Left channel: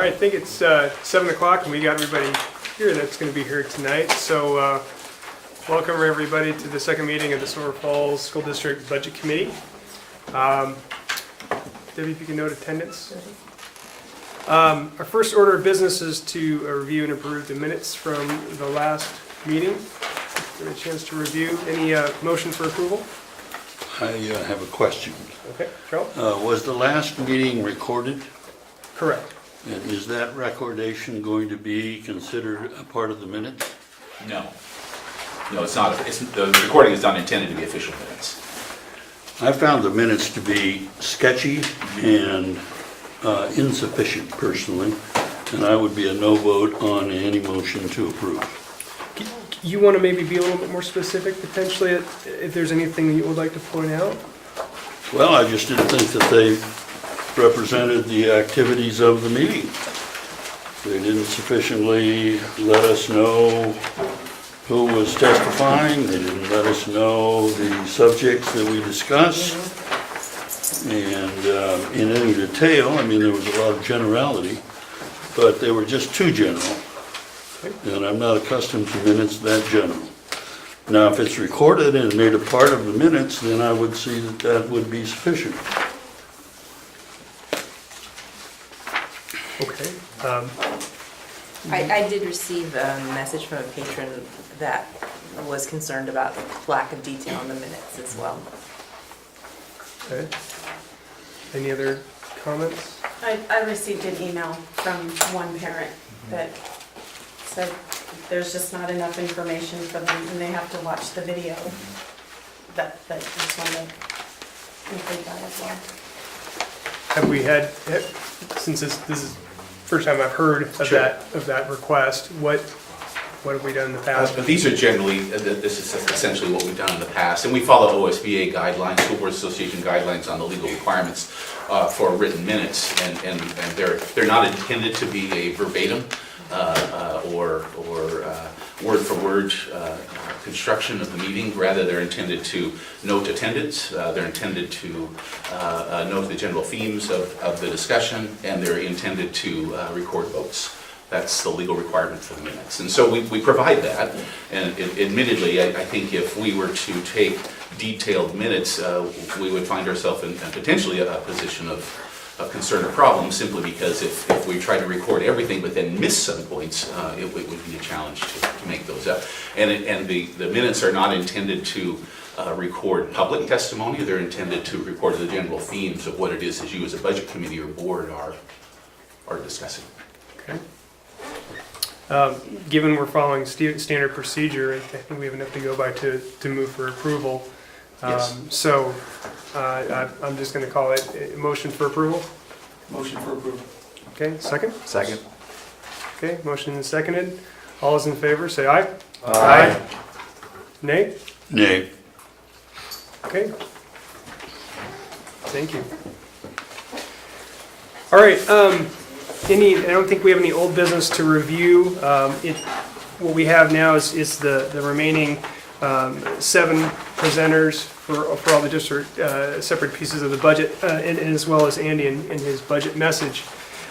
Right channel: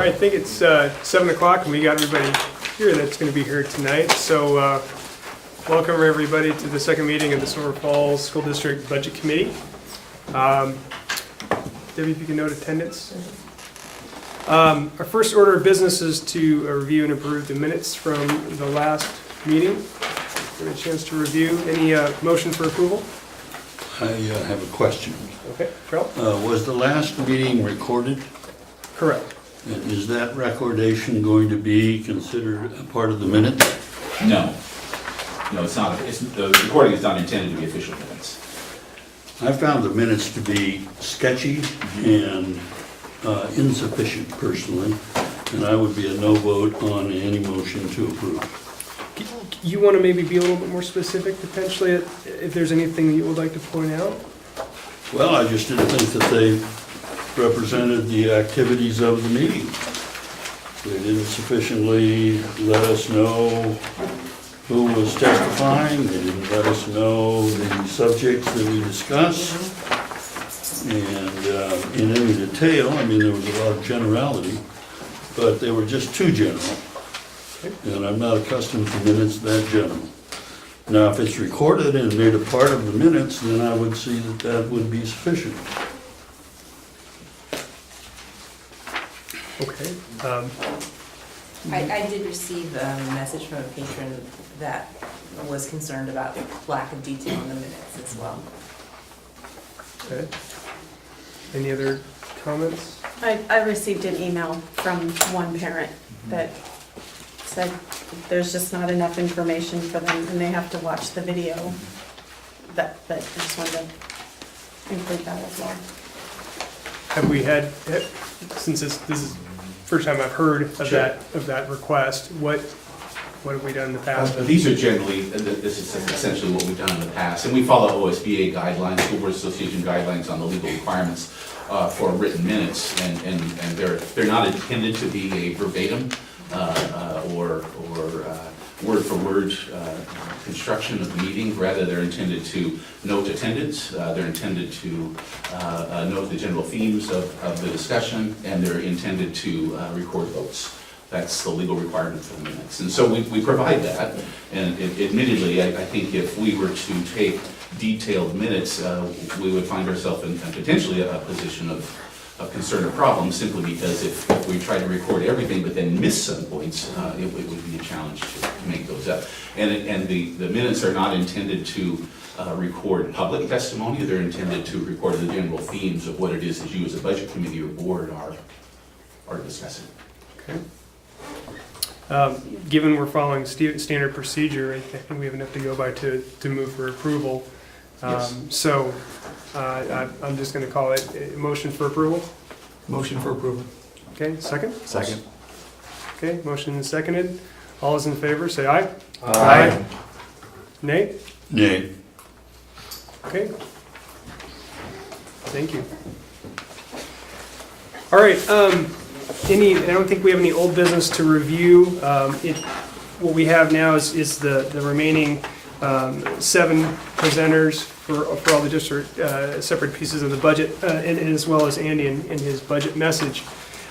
right, I think it's 7 o'clock and we got everybody here that's going to be here tonight. So welcome everybody to the second meeting of the Silver Falls School District Budget Committee. Debbie, if you can note attendance. Our first order of business is to review and approve the minutes from the last meeting. Give a chance to review. Any motion for approval? I have a question. Okay, Charles? Was the last meeting recorded? Correct. And is that recordation going to be considered a part of the minutes? No. No, it's not. The recording is not intended to be official minutes. I found the minutes to be sketchy and insufficient personally, and I would be a no vote on any motion to approve. You want to maybe be a little bit more specific potentially if there's anything that you would like to point out? Well, I just didn't think that they represented the activities of the meeting. They didn't sufficiently let us know who was testifying. They didn't let us know the subjects that we discussed. And in any detail, I mean, there was a lot of generality, but they were just too general. And I'm not accustomed to minutes that general. Now, if it's recorded and made a part of the minutes, then I would see that that would be sufficient. Okay. I did receive a message from a patron that was concerned about the lack of detail in the minutes as well. Okay. Any other comments? I received an email from one parent that said there's just not enough information for them and they have to watch the video. That I just wanted to include that as well. Have we had, since this is first time I've heard of Sure. that request, what have we done in the past? These are generally, this is essentially what we've done in the past, and we follow OSBA guidelines, School Board Association guidelines on the legal requirements for written minutes, and they're not intended to be a verbatim or word for word construction of the meeting. Rather, they're intended to note attendance, they're intended to note the general themes of the discussion, and they're intended to record votes. That's the legal requirement for the minutes. And so we provide that, and admittedly, I think if we were to take detailed minutes, we would find ourselves in potentially a position of concern or problem, simply because if we try to record everything but then miss some points, it would be a challenge to make those up. And the minutes are not intended to record public testimony. They're intended to record the general themes of what it is that you as a budget committee or board are discussing. Okay. Given we're following standard procedure, I think we have enough to go by to move for approval. Yes. So I'm just going to call it a motion for approval. Motion for approval. Okay, second? Second. Okay, motion is seconded. All those in favor, say aye. Aye. Nay? Nay. Okay. Thank you. All right, I don't think we have any old business to review. What we have now is the remaining 7 presenters for all the district separate pieces of the budget, and as well as Andy in his budget message.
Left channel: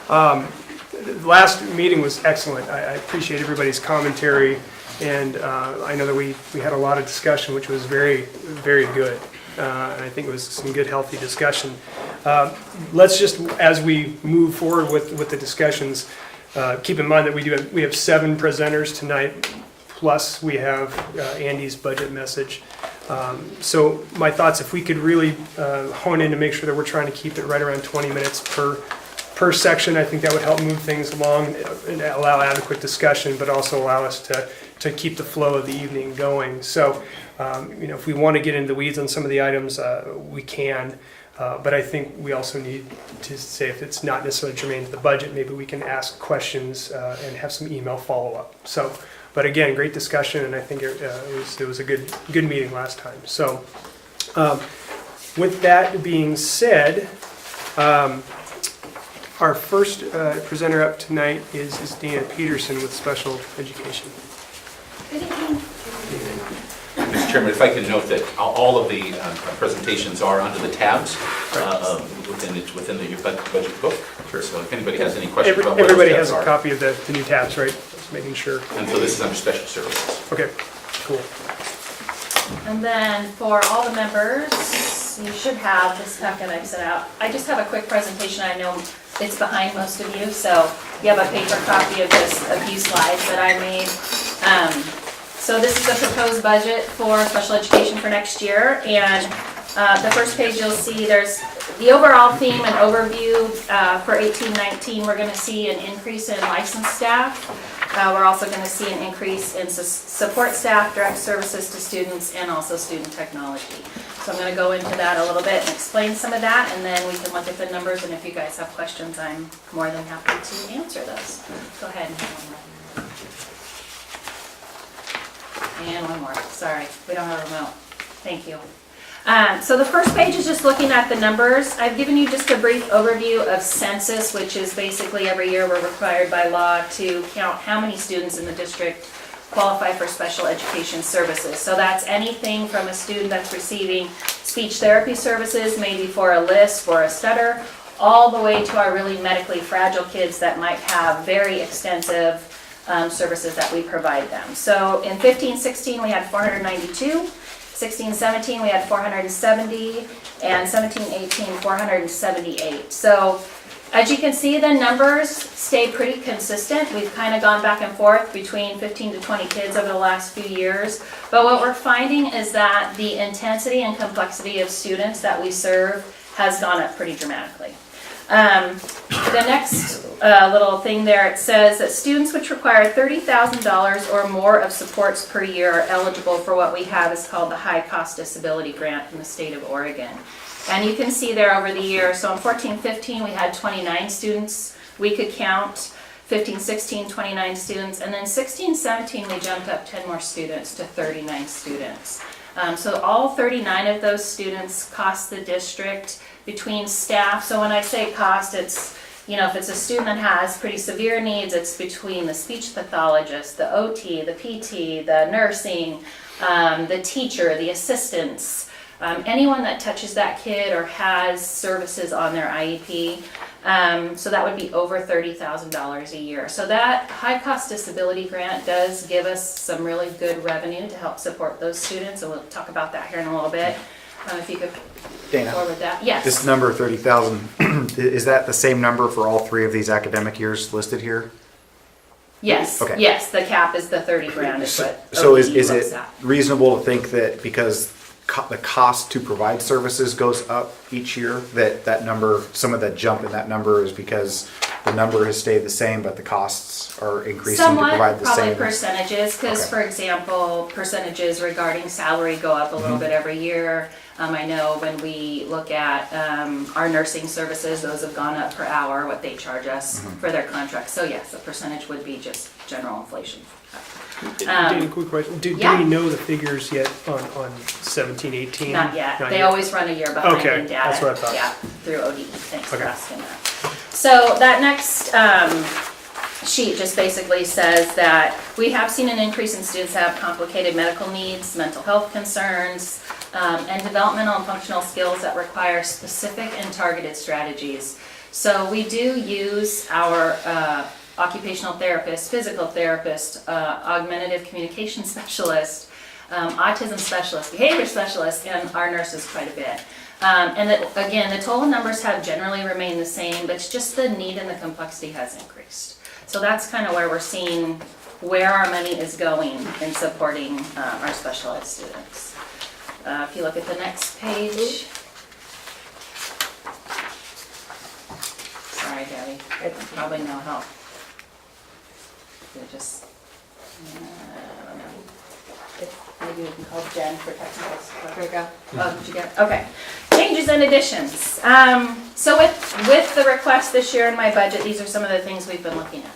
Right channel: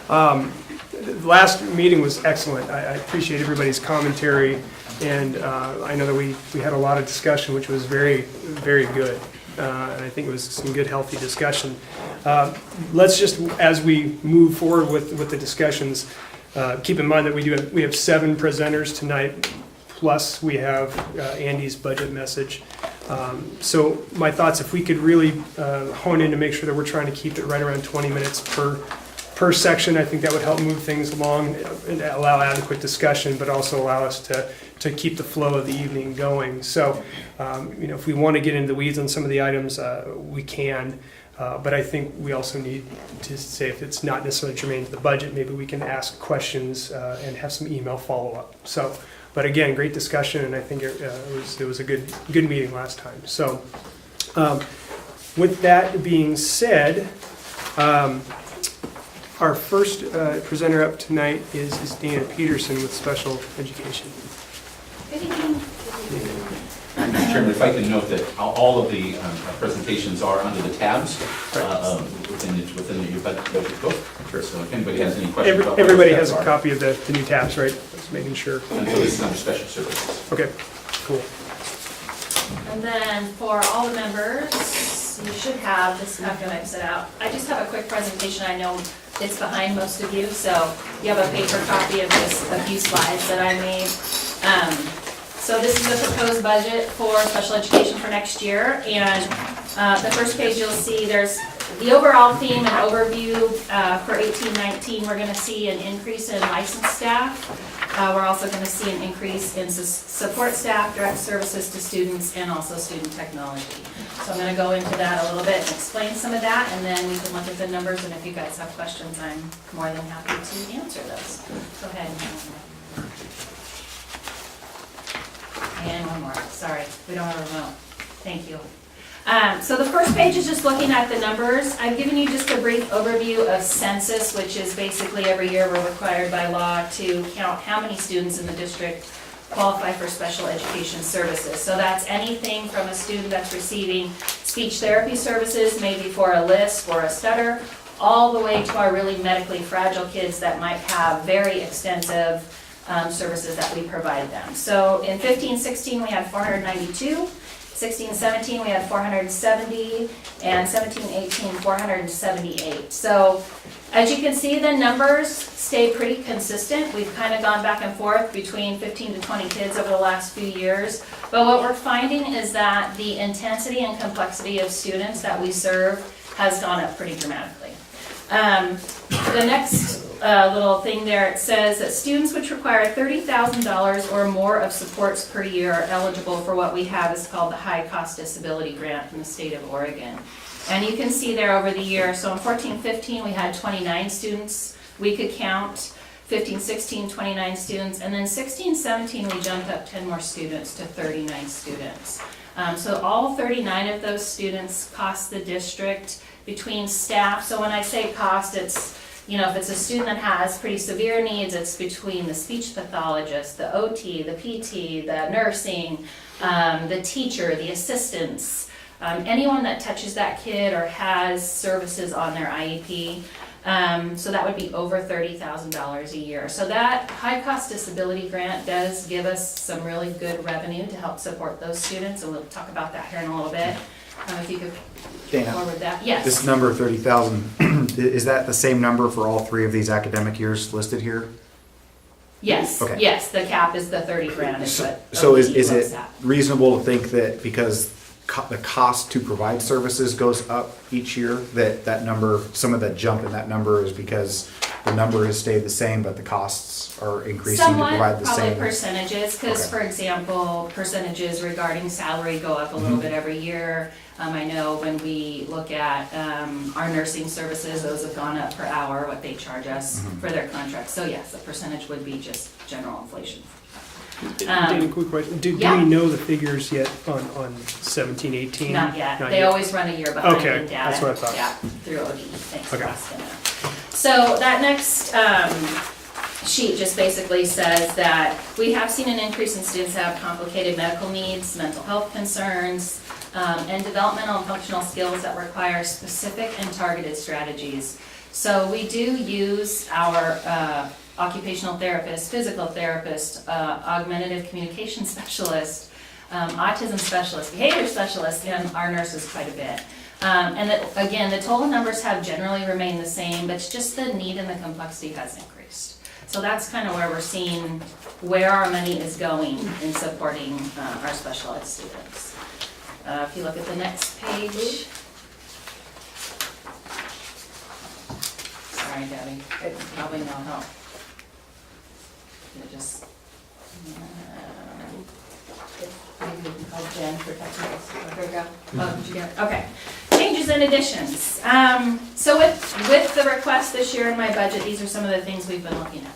The last meeting was excellent. I appreciate everybody's commentary, and I know that we had a lot of discussion, which was very, very good. And I think it was some good, healthy discussion. Let's just, as we move forward with the discussions, keep in mind that we have 7 presenters tonight, plus we have Andy's budget message. So my thoughts, if we could really hone in to make sure that we're trying to keep it right around 20 minutes per section, I think that would help move things along and allow adequate discussion, but also allow us to keep the flow of the evening going. So, if we want to get into the weeds on some of the items, we can. But I think we also need to say, if it's not necessarily germane to the budget, maybe we can ask questions and have some email follow-up. So, but again, great discussion, and I think it was a good meeting last time. So, with that being said, our first presenter up tonight is Dana Peterson with Special Education. Good evening. Mr. Chairman, if I can note that all of the presentations are under the tabs within your budget book. Sure. So if anybody has any questions about what Everybody those has a tabs are. copy of the new tabs, right? Just making sure. And so this is under special services. Okay, cool. And then for all the members, you should have, this is not gonna exit out. I just have a quick presentation. I know it's behind most of you, so you have a paper copy of just a few slides that I made. So this is the proposed budget for special education for next year. And the first page you'll see there's the overall theme and overview for 18-19. We're gonna see an increase in licensed staff. We're also going to see an increase in support staff, direct services to students, and also student technology. So I'm going to go into that a little bit and explain some of that, and then we can look at the numbers, and if you guys have questions, I'm more than happy to answer those. Go ahead. And one more, sorry, we don't have a remote. Thank you. So the first page is just looking at the numbers. I've given you just a brief overview of census, which is basically every year we're required by law to count how many students in the district qualify for special education services. So that's anything from a student that's receiving speech therapy services, maybe for a lisp or a stutter, all the way to our really medically fragile kids that might have very extensive services that we provide them. So in 15-16 we had 492. 16-17, we had 470, and 17-18, 478. So as you can see, the numbers stay pretty consistent. We've kind of gone back and forth between 15 to 20 kids over the last few years. But what we're finding is that the intensity and complexity of students that we serve has gone up pretty dramatically. The next little thing there, it says that students which require $30,000 or more of supports per year are eligible for what we have is called the High Cost Disability Grant from the state of Oregon. And you can see there over the year, so in 14-15 we had 29 students we could count, 15-16 29 students, and then 16-17 we jumped up 10 more students to 39 students. So all 39 of those students cost the district between staff. So when I say cost, it's, you know, if it's a student that has pretty severe needs, it's between the speech pathologist, the OT, the PT, the nursing, the teacher, the assistants, anyone that touches that kid or has services on their IEP. So that would be over $30,000 a year. So that high cost disability grant does give us some really good revenue to help support those students, and we'll talk about that here in a little bit. If you could Dana, forward that. Yes. this number 30,000, is that the same number for all three of these academic years listed here? Yes. Okay. Yes, the cap is the 30 grand. Is what So is OT looks it at. reasonable to think that because the cost to provide services goes up each year, that number, some of the jump in that number is because the number has stayed the same, but the costs are increasing to provide the Somewhat, same? probably percentages, because Okay. for example, percentages regarding salary go up a little bit every year. I know when we look at our nursing services, those have gone up per hour, what they charge us for their contracts. So yes, the percentage would be just general inflation. Dana, quick question. Do yeah. we know the figures yet on 17-18? Not yet. Not They yet. always run a year behind Okay, in data. that's what I thought. Yeah, through ODE. Thanks for Okay. asking that. So that next sheet just basically says that we have seen an increase in students that have complicated medical needs, mental health concerns, and developmental and functional skills that require specific and targeted strategies. So we do use our occupational therapist, physical therapist, augmentative communication specialist, autism specialist, behavior specialist, and our nurses quite a bit. And that, again, the total numbers have generally remained the same, but it's just the need and the complexity has increased. So that's kind of where we're seeing where our money is going in supporting our special ed students. If you look at the next page. Sorry, Debbie, it's probably no help. It just, maybe we can call Jen for technical support. There you go. Oh, did you get it? Okay. Changes and additions. So with the request this year in my budget, these are some of the things we've been looking at.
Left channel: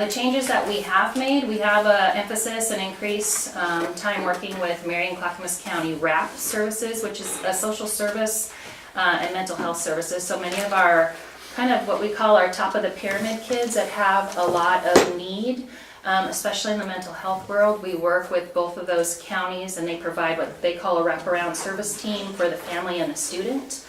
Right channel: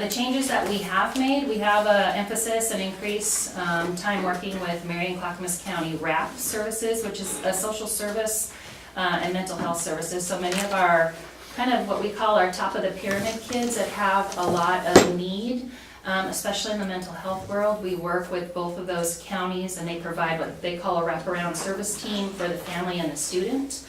The changes that we have made, we have an emphasis and increase time working with Marion Clackamas County RAP services, which is a social service and mental health services. So many of our kind of what we call our top of the pyramid kids that have a lot of need, especially in the mental health world. We work with both of those counties, and they provide what they call a wraparound service team for the family and the student.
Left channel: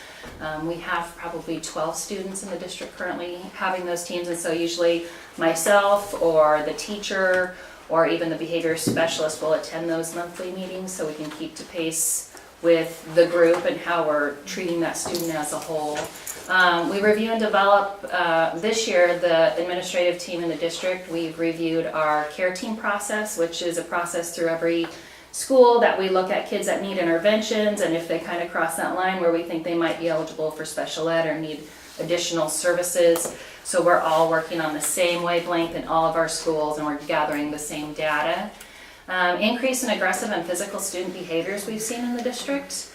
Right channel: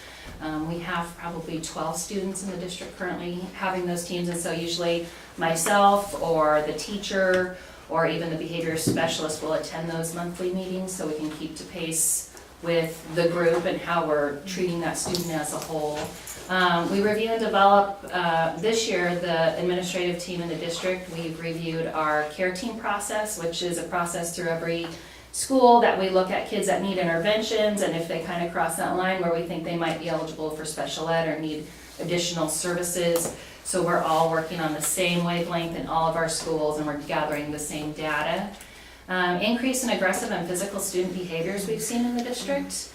We have probably 12 students in the district currently having those teams, and so usually myself or the teacher or even the behavior specialist will attend those monthly meetings so we can keep to pace with the group and how we're treating that student as a whole. We review and develop, this year, the administrative team in the district. We've reviewed our care team process, which is a process through every school that we look at kids that need interventions, and if they kind of cross that line where we think they might be eligible for special ed or need additional services. So we're all working on the same wavelength in all of our schools, and we're gathering the same data. Increase in aggressive and physical student behaviors we've seen in the district.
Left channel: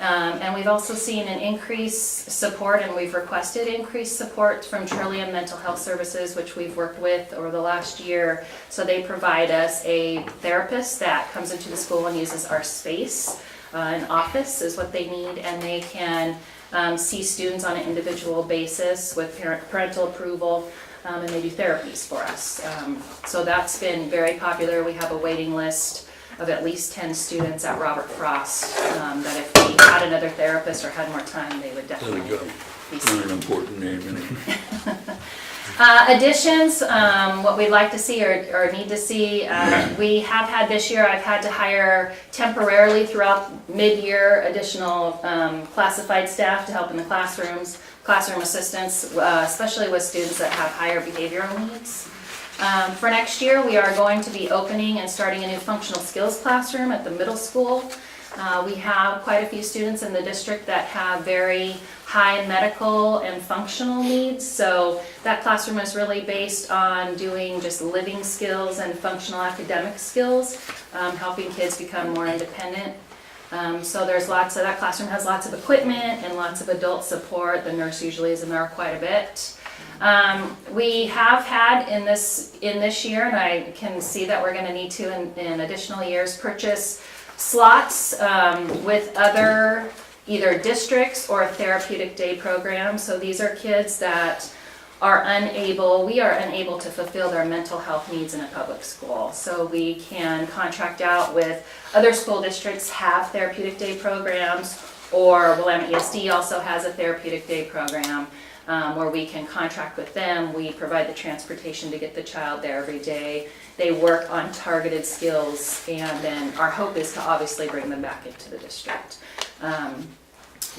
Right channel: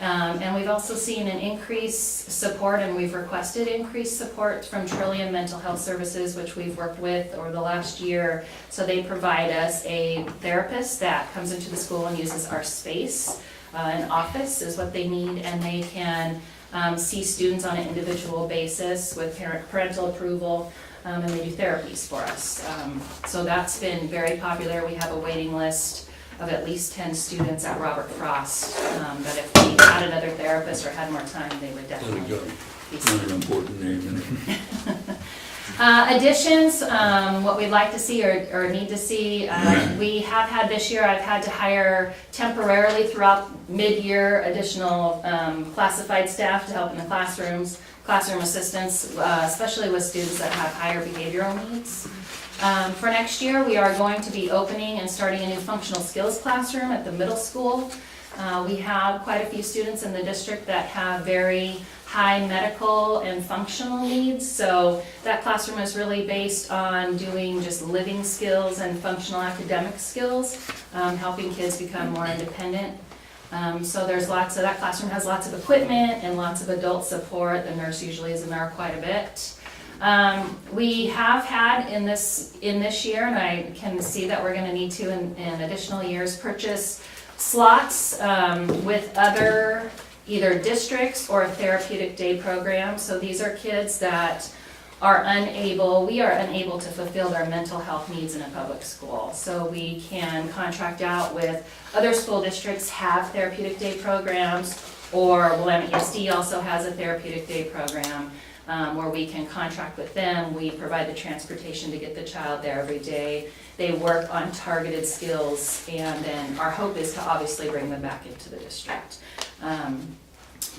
And we've also seen an increased support, and we've requested increased support from Trillium Mental Health Services, which we've worked with over the last year. So they provide us a therapist that comes into the school and uses our space. An office is what they need, and they can see students on an individual basis with parental approval, and they do therapies for us. So that's been very popular. We have a waiting list of at least 10 students at Robert Frost, that if we had another therapist or had more time, they would There definitely we go. be Not an important name anyway. Additions, what we'd like to see or need to see, we have had this year, I've had to hire temporarily throughout mid-year additional classified staff to help in the classrooms, classroom assistants, especially with students that have higher behavioral needs. For next year, we are going to be opening and starting a new functional skills classroom at the middle school. We have quite a few students in the district that have very high medical and functional needs, so that classroom is really based on doing just living skills and functional academic skills, helping kids become more independent. So there's lots of, that classroom has lots of equipment and lots of adult support. The nurse usually is in there quite a bit. We have had in this year, and I can see that we're going to need to in additional years, purchase slots with other either districts or therapeutic day programs. So these are kids that are we are unable to fulfill their mental health needs in a public school. So we can contract out with other school districts, have therapeutic day programs, or Willamette ESD also has a therapeutic day program where we can contract with them. We provide the transportation to get the child there every day. They work on targeted skills, and then our hope is to obviously bring them back into the district.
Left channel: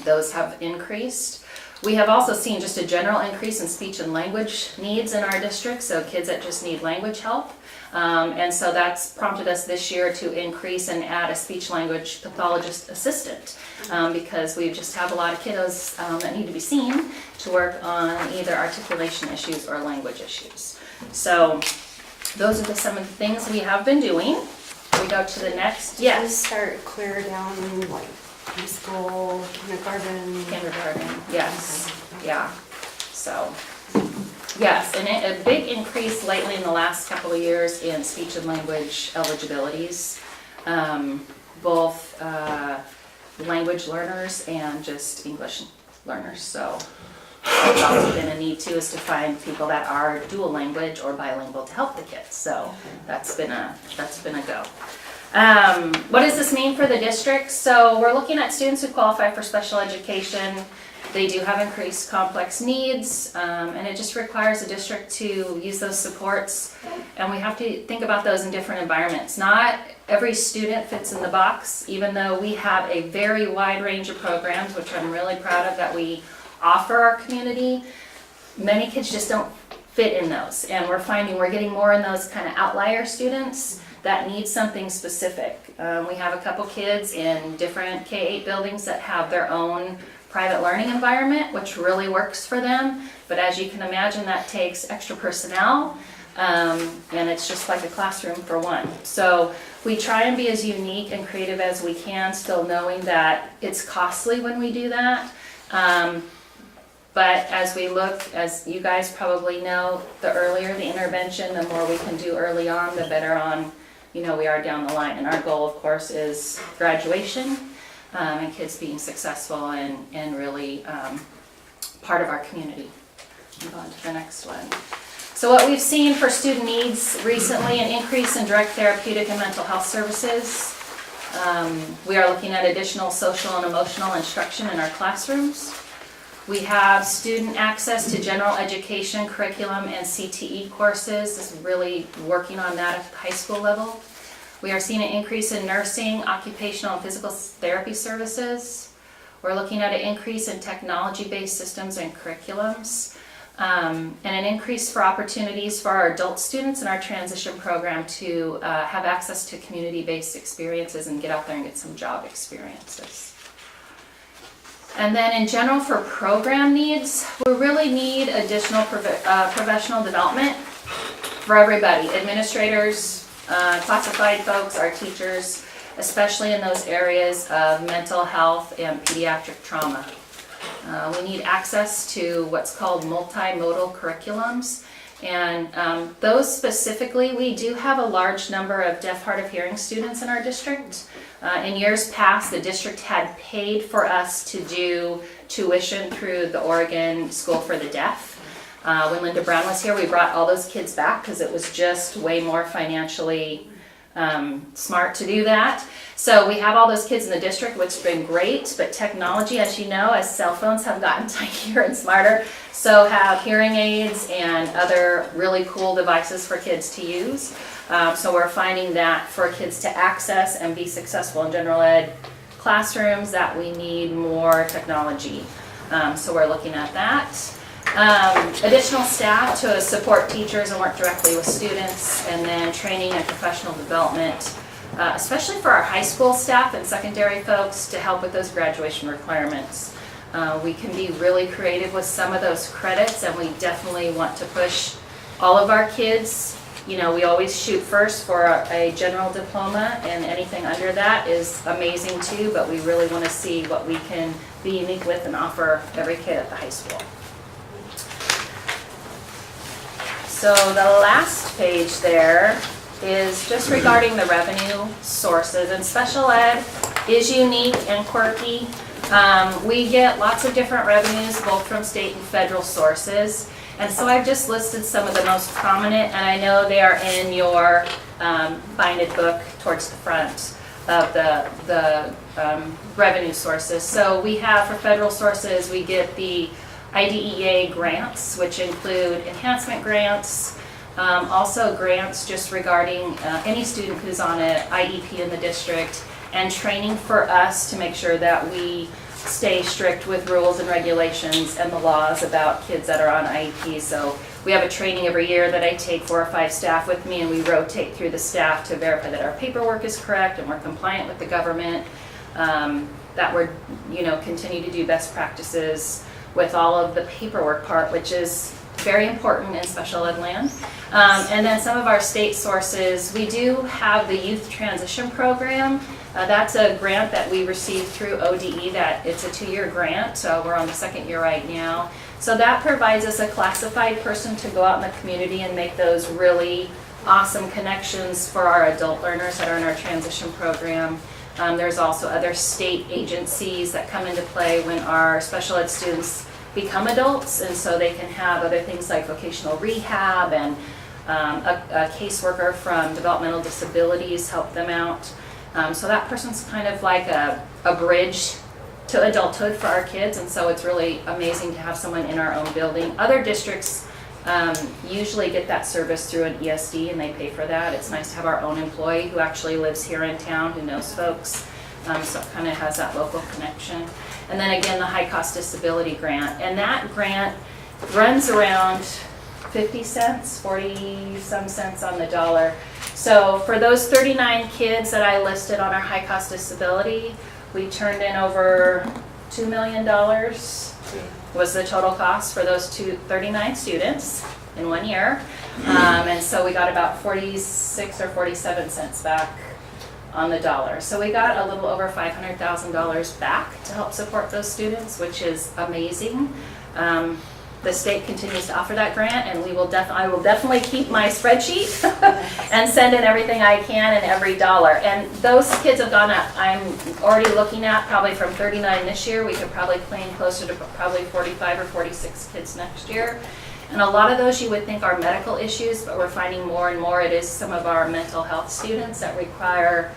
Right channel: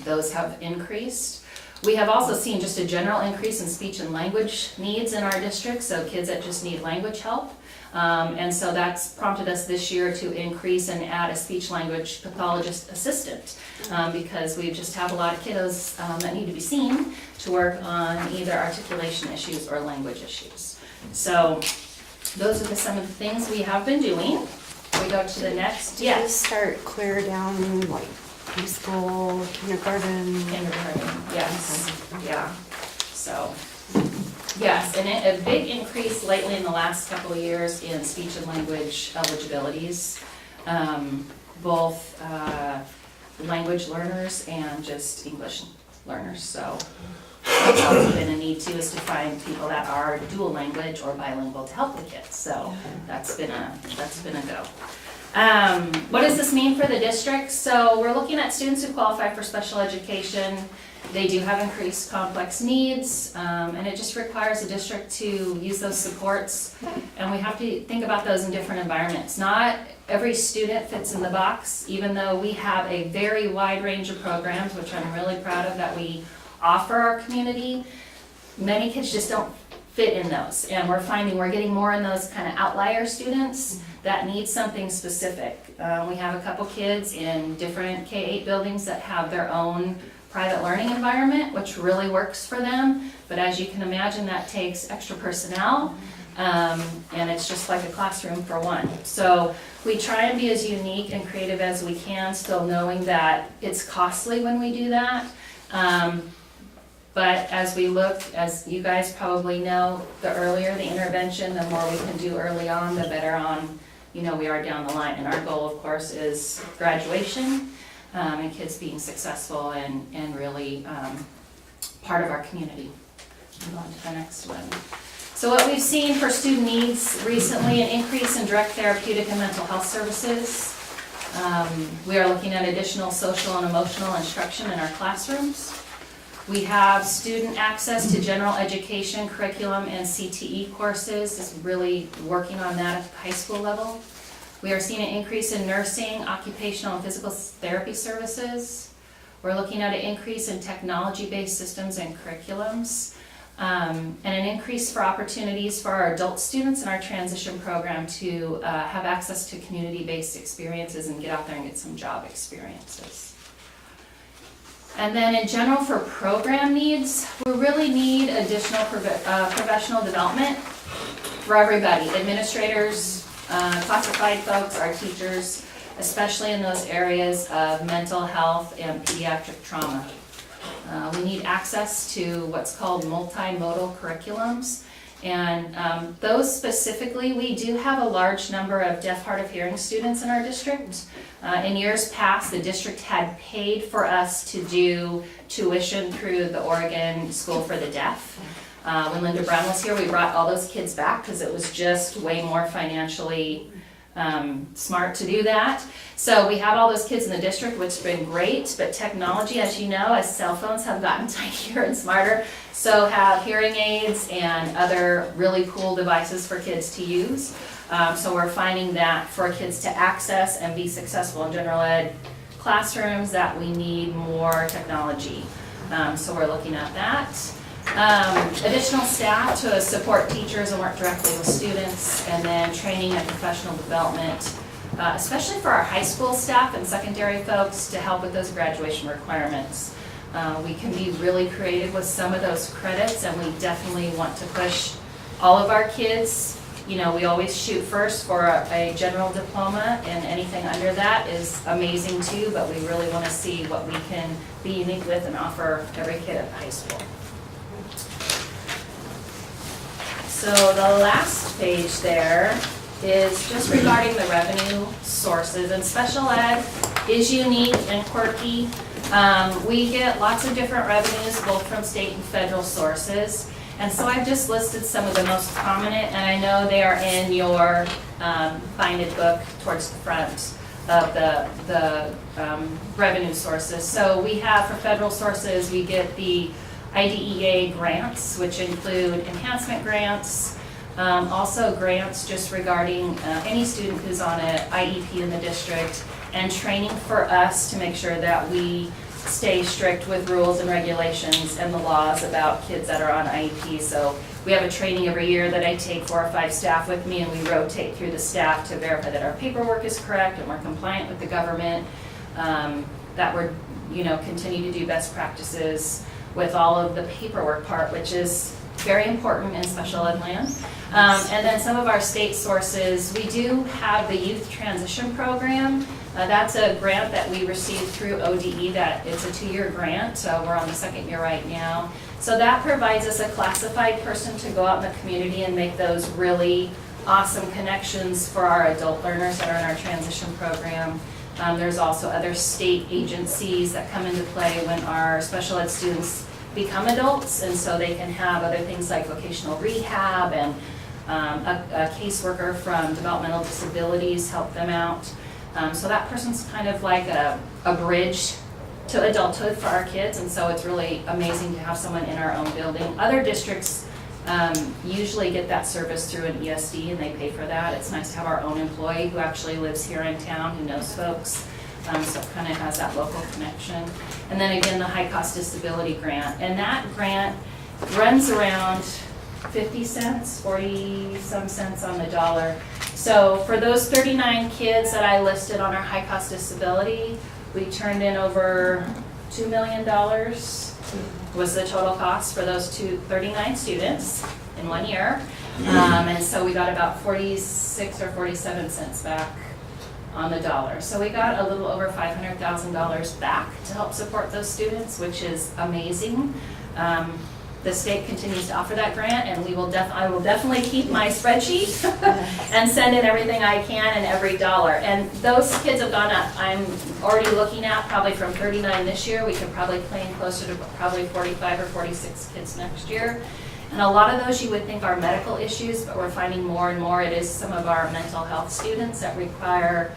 Those have increased. We have also seen just a general increase in speech and language needs in our district, so kids that just need language help. And so that's prompted us this year to increase and add a speech language pathologist assistant, because we just have a lot of kiddos that need to be seen to work on either articulation issues or language issues. So those are some of the things we have been doing. We go to the next, Did you yes. start clear down like preschool, kindergarten? Kindergarten, yes, yeah, so, yes, and a big increase lately in the last couple of years in speech and language eligibilities, both language learners and just English learners, so it's also been a need too, is to find people that are dual language or bilingual to help the kids, so that's been a go. What does this mean for the district? So we're looking at students who qualify for special education. They do have increased complex needs, and it just requires the district to use those supports, and we have to think about those in different environments. Not every student fits in the box, even though we have a very wide range of programs, which I'm really proud of that we offer our community. Many kids just don't fit in those, and we're finding we're getting more in those kind of outlier students that need something specific. We have a couple kids in different K-8 buildings that have their own private learning environment, which really works for them, but as you can imagine, that takes extra personnel, and it's just like a classroom for one. So we try and be as unique and creative as we can, still knowing that it's costly when we do that. But as we look, as you guys probably know, the earlier the intervention, the more we can do early on, the better on, we are down the line. And our goal, of course, is graduation and kids being successful and really part of our community. Move on to the next one. So what we've seen for student needs recently, an increase in direct therapeutic and mental health services. We are looking at additional social and emotional instruction in our classrooms. We have student access to general education curriculum and CTE courses. This is really working on that at the high school level. We are seeing an increase in nursing, occupational and physical therapy services. We're looking at an increase in technology-based systems and curriculums. And an increase for opportunities for our adult students in our transition program to have access to community-based experiences and get out there and get some job experiences. And then in general for program needs, we really need additional professional development for everybody, administrators, classified folks, our teachers, especially in those areas of mental health and pediatric trauma. We need access to what's called multimodal curriculums, and those specifically, we do have a large number of deaf, hard of hearing students in our district. In years past, the district had paid for us to do tuition through the Oregon School for the Deaf. When Linda Brown was here, we brought all those kids back because it was just way more financially smart to do that. So we have all those kids in the district, which has been great, but technology, as you know, as cell phones have gotten tinier and smarter, so have hearing aids and other really cool devices for kids to use. So we're finding that for kids to access and be successful in general ed classrooms, that we need more technology. So we're looking at that. Additional staff to support teachers and work directly with students, and then training and professional development, especially for our high school staff and secondary folks to help with those graduation requirements. We can be really creative with some of those credits, and we definitely want to push all of our kids. You know, we always shoot first for a general diploma, and anything under that is amazing too, but we really want to see what we can be unique with and offer every kid at the high school. So the last page there is just regarding the revenue sources, and special ed is unique and quirky. We get lots of different revenues, both from state and federal sources. And so I've just listed some of the most prominent, and I know they are in your binded book towards the front of the revenue sources. So we have, for federal sources, we get the IDEA grants, which include enhancement grants, also grants just regarding any student who's on an IEP in the district, and training for us to make sure that we stay strict with rules and regulations and the laws about kids that are on IEP. So we have a training every year that I take 4 or 5 staff with me, and we rotate through the staff to verify that our paperwork is correct and we're compliant with the government, that we're, continue to do best practices with all of the paperwork part, which is very important in special ed land. And then some of our state sources, we do have the Youth Transition Program. That's a grant that we received through ODE, that it's a 2-year grant, so we're on the 2nd year right now. So that provides us a classified person to go out in the community and make those really awesome connections for our adult learners that are in our transition program. There's also other state agencies that come into play when our special ed students become adults, and so they can have other things like vocational rehab, and a caseworker from developmental disabilities help them out. So that person's kind of like a bridge to adulthood for our kids, and so it's really amazing to have someone in our own building. Other districts usually get that service through an ESD, and they pay for that. It's nice to have our own employee who actually lives here in town, who knows folks, so it kind of has that local connection. And then again, the high cost disability grant, and that grant runs around 50 cents, 40 some cents on the dollar. So for those 39 kids that I listed on our high cost disability, we turned in over $2 million was the total cost for those 39 students in 1 year. And so we got about 46 or 47 cents back on the dollar. So we got a little over $500,000 back to help support those students, which is amazing. The state continues to offer that grant, and I will definitely keep my spreadsheet and send in everything I can and every dollar. And those kids have gone up. I'm already looking at probably from 39 this year, we could probably plan closer to probably 45 or 46 kids next year. And a lot of those you would think are medical issues, but we're finding more and more it is some of our mental health students that require,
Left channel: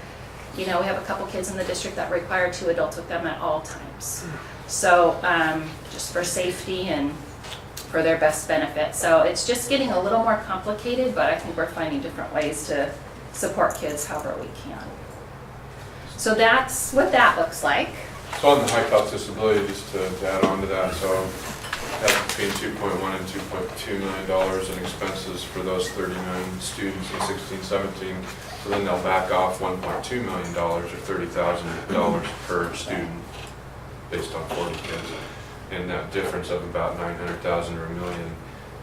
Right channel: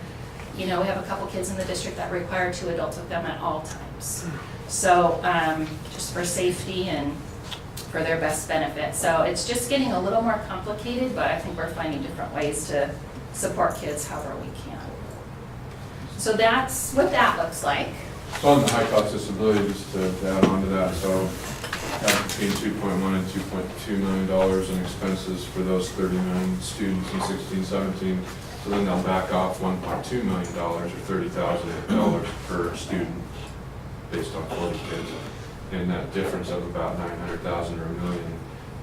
we have a couple kids in the district that require 2 adults with them at all times. So just for safety and for their best benefit. So it's just getting a little more complicated, but I think we're finding different ways to support kids however we can. So that's what that looks like. So on the high cost disability, just to add on to that, so have between $2.1 and $2.2 million in expenses for those 39 students in 16-17. So then they'll back off $1.2 million or $30,000 per student based on 40 kids. And that difference of about $900,000 or $1 million,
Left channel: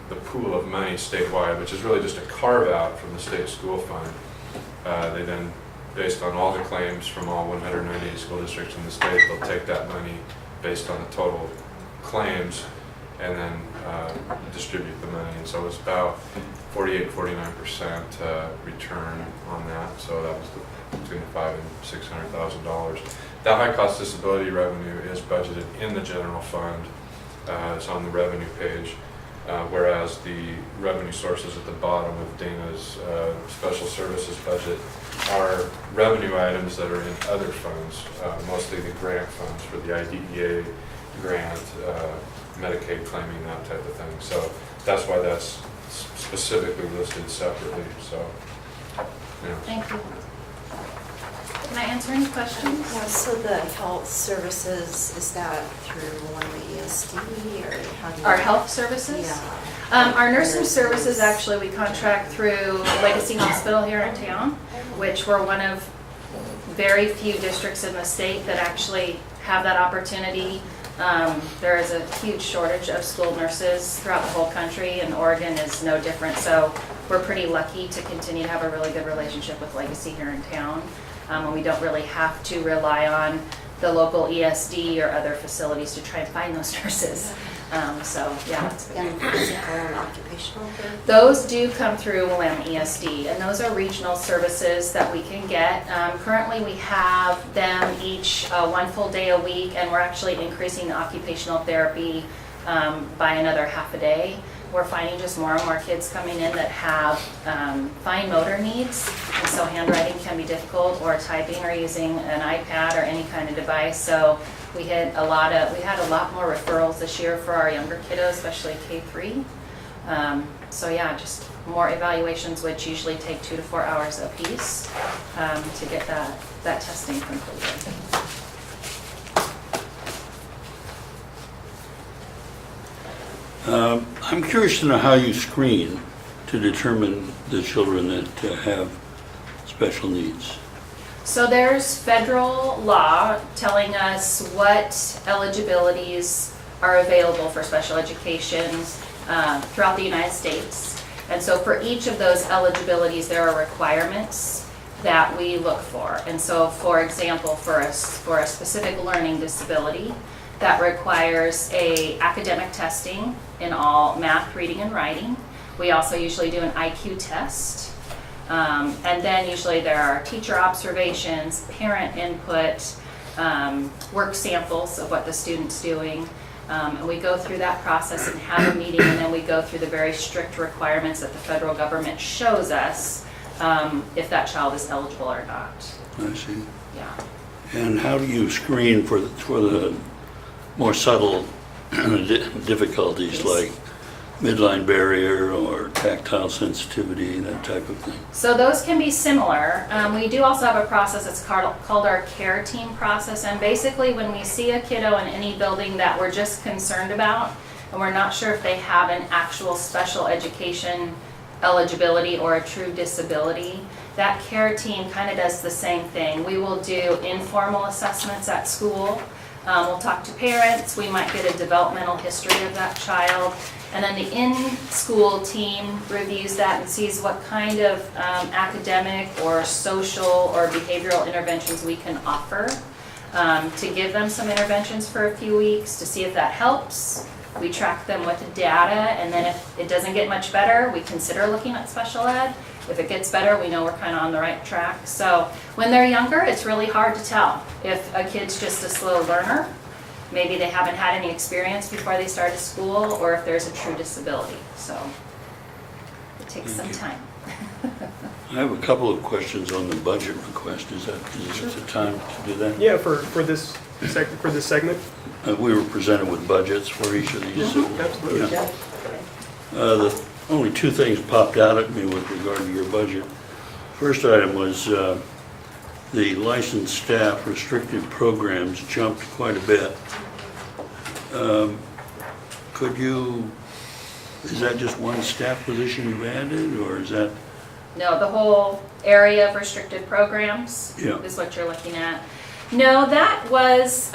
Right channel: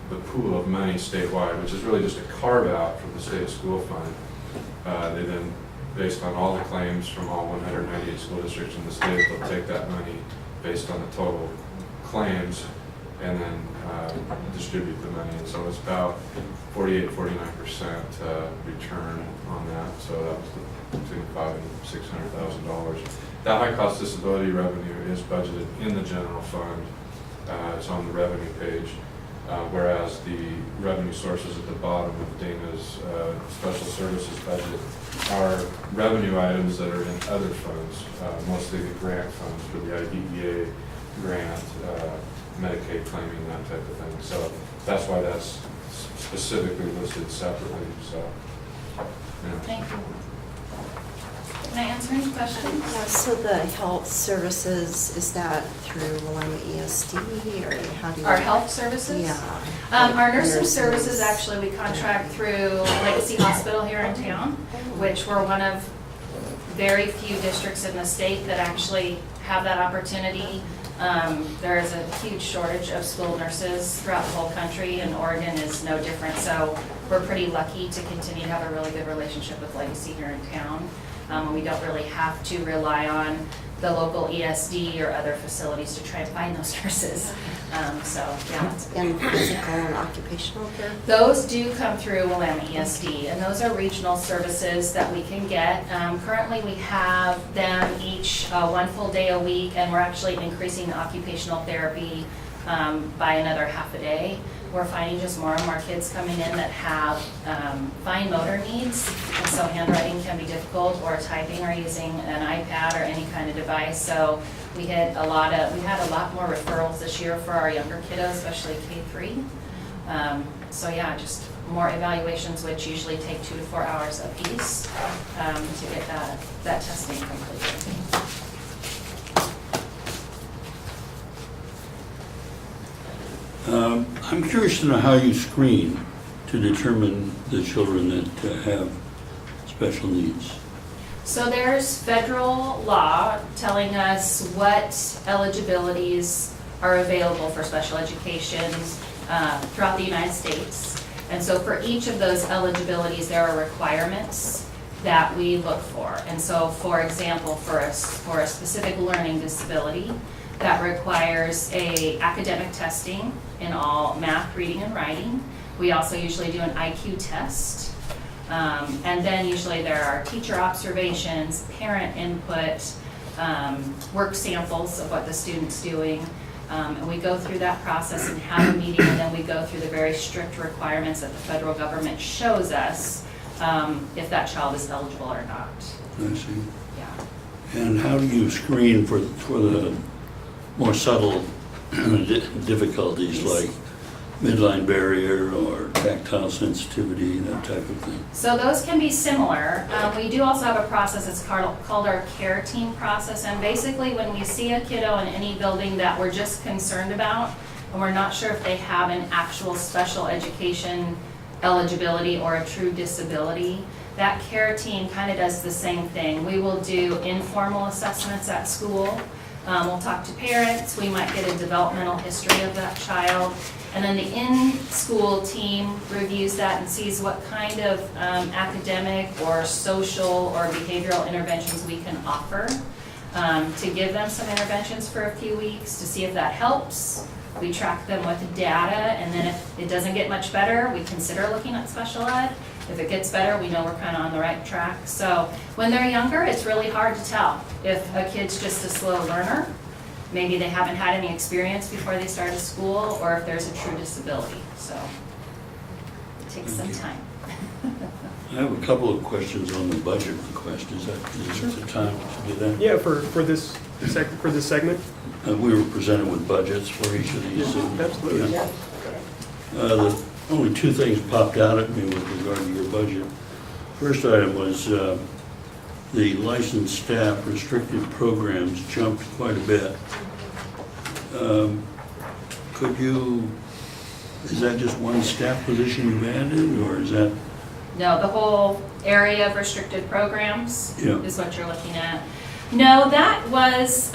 the pool of money statewide, which is really just a carve out from the state school fund. They then, based on all the claims from all 198 school districts in the state, they'll take that money based on the total claims and then distribute the money. And so it's about 48, 49% return on that. So that was between $500,000 and $600,000. That high cost disability revenue is budgeted in the general fund. It's on the revenue page. Whereas the revenue sources at the bottom of Dana's special services budget are revenue items that are in other funds, mostly the grant funds for the IDEA grant, Medicaid claiming, that type of thing. So that's why that's specifically listed separately. So, Thank you. Can I answer any questions? Yeah, so the health services, is that through one ESD or how do you? Our health services? Yeah. Our nursing services, actually, we contract through Legacy Hospital here in town, which we're one of very few districts in the state that actually have that opportunity. There is a huge shortage of school nurses throughout the whole country, and Oregon is no different. So we're pretty lucky to continue to have a really good relationship with Legacy here in town. And we don't really have to rely on the local ESD or other facilities to try and find those nurses. So, yeah. And physical and occupational therapy? Those do come through Willamette ESD, and those are regional services that we can get. Currently, we have them each 1 full day a week, and we're actually increasing occupational therapy by another half a day. We're finding just more and more kids coming in that have fine motor needs, and so handwriting can be difficult, or typing, or using an iPad or any kind of device. So we had a lot more referrals this year for our younger kiddos, especially K-3. So yeah, just more evaluations, which usually take 2 to 4 hours a piece to get that testing completed. I'm curious to know how you screen to determine the children that have special needs. So there's federal law telling us what eligibilities are available for special education throughout the United States. And so for each of those eligibilities, there are requirements that we look for. And so, for example, for a specific learning disability, that requires a academic testing in all math, reading, and writing. We also usually do an IQ test. And then usually there are teacher observations, parent input, work samples of what the student's doing. And we go through that process and have a meeting, and then we go through the very strict requirements that the federal government shows us if that child is eligible or not. I see. Yeah. And how do you screen for the more subtle difficulties like midline barrier or tactile sensitivity, that type of thing? So those can be similar. We do also have a process that's called our care team process. And basically when we see a kiddo in any building that we're just concerned about, and we're not sure if they have an actual special education eligibility or a true disability, that care team kind of does the same thing. We will do informal assessments at school. We'll talk to parents. We might get a developmental history of that child. And then the in-school team reviews that and sees what kind of academic or social or behavioral interventions we can offer to give them some interventions for a few weeks to see if that helps. We track them with data, and then if it doesn't get much better, we consider looking at special ed. If it gets better, we know we're kind of on the right track. So when they're younger, it's really hard to tell if a kid's just a slow learner maybe they haven't had any experience before they started school, or if there's a true disability, so it takes some time. I have a couple of questions on the budget request. Is it the time to do that? Yeah, for this segment? We were presented with budgets for each of these. Absolutely. Yeah. The only two things popped out at me with regard to your budget. First item was the licensed staff restricted programs jumped quite a bit. Is that just one staff position you've added, or is that? No, the whole area of restricted programs Yeah. is what you're looking at. No, that was,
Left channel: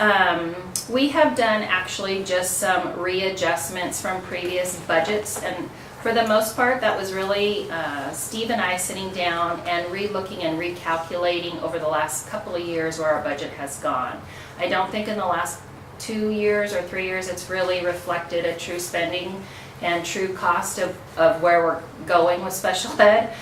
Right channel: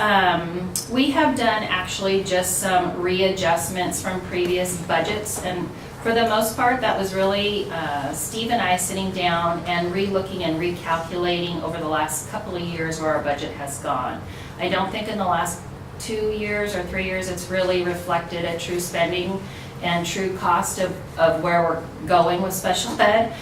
we have done actually just some readjustments from previous budgets, and for the most part, that was really Steve and I sitting down and re-looking and recalculating over the last couple of years where our budget has gone. I don't think in the last 2 years or 3 years it's really reflected a true spending and true cost of where we're going with special ed.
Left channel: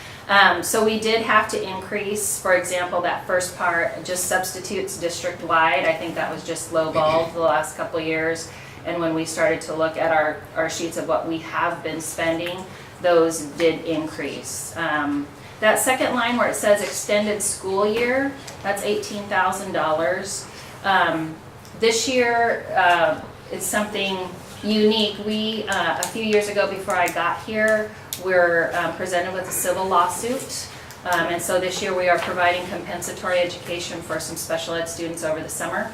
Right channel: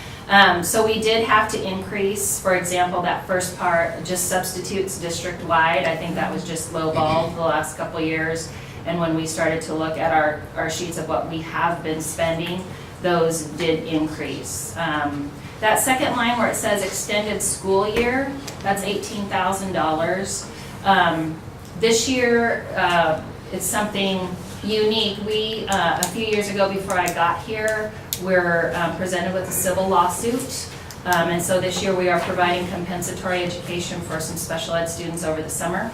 So we did have to increase, for example, that first part, just substitutes district-wide. I think that was just lowballed the last couple of years. And when we started to look at our sheets of what we have been spending, those did increase. That second line where it says extended school year, that's $18,000. This year, it's something unique. We, a few years ago before I got here, we're presented with a civil lawsuit. And so this year we are providing compensatory education for some special ed students over the summer.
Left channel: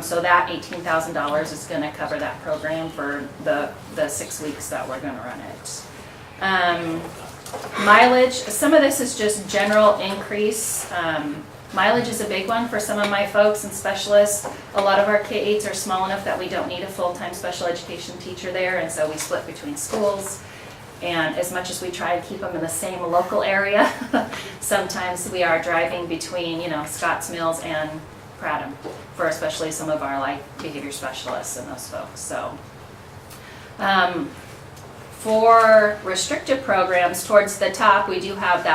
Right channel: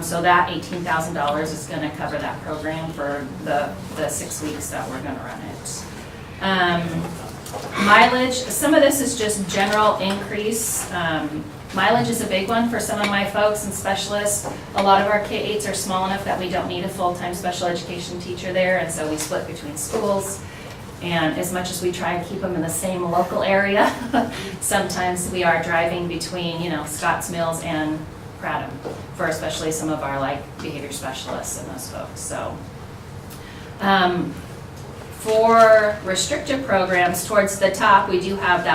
So that $18,000 is going to cover that program for the 6 weeks that we're going to run it. Mileage, some of this is just general increase. Mileage is a big one for some of my folks and specialists. A lot of our K-8s are small enough that we don't need a full-time special education teacher there, and so we split between schools. And as much as we try to keep them in the same local area, sometimes we are driving between, Scotts Mills and Prattam for especially some of our behavior specialists and those folks. So for restricted programs, towards the top, we do have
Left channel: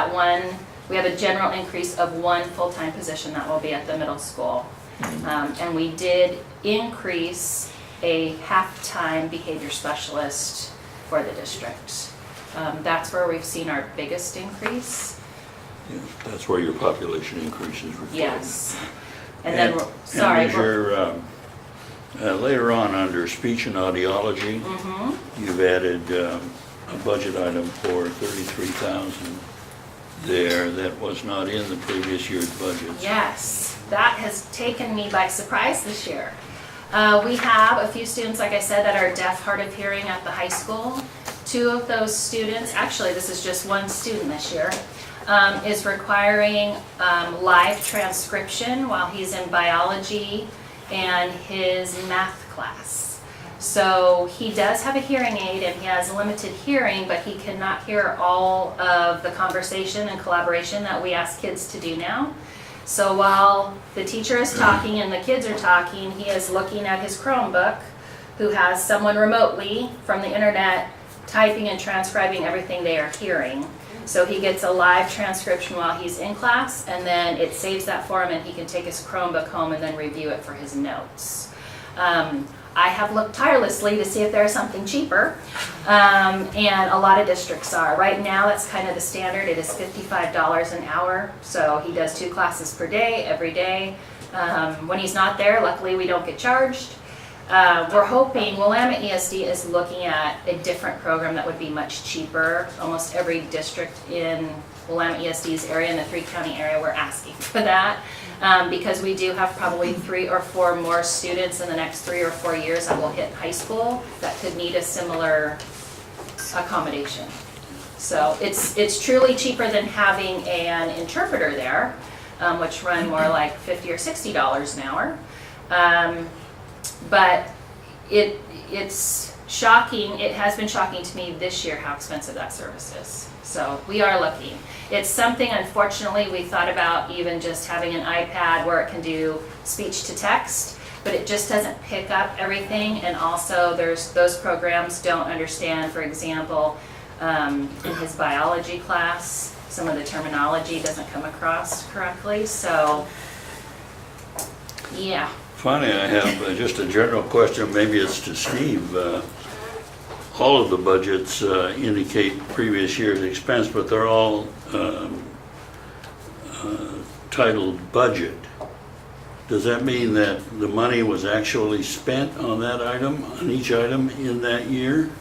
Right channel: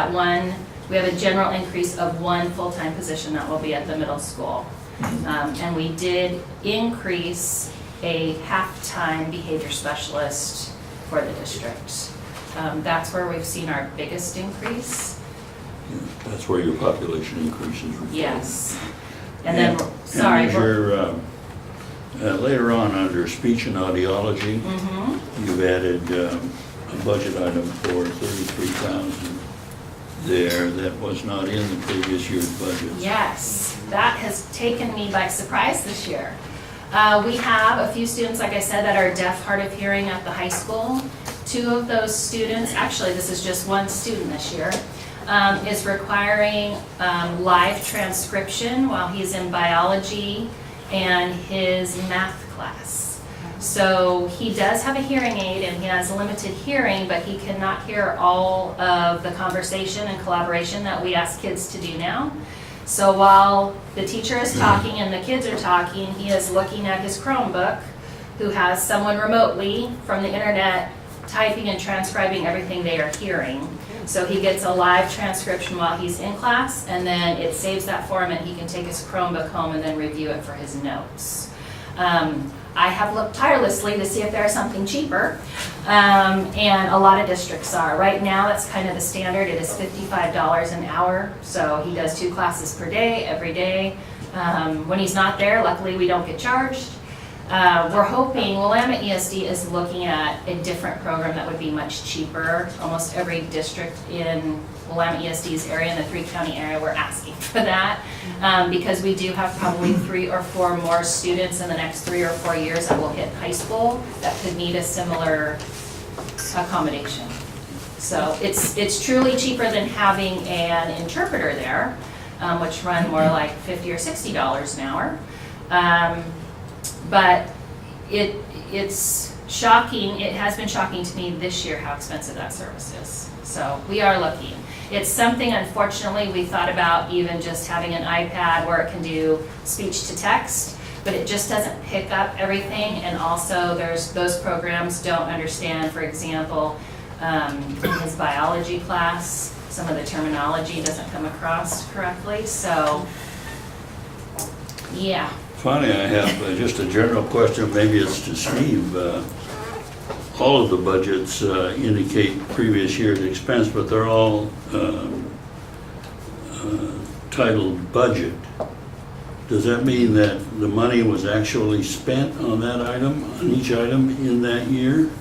we have a general increase of 1 full-time position that will be at the middle school. And we did increase a half-time behavior specialist for the district. That's where we've seen our biggest increase. Yeah, that's where your population increases. Yes. And And then, as you're, later on, under speech and audiology, you've added a budget item for $33,000 there that was not in the previous year's budget. yes, that has taken me by surprise this year. We have a few students, like I said, that are deaf, hard of hearing at the high school. 2 of those students, actually this is just 1 student this year, is requiring live transcription while he's in biology and his math class. So he does have a hearing aid and he has limited hearing, but he cannot hear all of the conversation and collaboration that we ask kids to do now. So while the teacher is talking and the kids are talking, he is looking at his Chromebook, who has someone remotely from the internet typing and transcribing everything they are hearing. So he gets a live transcription while he's in class, and then it saves that for him and he can take his Chromebook home and then review it for his notes. I have looked tirelessly to see if there's something cheaper, and a lot of districts are. Right now, that's kind of the standard. It is $55 an hour, so he does 2 classes per day, every day. When he's not there, luckily we don't get charged. We're hoping, Willamette ESD is looking at a different program that would be much cheaper. Almost every district in Willamette ESD's area, in the 3-county area, we're asking for that. Because we do have probably 3 or 4 more students in the next 3 or 4 years that will hit high school that could need a similar accommodation. So it's truly cheaper than having an interpreter there, which run more like $50 or $60 an hour. But it's shocking, it has been shocking to me this year how expensive that service is. So we are looking. It's something, unfortunately, we thought about even just having an iPad where it can do speech to text, but it just doesn't pick up everything. And also those programs don't understand, for example, in his biology class, some of the terminology doesn't come across correctly. So, yeah. Finally, I have just a general question, maybe it's to Steve. All of the budgets indicate previous year's expense, but they're all titled budget. Does that mean that the money was actually spent on that item, on each item in that year?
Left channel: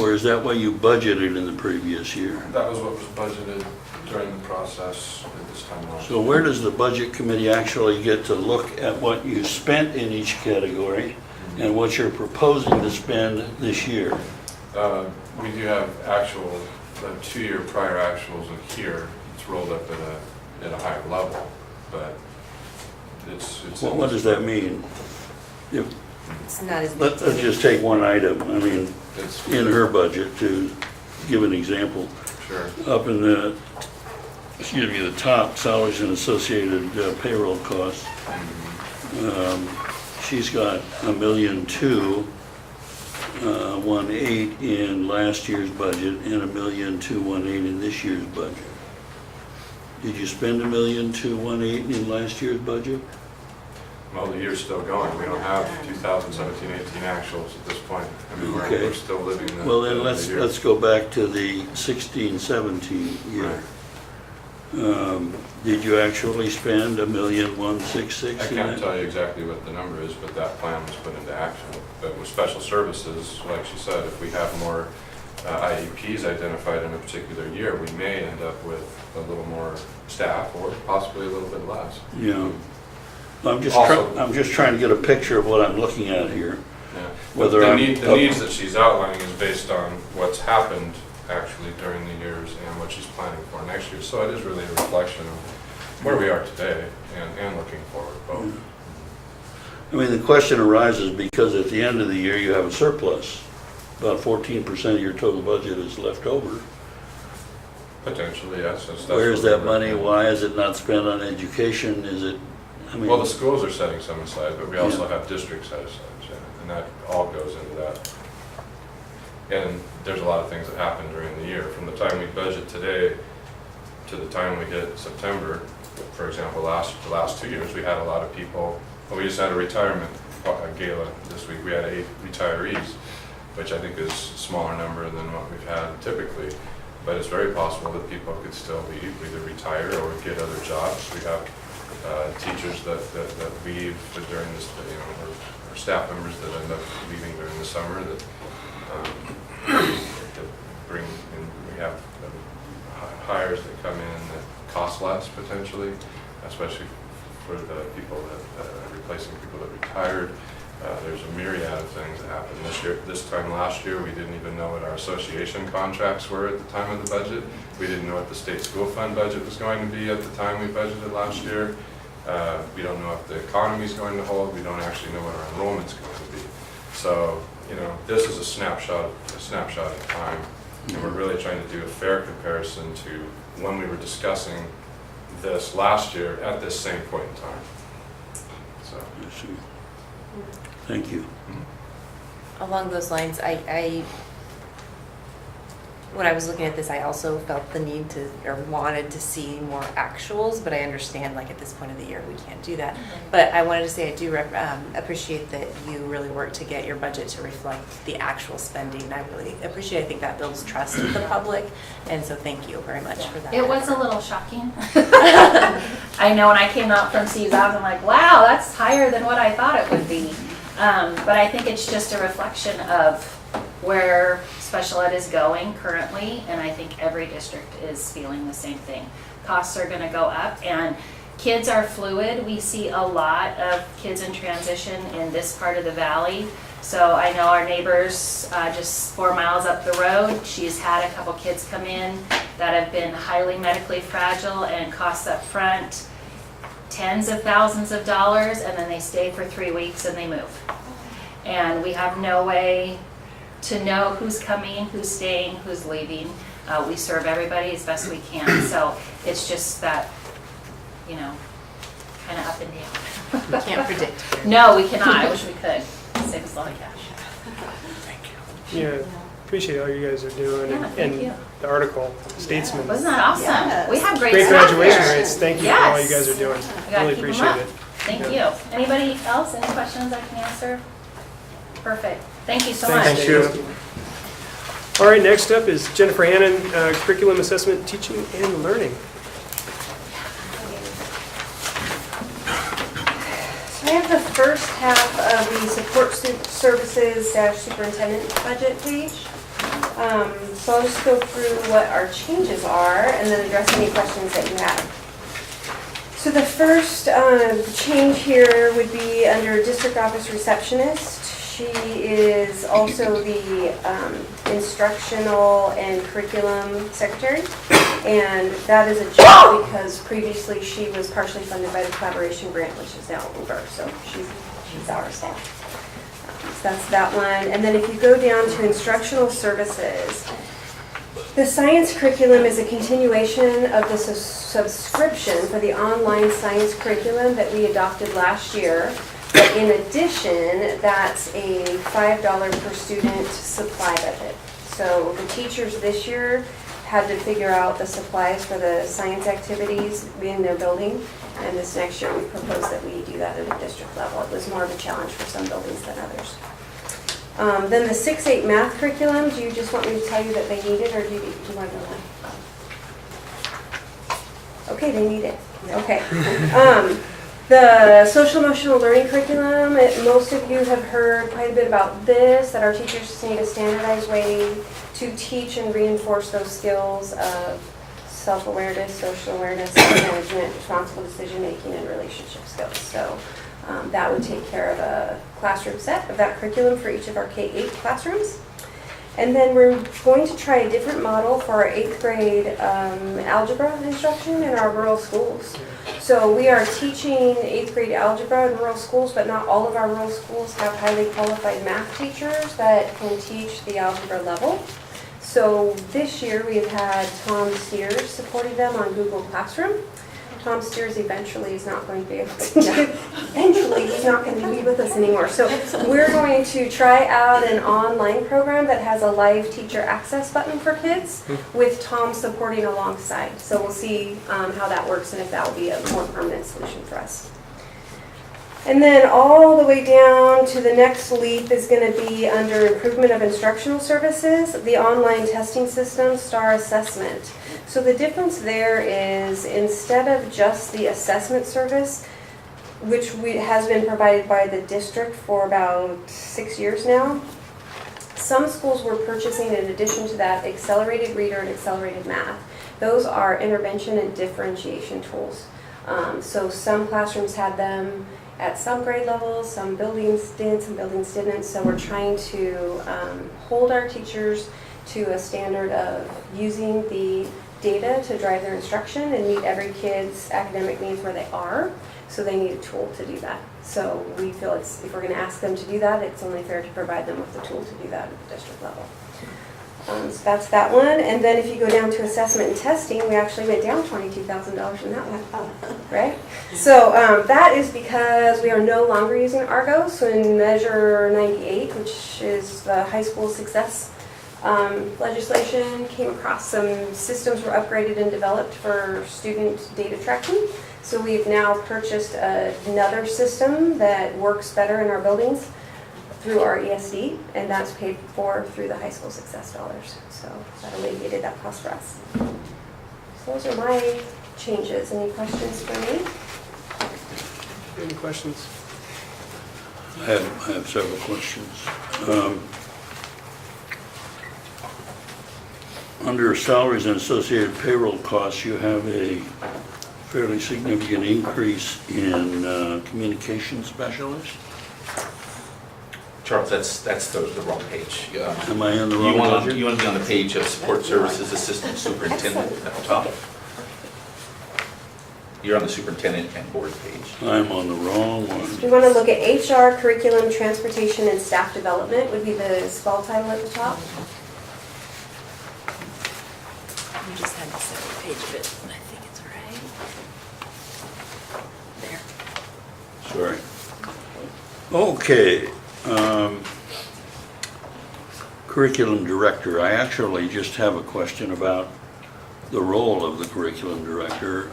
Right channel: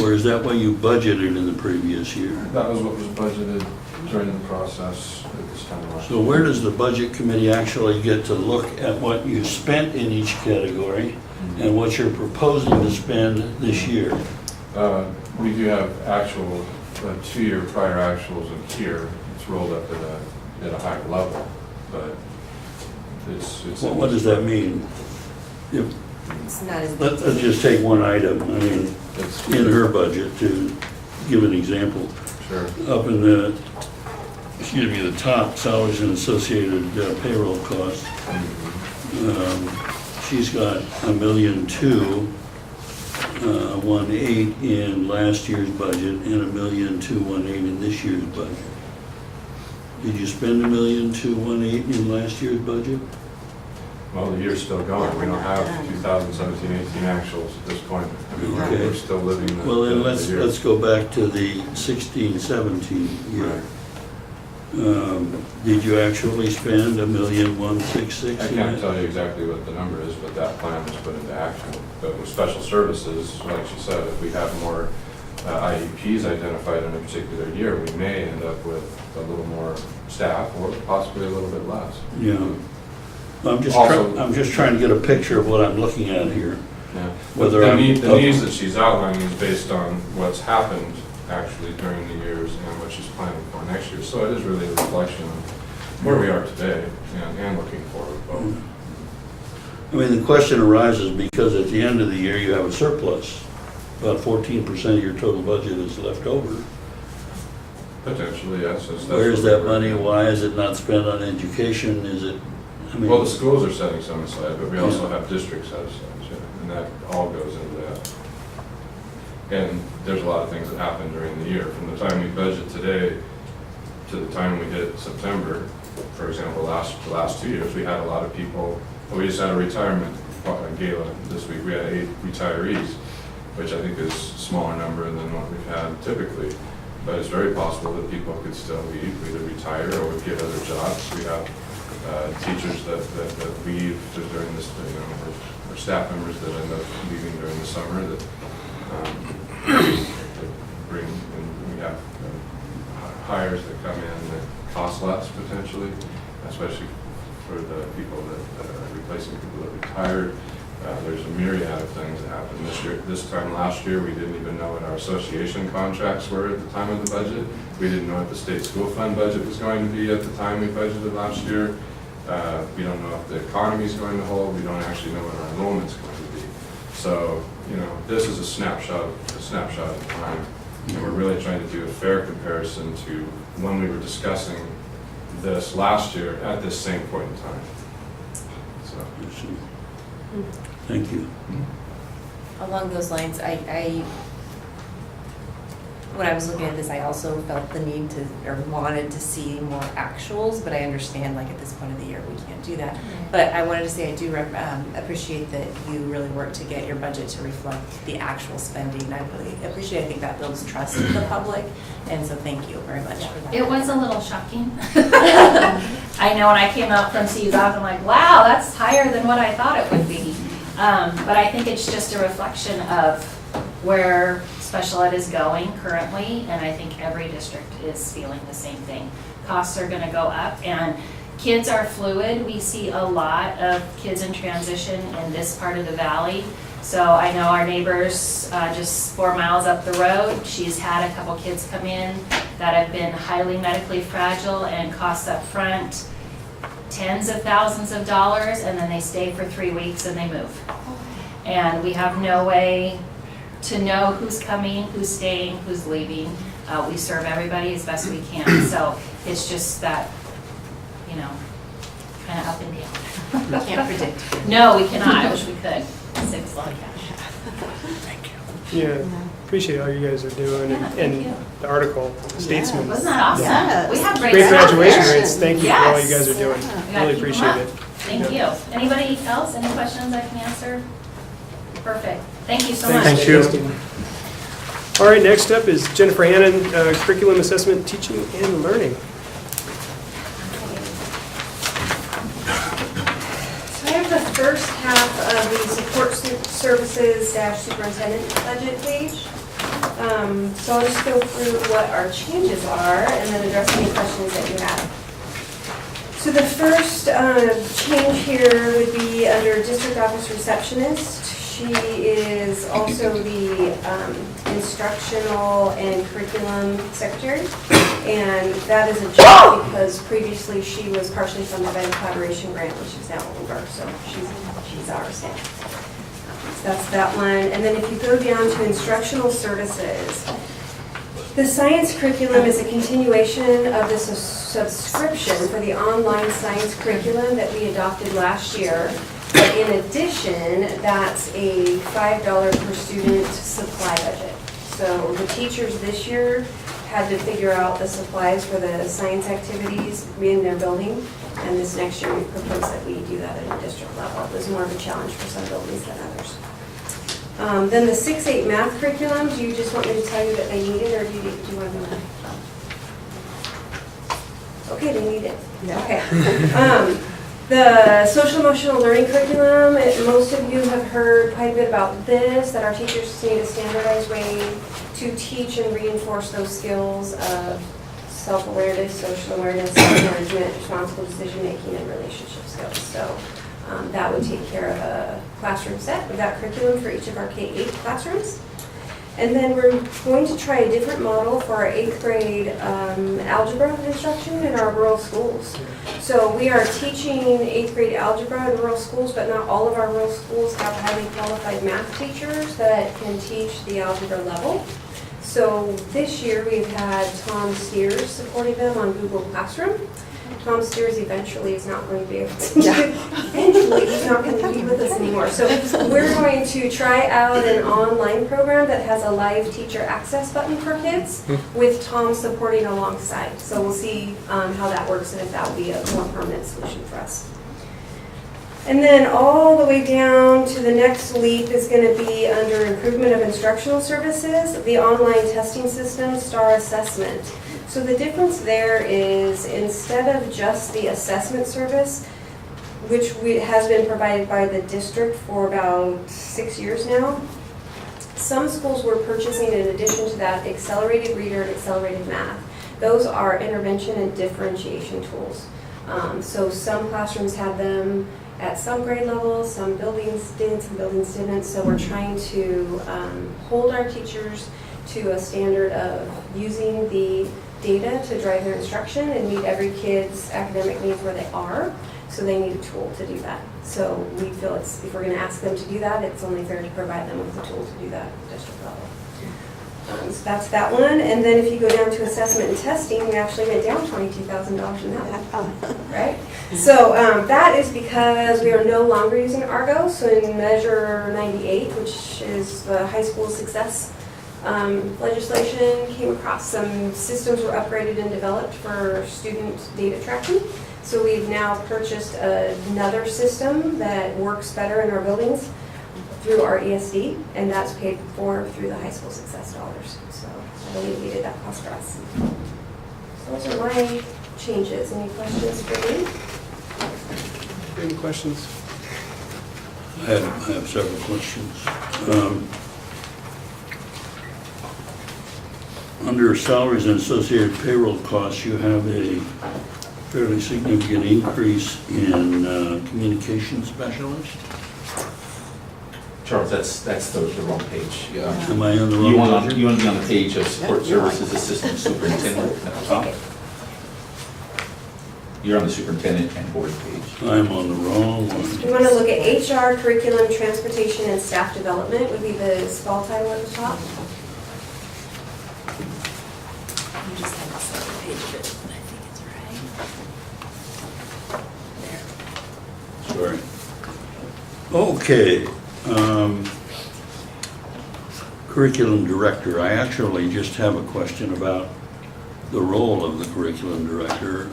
Or is that what you budgeted in the previous year? That was what was budgeted during the process at this time last So where does the budget committee actually get to look at what you spent in each category and what you're proposing to spend this year? We do have actual, 2-year prior actuals in here. It's rolled up at a higher level, but it's. What does that mean? If, It's not as let's just take one item, I mean, It's in her budget, to give an example. Sure. Up in the, the top, salaries and associated payroll costs, she's got $1,218,018 in last year's budget and $1,218,018 in this year's budget. Did you spend $1,218,018 in last year's budget? Well, the year's still going. We don't have 2017-18 actuals at this point. I mean, Okay. we're still living the. Well, then the year. let's go back to the 16-17 year. Did you actually spend $1,166,000? I can't tell you exactly what the number is, but that plan was put into action. But with special services, like she said, if we have more IEPs identified in a particular year, we may end up with a little more staff or possibly a little bit less. Yeah. I'm just trying to get a picture of what I'm looking at here. Yeah. Whether the I'm- needs that she's outlining is based on what's happened actually during the years and what she's planning for next year. So it is really a reflection of where we are today and looking forward both. I mean, the question arises because at the end of the year, you have a surplus. About 14% of your total budget is left over. Potentially, yes. That's Where is what that we're money? looking at. Why is it not spent on education? Is it, I mean... Well, the schools are setting some aside, but we also Yeah. have district set aside, yeah, and that all goes into that. And there's a lot of things that happen during the year. From the time we budget today to the time we hit September, for example, the last 2 years, we had a lot of people, we just had a retirement gala this week. We had 8 retirees, which I think is a smaller number than what we've had typically. But it's very possible that people could still leave, either retire or get other jobs. We have teachers that leave during this, or staff members that end up leaving during the summer that bring, and we have hires that come in that cost less potentially, especially for the people that are replacing people that retired. There's a myriad of things that happened this year. This time last year, we didn't even know what our association contracts were at the time of the budget. We didn't know what the state school fund budget was going to be at the time we budgeted last year. We don't know if the economy is going to hold. We don't actually know what our enrollment's going to be. So, this is a snapshot of time, and we're really trying to do a fair comparison to when we were discussing this last year at this same point in time. So. Thank you. Along those lines, when I was looking at this, I also felt the need to, or wanted to see more actuals, but I understand, like, at this point of the year, we can't do that. But I wanted to say I do appreciate that you really worked to get your budget to reflect the actual spending. I really appreciate it. I think that builds trust with the public, and so thank you very much for that. It was a little shocking. I know when I came out from Steve's office, I'm like, wow, that's higher than what I thought it would be. But I think it's just a reflection of where special ed is going currently, and I think every district is feeling the same thing. Costs are going to go up, and kids are fluid. We see a lot of kids in transition in this part of the valley. So I know our neighbors just 4 miles up the road, she's had a couple kids come in that have been highly medically fragile, and costs up front tens of thousands of dollars, and then they stay for 3 weeks and they move. And we have no way to know who's coming, who's staying, who's leaving. We serve everybody as best we can. So it's just that, kind of up and down. We can't predict. No, we cannot. I wish we could. Save us a lot of cash. Yeah, appreciate all you guys are doing, Yeah, thank you. and the article, Statesman. Wasn't that awesome? Yes. We have Great stuff graduation there. rates. Thank you for all you Yes. guys are doing. gotta Really keep 'em appreciate up. it. Thank you. Anybody else, any questions I can answer? Perfect. Thank you so much. Thanks, Christine. All right, next up is Jennifer Hannon, Curriculum Assessment, Teaching and Learning. I have the first half of the support services superintendent budget page. So I'll just go through what our changes are and then address any questions that you have. So the first change here would be under district office receptionist. She is also the instructional and curriculum secretary. And that is a job because previously she was partially funded by the collaboration grant, which is now over, so she's ours now. So that's that one. And then if you go down to instructional services, the science curriculum is a continuation of the subscription for the online science curriculum that we adopted last year. But in addition, that's a $5 per student supply budget. So the teachers this year had to figure out the supplies for the science activities in their building. And this next year, we propose that we do that at a district level. It was more of a challenge for some buildings than others. Then the 6-8 math curriculum, do you just want me to tell you that they need it, or do you want to know? Okay, they need it. Okay. The social emotional learning curriculum, most of you have heard quite a bit about this, that our teachers need a standardized way to teach and reinforce those skills of self-awareness, social awareness, management, responsible decision-making, and relationship skills. So that would take care of a classroom set of that curriculum for each of our K-8 classrooms. And then we're going to try a different model for our 8th grade algebra instruction in our rural schools. So we are teaching 8th grade algebra in rural schools, but not all of our rural schools have highly qualified math teachers that can teach the algebra level. So this year we've had Tom Steers supporting them on Google Classroom. Tom Steers eventually is not going to be able to eventually he's not going to be with us anymore. So we're going to try out an online program that has a live teacher access button for kids with Tom supporting alongside. So we'll see how that works and if that will be a more permanent solution for us. And then all the way down to the next leap is going to be under improvement of instructional services, the online testing system, STAR assessment. So the difference there is instead of just the assessment service, which has been provided by the district for about 6 years now, some schools were purchasing in addition to that accelerated reader and accelerated math. Those are intervention and differentiation tools. So some classrooms had them at some grade levels, some buildings did, some buildings didn't. So we're trying to hold our teachers to a standard of using the data to drive their instruction and meet every kid's academic needs where they are. So they need a tool to do that. So we feel if we're going to ask them to do that, it's only fair to provide them with a tool to do that at the district level. So that's that one. And then if you go down to assessment and testing, we actually went down $22,000 in that, right? So that is because we are no longer using Argo. So in Measure 98, which is the high school success legislation, came across some systems were upgraded and developed for student data tracking. So we've now purchased another system that works better in our buildings through our ESD, and that's paid for through the high school success dollars. So that alleviated that cost for us. So those are my changes. Any questions for me? Any questions? I have several questions. Under salaries and associated payroll costs, you have a fairly significant increase in communication specialists. Charles, that's the wrong page. Am I on the wrong budget? You want to be on the page of support services assistant superintendent at the top. You're on the superintendent and board page. I'm on the wrong one. We want to look at HR, curriculum, transportation, and staff development would be the small title at the top. You just had to set the page of it, and I think it's right. There. Sorry. Okay. Curriculum director. I actually just have a question about the role of the curriculum director.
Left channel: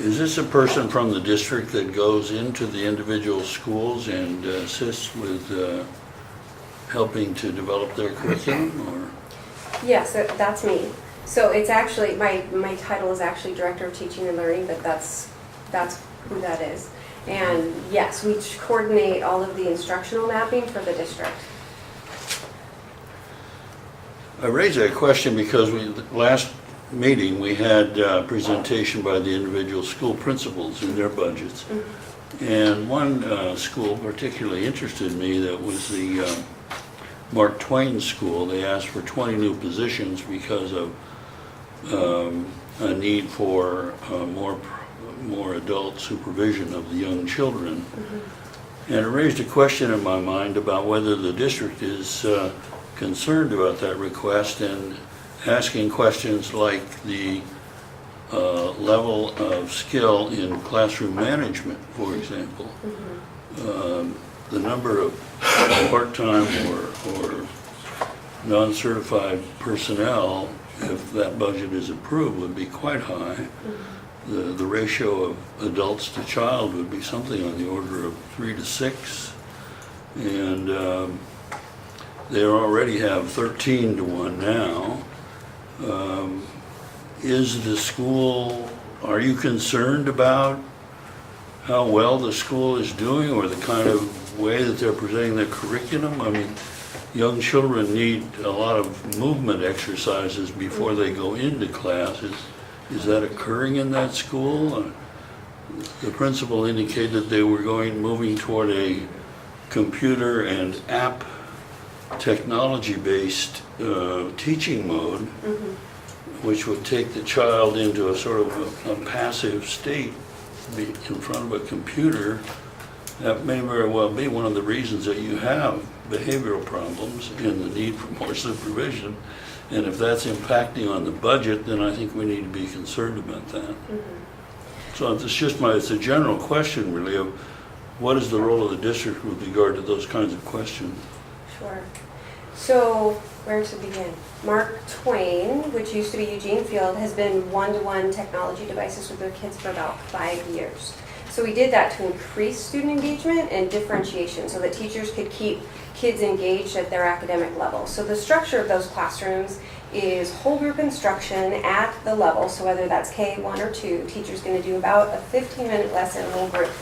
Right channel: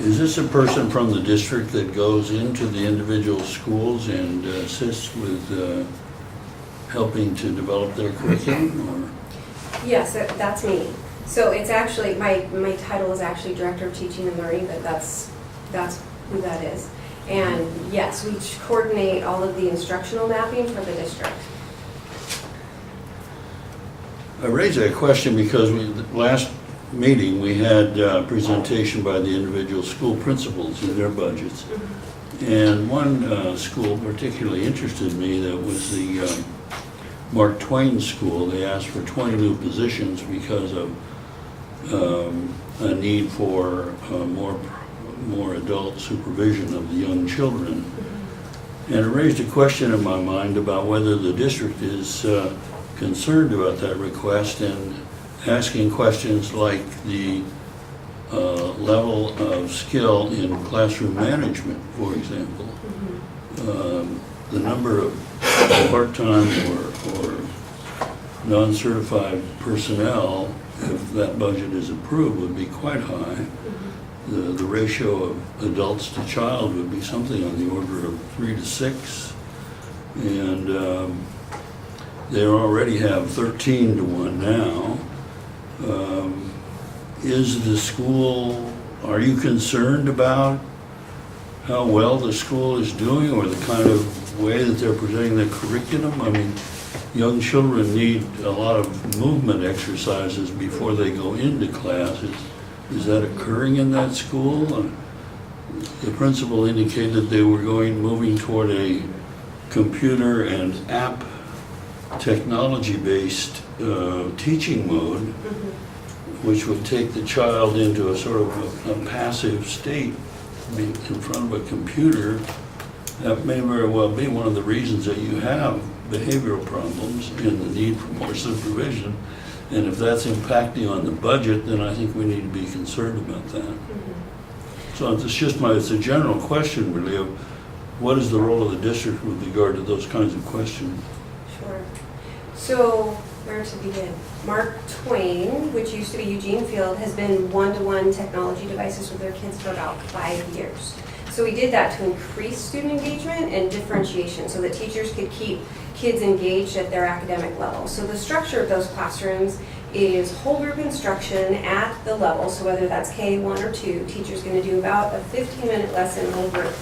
Is this a person from the district that goes into the individual schools and assists with helping to develop their curriculum, or? Yes, that's me. So it's actually, my title is actually Director of Teaching and Learning, but that's who that is. And yes, we coordinate all of the instructional mapping for the district. I raise that question because last meeting, we had a presentation by the individual school principals in their budgets. And one school particularly interested me, that was the Mark Twain School. They asked for 20 new positions because of a need for more adult supervision of the young children. And it raised a question in my mind about whether the district is concerned about that request and asking questions like the level of skill in classroom management, for example. The number of part-time or non-certified personnel, if that budget is approved, would be quite high. The ratio of adults to child would be something on the order of 3 to 6. And they already have 13 to 1 now. Is the school, are you concerned about how well the school is doing, or the kind of way that they're presenting the curriculum? I mean, young children need a lot of movement exercises before they go into class. Is that occurring in that school? The principal indicated they were moving toward a computer and app technology-based teaching mode, which would take the child into a sort of a passive state in front of a computer. That may very well be one of the reasons that you have behavioral problems and the need for more supervision. And if that's impacting on the budget, then I think we need to be concerned about that. So it's a general question really of what is the role of the district with regard to those kinds of questions. Sure. So where to begin? Mark Twain, which used to be Eugene Field, has been one-to-one technology devices with their kids for about 5 years. So we did that to increase student engagement and differentiation so that teachers could keep kids engaged at their academic level. So the structure of those classrooms is whole group instruction at the level. So whether that's K1 or 2, teacher's going to do about a 15-minute lesson whole group.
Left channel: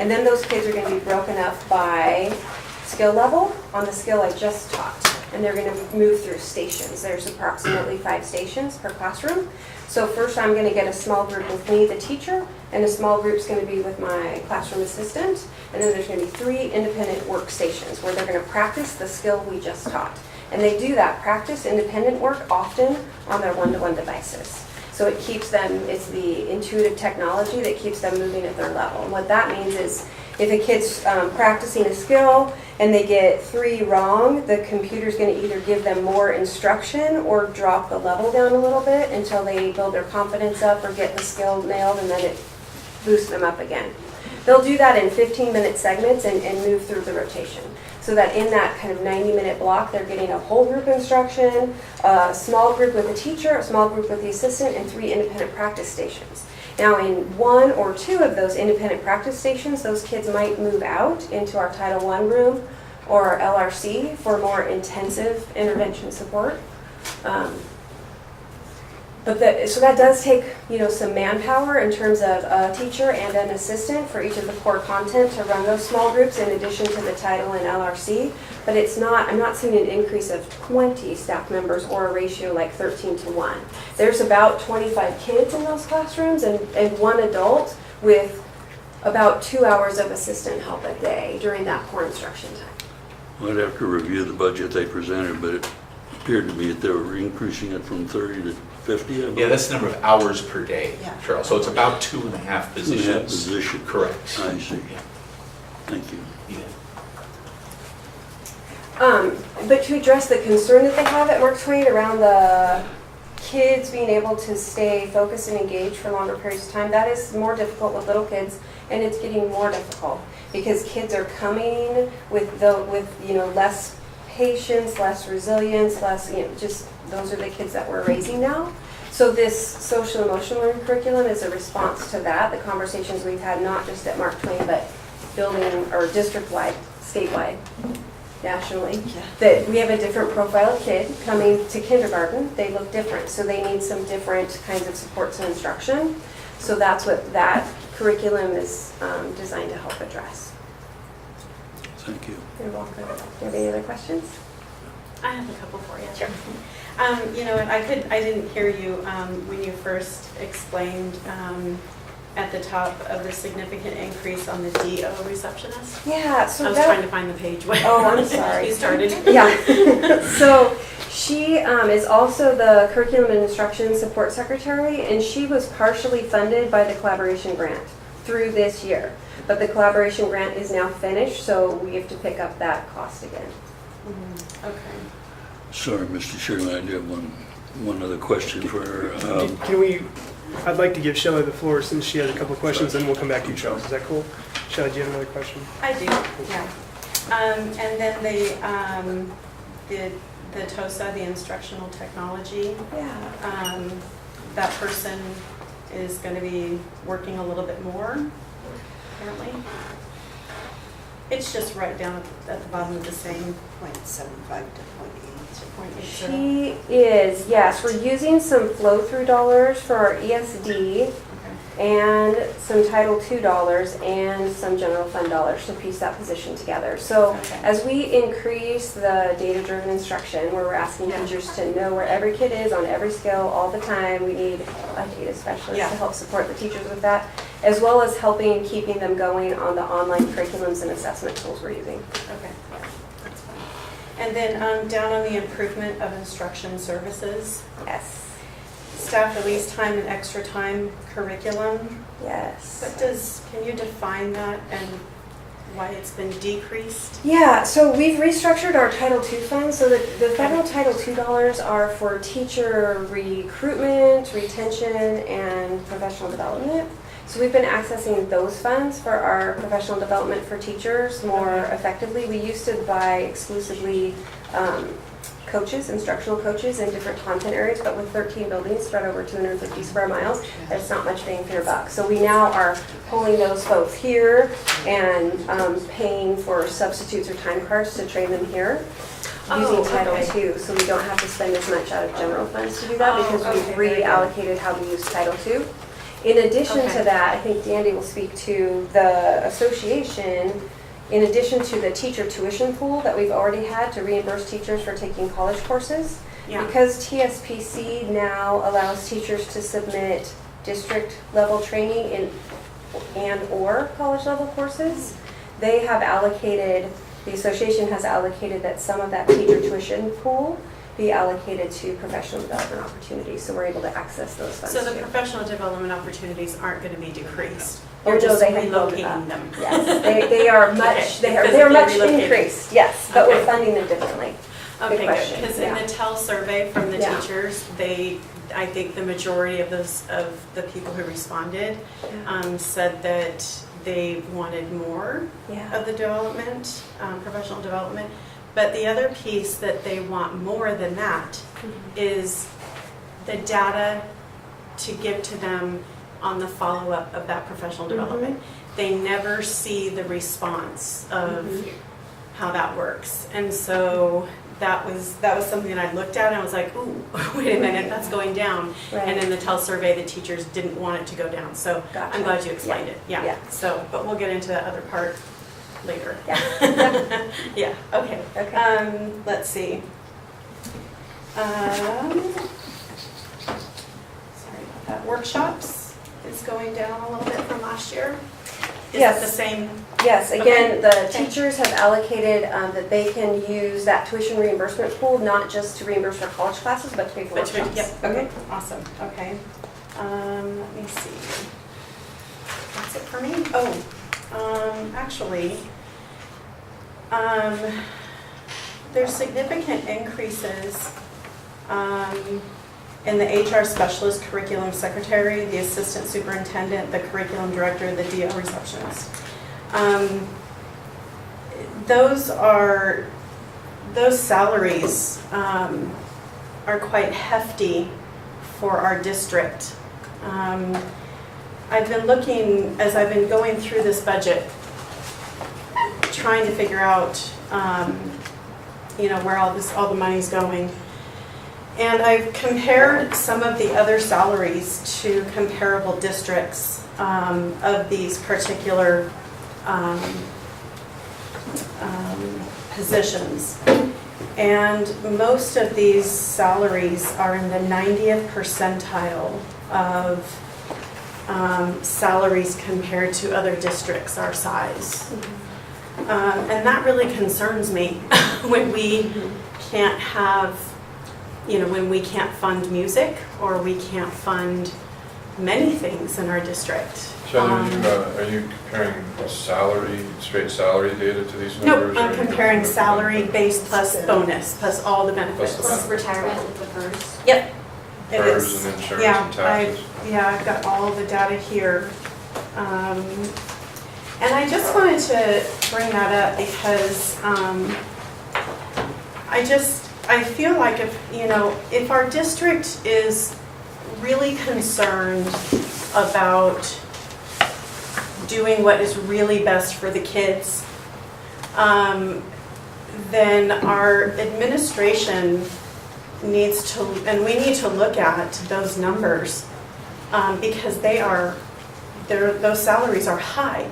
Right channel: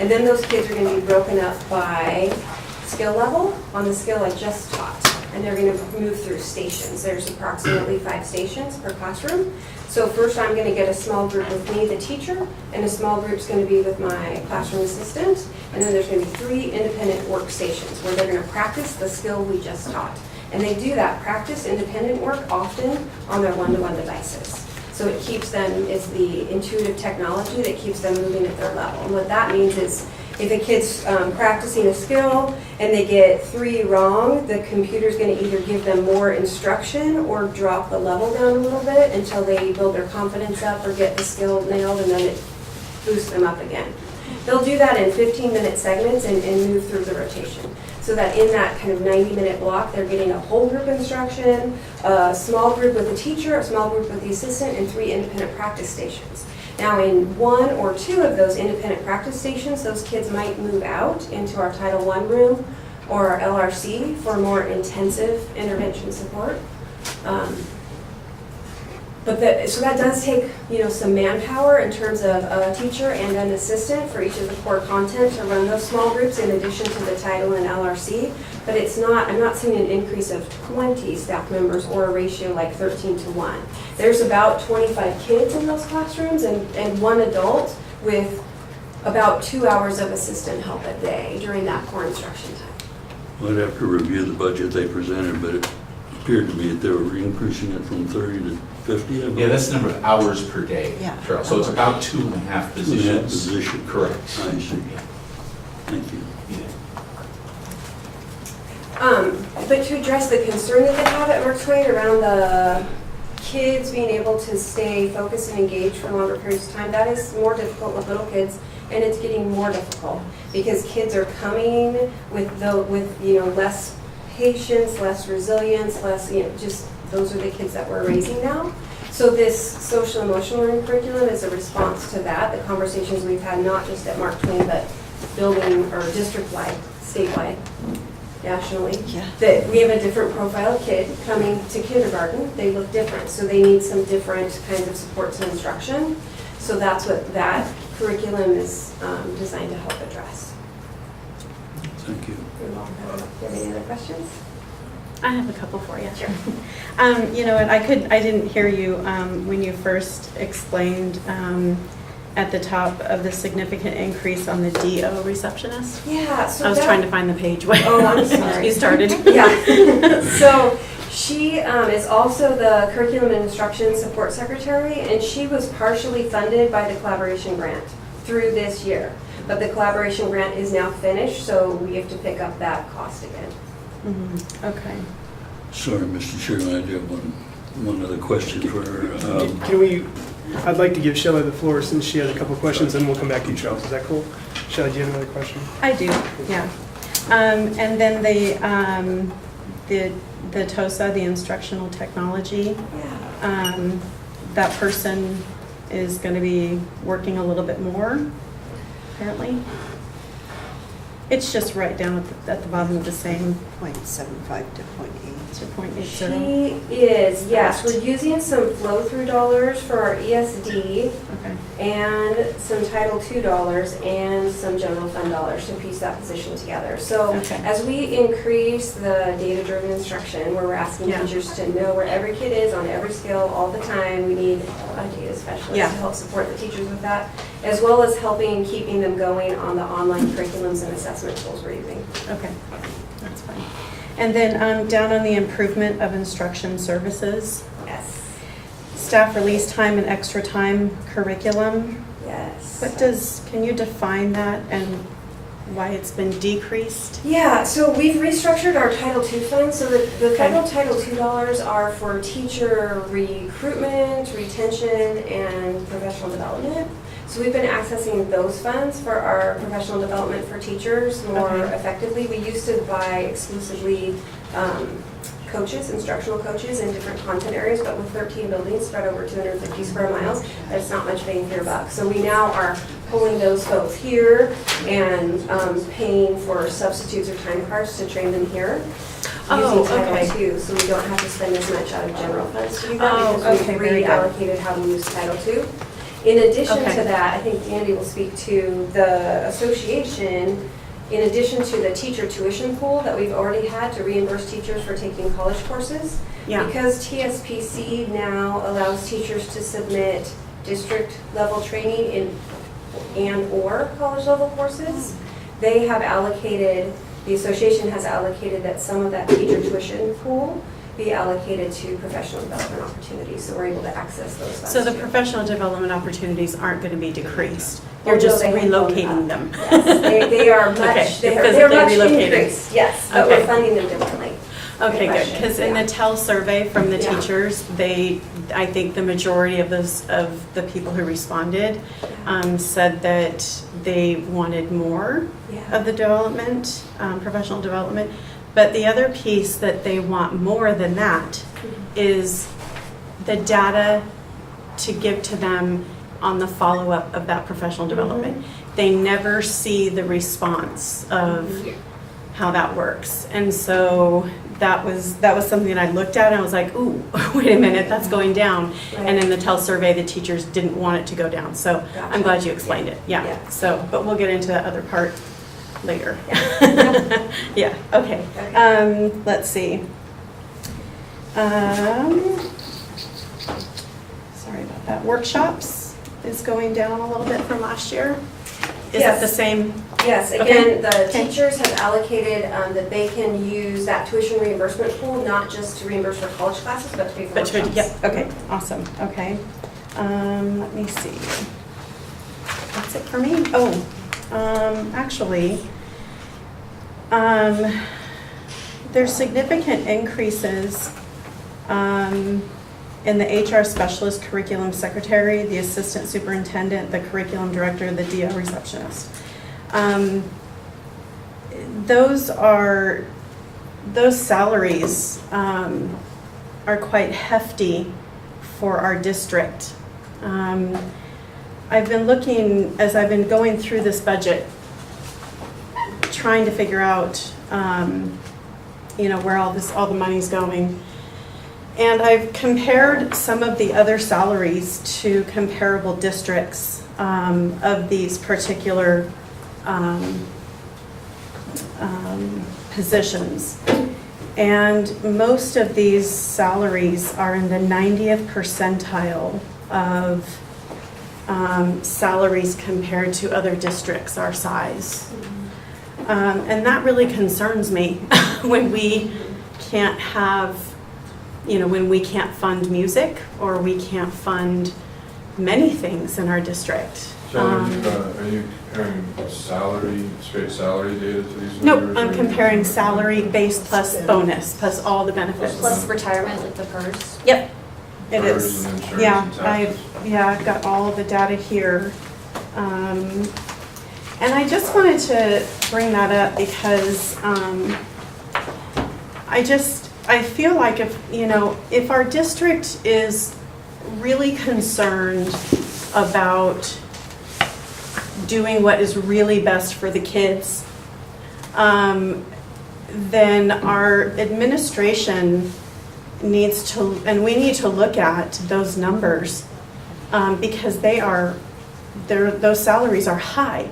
And then those kids are going to be broken up by skill level on the skill I just taught. And they're going to move through stations. There's approximately 5 stations per classroom. So first I'm going to get a small group with me, the teacher, and a small group's going to be with my classroom assistant. And then there's going to be 3 independent workstations where they're going to practice the skill we just taught. And they do that practice independent work often on their one-to-one devices. So it keeps them, it's the intuitive technology that keeps them moving at their level. And what that means is if a kid's practicing a skill and they get 3 wrong, the computer's going to either give them more instruction or drop the level down a little bit until they build their confidence up or get the skill nailed, and then it boosts them up again. They'll do that in 15-minute segments and move through the rotation. So that in that kind of 90-minute block, they're getting a whole group instruction, a small group with the teacher, a small group with the assistant, and 3 independent practice stations. Now in 1 or 2 of those independent practice stations, those kids might move out into our Title I room or our LRC for more intensive intervention support. So that does take, some manpower in terms of a teacher and an assistant for each of the core content to run those small groups in addition to the Title and LRC. But I'm not seeing an increase of 20 staff members or a ratio like 13 to 1. There's about 25 kids in those classrooms and 1 adult with about 2 hours of assistant help a day during that core instruction time. Well, I'd have to review the budget they presented, but it appeared to me that they were increasing it from 30 to 50. Yeah, that's the number of hours per day, Yeah. Cheryl. So it's about 2.5 positions. 2.5 positions. Correct. I see. Yeah. Thank you. But to address the concern that they have at Mark Twain around the kids being able to stay focused and engaged for longer periods of time, that is more difficult with little kids, and it's getting more difficult because kids are coming with less patience, less resilience, less, just those are the kids that we're raising now. So this social emotional learning curriculum is a response to that, the conversations we've had, not just at Mark Twain, but building or district-wide, statewide, nationally. Yeah. That we have a different profile kid coming to kindergarten, they look different, so they need some different kinds of supports and instruction. So that's what that curriculum is designed to help address. Thank you. You're welcome. Do you have any other questions? I have a couple for you. Sure. You know, and I didn't hear you when you first explained at the top of the significant increase on the DO receptionist. Yeah, so I was that- trying to find the page where Oh, I'm sorry. you started. Yeah. So she is also the curriculum and instruction support secretary, and she was partially funded by the collaboration grant through this year. But the collaboration grant is now finished, so we have to pick up that cost again. Mhm. Okay. Sorry, Mr. Chairman, I do have one other question for her. Can we, I'd like to give Shelley the floor since she has a couple of questions, and we'll come back to you, Charles. Is that cool? Shelley, do you have another question? I do, yeah. And then the TOSA, the instructional technology, Yeah. that person is going to be working a little bit more, apparently. It's just right down at the bottom of the same 0.75 to 0.8. to 0.80. She is, yes, we're using some flow-through dollars for our ESD Okay. and some Title II dollars and some general fund dollars to piece that position together. So Okay. as we increase the data-driven instruction, where we're asking Yeah. teachers to know where every kid is on every scale all the time, we need a data specialist Yeah. to help support the teachers with that, as well as helping keeping them going on the online curriculums and assessment tools we're using. Okay, that's fine. And then down on the improvement of instruction services, Yes. staff release time and extra time curriculum. Yes. Can you define that and why it's been decreased? Yeah, so we've restructured our Title II funds so that the federal Title II dollars are for teacher recruitment, retention, and professional development. So we've been accessing those funds for our professional development for teachers more Okay. effectively. We used to buy exclusively coaches, instructional coaches in different content areas, but with 13 buildings spread over 250 square miles, that's not much bang for your buck. So we now are pulling those folks here and paying for substitutes or time cards to train them here using Title okay. II, so we don't have to spend as much out of general funds to do that Oh, because okay, we've very good. reallocated how we use Title II. In addition Okay. to that, I think Dandy will speak to the association. In addition to the teacher tuition pool that we've already had to reimburse teachers for taking college courses, Yeah, because TSPC now allows teachers to submit district level training and/or college level courses, they have allocated, the association has allocated that some of that teacher tuition pool be allocated to professional development opportunities, so we're able to access those funds. so the too. professional development opportunities aren't going to be decreased. You're Although just they have gone relocating up. them. Yes, they are Okay, much, they because are they're much relocated. increased, yes, but we're Okay. funding them differently. Okay, good, question, because in yeah. the TEL survey from the Yeah. teachers, I think the majority of the people who responded said that they wanted more Yeah. of the development, professional development. But the other piece that they want more than that is the data to give to them on the follow-up of that professional development. They never see the response of how that works. And so that was something that I looked at and I was like, ooh, wait a minute, that's going down. And in the TEL survey, the teachers didn't want it to go down. So Gotcha. I'm glad you explained it. Yeah. Yeah. So, but we'll get into that other part later. Yeah. Yeah, okay. Okay. Let's see. Sorry about that. Workshops is going down a little bit from last year. Is that Yes. the same? Yes, again, the Okay. teachers have allocated that they can use that tuition reimbursement pool, not just to reimburse for college classes, but to pay for workshops. Yep, okay, awesome, okay. Let me see. That's it for me? Actually, there's significant increases in the HR specialist, curriculum secretary, the assistant superintendent, the curriculum director, the DO receptionist. Those salaries are quite hefty for our district. I've been looking, as I've been going through this budget, trying to figure out, where all the money's going. And I've compared some of the other salaries to comparable districts of these particular positions. And most of these salaries are in the 90th percentile of salaries compared to other districts our size. And that really concerns me when we can't have, when we can't fund music or we can't fund many things in our district. Shelley, are you comparing straight salary data to these Nope, numbers? I'm comparing salary base plus bonus plus all the benefits. Plus retirement with the PERS. Yep, it PERS is. and insurance Yeah, and taxes. I've got all the data here. And I just wanted to bring that up because I feel like if our district is really concerned about doing what is really best for the kids, then our administration needs to, and we need to look at those numbers because those salaries are high.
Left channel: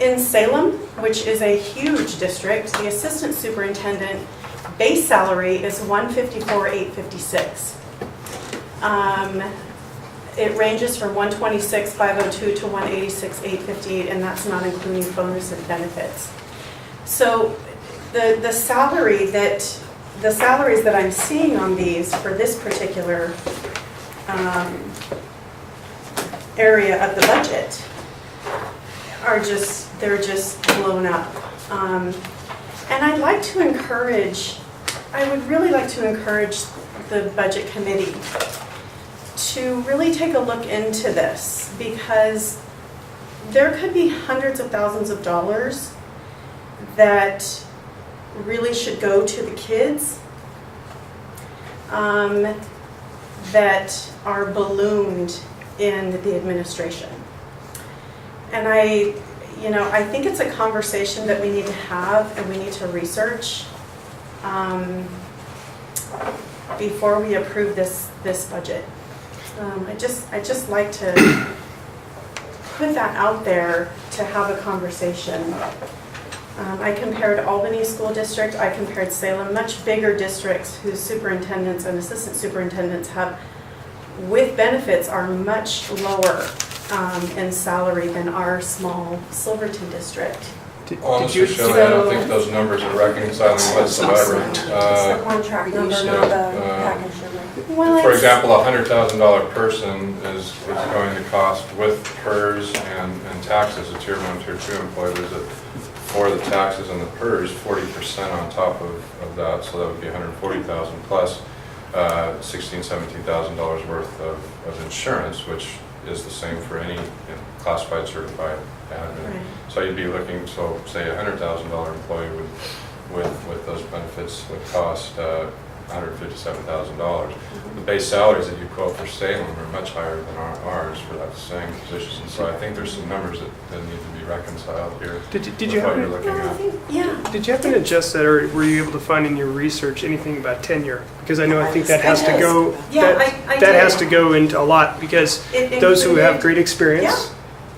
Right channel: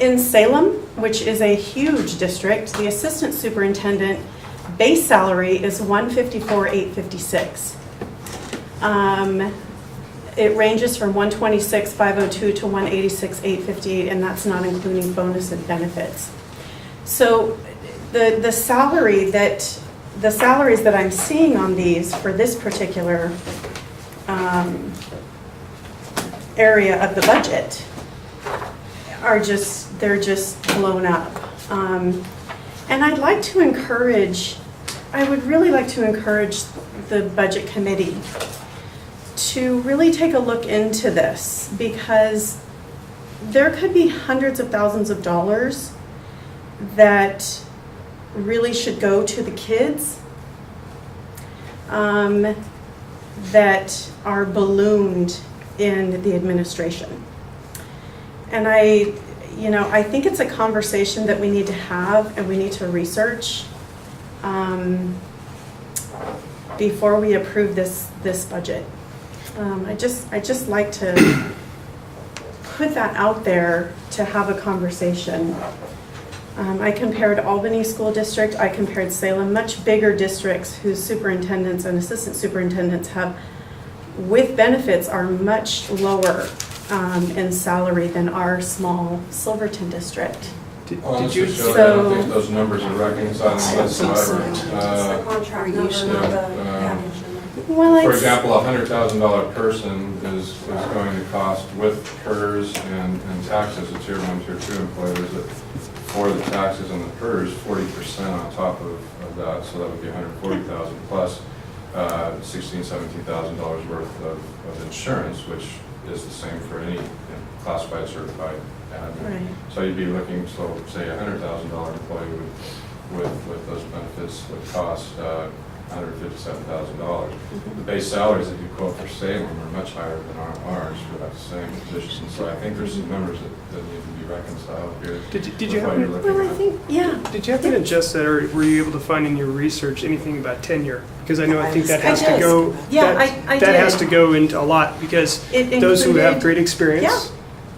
In Salem, which is a huge district, the assistant superintendent base salary is $154,856. It ranges from $126,502 to $186,858, and that's not including bonus and benefits. So the salaries that I'm seeing on these for this particular area of the budget they're just blown up. And I would really like to encourage the budget committee to really take a look into this, because there could be hundreds of thousands of dollars that really should go to the kids that are ballooned in the administration. And I think it's a conversation that we need to have and we need to research before we approve this budget. I just like to put that out there to have a conversation. I compared Albany School District, I compared Salem, much bigger districts whose superintendents and assistant superintendents have, with benefits, are much lower in salary than our small Silverton district. Honestly, Shelley, I don't think those numbers are reconciling whatsoever. It's the contract number, not the package number. Well, For example, a $100,000 person is going to cost with PERS and taxes, a tier 1, tier 2 employee, for the taxes and the PERS, 40% on top of that, so that would be $140,000 plus $16,000, $17,000 worth of insurance, which is the same for any classified certified admin. Right. So you'd be looking, so say a $100,000 employee with those benefits would cost $157,000. The base salaries that you quote for Salem are much higher than ours for that same position. So I think there's some numbers that need to be reconciled here. Did you with what happen you're looking Well, I at. think, yeah. Did you happen to adjust that, or were you able to find in your research anything about tenure? Because I think that has to go. Yeah, I that did. has to go into a lot, because It those who have included- great experience Yeah.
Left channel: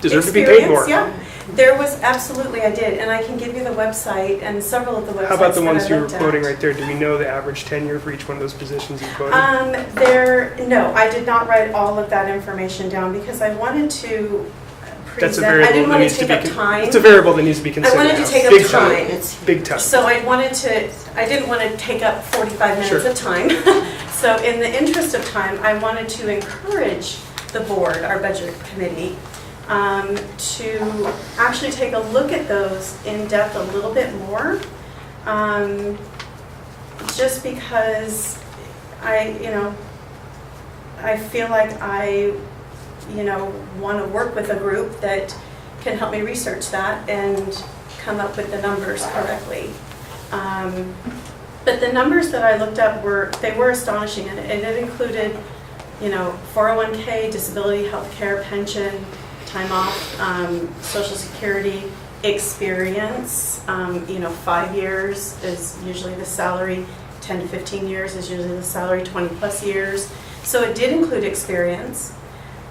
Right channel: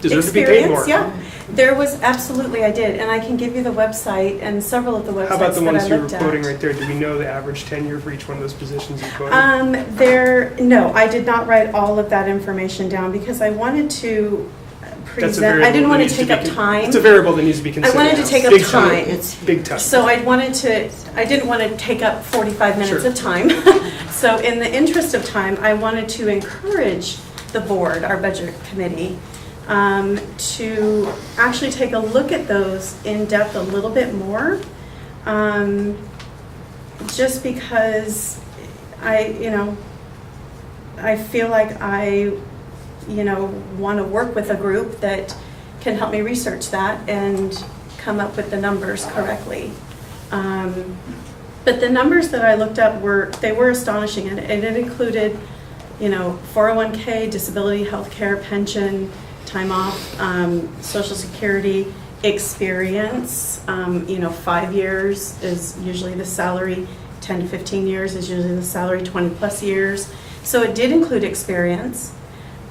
deserve to be paid more. Yeah, there was absolutely, I did, and I can give you the website and several of the websites. How about the that ones I you were looked at. quoting right there? Do we know the average tenure for each one of those positions you quoted? No, I did not write all of that information down because I wanted to That's a present, I variable didn't that want needs to to be. take up time. It's a variable that needs to be I considered. wanted to take up Big time. Big time. So I didn't want to take up 45 minutes Sure. of time. So in the interest of time, I wanted to encourage the board, our budget committee, to actually take a look at those in depth a little bit more. Just because I feel like I want to work with a group that can help me research that and come up with the numbers correctly. But the numbers that I looked up they were astonishing, and it included, 401k, disability, healthcare, pension, time off, Social Security, experience. 5 years is usually the salary, 10 to 15 years is usually the salary, 20 plus years. So it did include experience,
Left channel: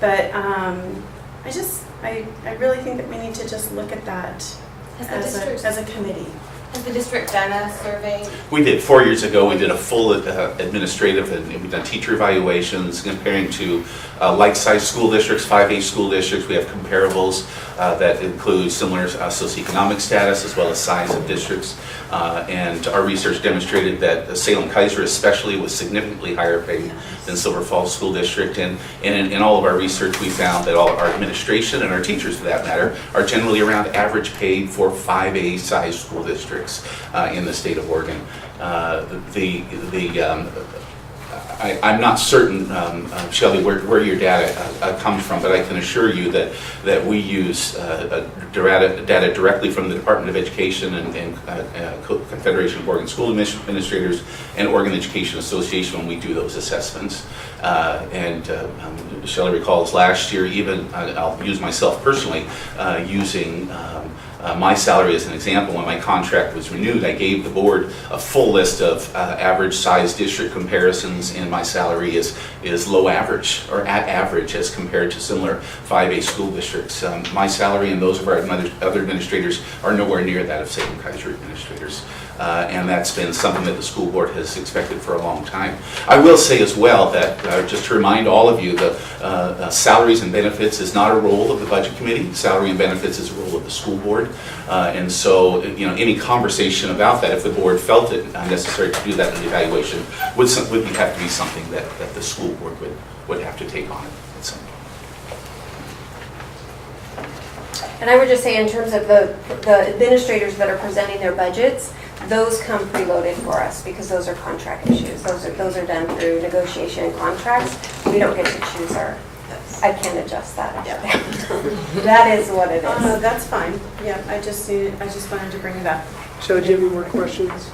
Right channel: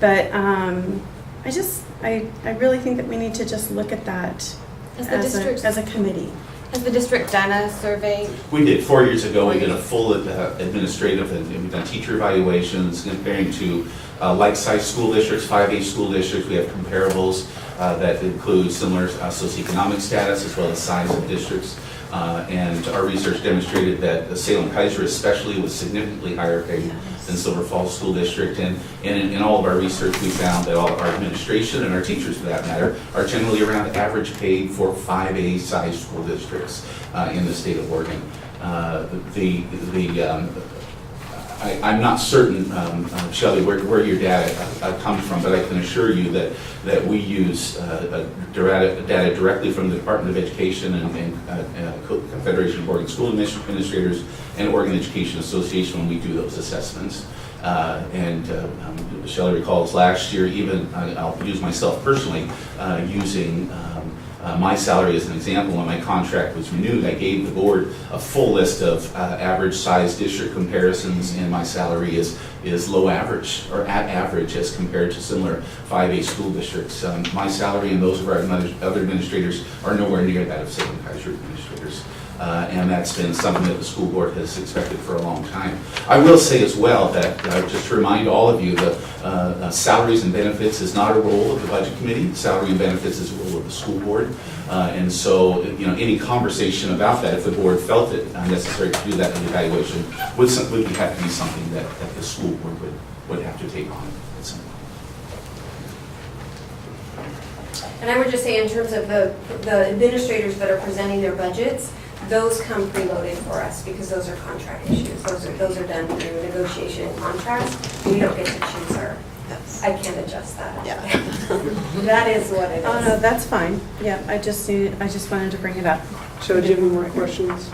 but I really think that we need to just look at that as a committee. Has the district done a survey? We did, 4 years ago, we did a full administrative, and we've done teacher evaluations comparing to like-sized school districts, 5A school districts. We have comparables that include similar socioeconomic status as well as size of districts. And our research demonstrated that Salem-Kaiser especially was significantly higher paid than Silver Falls School District. And in all of our research, we found that all our administration and our teachers, for that matter, are generally around average paid for 5A size school districts in the state of Oregon. I'm not certain, Shelley, where your data comes from, but I can assure you that we use data directly from the Department of Education and Confederation of Oregon School Administrators and Oregon Education Association when we do those assessments. Shelley recalls last year, even I'll use myself personally, using my salary as an example. When my contract was renewed, I gave the board a full list of average size district comparisons, and my salary is low average or at average as compared to similar 5A school districts. My salary and those of our other administrators are nowhere near that of Salem-Kaiser administrators. And that's been something that the school board has expected for a long time. I will say as well that, just to remind all of you, that salaries and benefits is not a role of the budget committee. Salary and benefits is a role of the school board. And so, any conversation about that, if the board felt it necessary to do that in the evaluation, would have to be something that the school board would have to take on at some point. And I would just say in terms of the administrators that are presenting their budgets, those come preloaded for us because those are contract issues. Those are done through negotiation and contracts. We don't get to choose our, I can't adjust that. Yeah. That is what it is. Oh, no, that's fine. Yeah, I just wanted to bring it up. Shelley, do you have any more questions?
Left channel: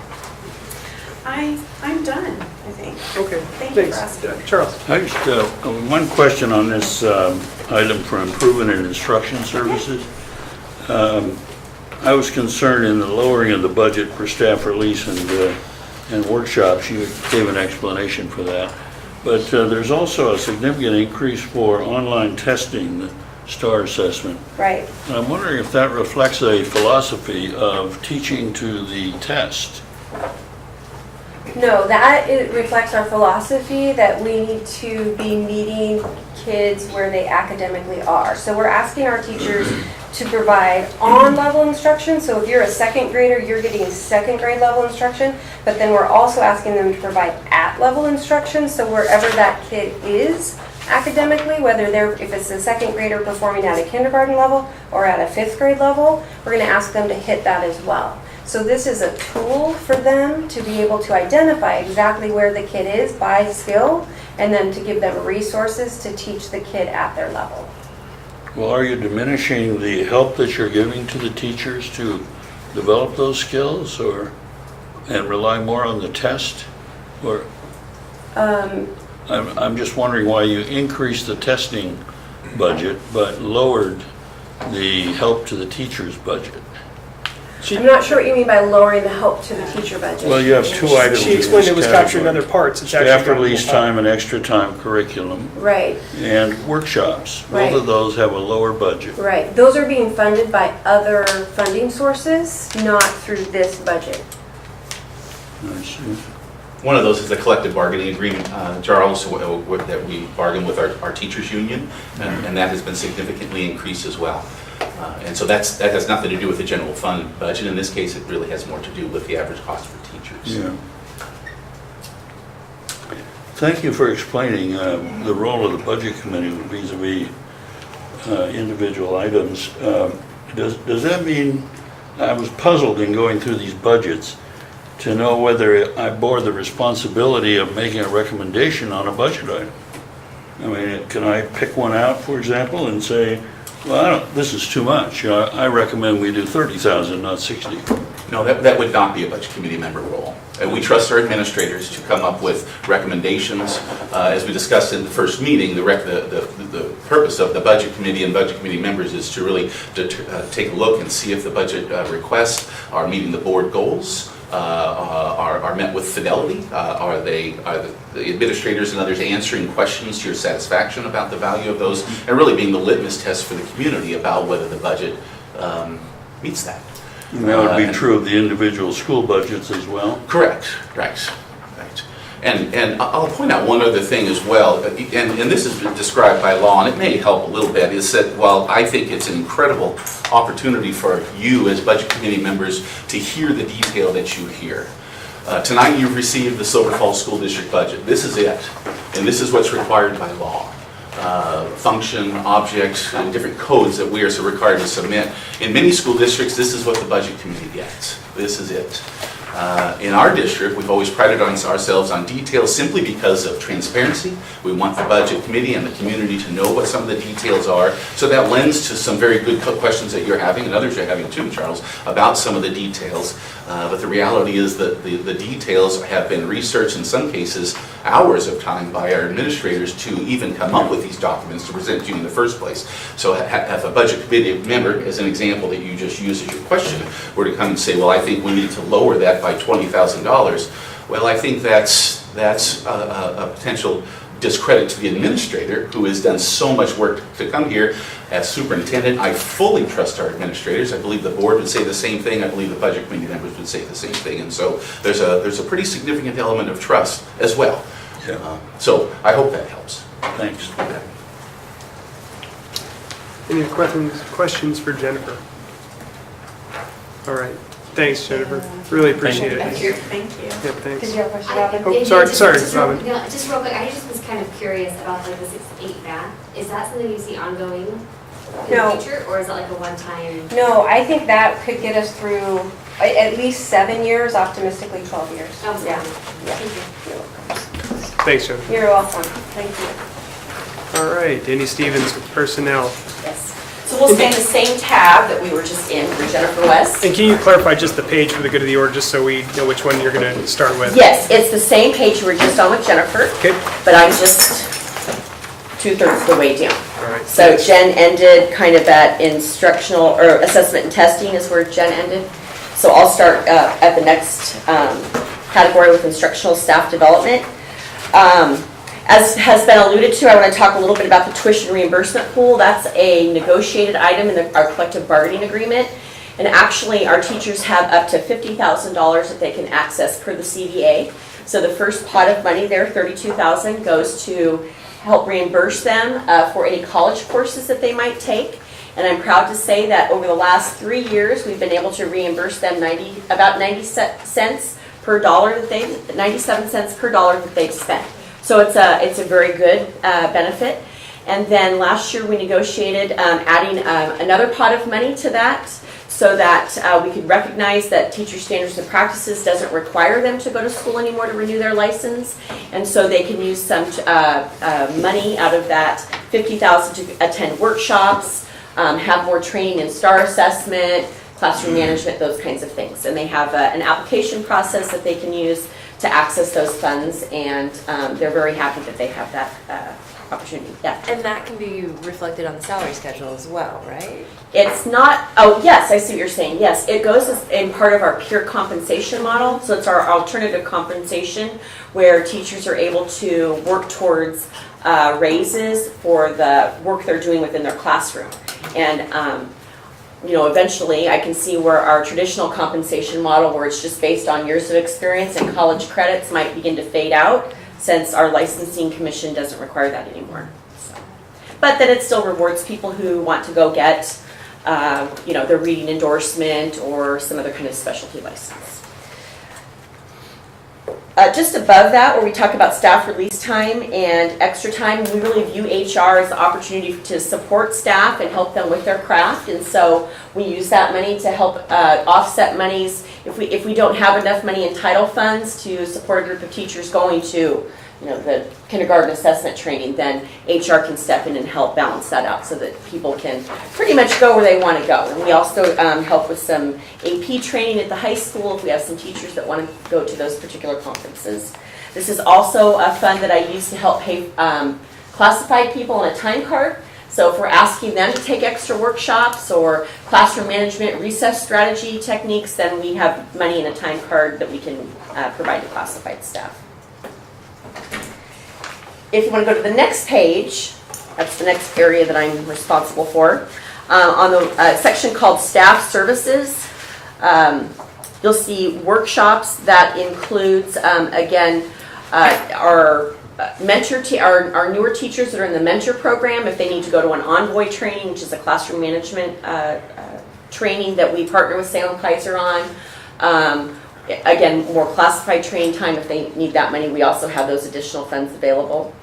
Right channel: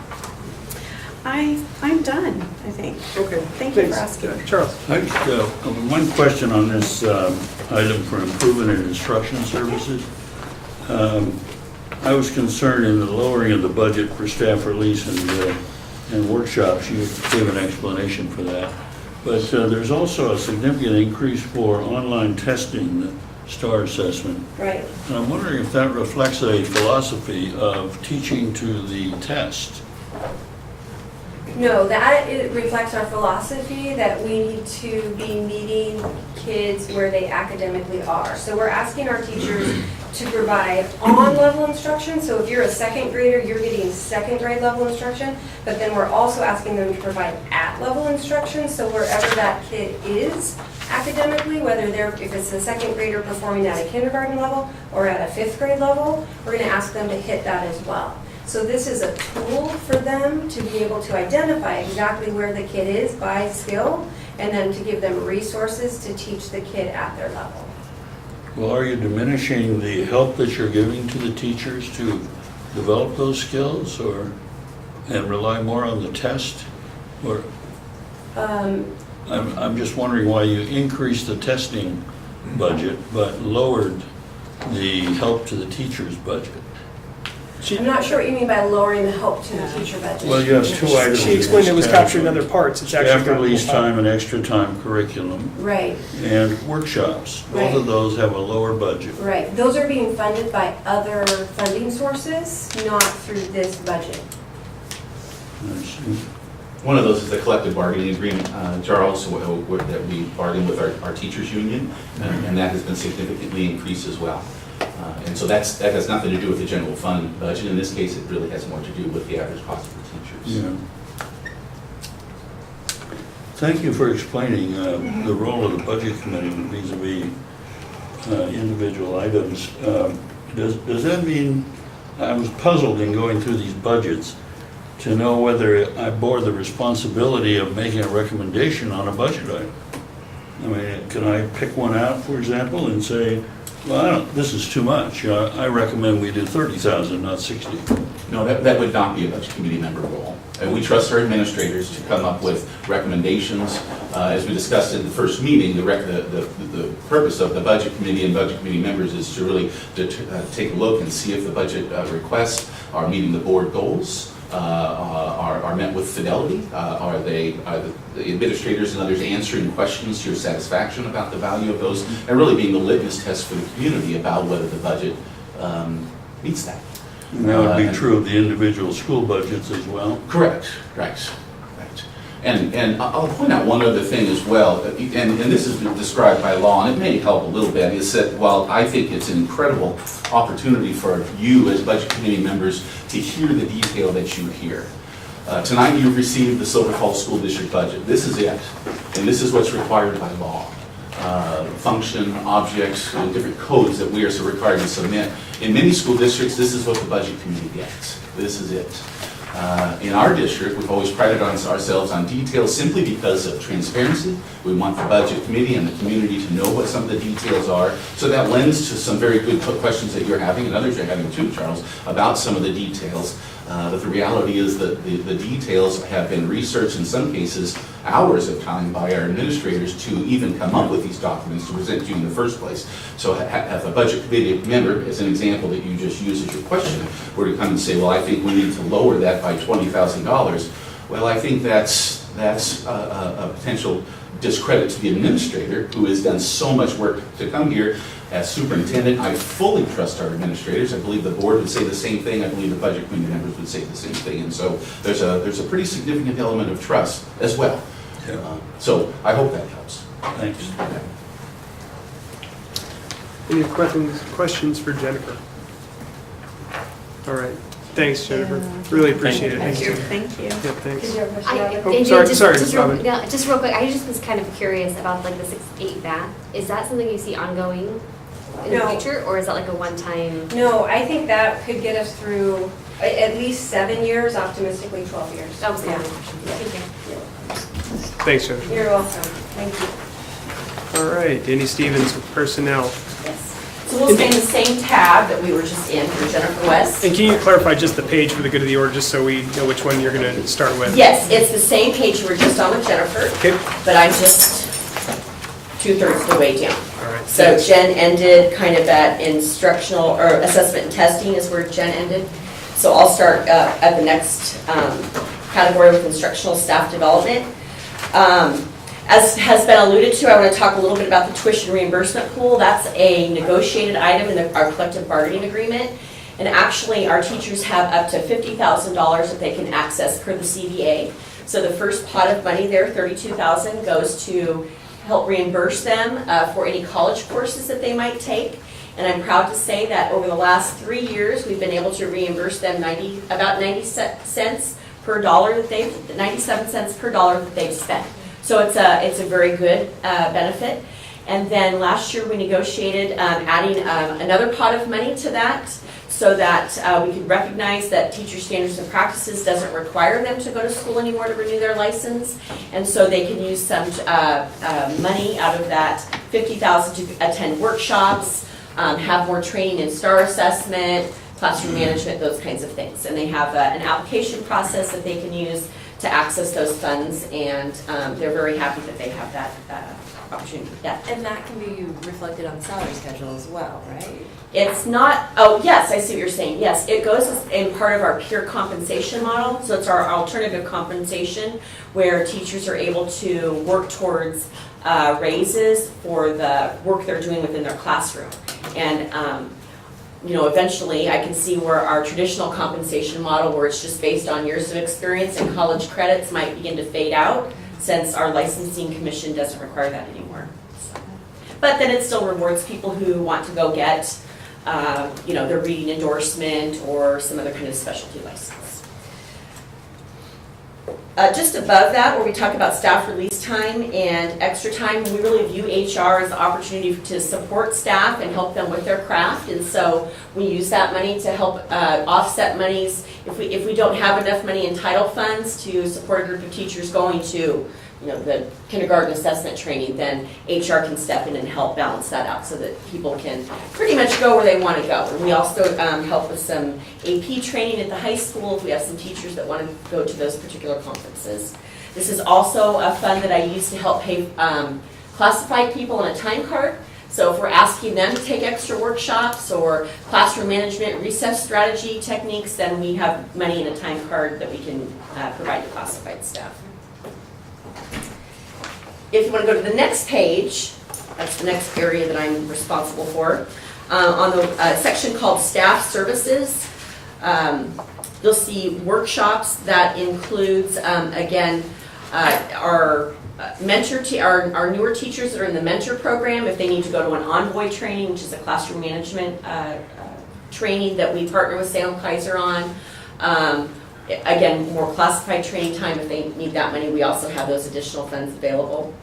I'm done, I think. Okay, Thank you for thanks. asking. Charles? I just, one question on this item for improvement in instruction services. I was concerned in the lowering of the budget for staff release and workshops. You gave an explanation for that. But there's also a significant increase for online testing, the STAR assessment. Right. And I'm wondering if that reflects a philosophy of teaching to the test. No, it reflects our philosophy that we need to be meeting kids where they academically are. So we're asking our teachers to provide on-level instruction. So if you're a second grader, you're getting second grade level instruction, but then we're also asking them to provide at-level instruction. So wherever that kid is academically, if it's a second grader performing at a kindergarten level or at a 5th grade level, we're going to ask them to hit that as well. So this is a tool for them to be able to identify exactly where the kid is by skill, and then to give them resources to teach the kid at their level. Well, are you diminishing the help that you're giving to the teachers to develop those skills, and rely more on the test? Or I'm just wondering why you increased the testing budget but lowered the help to the teachers' budget. I'm not sure what you mean by lowering the help to the teacher budget. Well, you have two items. She explained it was captured in other parts. It's actually Staff got release more. time and extra time curriculum Right, and workshops. Both Right. of those have a lower budget. right. Those are being funded by other funding sources, not through this budget. I see. One of those is the collective bargaining agreement, Charles, that we bargain with our teachers union, and that has been significantly increased as well. And so that has nothing to do with the general fund budget. In this case, it really has more to do with the average cost for teachers. Yeah. Thank you for explaining the role of the budget committee vis-a-vis individual items. Does that mean, I was puzzled in going through these budgets to know whether I bore the responsibility of making a recommendation on a budget item. I mean, can I pick one out, for example, and say, well, this is too much. I recommend we do 30,000, not 60. No, that would not be a budget committee member role. And we trust our administrators to come up with recommendations. As we discussed in the first meeting, the purpose of the budget committee and budget committee members is to really take a look and see if the budget requests are meeting the board goals, are met with fidelity, are the administrators and others answering questions to your satisfaction about the value of those, and really being the litmus test for the community about whether the budget meets that. And that would be true of the individual school budgets as well? Correct, right. And I'll point out one other thing as well, and this has been described by law, and it may help a little bit, is that while I think it's an incredible opportunity for you as budget committee members to hear the detail that you hear. Tonight you've received the Silver Falls School District budget. This is it, and this is what's required by law. Function, objects, and different codes that we are so required to submit. In many school districts, this is what the budget committee gets. This is it. In our district, we've always prided ourselves on details simply because of transparency. We want the budget committee and the community to know what some of the details are. So that lends to some very good questions that you're having, and others are having too, Charles, about some of the details. But the reality is that the details have been researched, in some cases, hours of time by our administrators to even come up with these documents to present to you in the first place. So if a budget committee member, as an example that you just used as your question, were to come and say, well, I think we need to lower that by $20,000, well, I think that's a potential discredit to the administrator who has done so much work to come here. As superintendent, I fully trust our administrators. I believe the board would say the same thing. I believe the budget committee members would say the same thing. And so there's a pretty significant element of trust as well. Yeah. So I hope that helps. Thanks. Any questions for Jennifer? All right. Thanks, Jennifer. Really appreciate it. Thank you. Thank you. Yep, thanks. Did you have a question? Oh, sorry, Robin. Just real quick, I just was kind of curious about like the 6-8 math. Is that something you see ongoing in No. the future, or is that like a one-time? No, I think that could get us through at least 7 years, optimistically 12 years. Oh, yeah. Thanks, Jennifer. You're welcome. Thank you. All right, Danny Stevens with personnel. Yes. So we'll stay in the same tab that we were just in for Jennifer West. And can you clarify just the page for the good of the order, just so we know which one you're going to start with? Yes, it's the same page we were just on with Jennifer, Okay, but I'm just 2/3 the way down. all right. So Jen ended kind of at instructional, or assessment and testing is where Jen ended. So I'll start at the next category with instructional staff development. As has been alluded to, I want to talk a little bit about the tuition reimbursement pool. That's a negotiated item in our collective bargaining agreement. And actually, our teachers have up to $50,000 that they can access per the CBA. So the first pot of money there, $32,000, goes to help reimburse them for any college courses that they might take. And I'm proud to say that over the last 3 years, we've been able to reimburse them about 97 cents per dollar that they've spent. So it's a very good benefit. And then last year we negotiated adding another pot of money to that so that we could recognize that teacher standards and practices doesn't require them to go to school anymore to renew their license. And so they can use some money out of that $50,000 to attend workshops, have more training in STAR assessment, classroom management, those kinds of things. And they have an application process that they can use to access those funds, and they're very happy that they have that opportunity. Yeah. And that can be reflected on the salary schedule as well, right? It's not, oh yes, I see what you're saying. Yes, it goes as in part of our peer compensation model. So it's our alternative compensation where teachers are able to work towards raises for the work they're doing within their classroom. And eventually I can see where our traditional compensation model, where it's just based on years of experience and college credits, might begin to fade out since our licensing commission doesn't require that anymore. But then it still rewards people who want to go get, their reading endorsement or some other kind of specialty license. Just above that, where we talk about staff release time and extra time, we really view HR as an opportunity to support staff and help them with their craft. And so we use that money to help offset monies if we don't have enough money in title funds to support a group of teachers going to the kindergarten assessment training, then HR can step in and help balance that out so that people can pretty much go where they want to go. And we also help with some AP training at the high school if we have some teachers that want to go to those particular conferences. This is also a fund that I use to help pay classified people on a time card. So if we're asking them to take extra workshops or classroom management, recess strategy techniques, then we have money in a time card that we can provide to classified staff. If you want to go to the next page, that's the next area that I'm responsible for. On the section called Staff Services, you'll see workshops that includes, again, our our newer teachers that are in the mentor program, if they need to go to an envoy training, which is a classroom management training that we partner with Salem Kaiser on. Again, more classified training time if they need that many. We also have those additional funds available.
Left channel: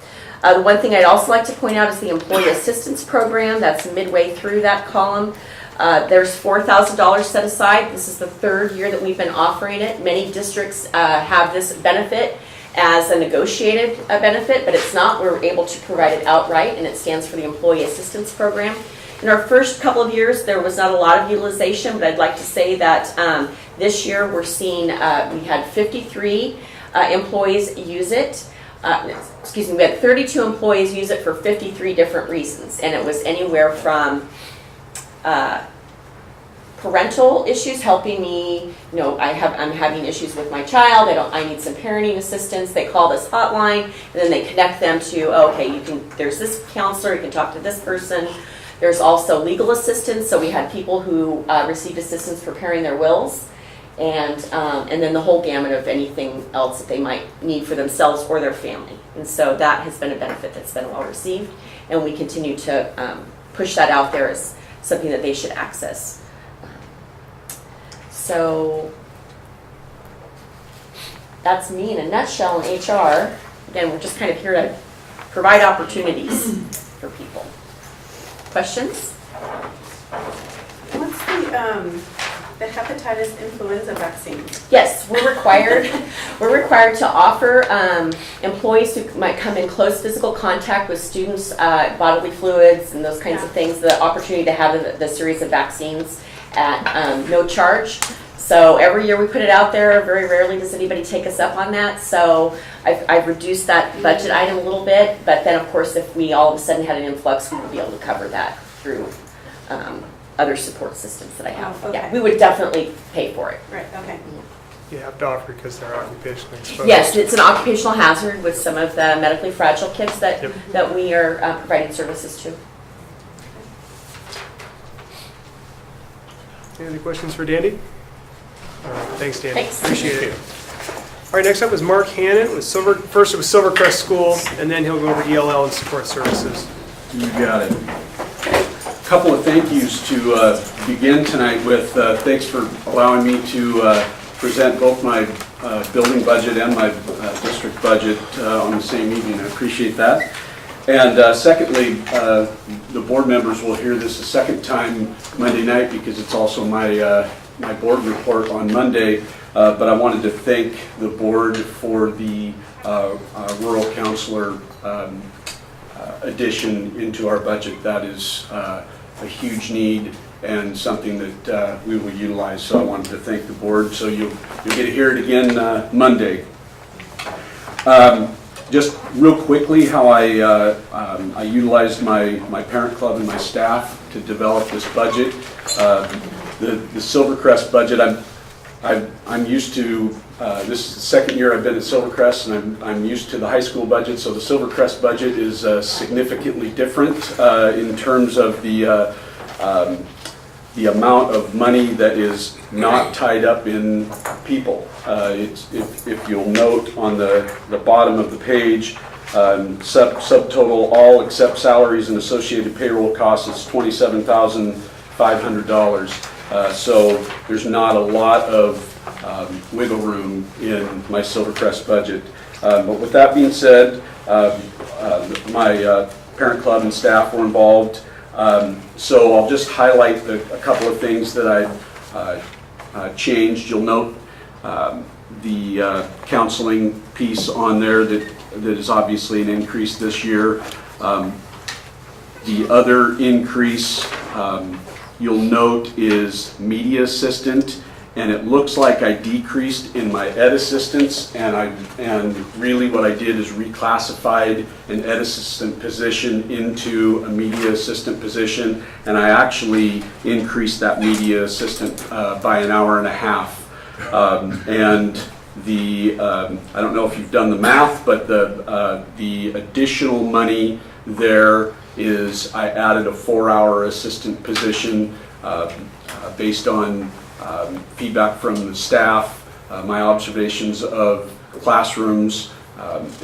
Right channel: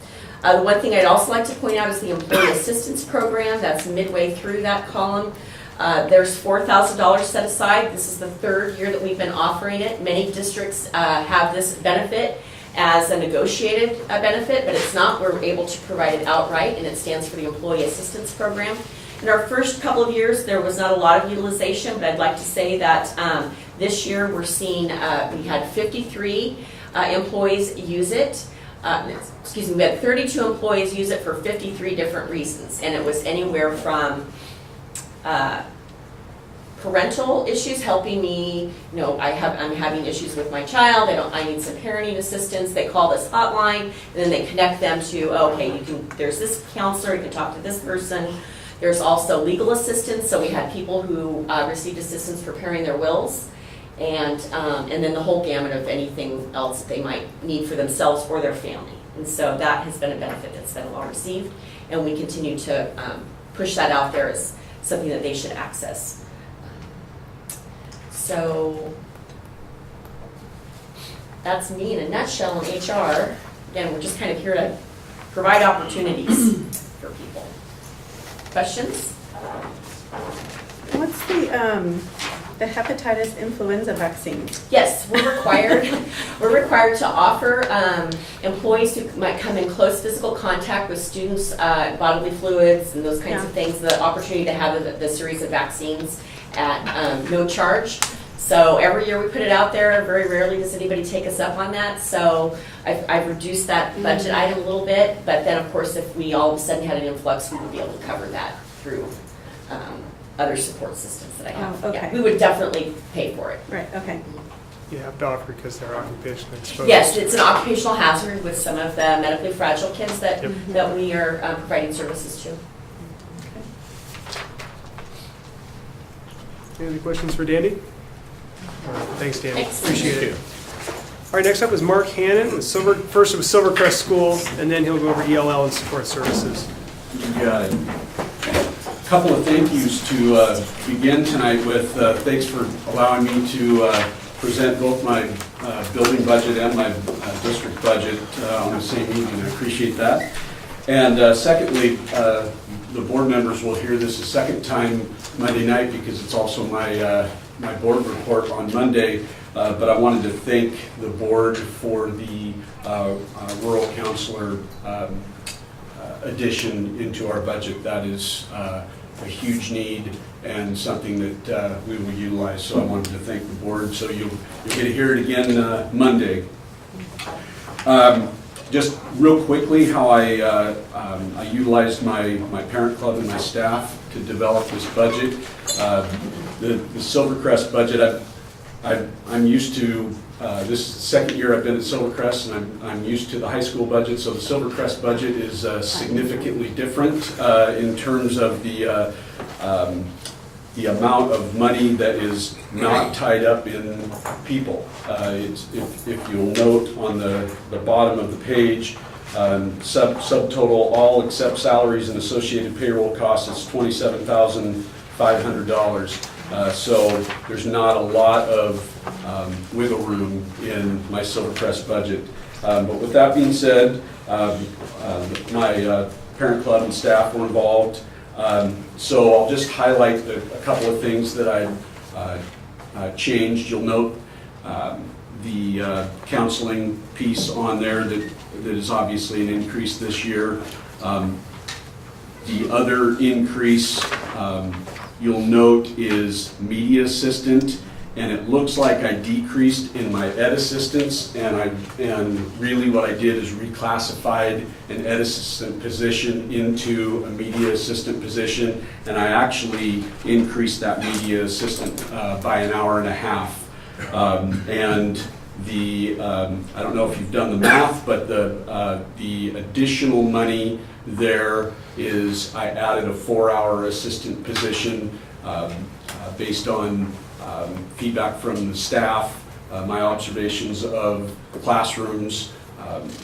The one thing I'd also like to point out is the Employee Assistance Program. That's midway through that column. There's $4,000 set aside. This is the third year that we've been offering it. Many districts have this benefit as a negotiated benefit, but it's not. We're able to provide it outright, and it stands for the Employee Assistance Program. In our first couple of years, there was not a lot of utilization, but I'd like to say that this year we're seeing, we had 53 employees use it. We had 32 employees use it for 53 different reasons, and it was anywhere from parental issues, helping me, I'm having issues with my child, I need some parenting assistance. They call this hotline, and then they connect them to, there's this counselor, you can talk to this person. There's also legal assistance, so we had people who received assistance preparing their wills, and then the whole gamut of anything else that they might need for themselves or their family. And so that has been a benefit that's been well received, and we continue to push that out there as something that they should access. So that's me in a nutshell in HR. Again, we're just kind of here to provide opportunities for people. Questions? What's the hepatitis influenza vaccine? Yes, we're required to offer employees who might come in close physical contact with students, bodily fluids and those kinds of things, the opportunity to have the series of vaccines at no charge. So every year we put it out there. Very rarely does anybody take us up on that. So I've reduced that budget item a little bit, but then of course if we all of a sudden had an influx, we would be able to cover that through other support systems that I have. Oh, okay. Yeah, we would definitely pay for it. Right, okay. You have to offer because they're occupationally exposed. Yes, it's an occupational hazard with some of the medically fragile kids that, that we are providing services to. Any other questions for Dandy? All right, thanks, Dandy. Thanks. Appreciate it. All right, next up is Mark Hannon with first it was Silvercrest School, and then he'll go over ELL and support services. You got it. A couple of thank yous to begin tonight with. Thanks for allowing me to present both my building budget and my district budget on the same evening. I appreciate that. And secondly, the board members will hear this a second time Monday night because it's also my my board report on Monday. But I wanted to thank the board for the rural counselor addition into our budget. That is a huge need and something that we will utilize. So I wanted to thank the board. So you'll get to hear it again Monday. Just real quickly, how I utilized my parent club and my staff to develop this budget. The Silvercrest budget, I'm used to, this is the second year I've been at Silvercrest, and I'm used to the high school budget, so the Silvercrest budget is significantly different in terms of the amount of money that is not tied up in people. If you'll note on the bottom of the page, subtotal all except salaries and associated payroll costs is $27,500. So there's not a lot of wiggle room in my Silvercrest budget. But with that being said, my parent club and staff were involved. So I'll just highlight a couple of things that I changed. You'll note the counseling piece on there that that is obviously an increase this year. The other increase you'll note is media assistant, and it looks like I decreased in my ed assistants, and really what I did is reclassified an ed assistant position into a media assistant position, and I actually increased that media assistant by an hour and a half. And I don't know if you've done the math, but the additional money there is I added a 4-hour assistant position based on feedback from the staff, my observations of classrooms,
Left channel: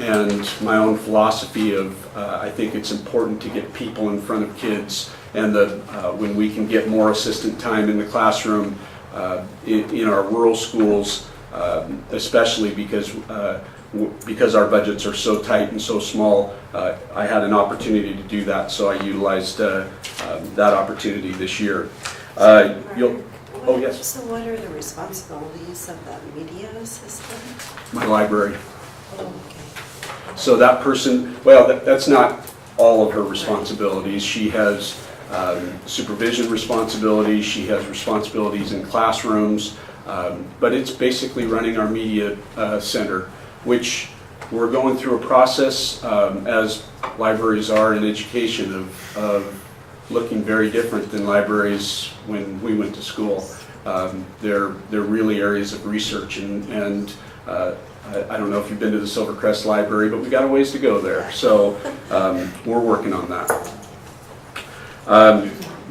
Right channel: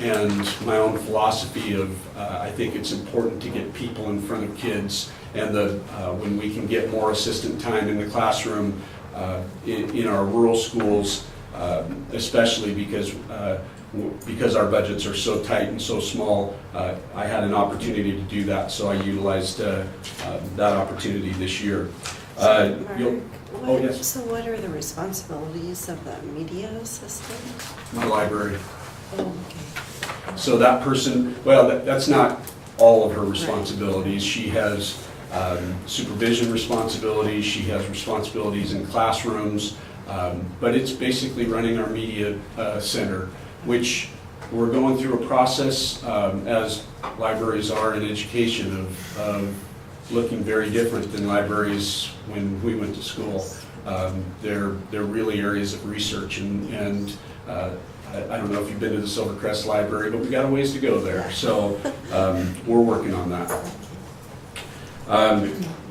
and my own philosophy of I think it's important to get people in front of kids, and when we can get more assistant time in the classroom in our rural schools, especially because our budgets are so tight and so small, I had an opportunity to do that, so I utilized that opportunity this year. Oh, yes. So what are the responsibilities of the media assistant? My library. Oh, okay. So that person, well, that's not all of her responsibilities. She has supervision responsibilities, she has responsibilities in classrooms, but it's basically running our media center, which we're going through a process, as libraries are in education, of looking very different than libraries when we went to school. They're really areas of research, and I don't know if you've been to the Silvercrest Library, but we got a ways to go there. So we're working on that.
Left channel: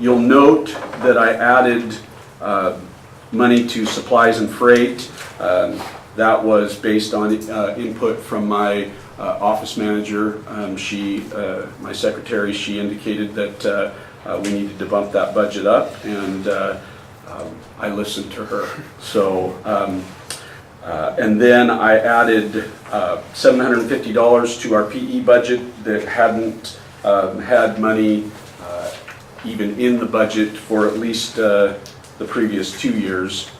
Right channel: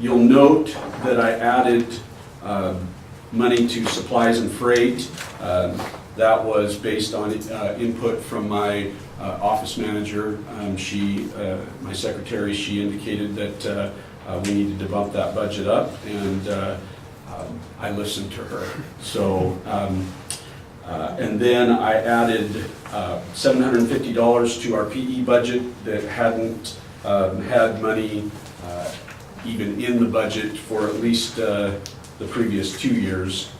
You'll note that I added money to supplies and freight. That was based on input from my office manager. My secretary, she indicated that we needed to bump that budget up, and I listened to her. So, and then I added $750 to our PE budget that hadn't had money even in the budget for at least the previous 2 years.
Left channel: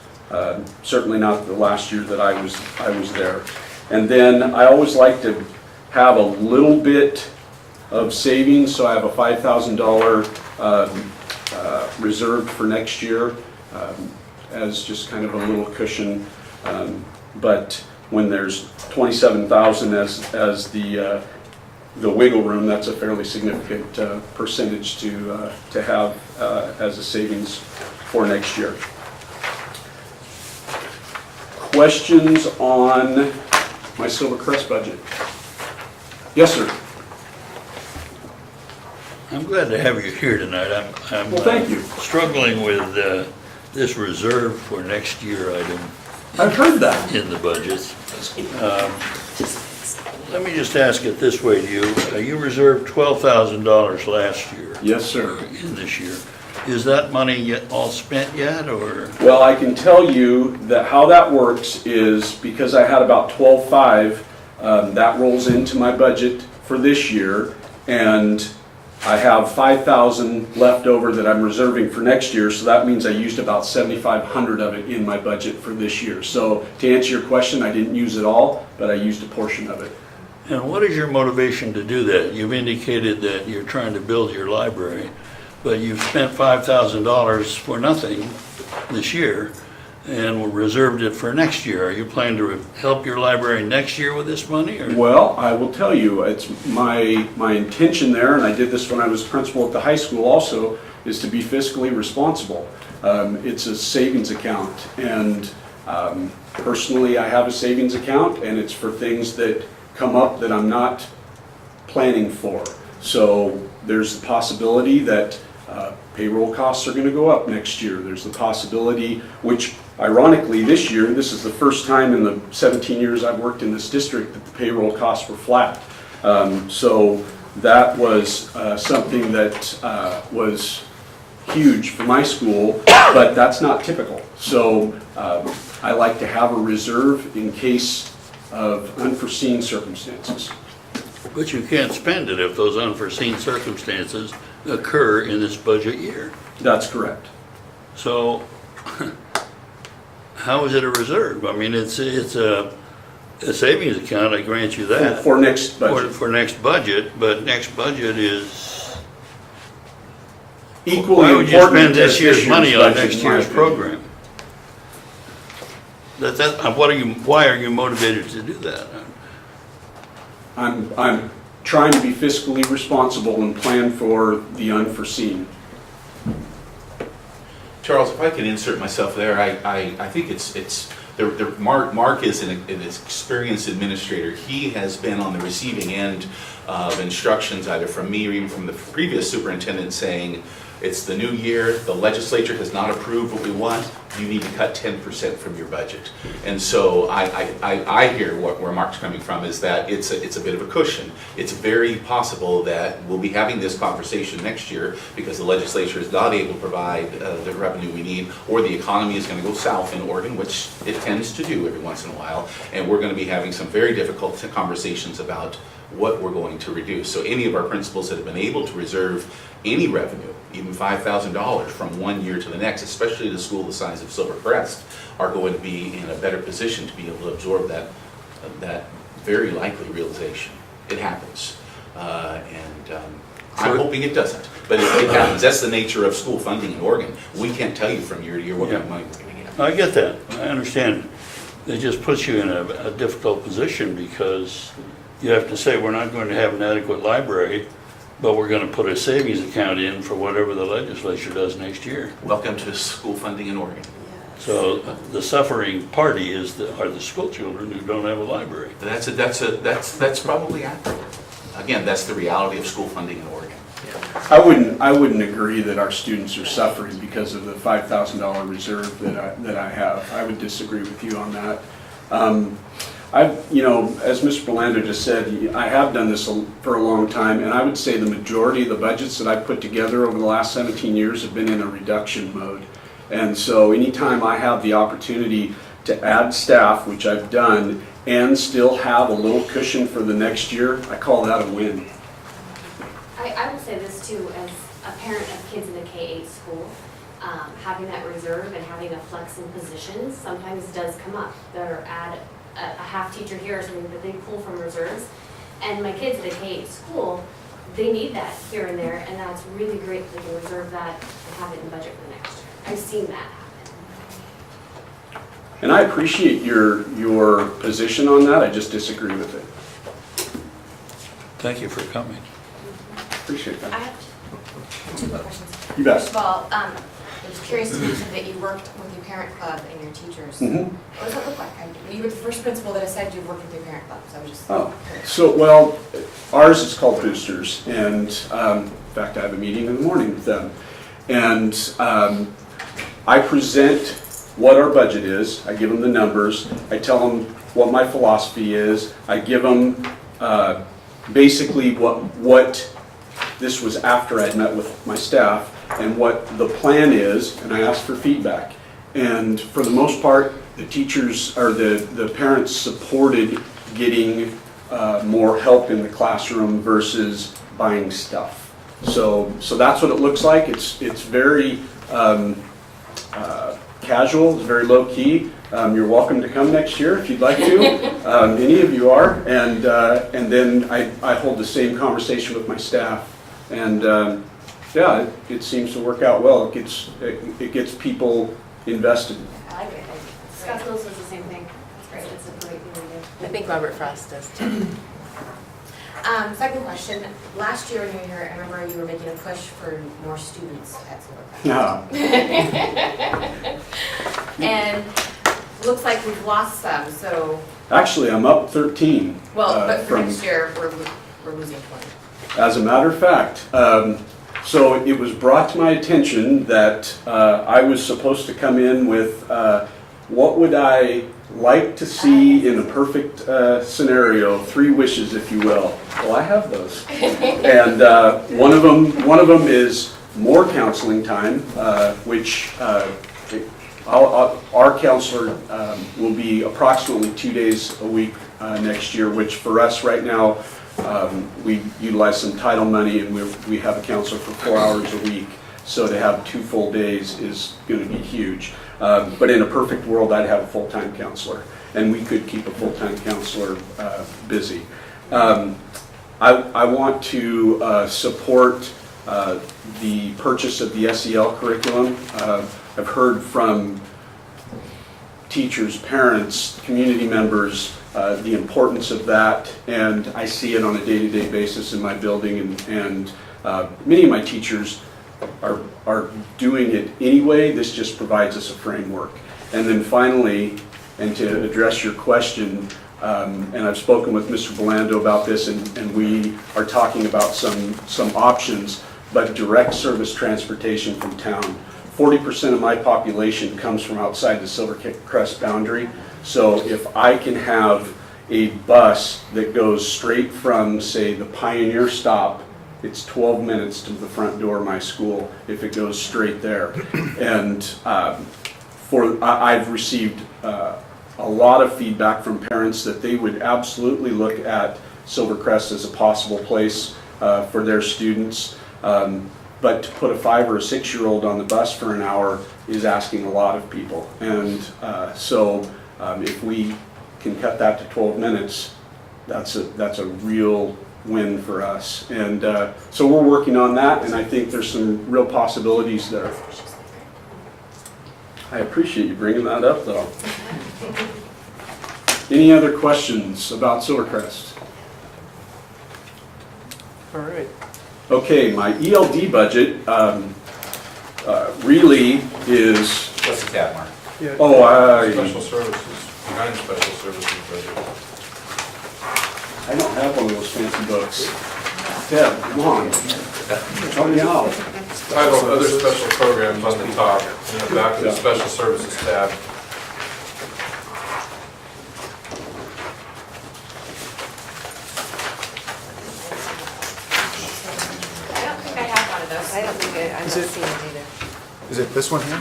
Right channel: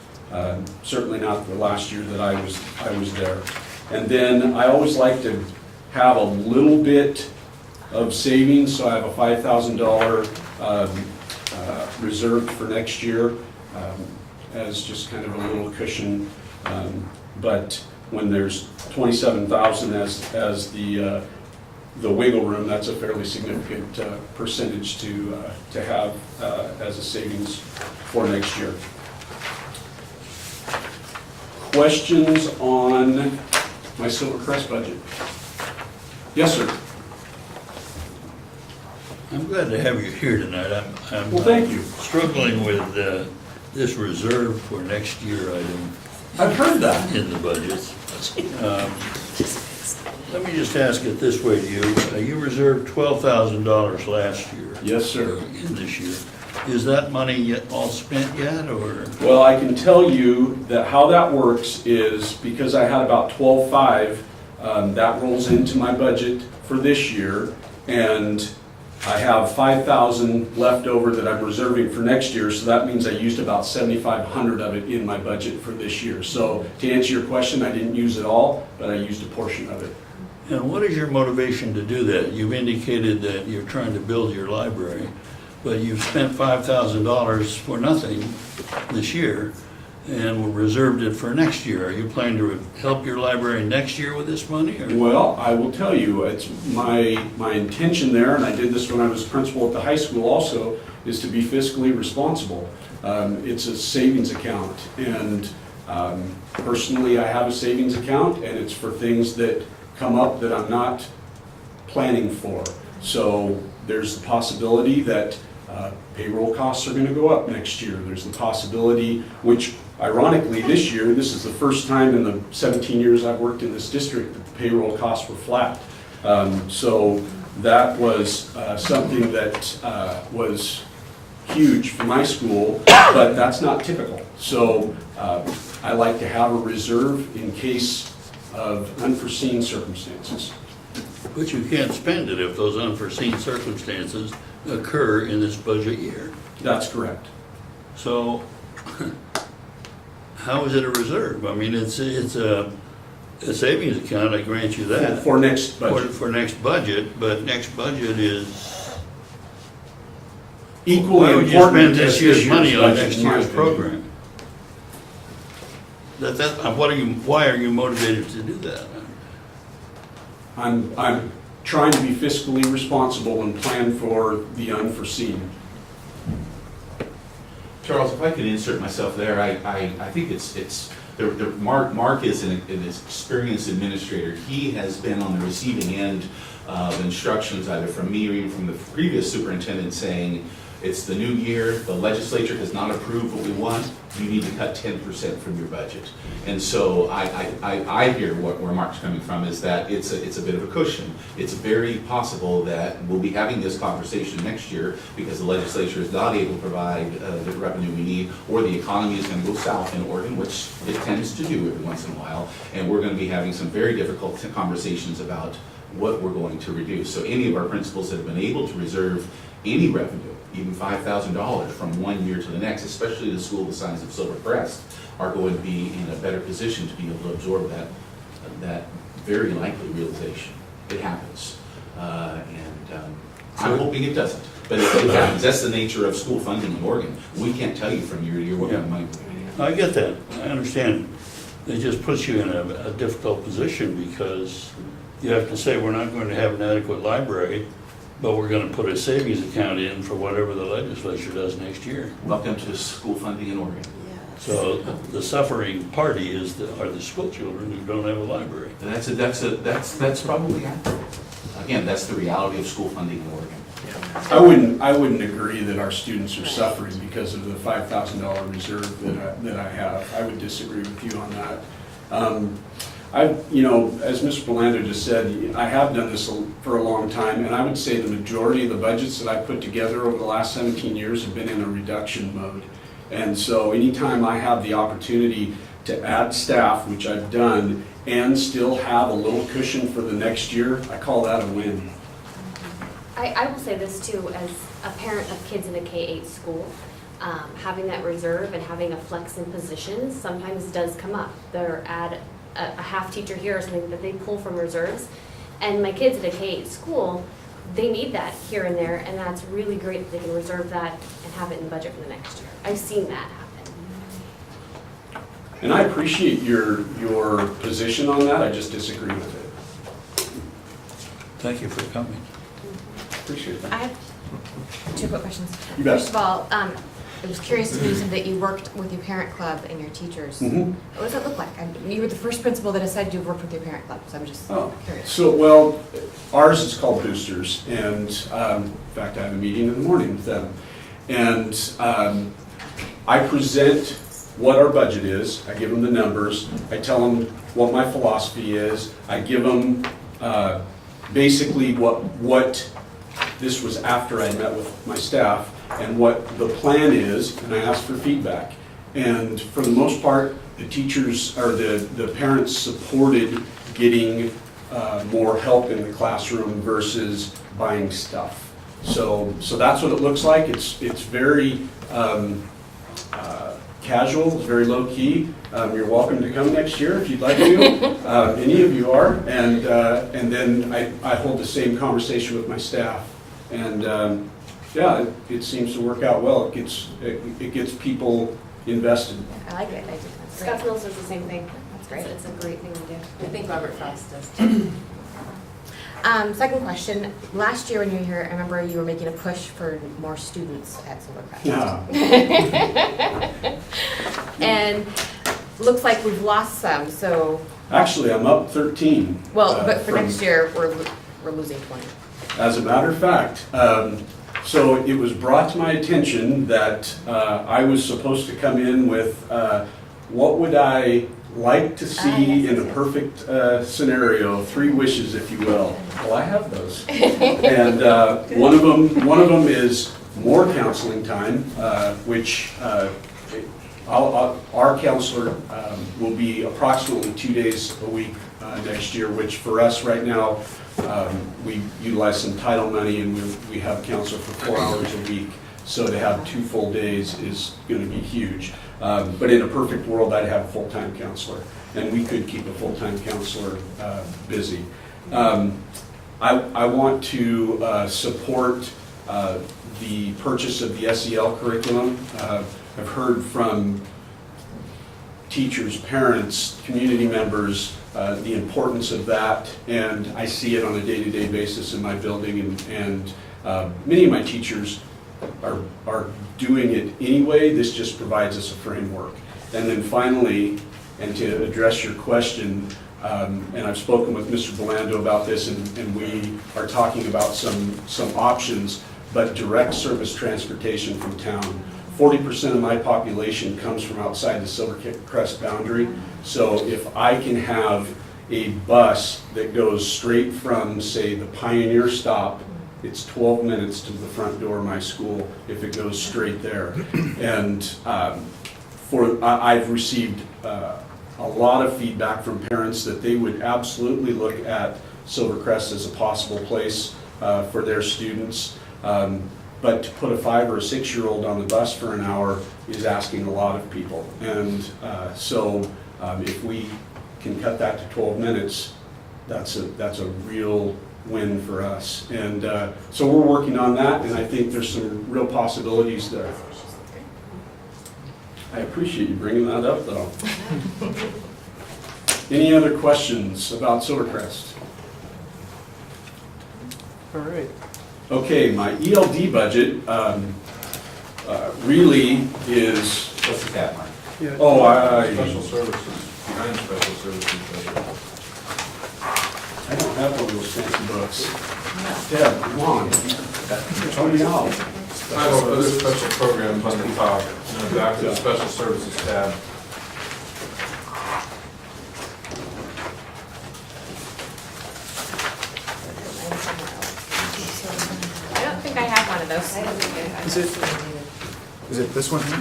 Certainly not the last year that I was there. And then I always like to have a little bit of savings, so I have a $5,000 reserved for next year as just kind of a little cushion. But when there's 27,000 as the wiggle room, that's a fairly significant percentage to have as a savings for next year. Questions on my Silvercrest budget? Yes, sir. I'm glad to have you here tonight. I'm Well, thank you. struggling with this reserve for next year item I've heard that. in the budgets. Let me just ask it this way to you. You reserved $12,000 last year. Yes, sir. In this year. Is that money all spent yet, or? Well, I can tell you that how that works is because I had about 12.5, that rolls into my budget for this year, and I have 5,000 left over that I'm reserving for next year, so that means I used about 7,500 of it in my budget for this year. So to answer your question, I didn't use it all, but I used a portion of it. And what is your motivation to do that? You've indicated that you're trying to build your library, but you've spent $5,000 for nothing this year and reserved it for next year. Are you planning to help your library next year with this money? Or? Well, I will tell you, it's my intention there, and I did this when I was principal at the high school also, is to be fiscally responsible. It's a savings account, and personally I have a savings account, and it's for things that come up that I'm not planning for. So there's the possibility that payroll costs are going to go up next year. There's the possibility, which ironically this year, this is the first time in the 17 years I've worked in this district that the payroll costs were flat. So that was something that was huge for my school, but that's not typical. So I like to have a reserve in case of unforeseen circumstances. But you can't spend it if those unforeseen circumstances occur in this budget year. That's correct. So how is it a reserve? I mean, it's a a savings account, I grant you that. For next budget. For next budget, but next budget is, Equally why would you important spend this as year's money on budget, next in my year's opinion. program? Why are you motivated to do that? I'm trying to be fiscally responsible and plan for the unforeseen. Charles, if I could insert myself there, I think Mark is an experienced administrator. He has been on the receiving end of instructions either from me or even from the previous superintendent saying, it's the new year, the legislature has not approved what we want, you need to cut 10% from your budget. And so I hear where Mark's coming from is that it's a bit of a cushion. It's very possible that we'll be having this conversation next year because the legislature is not able to provide the revenue we need, or the economy is going to go south in Oregon, which it tends to do every once in a while, and we're going to be having some very difficult conversations about what we're going to reduce. So any of our principals that have been able to reserve any revenue, even $5,000 from one year to the next, especially the school the size of Silver Crest, are going to be in a better position to be able to absorb that very likely realization. It happens. I'm hoping it doesn't, but it happens. That's the nature of school funding in Oregon. We can't tell you from year to year what kind of money we're going to get. I get that, I understand. It just puts you in a difficult position because you have to say, we're not going to have an adequate library, but we're going to put a savings account in for whatever the legislature does next year. Welcome to school funding in Oregon. So the suffering party are the school children who don't have a library. That's probably accurate. Again, that's the reality of school funding in Oregon. I wouldn't agree that our students are suffering because of the $5,000 reserve that I have. I would disagree with you on that. As Mr. Belando just said, I have done this for a long time, and I would say the majority of the budgets that I've put together over the last 17 years have been in a reduction mode. And so anytime I have the opportunity to add staff, which I've done, and still have a little cushion for the next year, I call that a win. I will say this too, as a parent of kids in a K-8 school, having that reserve and having a flex in positions sometimes does come up. They're at a half teacher here or something that they pull from reserves. And my kids in a K-8 school, they need that here and there, and that's really great that they can reserve that and have it in the budget for the next year. I've seen that happen. And I appreciate your position on that, I just disagree with it. Thank you for coming. Appreciate I that. have two quick questions. You bet. First of all, I was curious to know that you worked with your parent club and your teachers. Mhm. What does that look like? You were the first principal that decided to work with your parent club, so I'm just curious. So, well, ours is called Boosters, and in fact, I have a meeting in the morning with them. And I present what our budget is, I give them the numbers, I tell them what my philosophy is, I give them basically what this was after I'd met with my staff, and what the plan is, and I ask for feedback. And for the most part, the teachers, or the parents supported getting more help in the classroom versus buying stuff. So that's what it looks like. It's very casual, very low key. You're welcome to come next year if you'd like to. Any of you are. And then I hold the same conversation with my staff. And yeah, it seems to work out well. It gets people invested. I like it. That's great. Scott Mills does the same thing. That's great. It's a great thing to do. I think Robert Frost does too. Second question. Last year when you were here, I remember you were making a push for more students at Silver Crest. Yeah. And looks like we've lost some, so, Actually, I'm up 13. well, but for from- next year, we're losing 20. As a matter of fact, so it was brought to my attention that I was supposed to come in with what would I like to see in a perfect scenario, 3 wishes, if you will. Well, I have those, and one of them is more counseling time, which our counselor will be approximately 2 days a week next year, which for us right now, we utilize some title money, and we have a counselor for 4 hours a week. So to have 2 full days is going to be huge. But in a perfect world, I'd have a full-time counselor, and we could keep a full-time counselor busy. I want to support the purchase of the SEL curriculum. I've heard from teachers, parents, community members, the importance of that, and I see it on a day-to-day basis in my building, and many of my teachers are doing it anyway. This just provides us a framework. And then finally, and to address your question, and I've spoken with Mr. Belando about this, and we are talking about some options, but direct service transportation from town. 40% of my population comes from outside the Silvercrest boundary. So if I can have a bus that goes straight from, say, the Pioneer stop, it's 12 minutes to the front door of my school if it goes straight there. And I've received a lot of feedback from parents that they would absolutely look at Silvercrest as a possible place for their students. But to put a 5 or 6 year-old on the bus for an hour is asking a lot of people. And so if we can cut that to 12 minutes, that's a real win for us. And so we're working on that, and I think there's some real possibilities there. I appreciate you bringing that up, though. Any other questions about Silvercrest? All right. Okay, my ELD budget really is. What's the tab, Mark? Yeah. Special services, behind special services budget. I don't have one of those fancy books. Deb, come on. Help me out. I have other special programs on the top, and then back to the special services tab. I don't think I have one of those. I don't think I'm not Is it- seeing it either. Is it this one here?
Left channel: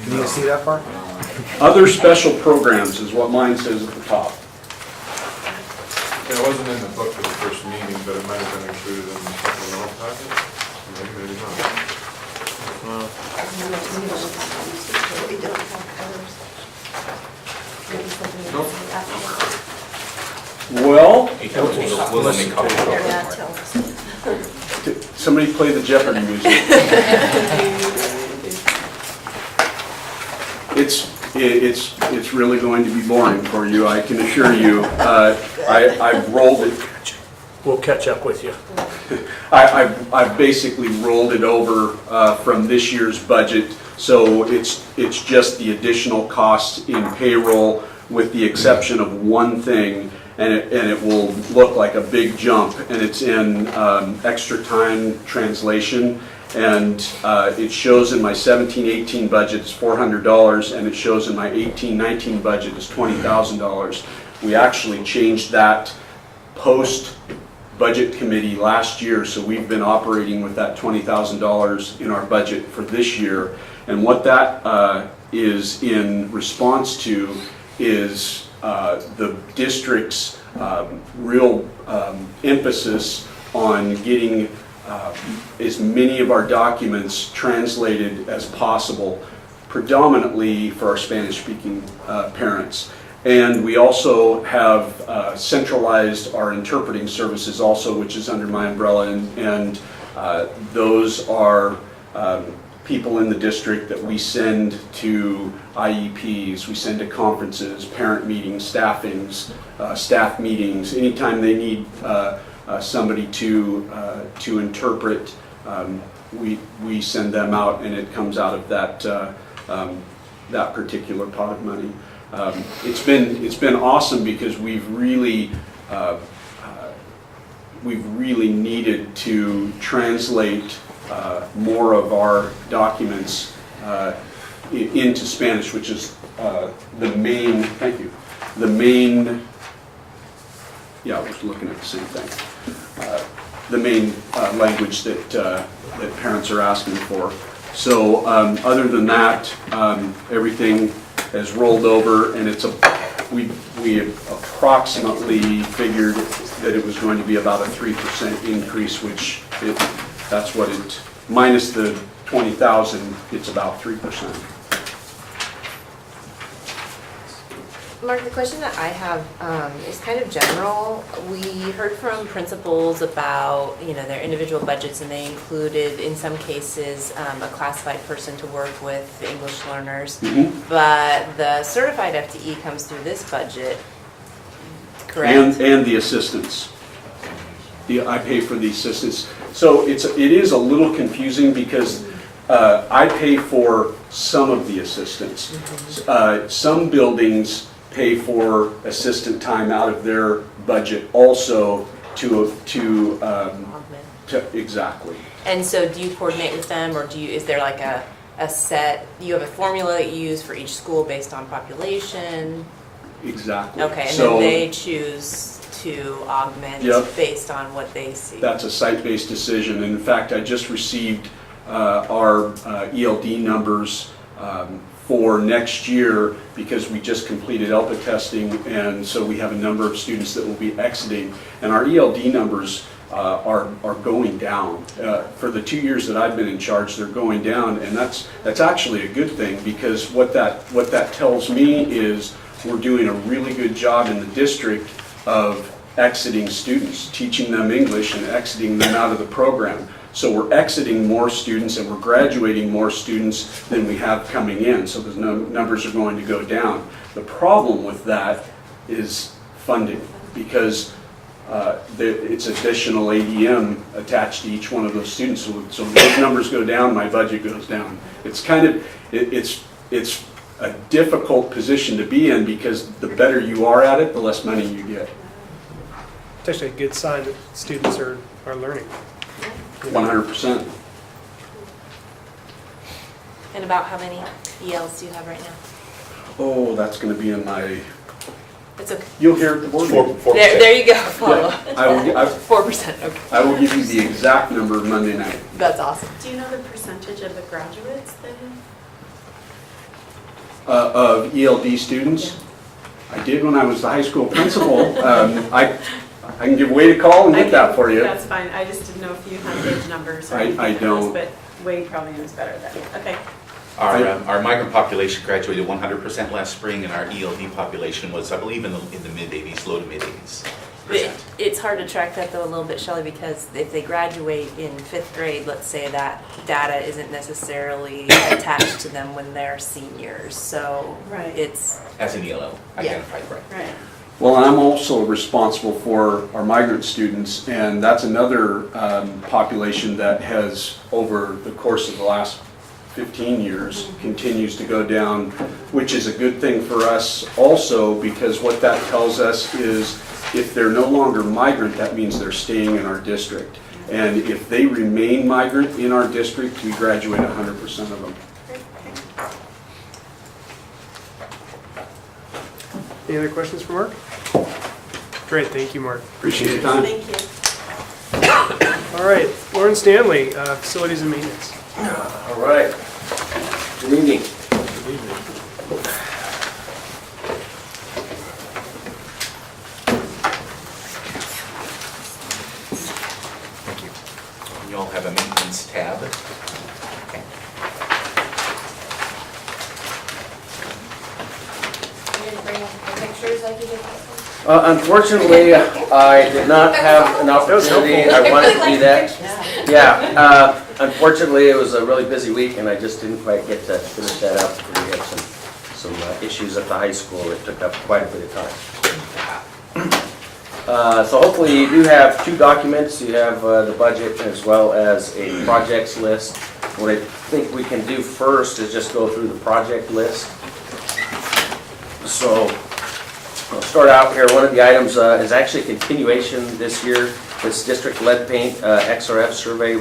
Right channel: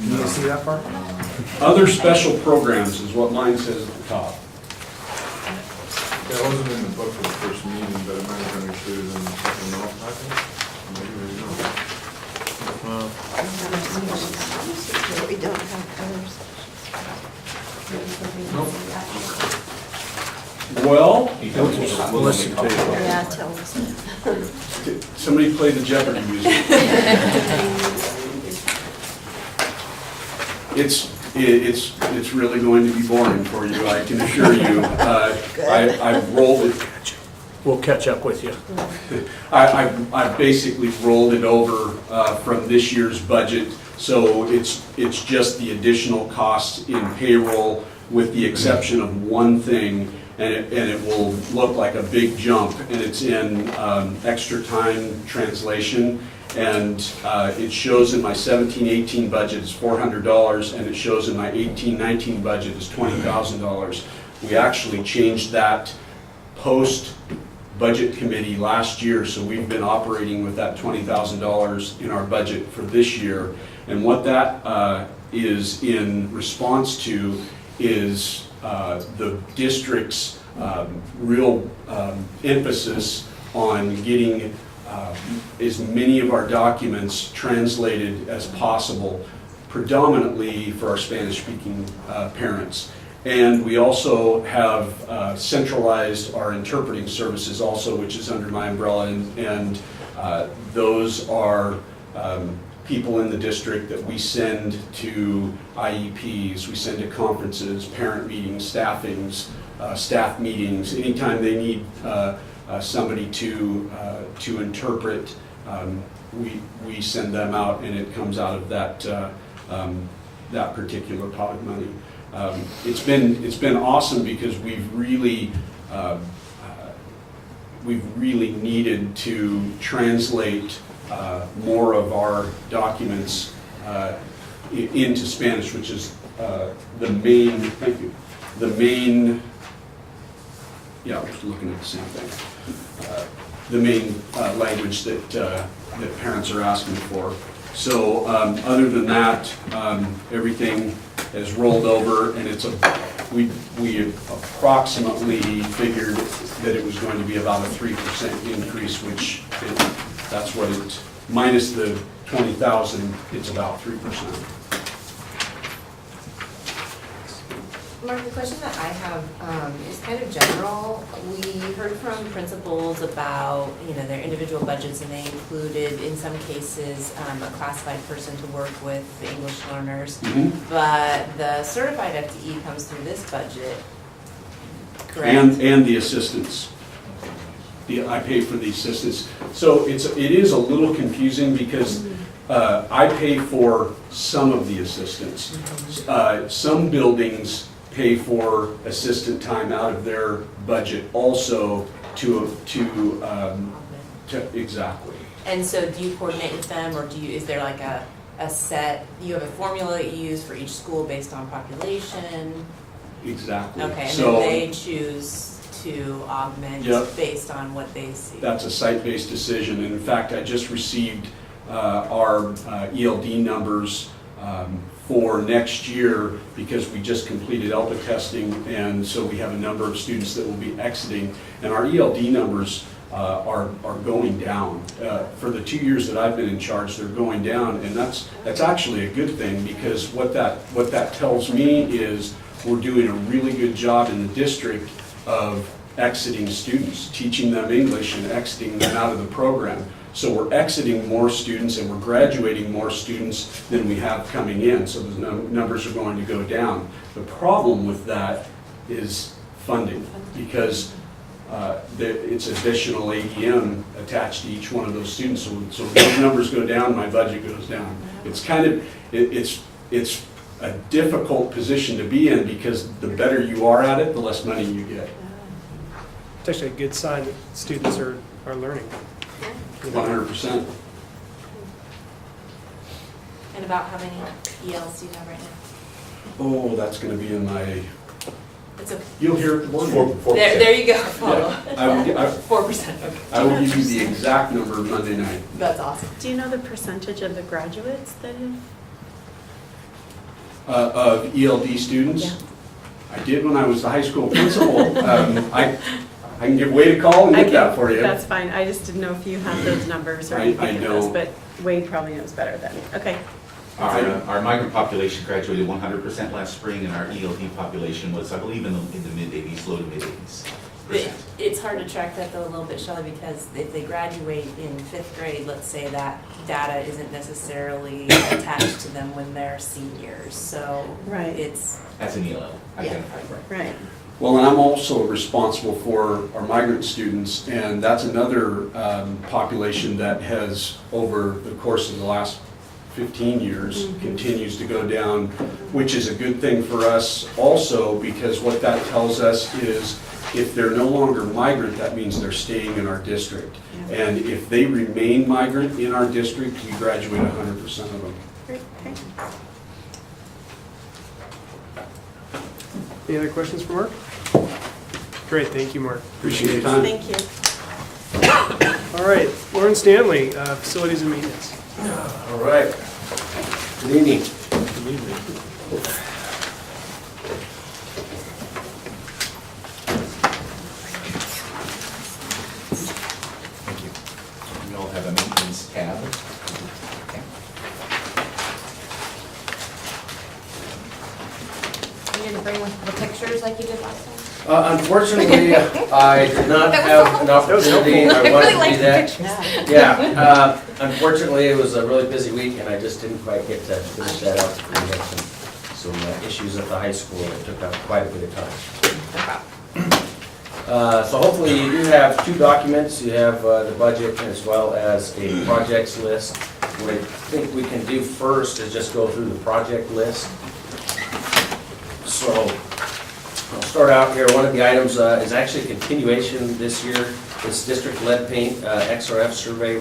Can you see that far? Other special programs is what mine says at the top. It wasn't in the book for the first meeting, but it might have been included in the supplemental package. Maybe not. We don't have colors. Well, He told me we'll make copies. Yeah, tell us. somebody play the Jeopardy music. It's really going to be boring for you, I can assure you. I've rolled it. We'll catch up with you. I've basically rolled it over from this year's budget, so it's just the additional costs in payroll with the exception of one thing, and it will look like a big jump, and it's in extra time translation. And it shows in my 17-18 budget is $400, and it shows in my 18-19 budget is $20,000. We actually changed that post-budget committee last year, so we've been operating with that $20,000 in our budget for this year. And what that is in response to is the district's real emphasis on getting as many of our documents translated as possible, predominantly for our Spanish-speaking parents. And we also have centralized our interpreting services also, which is under my umbrella, and those are people in the district that we send to IEPs, we send to conferences, parent meetings, staffings, staff meetings, anytime they need somebody to interpret, we send them out, and it comes out of that that particular pot of money. It's been awesome because we've really needed to translate more of our documents into Spanish, which is the main. Thank you. The main. Yeah, I was looking at the same thing. The main language that parents are asking for. So other than that, everything has rolled over, and we approximately figured that it was going to be about a 3% increase, which that's what it minus the 20,000, it's about 3%. Mark, the question that I have is kind of general. We heard from principals about, their individual budgets, and they included, in some cases, a classified person to work with the English learners. But the certified FTE comes through this budget, correct? And the assistants. I pay for the assistants. So it is a little confusing because I pay for some of the assistants. Some buildings pay for assistant time out of their budget also to exactly. And so do you coordinate with them, or is there like a set, you have a formula that you use for each school based on population? Exactly. Okay, and so, then they choose to augment based on what they see. That's a site-based decision. And in fact, I just received our ELD numbers for next year because we just completed ELPA testing, and so we have a number of students that will be exiting, and our ELD numbers are going down. For the 2 years that I've been in charge, they're going down, and that's actually a good thing, because what that tells me is we're doing a really good job in the district of exiting students, teaching them English and exiting them out of the program. So we're exiting more students and we're graduating more students than we have coming in. So the numbers are going to go down. The problem with that is funding, because it's additional ADM attached to each one of those students. So when those numbers go down, my budget goes down. It's kind of, it's a difficult position to be in, because the better you are at it, the less money you get. It's actually a good sign that students are learning. 100%. And about how many ELs do you have right now? Oh, that's going to be in my, It's okay. you'll hear it the board. There you go, follow. Yeah. 4%, okay. I will give you the exact number Monday night. That's awesome. Do you know the percentage of the graduates then? Of ELD students? Yeah. I did when I was the high school principal. I can give Wade a call and get that for you. That's fine, I just didn't know if you have those numbers or I anything else, don't. but Wade probably knows better than me. Okay. Our migrant population graduated 100% last spring, and our ELD population was, I believe, in the mid-80s, low to mid-80s. It's hard to track that though a little bit, Shelley, because if they graduate in 5th grade, let's say, that data isn't necessarily attached to them when they're seniors. So it's... As an ELL, identified, Right. Well, and I'm also responsible for our migrant students, and that's another population that has, over the course of the last 15 years, continues to go down, which is a good thing for us also, because what that tells us is if they're no longer migrant, that means they're staying in our district. And if they remain migrant in our district, we graduate 100% of them. Any other questions for Mark? Great, thank you, Mark. Appreciate it. Thank you. All right, Lauren Stanley, Facilities and Maintenance. All right. Good evening. Thank you. We all have a maintenance tab. You didn't bring the pictures like you did last time? Unfortunately, I did not have an opportunity. I wanted to do that. Yeah. Unfortunately, it was a really busy week, and I just didn't quite get to finish that out. We had some issues at the high school that took up quite a bit of time. So hopefully you do have 2 documents. You have the budget as well as a projects list. What I think we can do first is just go through the project list. So I'll start out here. One of the items is actually a continuation this year. This district lead paint XRF survey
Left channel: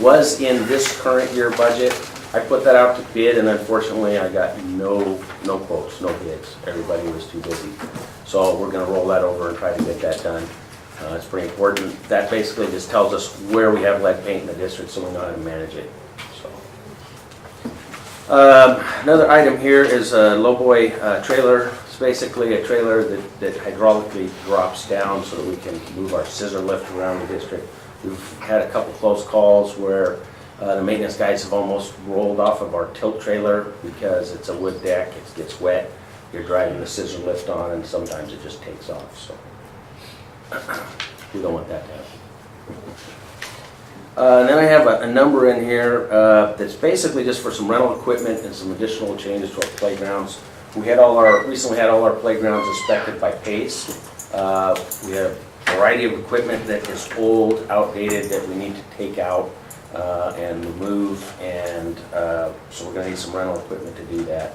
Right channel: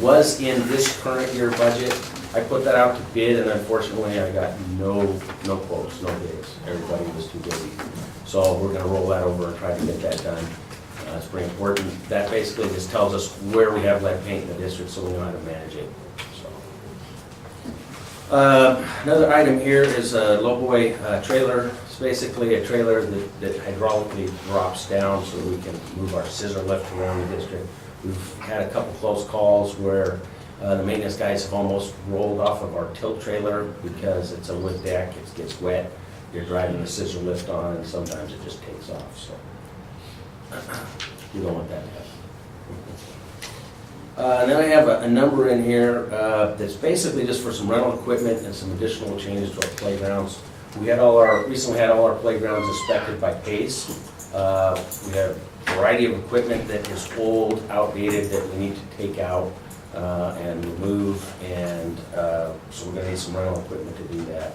was in this current year budget. I put that out to bid, and unfortunately I got no quotes, no bids. Everybody was too busy. So we're going to roll that over and try to get that done. It's pretty important. That basically just tells us where we have lead paint in the district, so we know how to manage it. Another item here is a lowboy trailer. It's basically a trailer that hydraulically drops down so we can move our scissor lift around the district. We've had a couple close calls where The maintenance guys have almost rolled off of our tilt trailer because it's a wood deck, it gets wet. You're driving a scissor lift on and sometimes it just takes off, so. We don't want that to happen. Then I have a number in here that's basically just for some rental equipment and some additional changes to our playgrounds. We recently had all our playgrounds inspected by PACE. We have a variety of equipment that is old, outdated, that we need to take out and remove, and so we're gonna need some rental equipment to do that,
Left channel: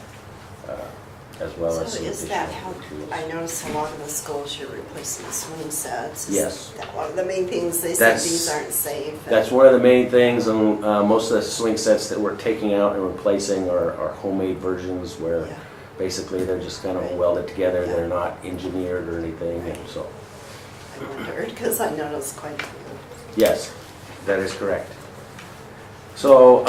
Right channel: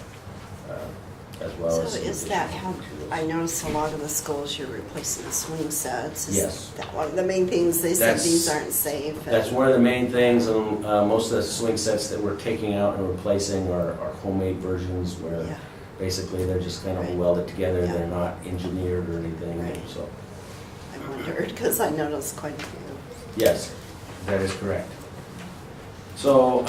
as well as. So is that how, I notice a lot of the schools you're replacing the swing sets? Is Yes. that one of the main things, they said these aren't safe? That's one of the main things, and most of the swing sets that we're taking out and replacing are homemade versions where Yeah. basically they're just kind of welded together, they're not engineered or anything, so. I wondered, because I noticed quite a few. Yes, that is correct. So,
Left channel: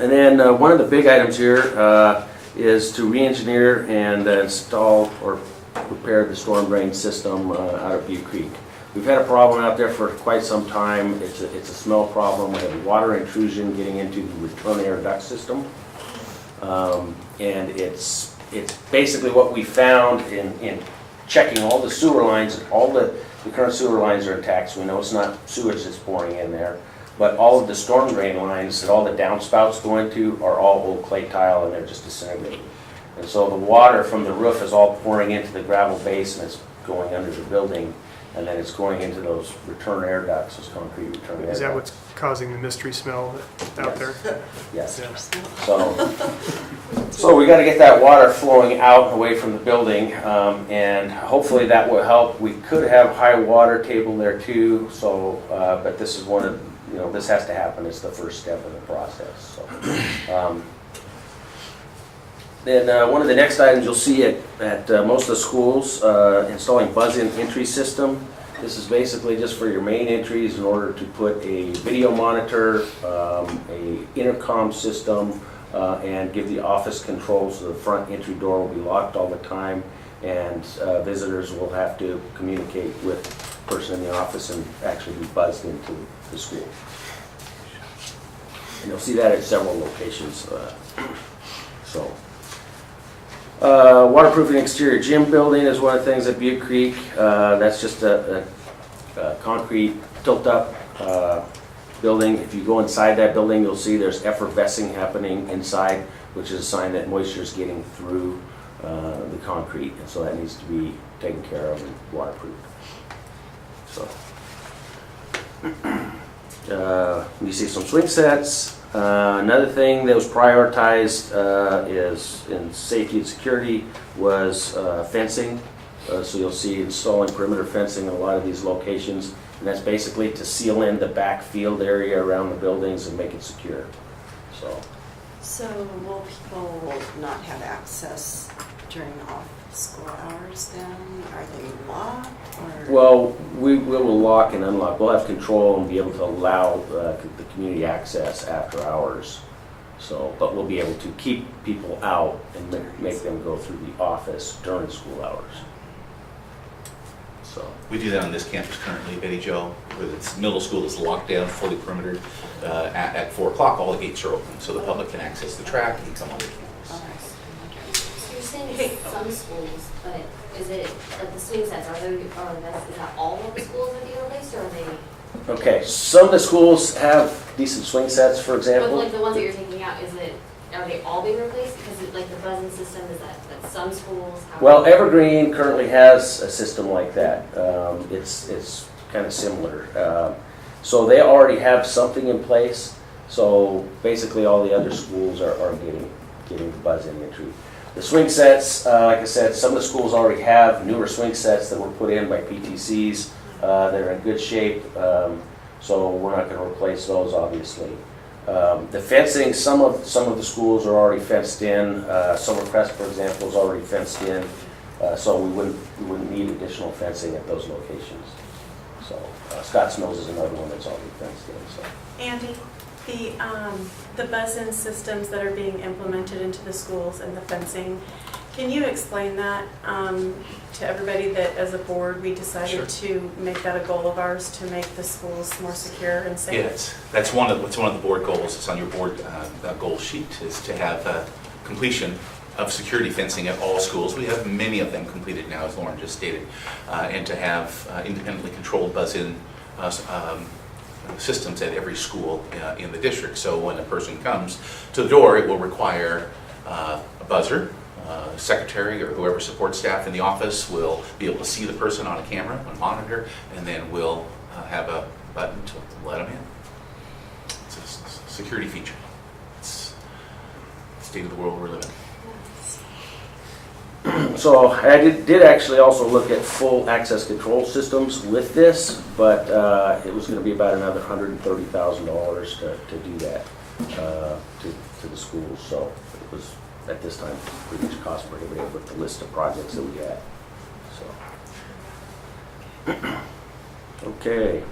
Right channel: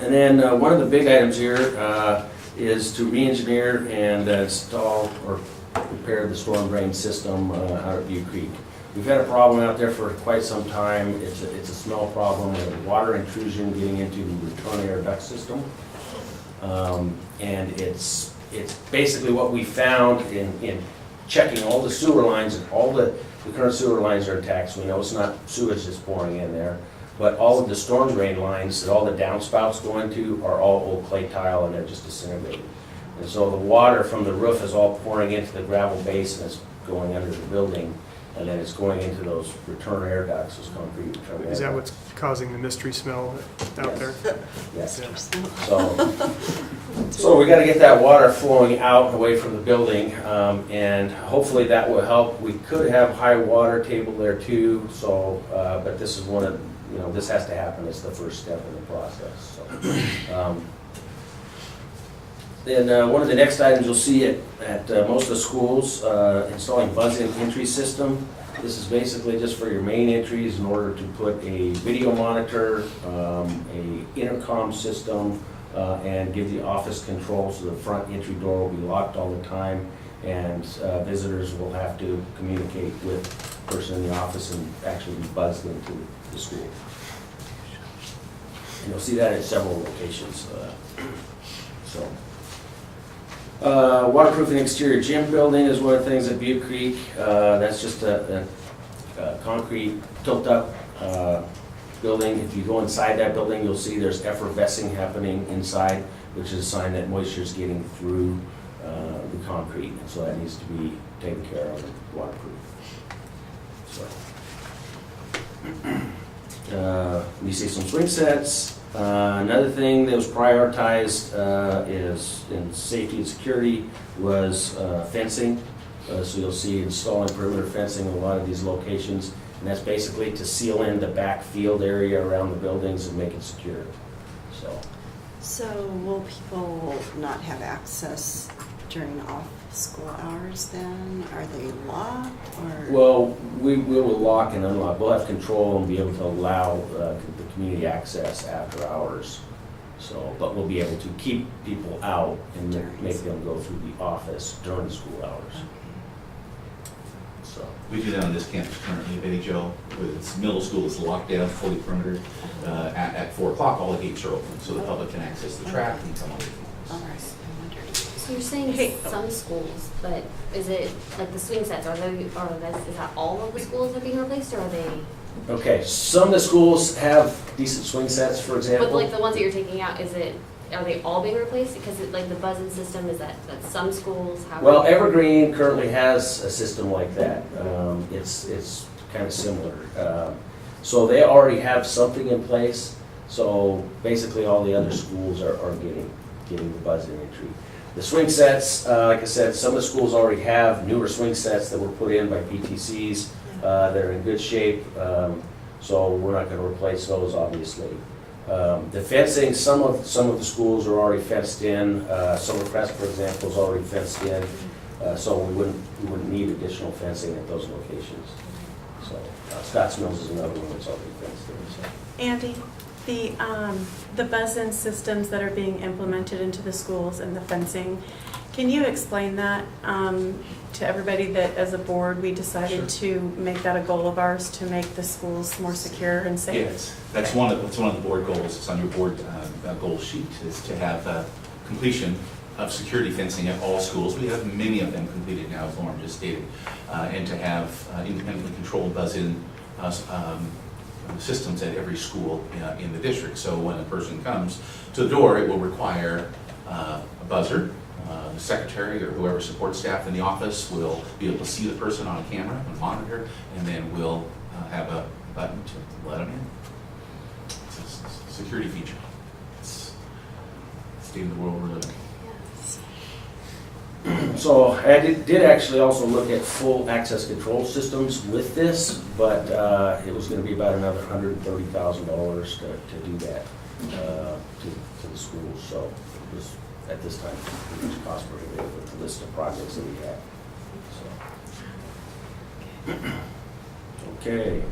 and then one of the big items here is to re-engineer and install or repair the storm drain system out of View Creek. We've had a problem out there for quite some time. It's a smell problem and water intrusion getting into the return air duct system. And it's basically what we found in checking all the sewer lines. All the current sewer lines are attacked, so we know it's not sewage that's pouring in there. But all of the storm drain lines that all the downspouts go into are all old clay tile, and they're just disintegrating. And so the water from the roof is all pouring into the gravel base, and it's going under the building, and then it's going into those return air ducts, those concrete return air ducts. Is that what's causing the mystery smell out there? Yes. Yeah. So we got to get that water flowing out away from the building, and hopefully that will help. We could have high water table there too, so, but this is one of, this has to happen. It's the first step in the process. So, then one of the next items you'll see at most of the schools, installing buzz-in entry system. This is basically just for your main entries in order to put a video monitor, a intercom system, and give the office controls so the front entry door will be locked all the time, and visitors will have to communicate with the person in the office and actually be buzzed into the school. You'll see that at several locations. Waterproofing exterior gym building is one of the things at Butte Creek. That's just a concrete tilt-up building. If you go inside that building, you'll see there's effervescing happening inside, which is a sign that moisture is getting through the concrete. And so that needs to be taken care of and waterproof. So, we see some swing sets. Another thing that was prioritized is in safety and security was fencing. So you'll see installing perimeter fencing in a lot of these locations. And that's basically to seal in the back field area around the buildings and make it secure. So will people not have access during off-school hours then? Are they locked or? Well, we will lock and unlock. We'll have control and be able to allow the community access after hours. So, but we'll be able to keep people out and make them go through the office during school hours. So We do that on this campus currently, Betty Jo, where it's middle school is locked down, fully perimetered. At 4 o'clock, all the gates are open, so the public can access the track and come on the campus. So you're saying some schools, but is it, like the swing sets, is that all of the schools that are being replaced, or are they? okay, some of the schools have decent swing sets, for But example. like the ones that you're taking out, are they all being replaced? Because like the buzzing system, is that at some schools? Well, Evergreen currently has a system like that. It's kind of similar. So they already have something in place. So basically all the other schools are getting the buzzing entry. The swing sets, like I said, some of the schools already have newer swing sets that were put in by PTCs. They're in good shape. So we're not going to replace those, obviously. The fencing, some of the schools are already fenced in. Summercrest, for example, is already fenced in. So we wouldn't need additional fencing at those locations. So Scotts Mills is another one that's already fenced in. Andy, the buzz-in systems that are being implemented into the schools and the fencing, Can you explain that to everybody, that as a board, we decided to make that a goal of ours to make the schools more secure and safe? Yes, that's one of the board goals. It's on your board goal sheet, is to have completion of security fencing at all schools. We have many of them completed now, as Lauren just stated, and to have independently controlled buzz-in systems at every school in the district. So when a person comes to the door, it will require a buzzer. Secretary or whoever supports staff in the office will be able to see the person on a camera and monitor, and then we'll have a button to let them in. It's a security feature. It's the state of the world we're living in. So I did actually also look at full access control systems with this, but it was going to be about another $130,000 to do that to the schools. So it was, at this time, pretty much cost prohibitive with the list of projects that we had. So, okay.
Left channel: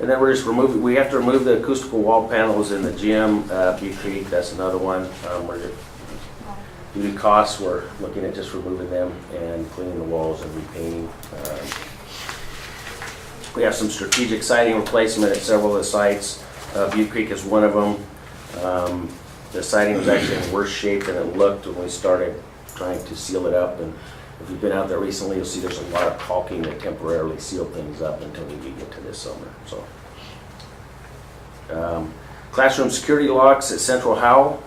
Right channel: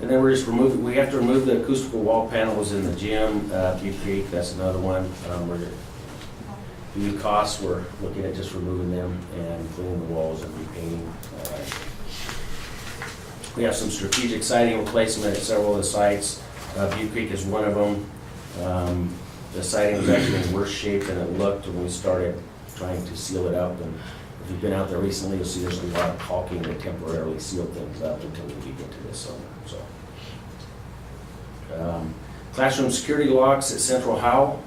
And then we're just we have to remove the acoustical wall panels in the gym, Butte Creek, that's another one. Any costs, we're looking at just removing them and cleaning the walls and repainting. We have some strategic siding replacement at several of the sites. Butte Creek is one of them. The siding was actually in worse shape than it looked when we started trying to seal it up. And if you've been out there recently, you'll see there's a lot of caulking that temporarily seal things up until we get to this summer. So, classroom security locks at Central Howell.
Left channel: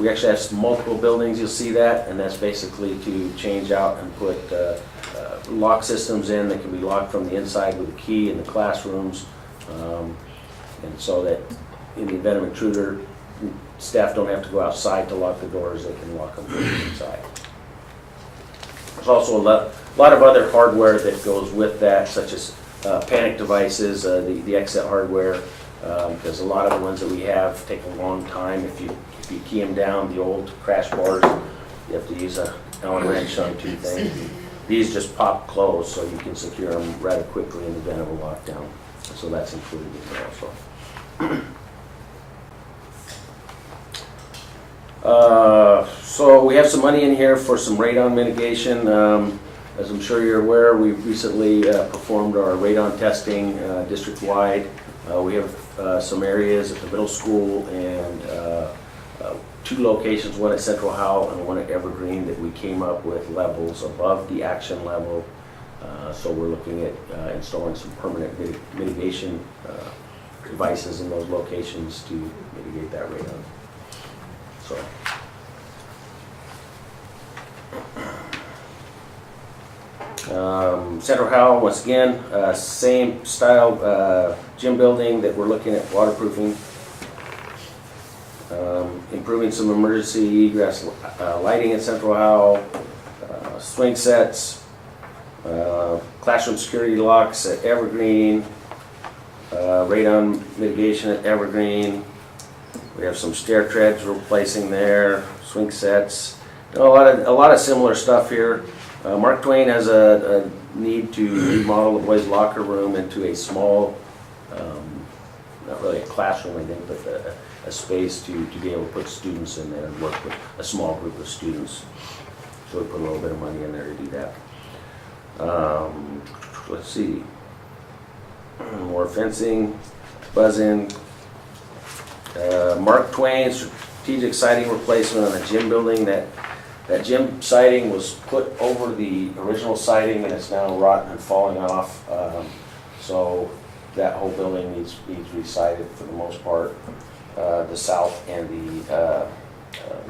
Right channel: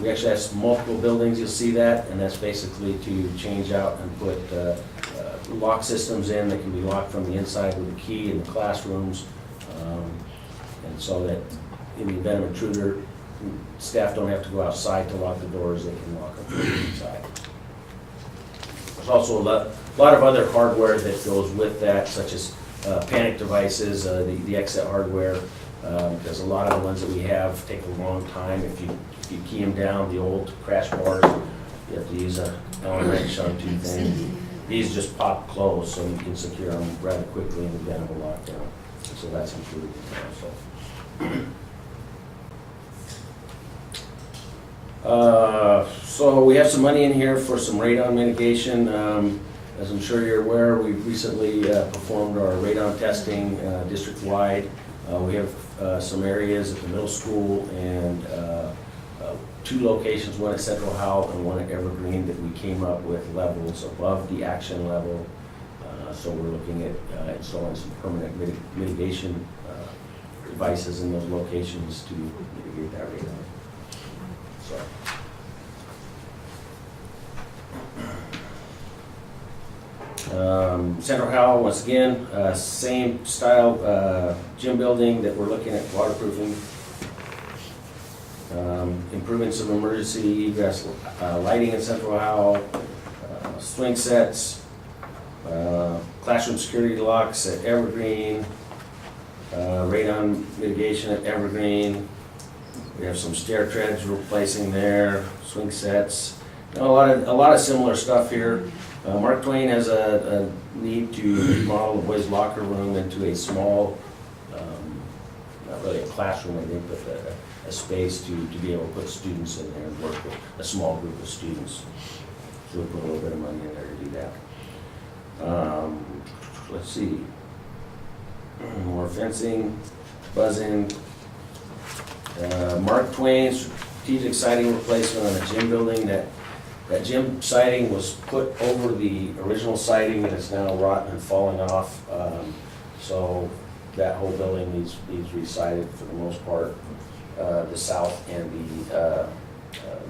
We actually have multiple buildings, you'll see that, and that's basically to change out and put lock systems in that can be locked from the inside with a key in the classrooms. And so that in the event of an intruder, staff don't have to go outside to lock the doors, they can lock them from the inside. There's also a lot of other hardware that goes with that, such as panic devices, the exit hardware. There's a lot of the ones that we have take a long time. If you key them down, the old crash bars, you have to use an Allen wrench on two things. These just pop closed, so you can secure them rather quickly in the event of a lockdown. So that's included also. So we have some money in here for some radon mitigation. As I'm sure you're aware, we recently performed our radon testing district-wide. We have some areas at the middle school and two locations, one at Central Howell and one at Evergreen, that we came up with levels above the action level. So we're looking at installing some permanent mitigation devices in those locations to mitigate that radon. Central Howell, once again, same style gym building that we're looking at waterproofing. Improving some emergency egress lighting in Central Howell, swing sets, classroom security locks at Evergreen, radon mitigation at Evergreen. We have some stair treads we're replacing there, swing sets, a lot of similar stuff here. Mark Twain has a need to remodel the boys' locker room into a small, not really a classroom, I think, but a space to be able to put students in there and work with a small group of students. So we put a little bit of money in there to do that. Let's see. More fencing, buzz-in. Mark Twain strategic siding replacement on a gym building. That gym siding was put over the original siding and it's now rotten and falling off. So that whole building needs to be sided for the most part. The south and the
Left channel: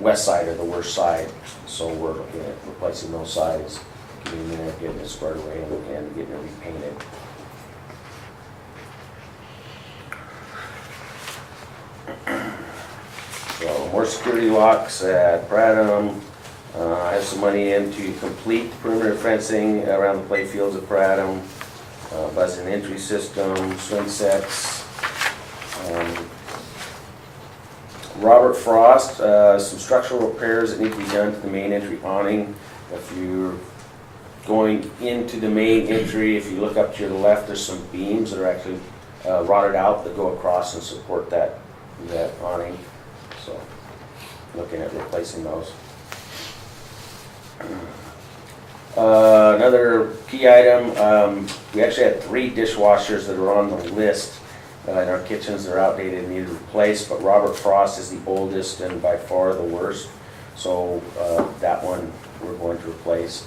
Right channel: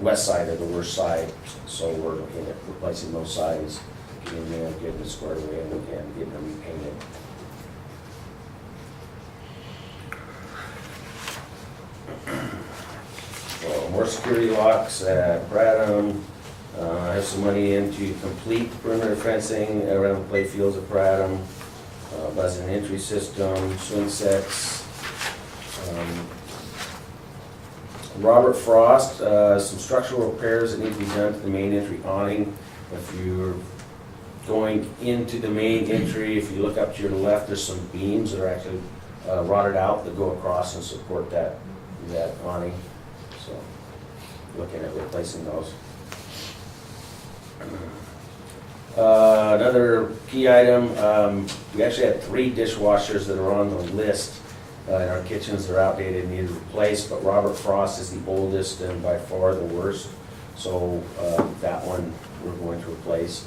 west side are the worst side. So we're looking at replacing those sides, getting it squared away and getting it repainted. So more security locks at Bradham. I have some money in to complete perimeter fencing around the play fields at Bradham. Buzz-in entry system, swing sets. Robert Frost, some structural repairs that need to be done to the main entry awning. If you're going into the main entry, if you look up to your left, there's some beams that are actually rotted out that go across and support that awning. So looking at replacing those. Another key item, we actually had 3 dishwashers that are on the list in our kitchens. They're outdated and needed replaced, but Robert Frost is the oldest and by far the worst. So that one we're going to replace.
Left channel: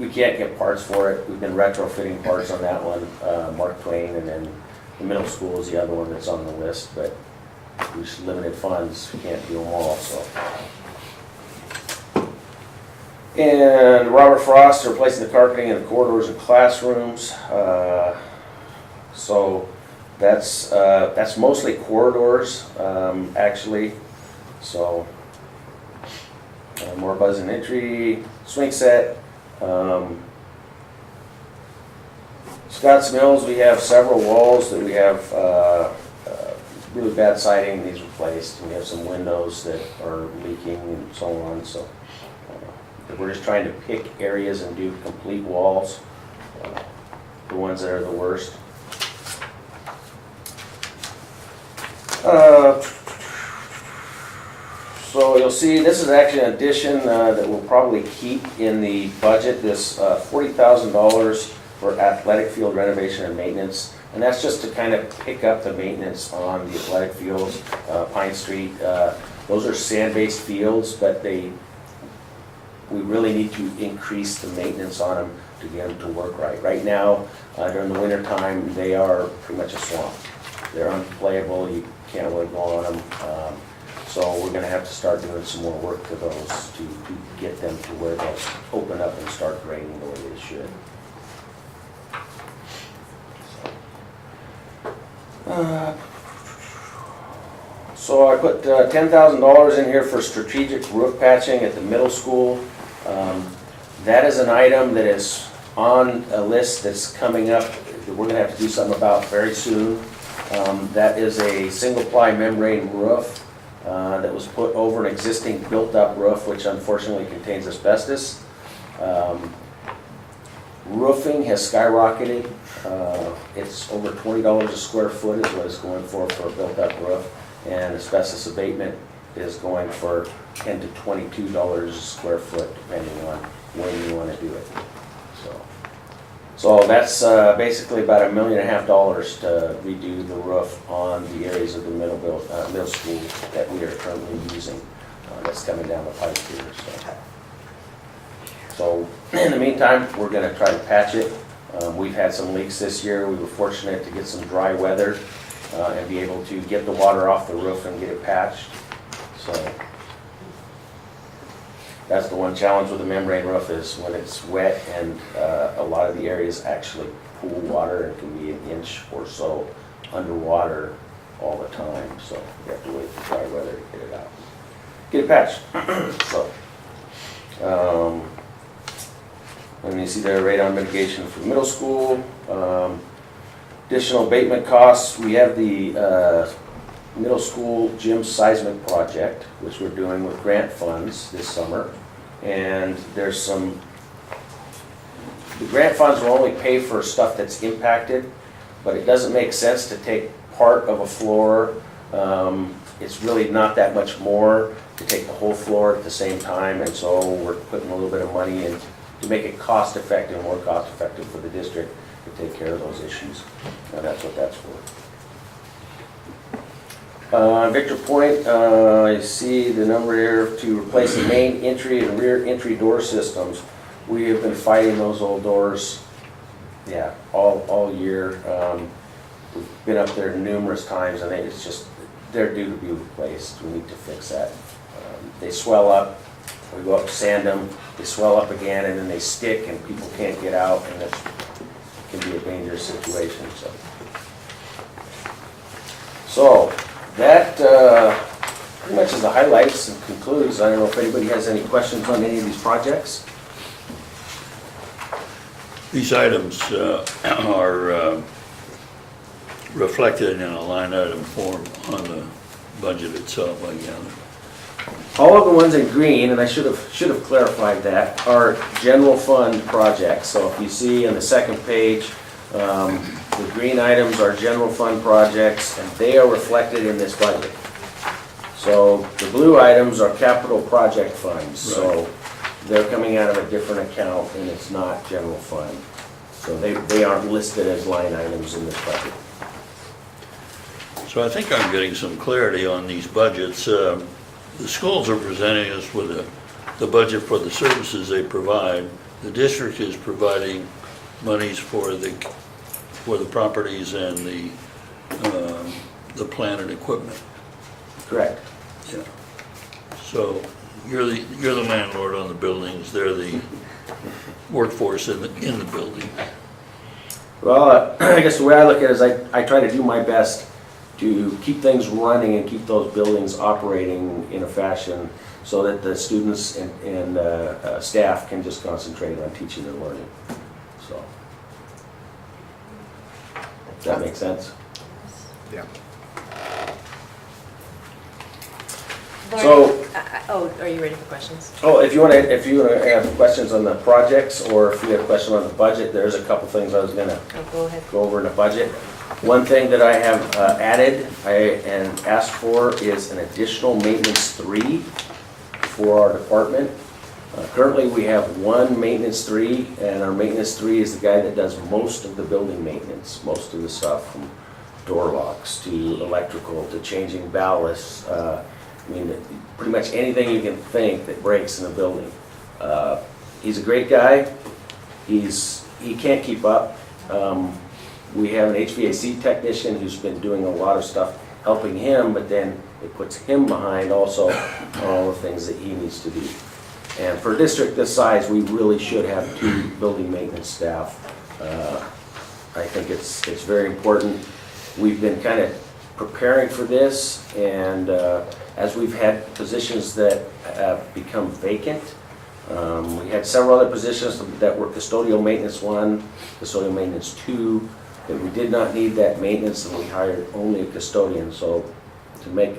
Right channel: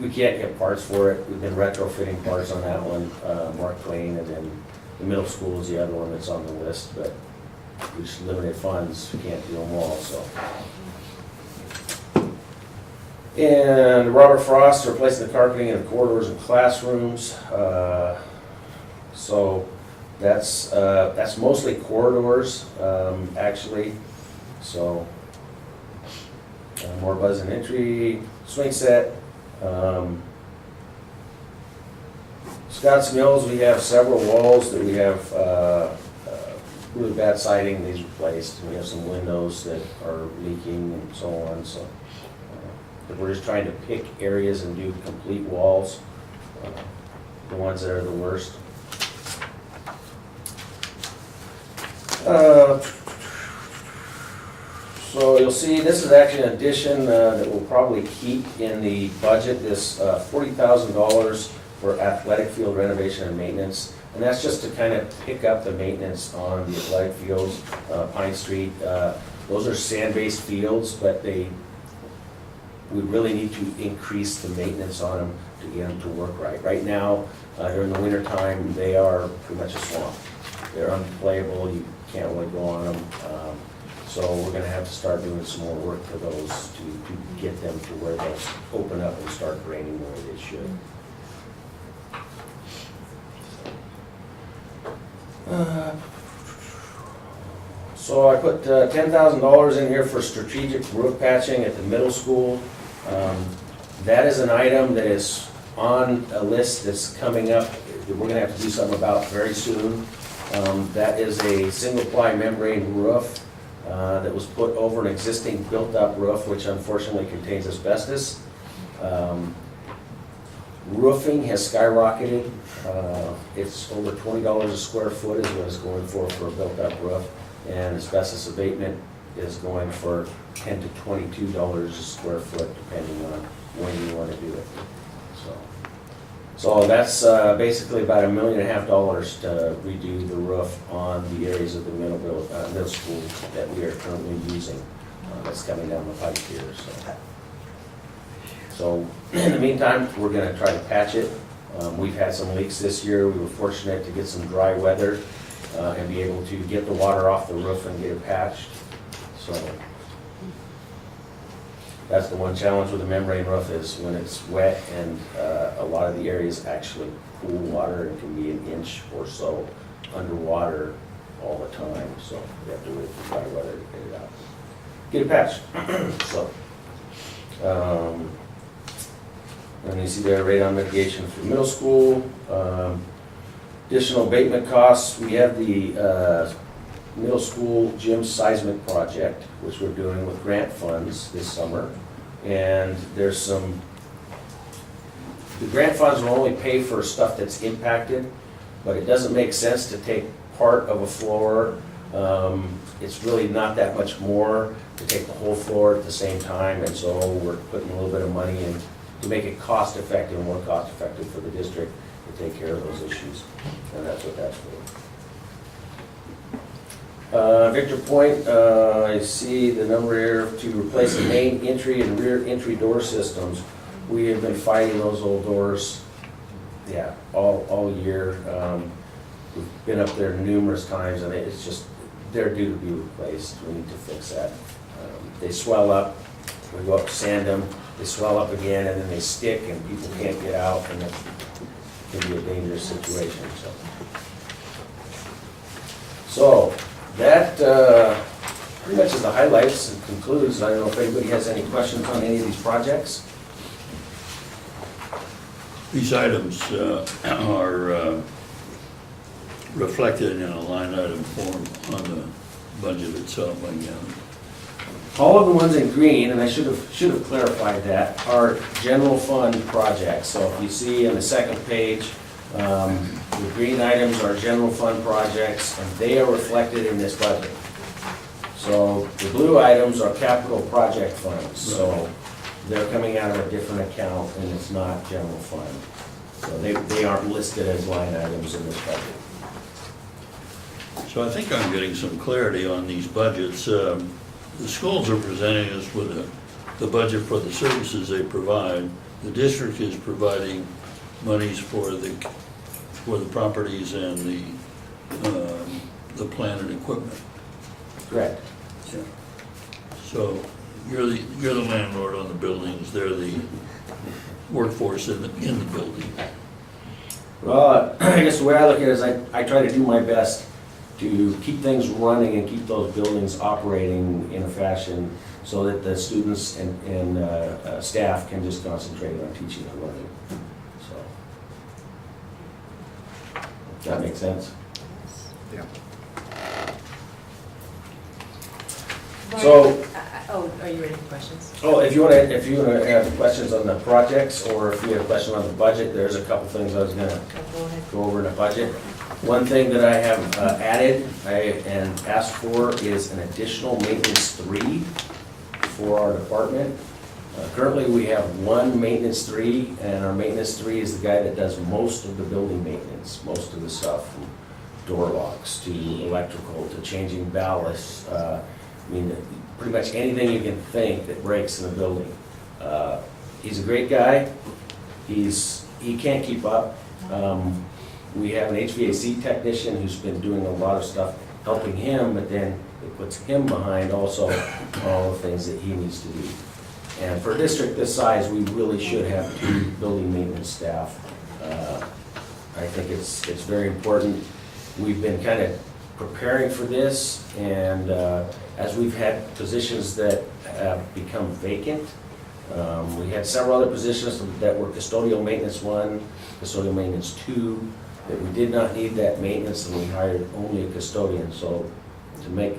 We can't get parts for it. We've been retrofitting parts on that one, Mark Twain, and then the middle school is the other one that's on the list, but we just limited funds, we can't do them all, so. And Robert Frost replacing the carpeting in the corridors and classrooms. So that's mostly corridors, actually. So more buzz and entry, swing set. Scotts Mills, we have several walls that we have really bad siding needs replaced. We have some windows that are leaking and so on. So we're just trying to pick areas and do complete walls, the ones that are the worst. So you'll see this is actually an addition that we'll probably keep in the budget, this $40,000 for athletic field renovation and maintenance. And that's just to kind of pick up the maintenance on the athletic fields, Pine Street. Those are sand-based fields, but we really need to increase the maintenance on them to get them to work right. Right now, during the winter time, they are pretty much a swamp. They're unplayable, you can't really go on them. So we're going to have to start doing some more work to those to get them to where they'll open up and start draining the way they should. So I put $10,000 in here for strategic roof patching at the middle school. That is an item that is on a list that's coming up that we're going to have to do something about very soon. That is a single-ply membrane roof that was put over an existing built-up roof, which unfortunately contains asbestos. Roofing has skyrocketed. It's over $20 a square foot is what it's going for a built-up roof, and asbestos abatement is going for $10 to $22 a square foot, depending on when you want to do it. So that's basically about $1.5 million to redo the roof on the areas of the middle school that we are currently using. That's coming down the pipe here. So in the meantime, we're going to try to patch it. We've had some leaks this year. We were fortunate to get some dry weather and be able to get the water off the roof and get it patched. So that's the one challenge with the membrane roof is when it's wet and a lot of the areas actually pool water and can be an inch or so underwater all the time. So you have to wait for dry weather to get it out. Get it patched. And you see the radon mitigation for middle school. Additional abatement costs. We have the middle school gym seismic project, which we're doing with grant funds this summer. And there's the grant funds will only pay for stuff that's impacted, but it doesn't make sense to take part of a floor. It's really not that much more to take the whole floor at the same time, and so we're putting a little bit of money in to make it cost effective, more cost effective for the district to take care of those issues. And that's what that's for. Victor Point, I see the number here to replace the main entry and rear entry door systems. We have been fighting those old doors, yeah, all year. We've been up there numerous times, and it's just, they're due to be replaced. We need to fix that. They swell up, we go up sand them, they swell up again, and then they stick, and people can't get out, and it can be a dangerous situation. So that pretty much is the highlights and concludes. I don't know if anybody has any questions on any of these projects. These items are reflected in a line item form on the budget itself, I gather. All of the ones in green, and I should have clarified that, are general fund projects. So if you see on the second page, the green items are general fund projects, and they are reflected in this budget. So the blue items are capital project funds, so Right. they're coming out of a different account and it's not general fund. So they aren't listed as line items in the budget. So I think I'm getting some clarity on these budgets. The schools are presenting us with the budget for the services they provide. The district is providing monies for the properties and the plant and equipment. Correct. Yeah. So you're the landlord on the buildings, they're the workforce in the building. Well, I guess the way I look at it is I try to do my best to keep things running and keep those buildings operating in a fashion so that the students and staff can just concentrate on teaching and learning. So, does that make sense? Yeah. So- Are you ready for questions? Oh, if you want to have questions on the projects, or if you have a question on the budget, there's a couple things I was gonna Go ahead. go over in the budget. One thing that I have added and asked for is an additional maintenance 3 for our department. Currently, we have one maintenance 3, and our maintenance 3 is the guy that does most of the building maintenance, most of the stuff, from door locks to electrical to changing ballasts. I mean, pretty much anything you can think that breaks in a building. He's a great guy. He can't keep up. We have an HVAC technician who's been doing a lot of stuff helping him, but then it puts him behind also on all the things that he needs to do. And for a district this size, we really should have 2 building maintenance staff. I think it's very important. We've been kind of preparing for this, and as we've had positions that have become vacant, we had several other positions that were custodial maintenance 1, custodial maintenance 2, that we did not need that maintenance, and we hired only a custodian. So to make,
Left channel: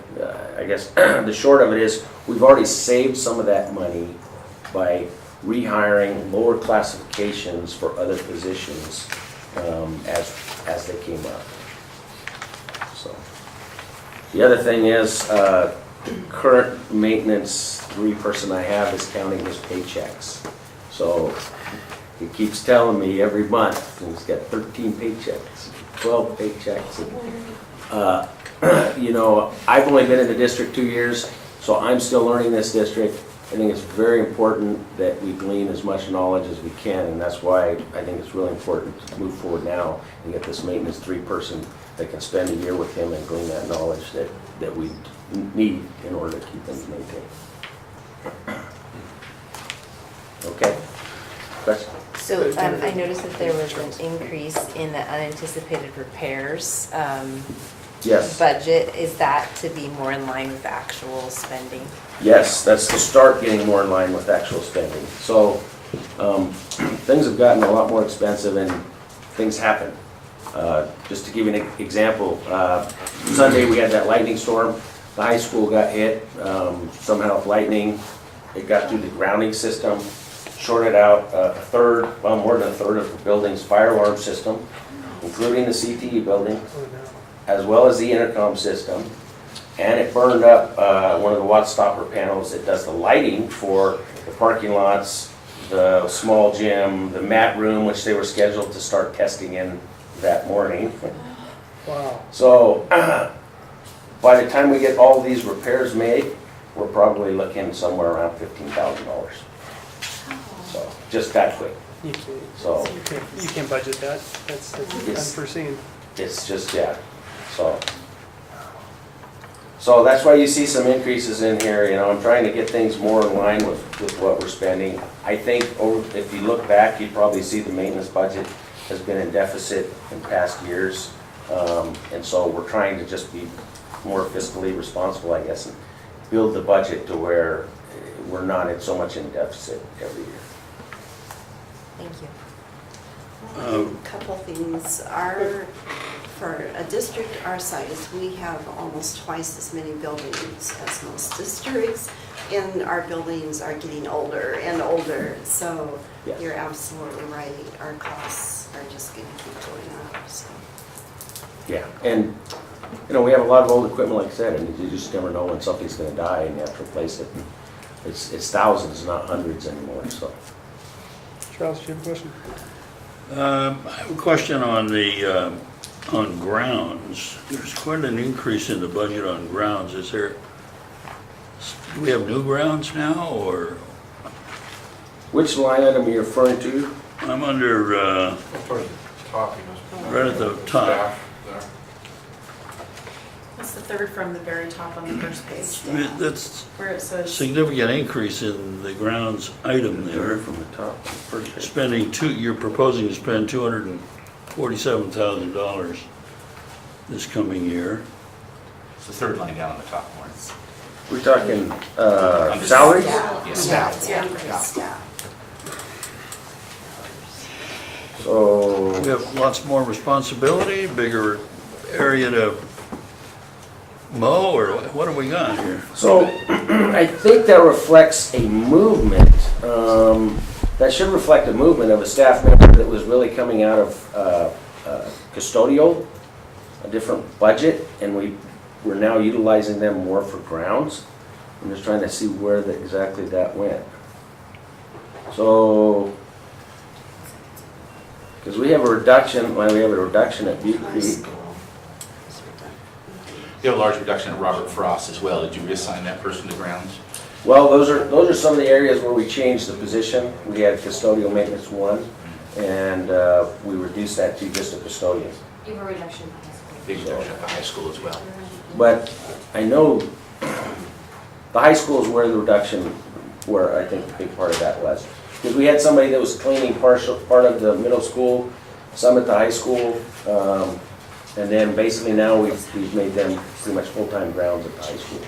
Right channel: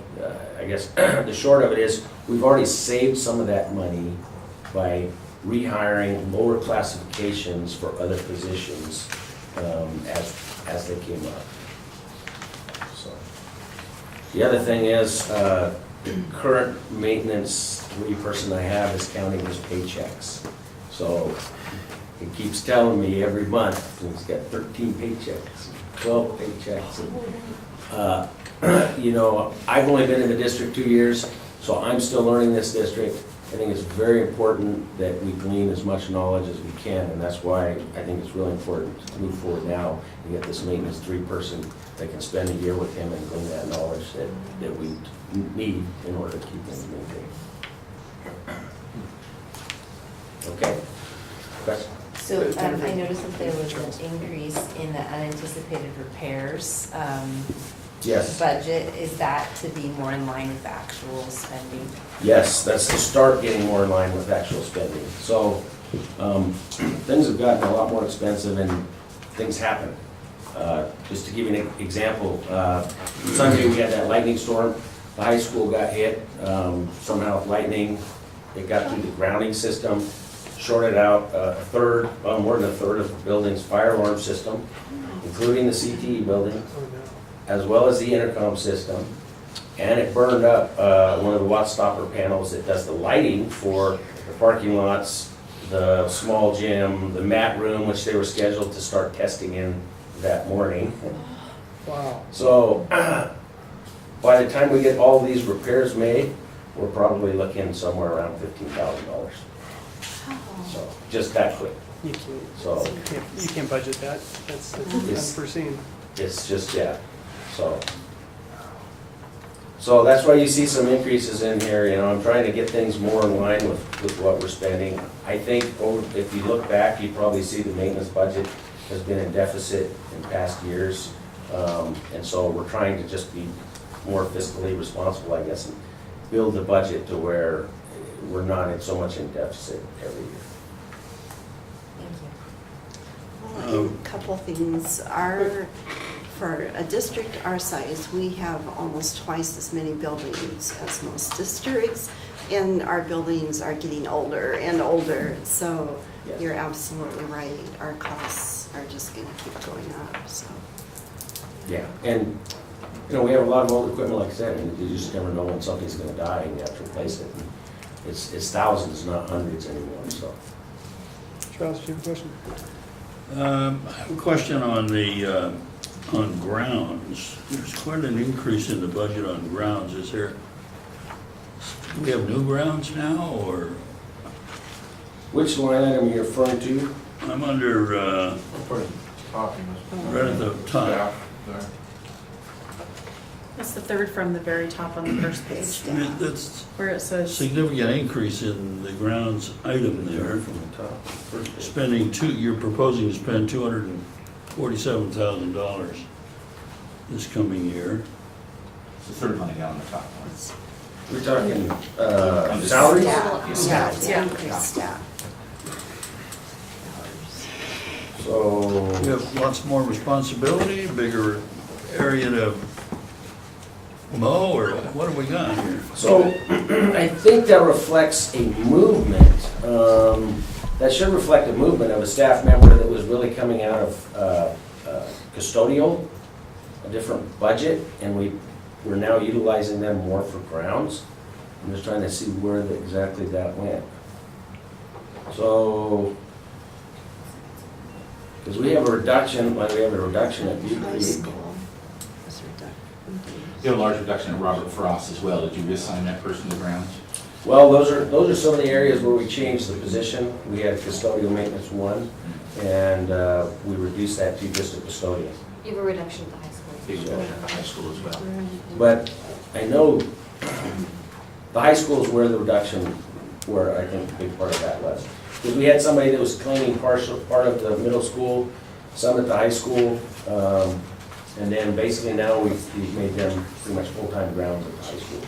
I guess, the short of it is, we've already saved some of that money by rehiring lower classifications for other positions as they came up. So the other thing is, current maintenance 3 person I have is counting his paychecks. So he keeps telling me every month, he's got 13 paychecks, 12 paychecks. You know, I've only been in the district 2 years, so I'm still learning this district. I think it's very important that we glean as much knowledge as we can, and that's why I think it's really important to move forward now and get this maintenance 3 person that can spend a year with him and glean that knowledge that we need in order to keep them maintained. Okay? Question? So I noticed that there was an increase in the unanticipated repairs Yes. budget. Is that to be more in line with actual spending? Yes, that's to start getting more in line with actual spending. So, things have gotten a lot more expensive and things happen. Just to give you an example, Sunday we had that lightning storm. The high school got hit, somehow with lightning. It got through the grounding system, shorted out more than a third of the building's fire alarm system, including the CTE building, as well as the intercom system. And it burned up one of the watt stopper panels that does the lighting for the parking lots, the small gym, the mat room, which they were scheduled to start testing in that morning. Wow. So by the time we get all these repairs made, we're probably looking somewhere around $15,000. So just that quick. You can't, So you can't budget that. That's unforeseen. it's just, yeah, so that's why you see some increases in here. You know, I'm trying to get things more in line with what we're spending. I think if you look back, you'd probably see the maintenance budget has been in deficit in past years. And so we're trying to just be more fiscally responsible, I guess, and build the budget to where we're not in so much in deficit every year. Thank you. A couple things. For a district our size, we have almost twice as many buildings as most districts, and our buildings are getting older and older. So Yes. you're absolutely right. Our costs are just going to keep going up. So. Yeah, and You know, we have a lot of old equipment, like I said, and you just never know when something's gonna die and you have to replace it. It's thousands, not hundreds anymore, so. Charles, do you have a question? I have a question on the, on grounds. There's quite an increase in the budget on grounds. Is there, do we have new grounds now, or? Which line item are you referring to? I'm under, Towards the top, you know. right at the top. Staff there. It's the third from the very top on the first page, That's where it says, significant increase in the grounds item there. Spending you're proposing to spend $247,000 this coming year. It's the third line down on the top one. We're talking, Under salaries? Yeah, staff. Staff. So, We have lots more responsibility, bigger area to mow, or what have we got here? so I think that reflects a movement. That should reflect a movement of a staff member that was really coming out of custodial, a different budget, and we're now utilizing them more for grounds. I'm just trying to see where exactly that went. So, because we have a reduction, we have a reduction at Butte Creek. You have a large reduction in Robert Frost as well. Did you reassign that person to grounds? Well, those are some of the areas where we changed the position. We had custodial maintenance one, and we reduced that to just a custodian. You have a reduction in the high school. Big reduction at the high school as well. But I know the high school is where the reduction, where I think a big part of that was. Because we had somebody that was cleaning part of the middle school, some at the high school, and then basically now we've made them pretty much full-time grounds at the high school.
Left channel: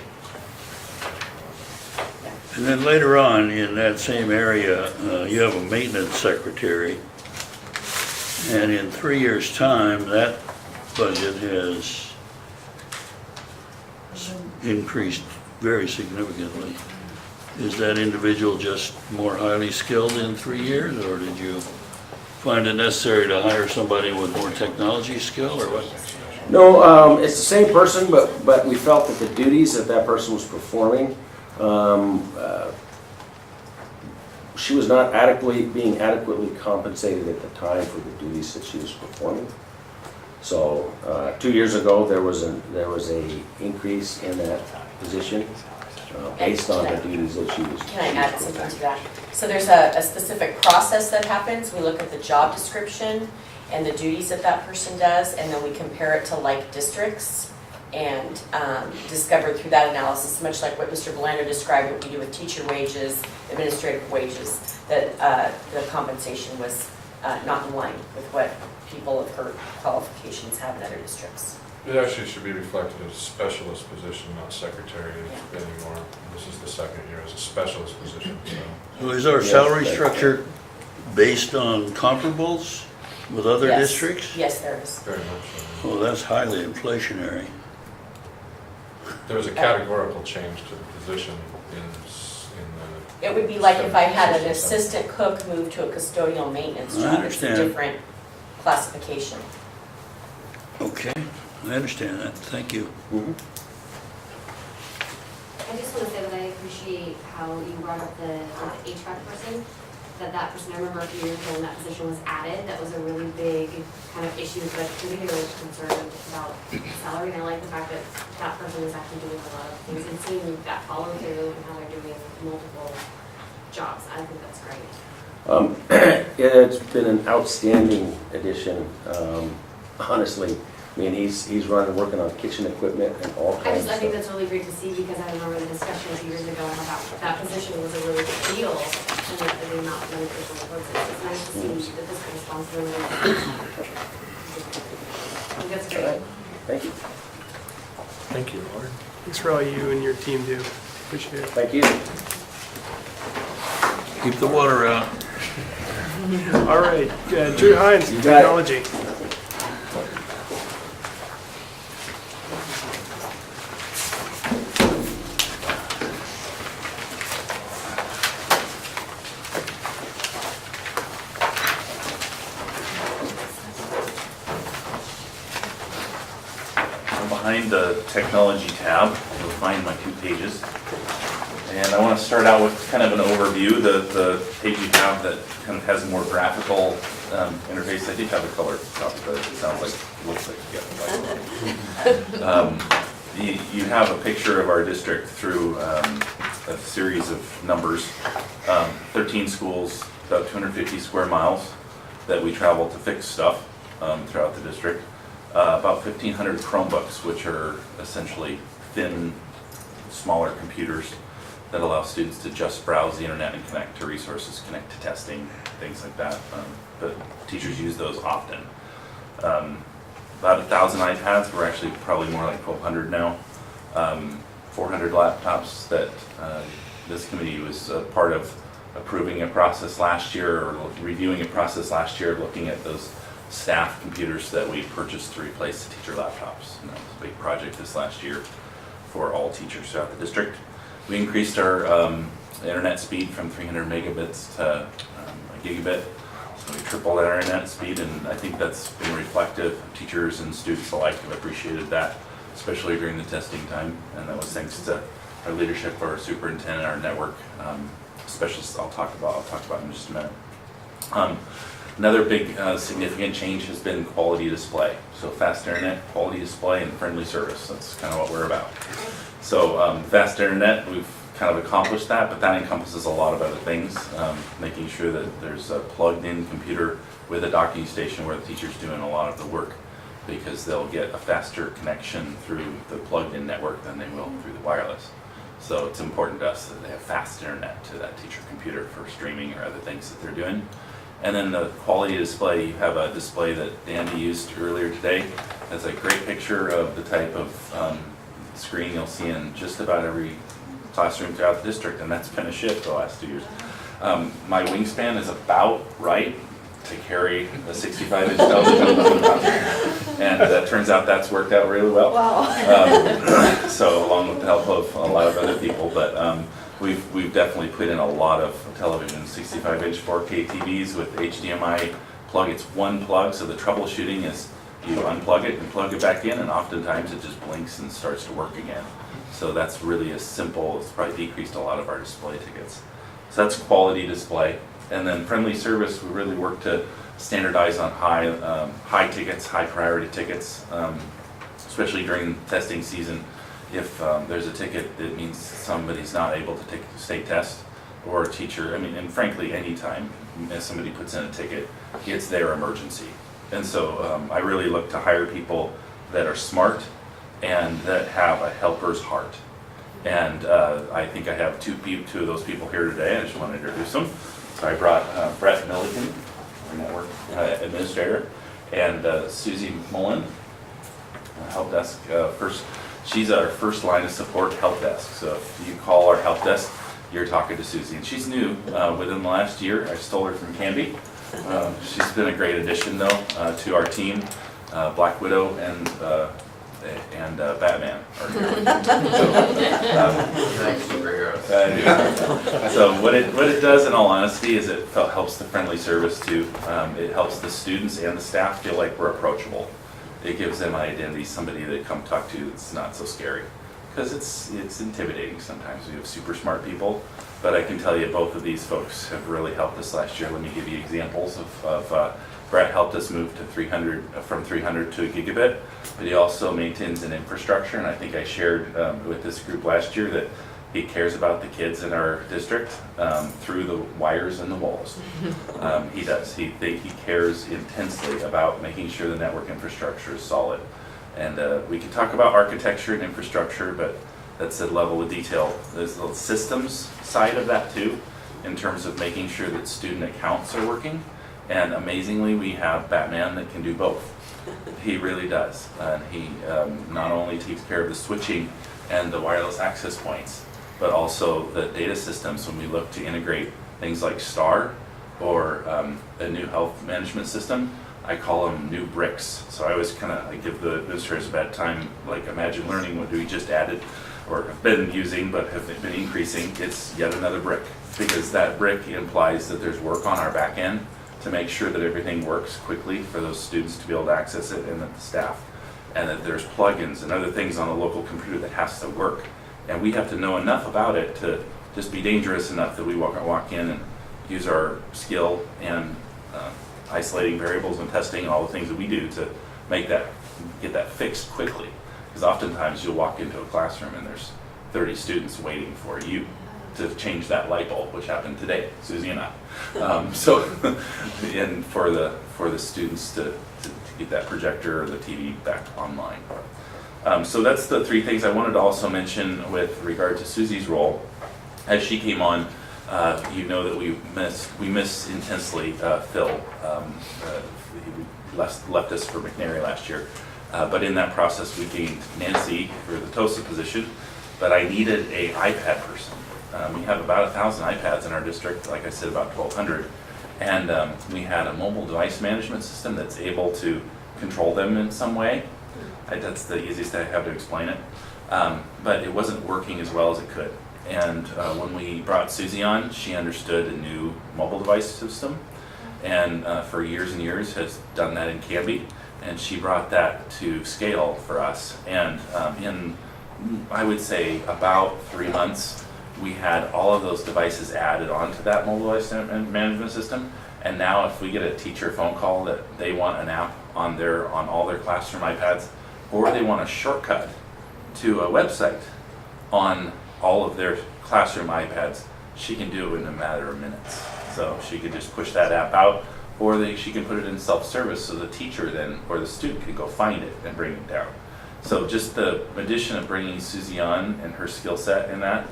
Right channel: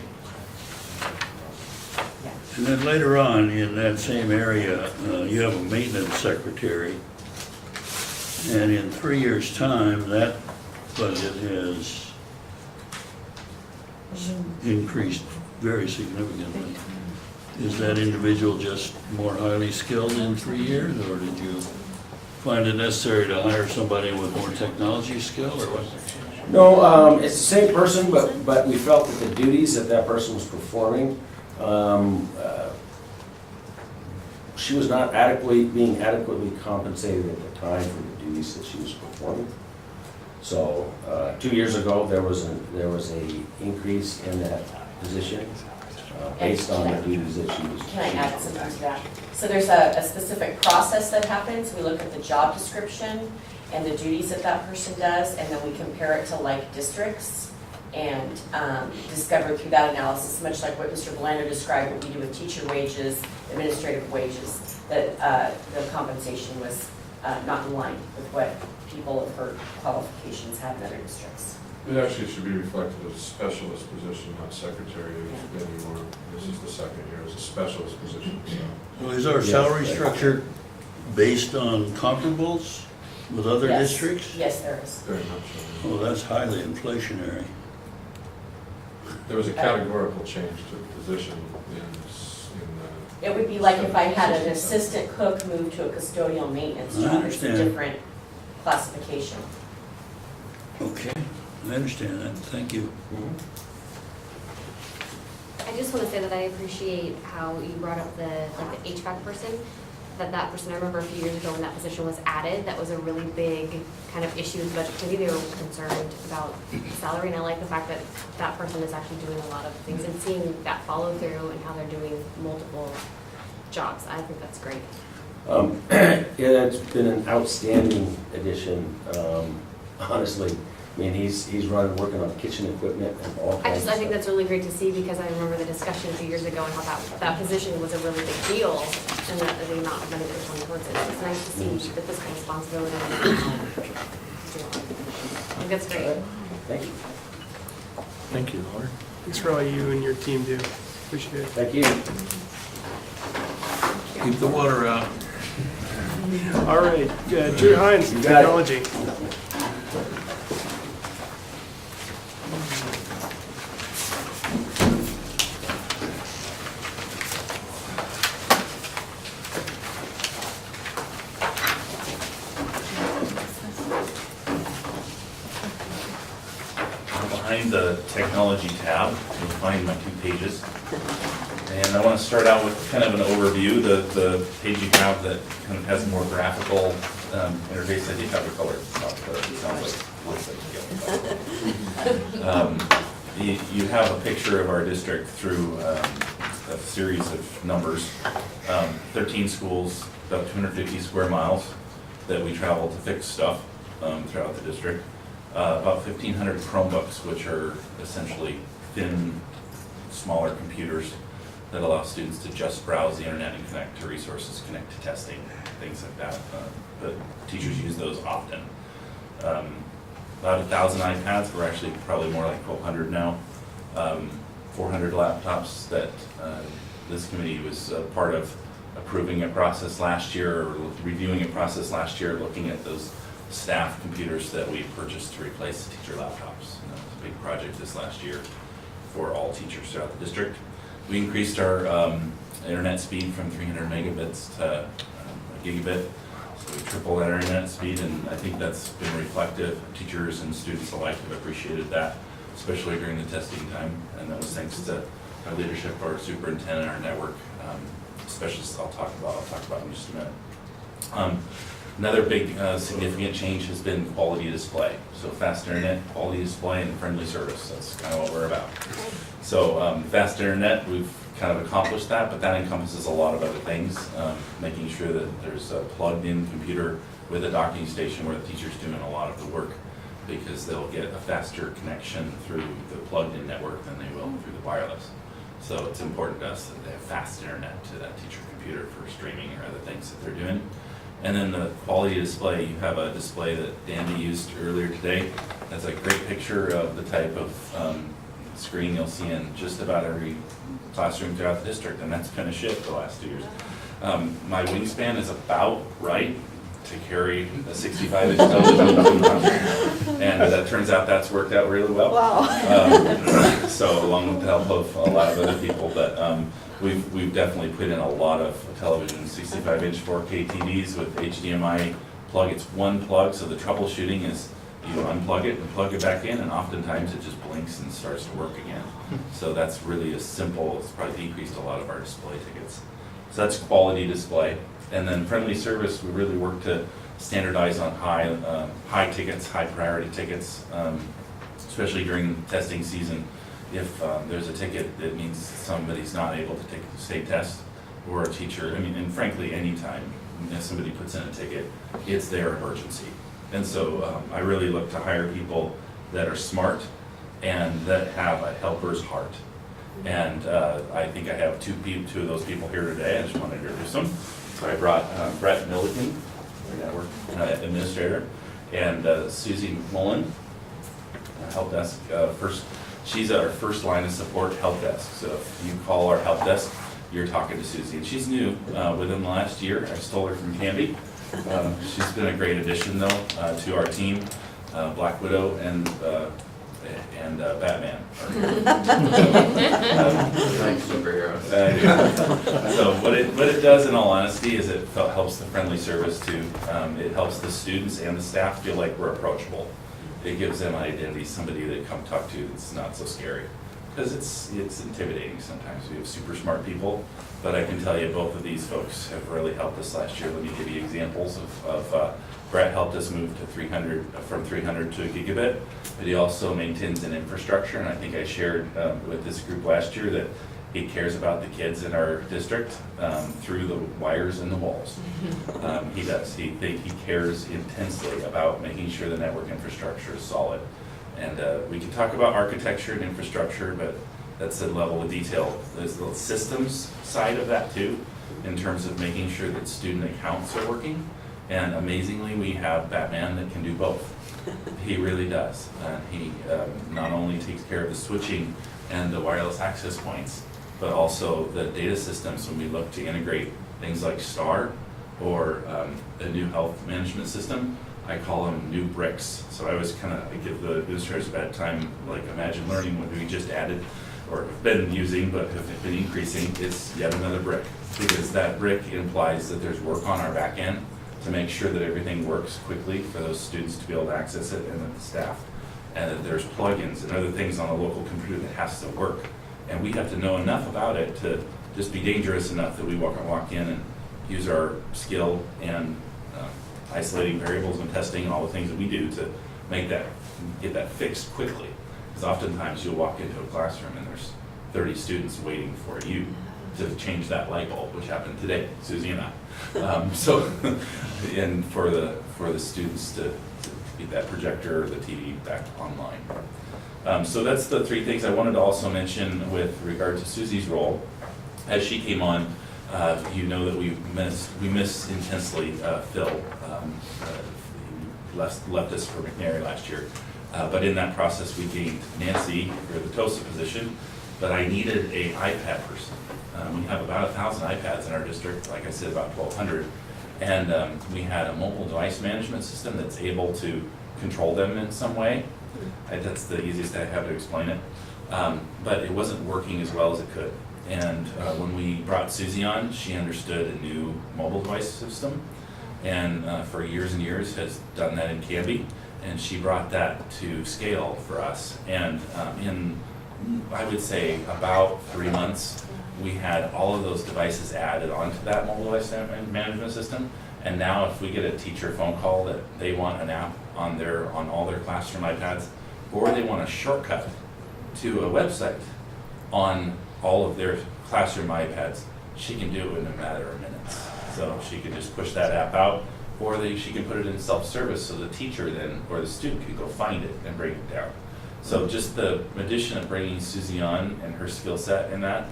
And then later on in that same area, you have a maintenance secretary. And in 3 years' time, that budget has increased very significantly. Is that individual just more highly skilled in 3 years, or did you find it necessary to hire somebody with more technology skill, or what? No, it's the same person, but we felt that the duties that person was performing, she was not being adequately compensated at the time for the duties that she was performing. So 2 years ago, there was a increase in that position based on the duties that she was. Can I add something to that? So there's a specific process that happens. We look at the job description and the duties that that person does, and then we compare it to like districts and discover through that analysis, much like what Mr. Belando described, what we do with teacher wages, administrative wages, that the compensation was not in line with what people of her qualifications have in other districts. It actually should be reflected as a specialist position, not secretary anymore. This is the second year as a specialist position, so. So is our salary structure based on comparables with other Yes. districts? Yes, there is. Very much so. Oh, that's highly inflationary. There was a categorical change to the position in It would be like if I had an assistant cook move to a custodial maintenance I job. It's a understand. different classification. Okay, I understand that, thank you. I just want to say that I appreciate how you brought up the HVAC person, that person, I remember a few years ago when that position was added, that was a really big kind of issue, but maybe they were concerned about salary, and I like the fact that that person is actually doing a lot of things and seeing that follow through and how they're doing multiple jobs. I think that's great. It's been an outstanding addition, honestly. I mean, he's working on kitchen equipment and all kinds of I think stuff. that's really great to see, because I remember the discussion a few years ago and how that position was a really big deal, and that there were not many people who worked it. It's nice to see that this kind of responsibility. I think that's great. Thank you. Thank you, Lord. Thanks for all you and your team do. Appreciate it. Thank you. Keep the water out. All right, Drew Hines, You got it. Technology. I'm behind the technology tab. You'll find my 2 pages. And I want to start out with kind of an overview. The page you have that kind of has a more graphical interface. I think I have a color stuff, but it sounds like looks like you have a picture of our district through a series of numbers. 13 schools, about 250 square miles that we travel to fix stuff throughout the district. About 1,500 Chromebooks, which are essentially thin, smaller computers that allow students to just browse the internet and connect to resources, connect to testing, things like that. But teachers use those often. About 1,000 iPads. We're actually probably more like 1,200 now. 400 laptops that this committee was part of approving a process last year, or reviewing a process last year, looking at those staff computers that we purchased to replace the teacher laptops. And that was a big project this last year for all teachers throughout the district. We increased our internet speed from 300 megabits to a gigabit. So we tripled our internet speed, and I think that's been reflective. Teachers and students alike have appreciated that, especially during the testing time. And that was thanks to our leadership, our superintendent, our network specialists. I'll talk about in just a minute. Another big significant change has been quality display. So fast internet, quality display, and friendly service. That's kind of what we're about. So fast internet, we've kind of accomplished that, but that encompasses a lot of other things. Making sure that there's a plugged-in computer with a docking station where the teacher's doing a lot of the work, because they'll get a faster connection through the plugged-in network than they will through the wireless. So it's important to us that they have fast internet to that teacher computer for streaming or other things that they're doing. And then the quality display, you have a display that Dandy used earlier today. That's a great picture of the type of screen you'll see in just about every classroom throughout the district, and that's been a shift the last 2 years. My wingspan is about right to carry a 65-inch television, and it turns out that's worked out really well. Wow. So along with the help of a lot of other people, but we've definitely put in a lot of television, 65-inch 4K TVs with HDMI plug. It's one plug, so the troubleshooting is you unplug it and plug it back in, and oftentimes it just blinks and starts to work again. So that's really a simple, it's probably decreased a lot of our display tickets. So that's quality display. And then friendly service, we really work to standardize on high tickets, high priority tickets, especially during testing season. If there's a ticket that means somebody's not able to take the state test, or a teacher, and frankly, anytime if somebody puts in a ticket, it's their emergency. And so I really look to hire people that are smart and that have a helper's heart. And I think I have two of those people here today. I just want to introduce them. So I brought Brett Milliken, our network administrator, and Susie Mullen, help desk first. She's our first line of support help desk. So if you call our help desk, you're talking to Susie. And she's new within the last year. I stole her from Canby. She's been a great addition though to our team. Black Widow and Batman. So what it does in all honesty is it helps the friendly service too. It helps the students and the staff feel like we're approachable. It gives them an identity, somebody they come talk to that's not so scary. Because it's intimidating sometimes. We have super smart people, but I can tell you both of these folks have really helped us last year. Let me give you examples of Brett helped us move to from 300 to a gigabit, but he also maintains an infrastructure, and I think I shared with this group last year that he cares about the kids in our district through the wires and the walls. He does. He cares intensely about making sure the network infrastructure is solid. And we can talk about architecture and infrastructure, but that's a level of detail. There's the systems side of that too, in terms of making sure that student accounts are working. And amazingly, we have Batman that can do both. He really does. He not only takes care of the switching and the wireless access points, but also the data systems when we look to integrate things like STAR or a new health management system. I call them new bricks. So I always I give the administrators a bad time, like Imagine Learning, what we just added or have been using but have been increasing. It's yet another brick, because that brick implies that there's work on our back end to make sure that everything works quickly for those students to be able to access it and the staff. and that there's plugins and other things on the local computer that has to work. And we have to know enough about it to just be dangerous enough that we walk in and use our skill in isolating variables and testing and all the things that we do to get that fixed quickly. Because oftentimes you'll walk into a classroom and there's 30 students waiting for you to change that light bulb, which happened today, Susie and I. And for the students to get that projector or the TV back online. So that's the three things I wanted to also mention with regard to Susie's role. As she came on, you know that we miss intensely Phil. He left us for McNary last year. But in that process, we gained Nancy for the TOSA position, but I needed an iPad person. We have about 1,000 iPads in our district, like I said, about 1,200. And we had a mobile device management system that's able to control them in some way. That's the easiest I have to explain it. But it wasn't working as well as it could. And when we brought Susie on, she understood a new mobile device system, and for years and years has done that in Canby. And she brought that to scale for us. And in, I would say, about 3 months, we had all of those devices added onto that mobile device management system. And now if we get a teacher phone call that they want an app on all their classroom iPads, or they want a shortcut to a website on all of their classroom iPads, she can do it in a matter of minutes. So she can just push that app out, or she can put it in self-service so the teacher then, or the student can go find it and bring it down. So just the addition of bringing Susie on and her skill set in that,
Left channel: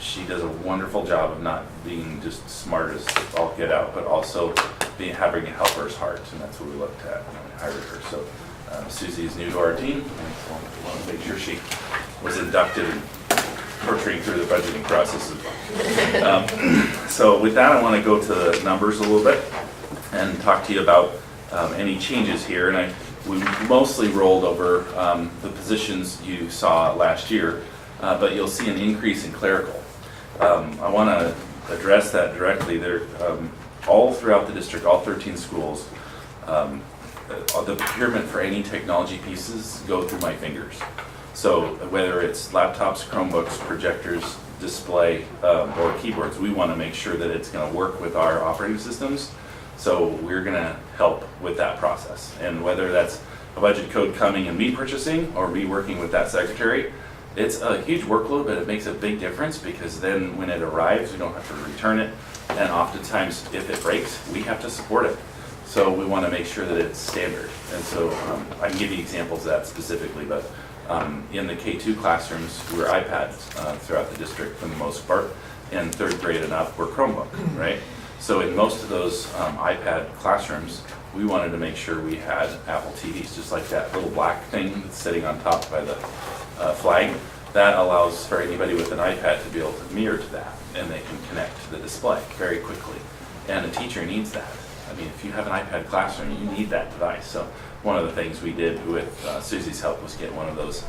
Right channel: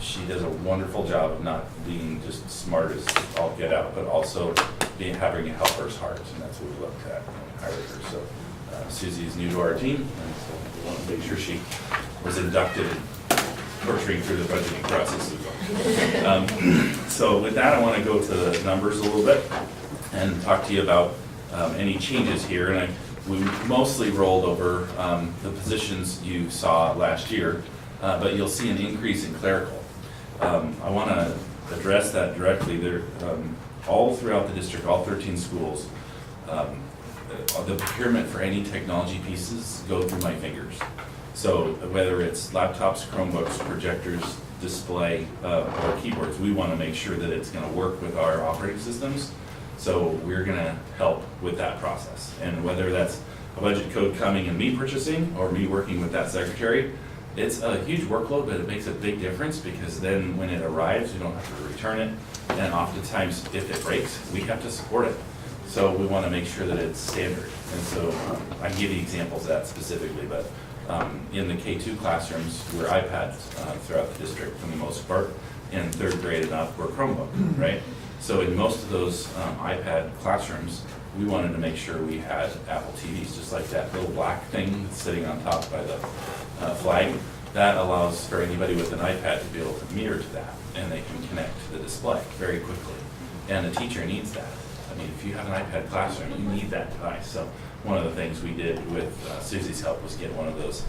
she does a wonderful job of not being just smart as all get out, but also having a helper's heart, and that's what we looked at when we hired her. So Susie is new to our team, and so we want to make sure she was inducted and torturing through the budgeting process. So with that, I want to go to the numbers a little bit and talk to you about any changes here. And we mostly rolled over the positions you saw last year, but you'll see an increase in clerical. I want to address that directly. There, all throughout the district, all 13 schools, the procurement for any technology pieces go through my fingers. So whether it's laptops, Chromebooks, projectors, display, or keyboards, we want to make sure that it's going to work with our operating systems. So we're going to help with that process. And whether that's a budget code coming and me purchasing or me working with that secretary, it's a huge workload, but it makes a big difference because then when it arrives, you don't have to return it. And oftentimes, if it breaks, we have to support it. So we want to make sure that it's standard. And so I can give you examples of that specifically, but in the K2 classrooms, we're iPads throughout the district for the most part, and 3rd grade and up, we're Chromebook, right? So in most of those iPad classrooms, we wanted to make sure we had Apple TVs, just like that little black thing that's sitting on top by the flag. That allows for anybody with an iPad to be able to mirror to that, and they can connect to the display very quickly. And a teacher needs that. I mean, if you have an iPad classroom, you need that device. So one of the things we did with Susie's help was get one of those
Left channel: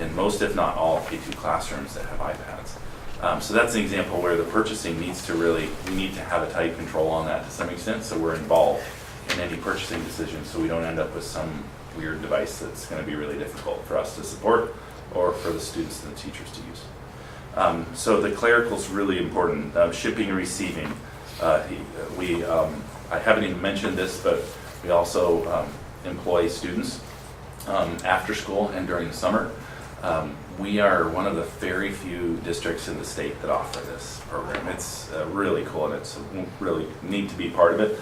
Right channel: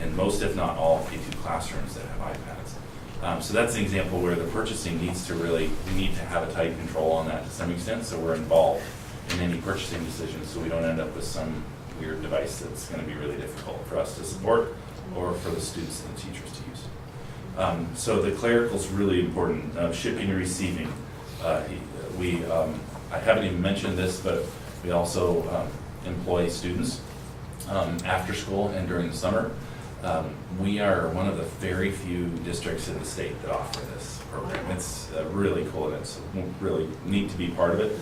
in most, if not all, K2 classrooms that have iPads. So that's an example where the purchasing needs to we need to have a tight control on that to some extent, so we're involved in any purchasing decisions so we don't end up with some weird device that's going to be really difficult for us to support or for the students and the teachers to use. So the clerical's really important. Shipping and receiving. I haven't even mentioned this, but we also employ students after school and during the summer. We are one of the very few districts in the state that offer this program. It's really cool, and it's really neat to be part of it.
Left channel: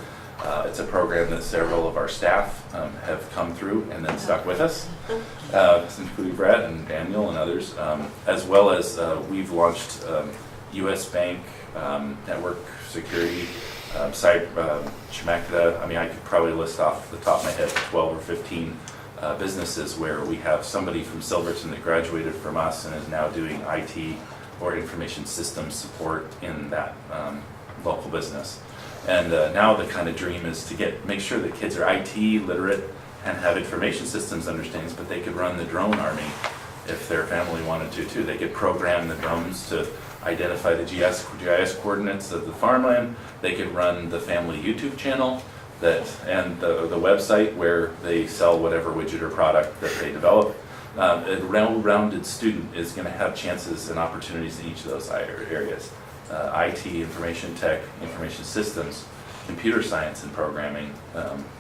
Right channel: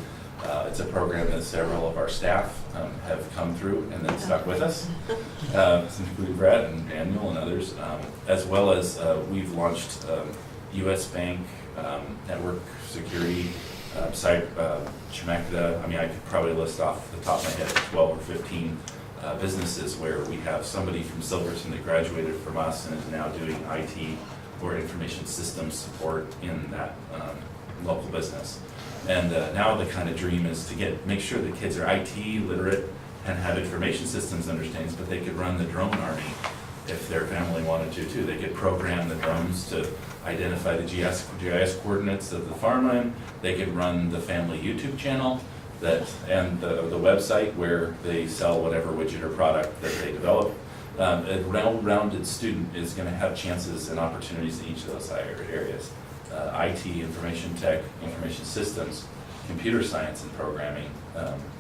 It's a program that several of our staff have come through and then stuck with us, including Brad and Daniel and others, as well as we've launched U.S. Bank, network security, Chemecta. I mean, I could probably list off the top of my head 12 or 15 businesses where we have somebody from Silverton that graduated from us and is now doing IT or information systems support in that local business. And now the kind of dream is to make sure that kids are IT literate and have information systems understandings, but they could run the drone army if their family wanted to too. They could program the drones to identify the GIS coordinates of the farmland. They could run the family YouTube channel. and the website where they sell whatever widget or product that they develop. A well-rounded student is going to have chances and opportunities in each of those areas. IT, information tech, information systems, computer science and programming,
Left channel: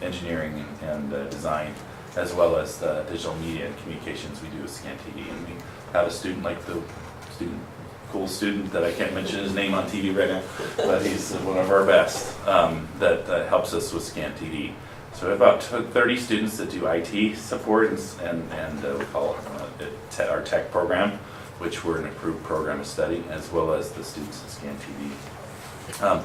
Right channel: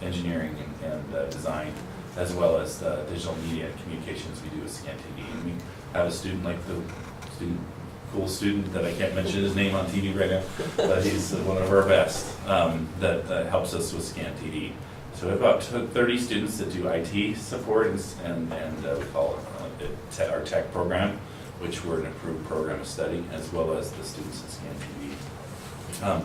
engineering and design, as well as digital media and communications we do with Scan TV. And we have a student like the cool student that I can't mention his name on TV right now, but he's one of our best that helps us with Scan TV. So we have about 30 students that do IT support and we call it our tech program, which we're an approved program of study, as well as the students at Scan TV.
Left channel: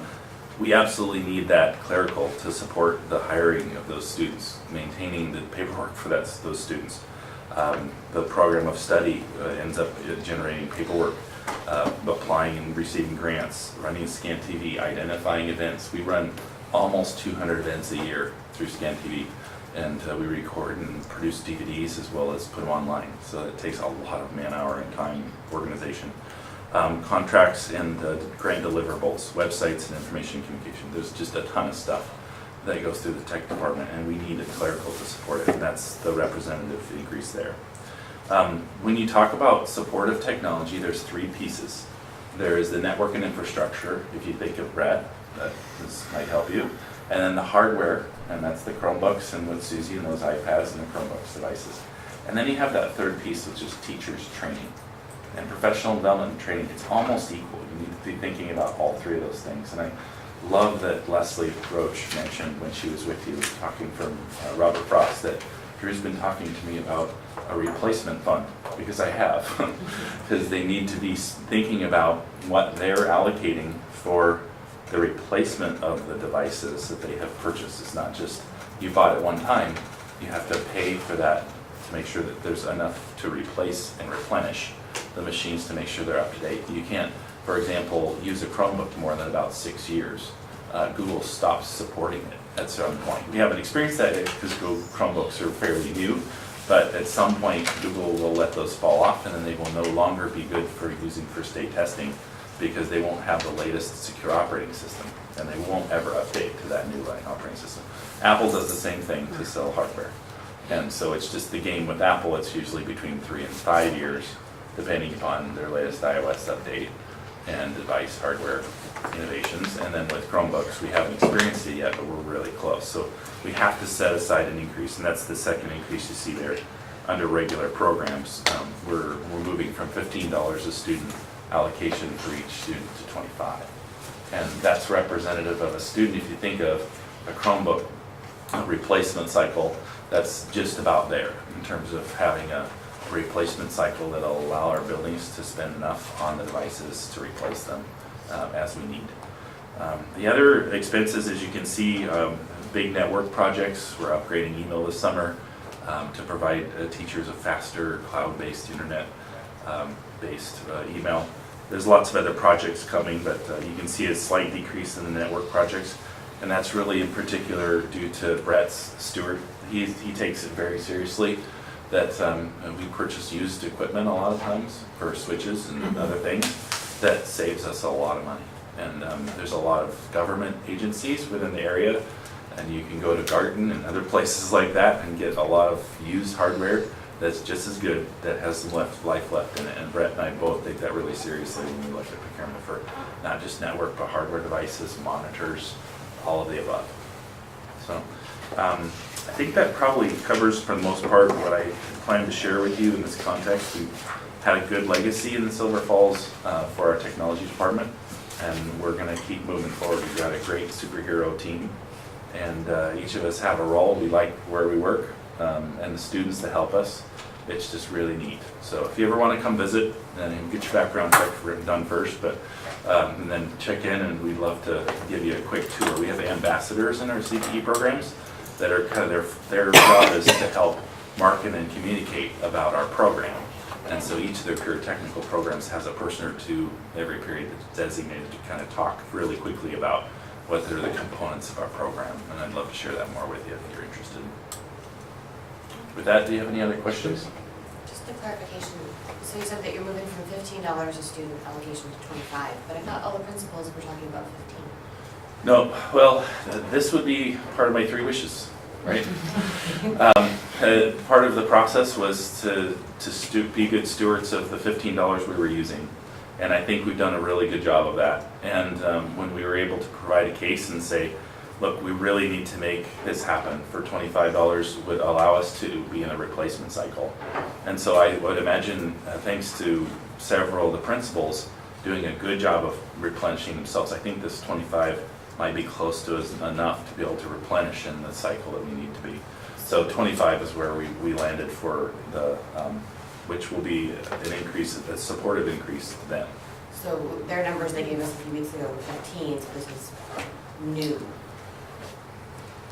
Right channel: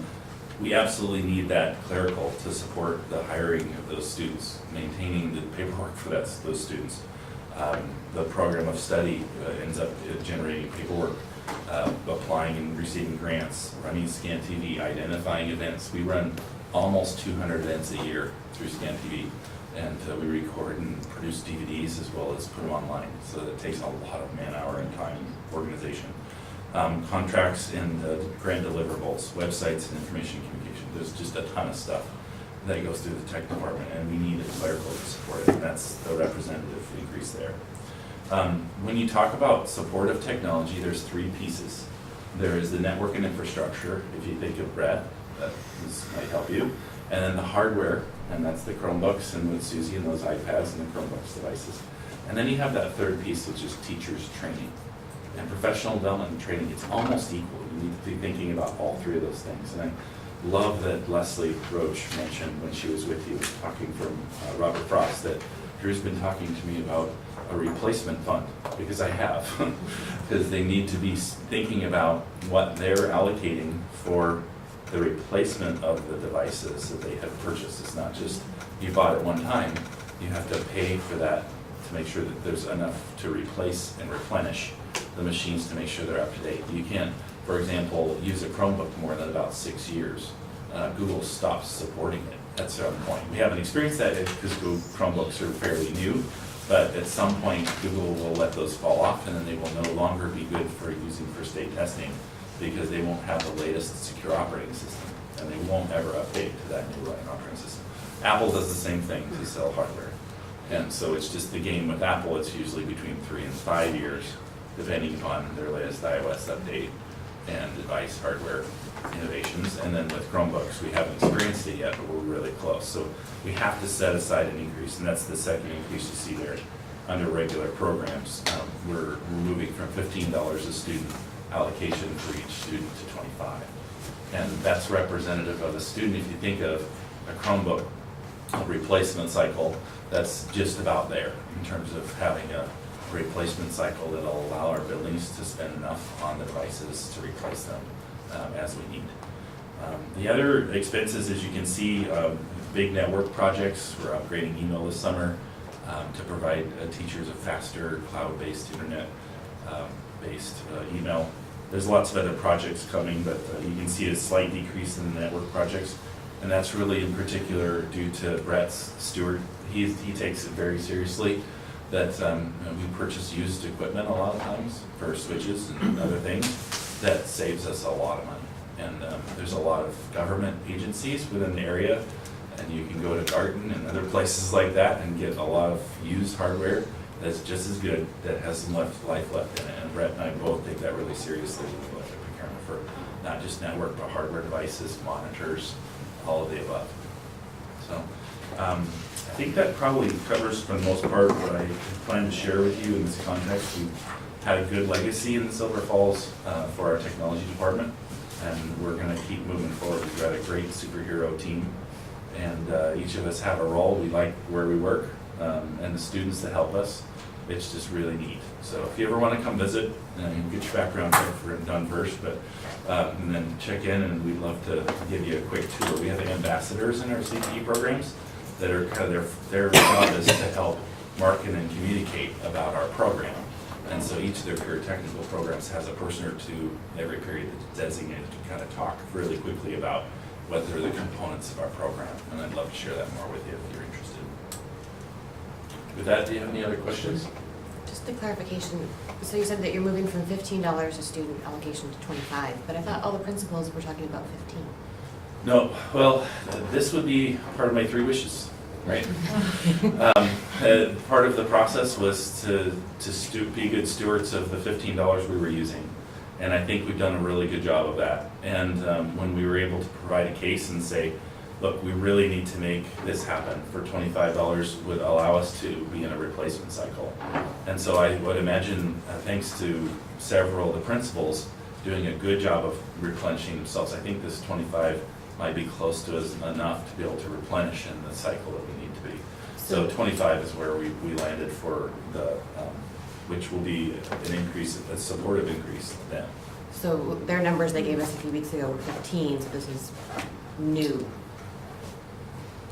We absolutely need that clerical to support the hiring of those students, maintaining the paperwork for those students. The program of study ends up generating paperwork, applying and receiving grants, running Scan TV, identifying events. We run almost 200 events a year through Scan TV, and we record and produce DVDs as well as put them online. So it takes a lot of man-hour and time organization. Contracts and grant deliverables, websites and information communication. There's just a ton of stuff that goes through the tech department, and we need a clerical to support it, and that's the representative increase there. When you talk about supportive technology, there's three pieces. There is the network and infrastructure, if you think of Brett, that might help you, and then the hardware, and that's the Chromebooks, and with Susie and those iPads and the Chromebooks devices. And then you have that third piece, which is teachers training. And professional development and training, it's almost equal. You need to be thinking about all three of those things. And I love that Leslie Roach mentioned when she was with you, talking from Robert Frost, that Drew's been talking to me about a replacement fund, because I have. Because they need to be thinking about what they're allocating for the replacement of the devices that they have purchased. It's not just you bought it one time, you have to pay for that to make sure that there's enough to replace and replenish the machines to make sure they're up to date. You can't, for example, use a Chromebook more than about 6 years. Google stops supporting it at some point. We haven't experienced that because Chromebooks are fairly new, but at some point Google will let those fall off, and then they will no longer be good for using for state testing because they won't have the latest secure operating system, and they won't ever update to that new operating system. Apple does the same thing to sell hardware. And so it's just the game with Apple, it's usually between 3 and 5 years, depending upon their latest iOS update and device hardware innovations. And then with Chromebooks, we haven't experienced it yet, but we're really close. So we have to set aside an increase, and that's the second increase you see there under regular programs. We're moving from $15 a student allocation for each student to $25. And that's representative of a student. If you think of a Chromebook replacement cycle, that's just about there in terms of having a replacement cycle that'll allow our buildings to spend enough on the devices to replace them as we need. The other expenses, as you can see, big network projects. We're upgrading email this summer to provide teachers a faster cloud-based internet-based email. There's lots of other projects coming, but you can see a slight decrease in the network projects, and that's really in particular due to Brett's Stewart. He takes it very seriously that we purchase used equipment a lot of times for switches and other things. That saves us a lot of money. And there's a lot of government agencies within the area, and you can go to Garden and other places like that and get a lot of used hardware that's just as good, that has some life left in it. And Brett and I both take that really seriously when we look at procurement for not just network, but hardware devices, monitors, all of the above. So I think that probably covers, for the most part, what I plan to share with you in this context. We've had a good legacy in Silver Falls for our technology department, and we're going to keep moving forward. We've got a great superhero team, and each of us have a role. We like where we work, and the students that help us. It's just really neat. So if you ever want to come visit, then get your background check done first, but and then check in, and we'd love to give you a quick tour. We have ambassadors in our CPE programs that are kind of their job is to help market and communicate about our program. And so each of their peer technical programs has a person or two every period that's designated to kind of talk really quickly about what are the components of our program. And I'd love to share that more with you if you're interested. With that, do you have any other questions? Just a clarification. So you said that you're moving from $15 a student allocation to $25, but I thought all the principals were talking about $15. No, well, this would be part of my 3 wishes, right? Part of the process was to be good stewards of the $15 we were using. And I think we've done a really good job of that. And when we were able to provide a case and say, look, we really need to make this happen for $25 would allow us to be in a replacement cycle. And so I would imagine, thanks to several of the principals doing a good job of replenishing themselves, I think this 25 might be close to enough to be able to replenish in the cycle that we need to be. So 25 is where we landed for the, which will be an increase, a supportive increase then. So their numbers they gave us a few weeks ago were 15, so this was new.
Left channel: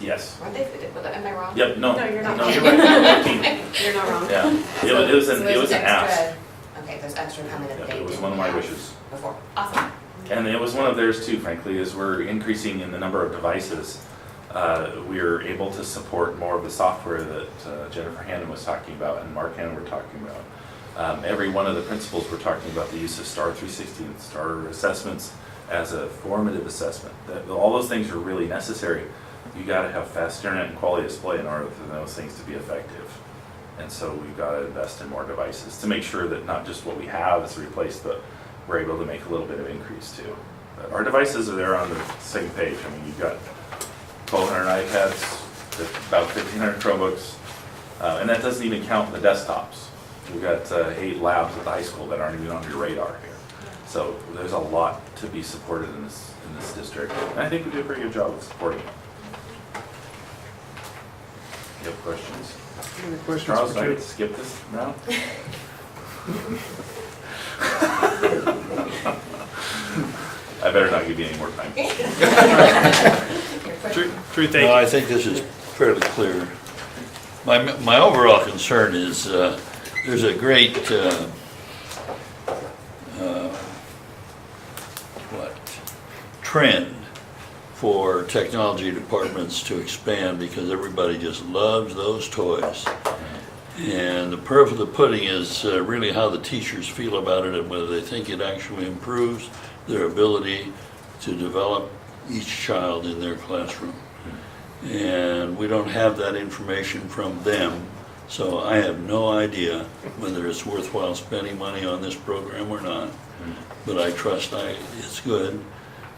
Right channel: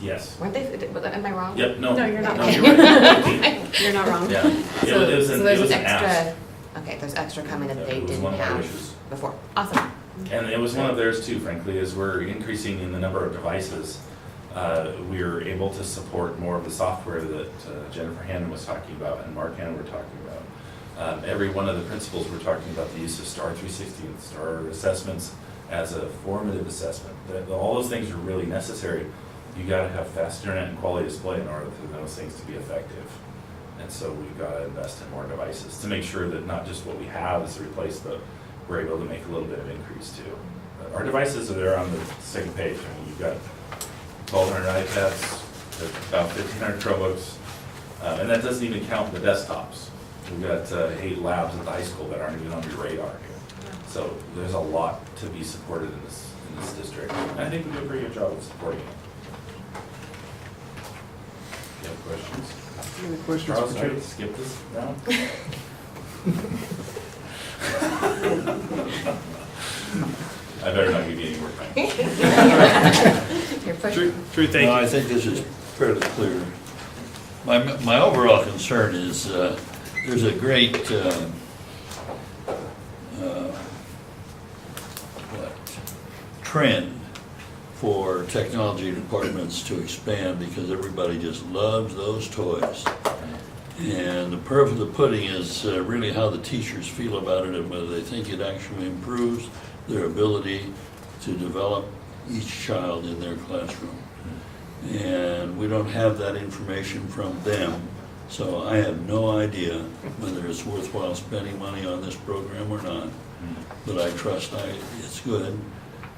Yes. Weren't they? Am I wrong? Yep, no. No, you're not. No, you're right. 15. You're not wrong. Yeah, it was an extra, ask. Okay, there's extra coming that Yeah, they it was didn't one of my have wishes. before. Awesome. And it was one of theirs too, frankly, is we're increasing in the number of devices. We're able to support more of the software that Jennifer Hannon was talking about and Mark Hannon were talking about. Every one of the principals were talking about the use of STAR 360 and STAR assessments as a formative assessment. All those things are really necessary. You got to have fast internet and quality display in order for those things to be effective. And so we've got to invest in more devices to make sure that not just what we have is replaced, but we're able to make a little bit of increase too. Our devices are there on the same page. I mean, you've got 1,200 iPads, about 1,500 Chromebooks, and that doesn't even count the desktops. We've got 8 labs at the high school that aren't even on your radar here. So there's a lot to be supported in this district. And I think we did a pretty good job of supporting it. You have questions? Any questions Charles, for I Joe? skip this now? I better not give you any more time. Drew, thank No, you. I think this is fairly clear. My overall concern is there's a great trend for technology departments to expand because everybody just loves those toys. And the proof of the pudding is really how the teachers feel about it and whether they think it actually improves their ability to develop each child in their classroom. And we don't have that information from them, so I have no idea whether it's worthwhile spending money on this program or not. But I trust it's good.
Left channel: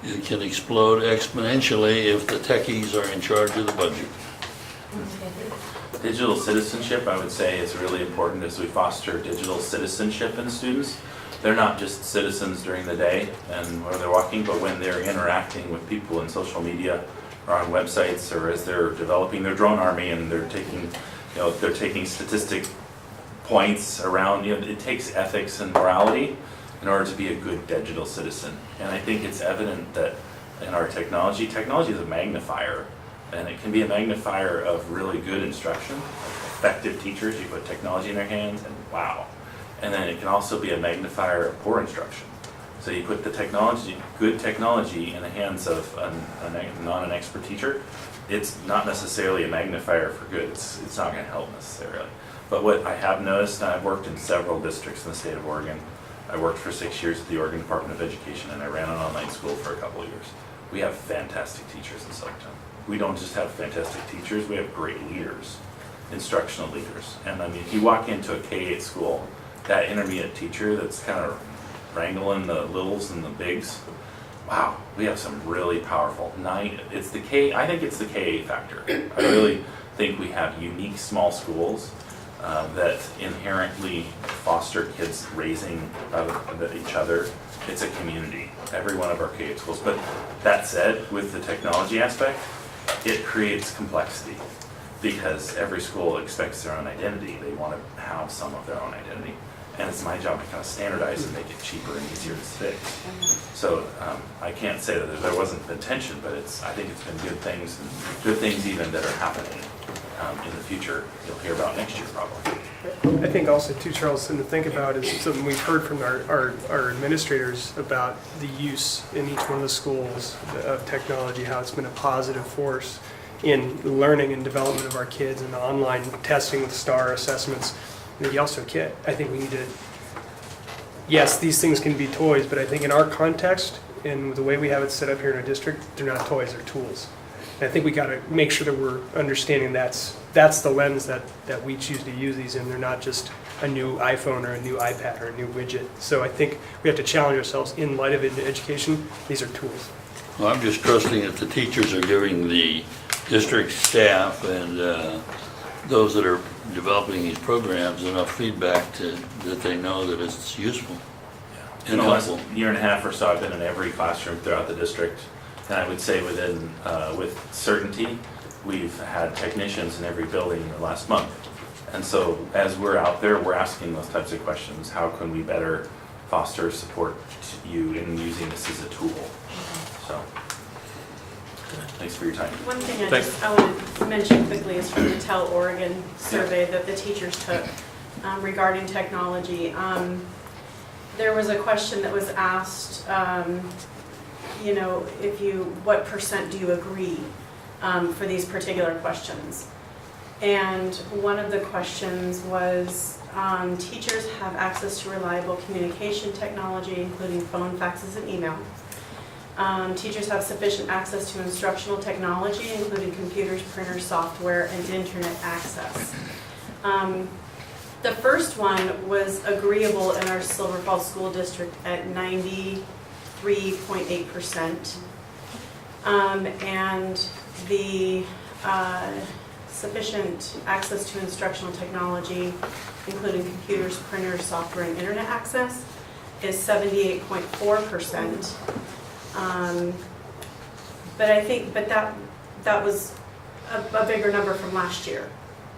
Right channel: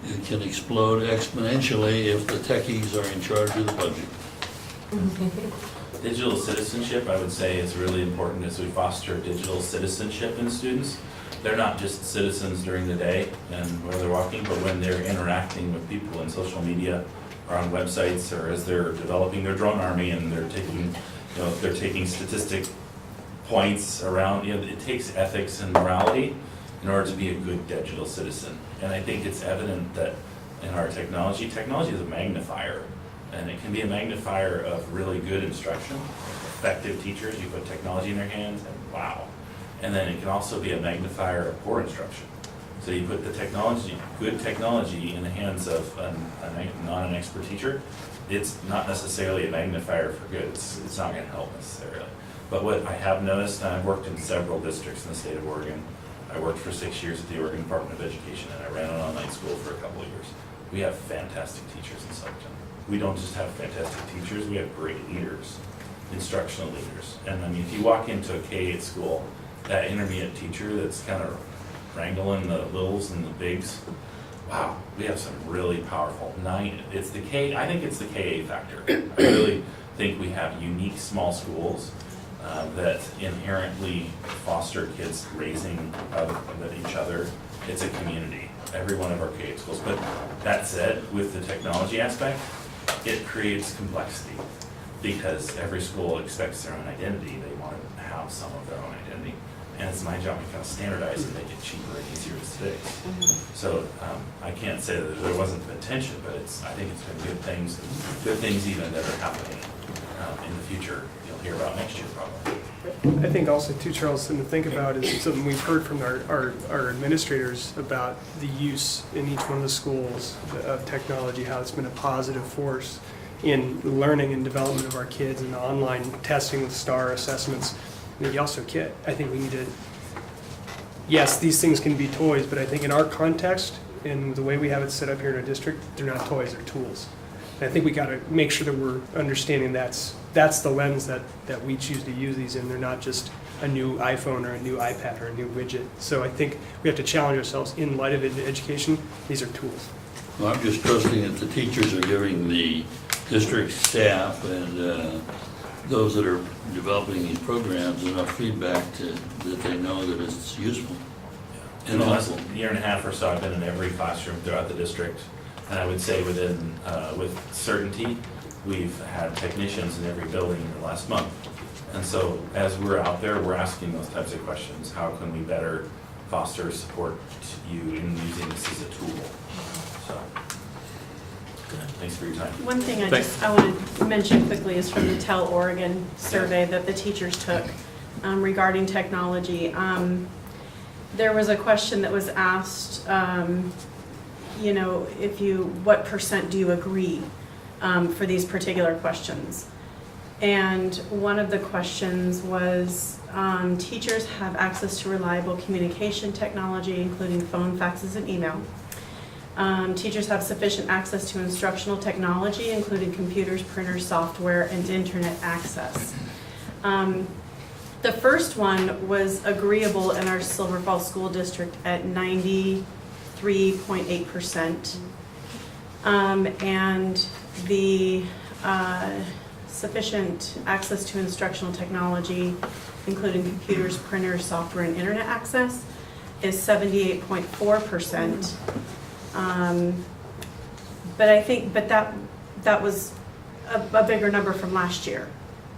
It can explode exponentially if the techies are in charge of the budget. Digital citizenship, I would say, is really important as we foster digital citizenship in students. They're not just citizens during the day and where they're walking, but when they're interacting with people in social media or on websites or as they're developing their drone army and they're taking statistic points around, it takes ethics and morality in order to be a good digital citizen. And I think it's evident that in our technology is a magnifier. And it can be a magnifier of really good instruction, effective teachers. You put technology in their hands and wow. And then it can also be a magnifier of poor instruction. So you put the good technology in the hands of not an expert teacher, it's not necessarily a magnifier for good. It's not going to help necessarily. But what I have noticed, and I've worked in several districts in the state of Oregon. I worked for 6 years at the Oregon Department of Education and I ran an online school for a couple of years. We have fantastic teachers in Silverton. We don't just have fantastic teachers, we have great leaders, instructional leaders. And I mean, if you walk into a K-8 school, that intermediate teacher that's kind of wrangling the littles and the bigs, wow, we have some really powerful. I think it's the K-8 factor. I really think we have unique small schools that inherently foster kids raising each other. It's a community, every one of our K-8 schools. But that said, with the technology aspect, it creates complexity because every school expects their own identity. They want to have some of their own identity. And it's my job to kind of standardize and make it cheaper and easier to fix. So I can't say that there wasn't the tension, but I think it's been good things even that are happening in the future. You'll hear about next year probably. I think also too, Charles, something to think about is something we've heard from our administrators about the use in each one of the schools of technology, how it's been a positive force in learning and development of our kids and the online testing with STAR assessments. And you also I think we need to, yes, these things can be toys, but I think in our context, and the way we have it set up here in our district, they're not toys, they're tools. And I think we got to make sure that we're understanding that's the lens that we choose to use these in. They're not just a new iPhone or a new iPad or a new widget. So I think we have to challenge ourselves in light of education. These are tools. Well, I'm just trusting that the teachers are giving the district staff and those that are developing these programs enough feedback that they know that it's useful In the last year and a half or so, I've been in every classroom throughout the district, and I would say with certainty, we've had technicians in every building in the last month. And so as we're out there, we're asking those types of questions. How can we better foster support you in using this as a tool? So, thanks for your time. One thing I want to mention quickly is from the Tell Oregon survey that the teachers took regarding technology. There was a question that was asked, what % do you agree for these particular questions? And one of the questions was, teachers have access to reliable communication technology, including phone, faxes, and email. Teachers have sufficient access to instructional technology, including computers, printers, software, and internet access. The first one was agreeable in our Silver Falls School District at 93.8%. And the sufficient access to instructional technology, including computers, printers, software, and internet access, is 78.4%. But that was a bigger number from last year.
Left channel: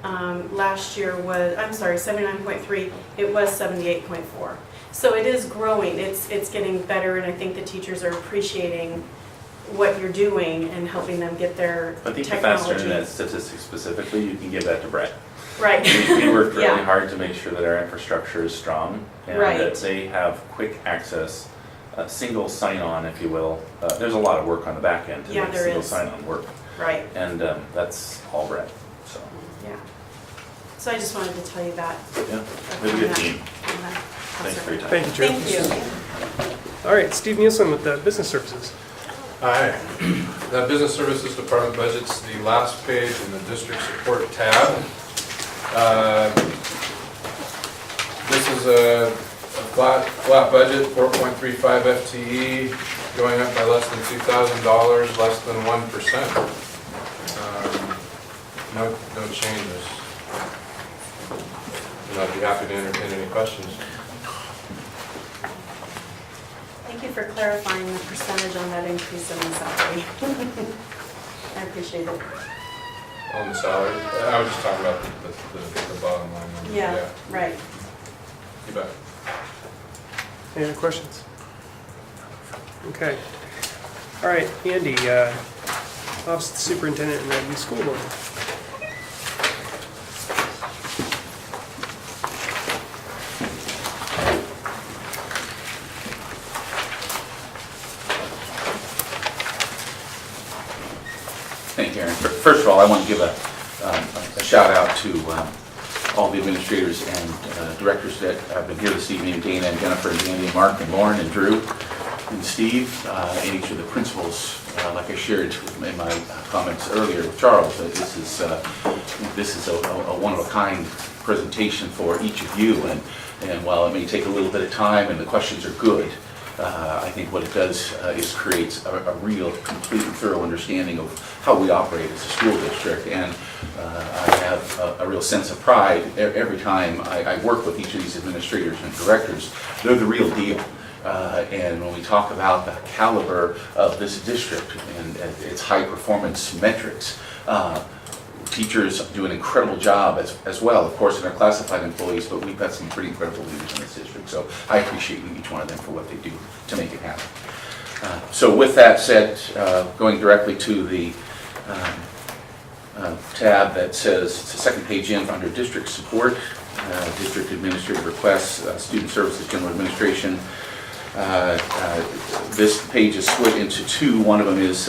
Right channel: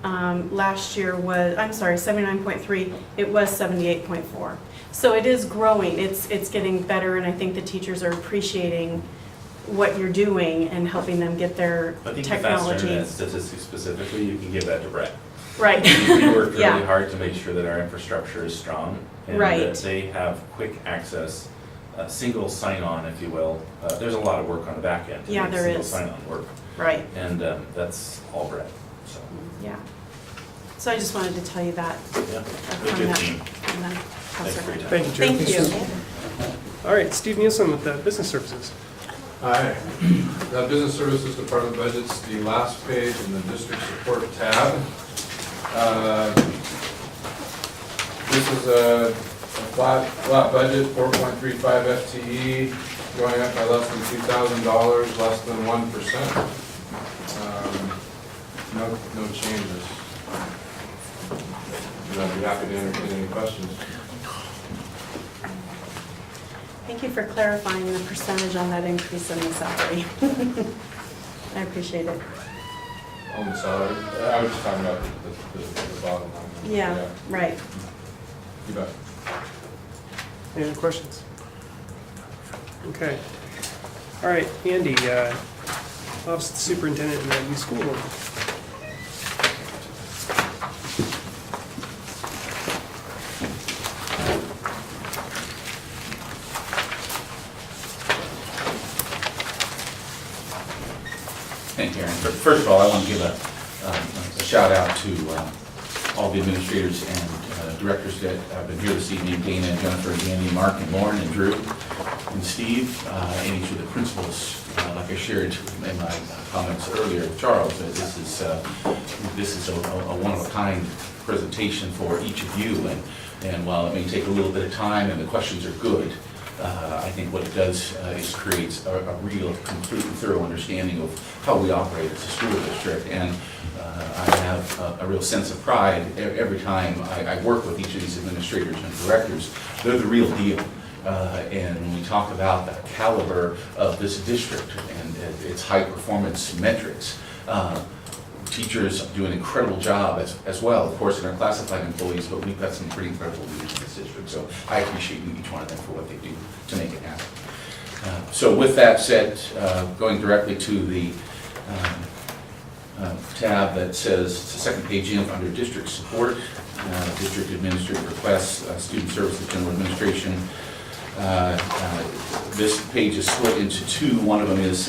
Last year was, 79.3, it was 78.4. So it is growing, it's getting better, and I think the teachers are appreciating what you're doing and helping them get their I think technology. the faster that statistic specifically, you can give that to Brett. Right. We work really Yeah. hard to make sure that our infrastructure is strong and Right. that they have quick access, single sign-on, if you will. There's a lot of work on the back end to Yeah, make there single is. sign-on work. Right. And that's all Brett, so. Yeah. So I just wanted to tell you that. Yeah, good, good team. Thanks for your time. Thank you, Drew. Thank you. All right, Steve Nielsen with the Business Services. Hi. The Business Services Department budget's the last page in the district support tab. This is a flat budget, 4.35 FTE, going up by less than $2,000, less than 1%. No changes. And I'd be happy to entertain any questions. Thank you for clarifying the percentage on that increase in the salary. I appreciate it. On the salary, I was just talking about the bottom line. Yeah, right. You bet. Any other questions? Okay. All right, Andy, Office of the Superintendent and the School Board. Thank you, Aaron. First of all, I want to give a shout out to all the administrators and directors that have been here this evening, Dana and Jennifer, and Danny, and Mark, and Lauren, and Drew, and Steve, and each of the principals. Like I shared in my comments earlier with Charles, that this is a one-of-a-kind presentation for each of you, and while it may take a little bit of time and the questions are good, I think what it does is creates a real, complete, and thorough understanding of how we operate as a school district. And I have a real sense of pride every time I work with each of these administrators and directors. They're the real deal. And when we talk about the caliber of this district and its high performance metrics, teachers do an incredible job as well, of course, in our classified employees, but we've got some pretty incredible leaders in this district. So I appreciate each one of them for what they do to make it happen. So with that said, going directly to the tab that says, it's the second page in under district support, district administrative requests, student services, general administration. This page is split into two. One of them is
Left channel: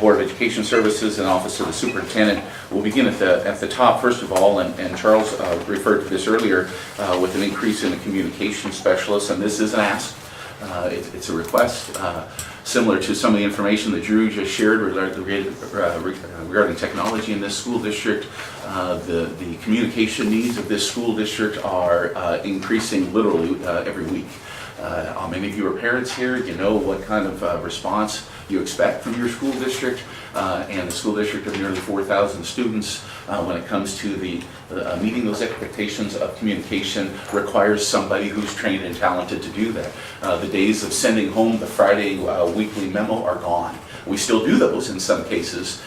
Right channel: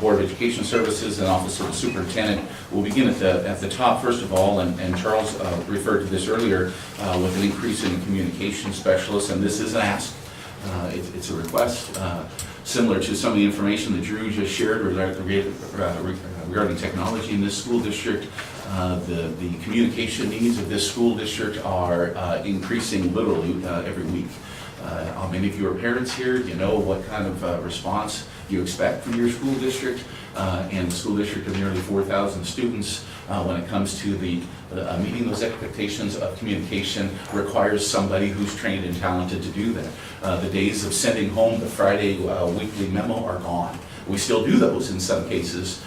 Board of Education Services and Office of the Superintendent. We'll begin at the top first of all, and Charles referred to this earlier with an increase in a communication specialist, and this is an ask. It's a request similar to some of the information that Drew just shared regarding technology in this school district. The communication needs of this school district are increasing literally every week. Many of you are parents here, you know what kind of response you expect from your school district, and the school district of nearly 4,000 students when it comes to meeting those expectations of communication requires somebody who's trained and talented to do that. The days of sending home the Friday weekly memo are gone. We still do those in some cases,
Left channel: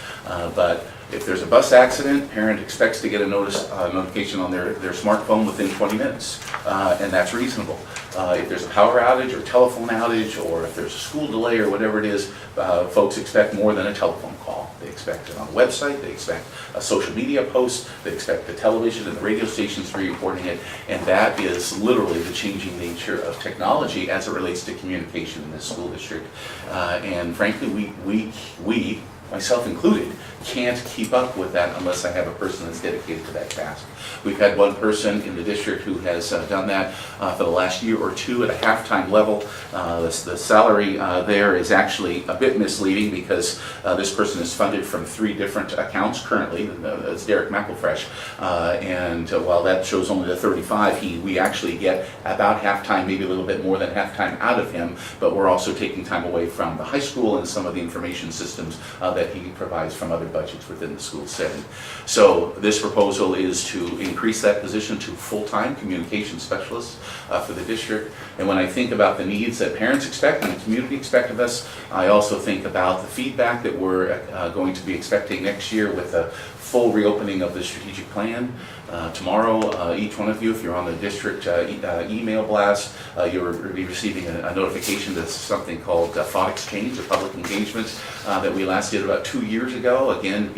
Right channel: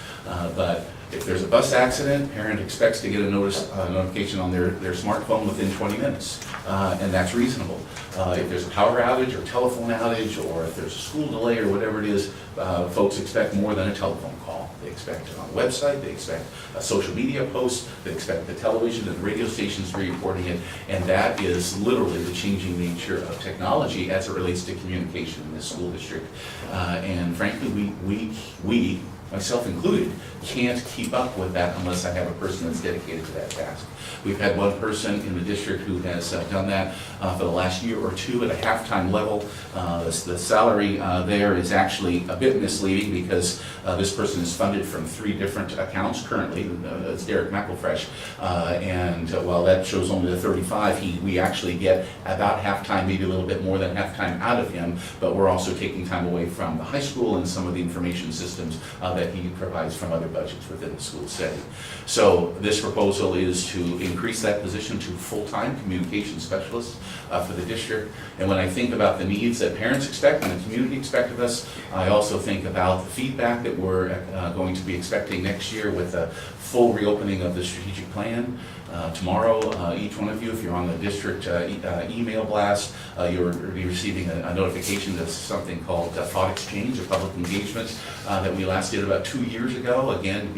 but if there's a bus accident, parent expects to get a notification on their smartphone within 20 minutes, and that's reasonable. If there's a power outage or telephone outage, or if there's a school delay or whatever it is, folks expect more than a telephone call. They expect it on the website, they expect a social media post, they expect the television and the radio stations to be reporting it, and that is literally the changing nature of technology as it relates to communication in this school district. And frankly, we, myself included, can't keep up with that unless I have a person that's dedicated to that task. We've had one person in the district who has done that for the last year or two at a half-time level. The salary there is actually a bit misleading because this person is funded from 3 different accounts currently. It's Derek McElfresh, and while that shows only the 35, we actually get about half-time, maybe a little bit more than half-time out of him, but we're also taking time away from the high school and some of the information systems that he provides from other budgets within the school setting. So this proposal is to increase that position to full-time communication specialists for the district. And when I think about the needs that parents expect and the community expect of us, I also think about the feedback that we're going to be expecting next year with a full reopening of the strategic plan. Tomorrow, each one of you, if you're on the district email blast, you'll be receiving a notification that's something called thought exchange, or public engagement, that we last did about 2 years ago. Again,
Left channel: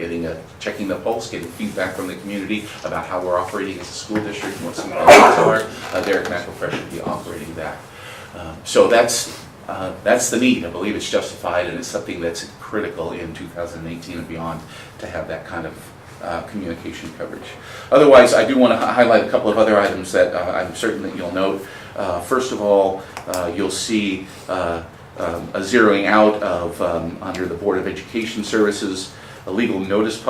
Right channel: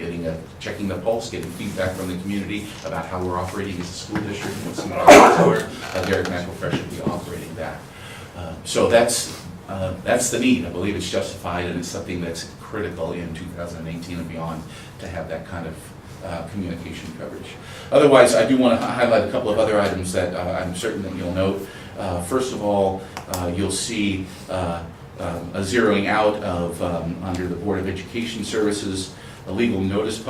checking the pulse, getting feedback from the community about how we're operating as a school district and what some of our needs are. Derek McElfresh will be operating that. So that's the need. I believe it's justified, and it's something that's critical in 2018 and beyond to have that kind of communication coverage. Otherwise, I do want to highlight a couple of other items that I'm certain that you'll note. First of all, you'll see a zeroing out of, under the Board of Education Services, the legal notice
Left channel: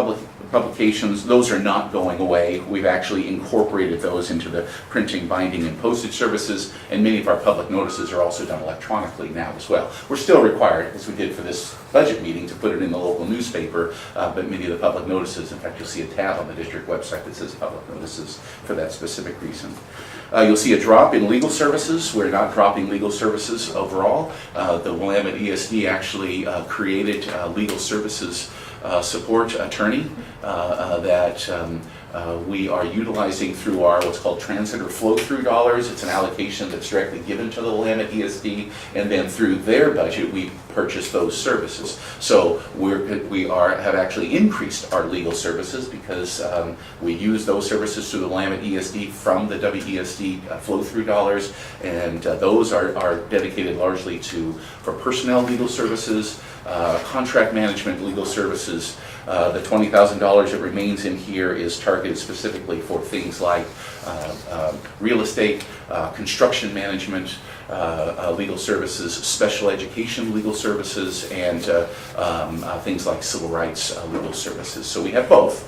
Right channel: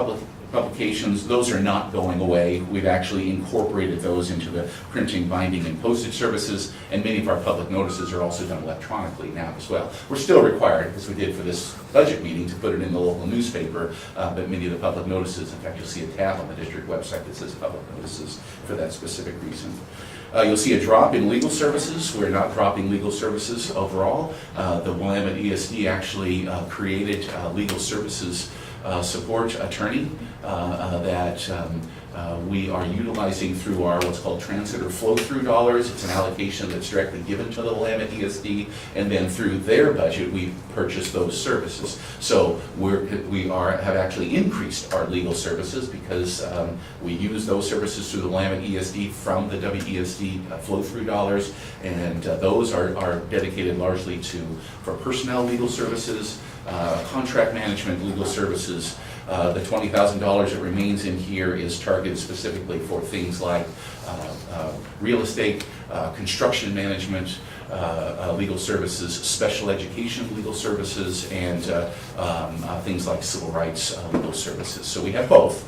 publications. Those are not going away. We've actually incorporated those into the printing, binding, and postage services, and many of our public notices are also done electronically now as well. We're still required, as we did for this budget meeting, to put it in the local newspaper, but many of the public notices, in fact, you'll see a tab on the district website that says public notices for that specific reason. You'll see a drop in legal services. We're not dropping legal services overall. The Willamette ESD actually created legal services support attorney that we are utilizing through our what's called transit or flow-through dollars. It's an allocation that's directly given to the Willamette ESD, and then through their budget we purchase those services. So we have actually increased our legal services because we use those services through the Willamette ESD from the WESD flow-through dollars, and those are dedicated largely for personnel legal services, contract management legal services. The $20,000 that remains in here is targeted specifically for things like real estate, construction management, legal services, special education legal services, and things like civil rights legal services. So we have both.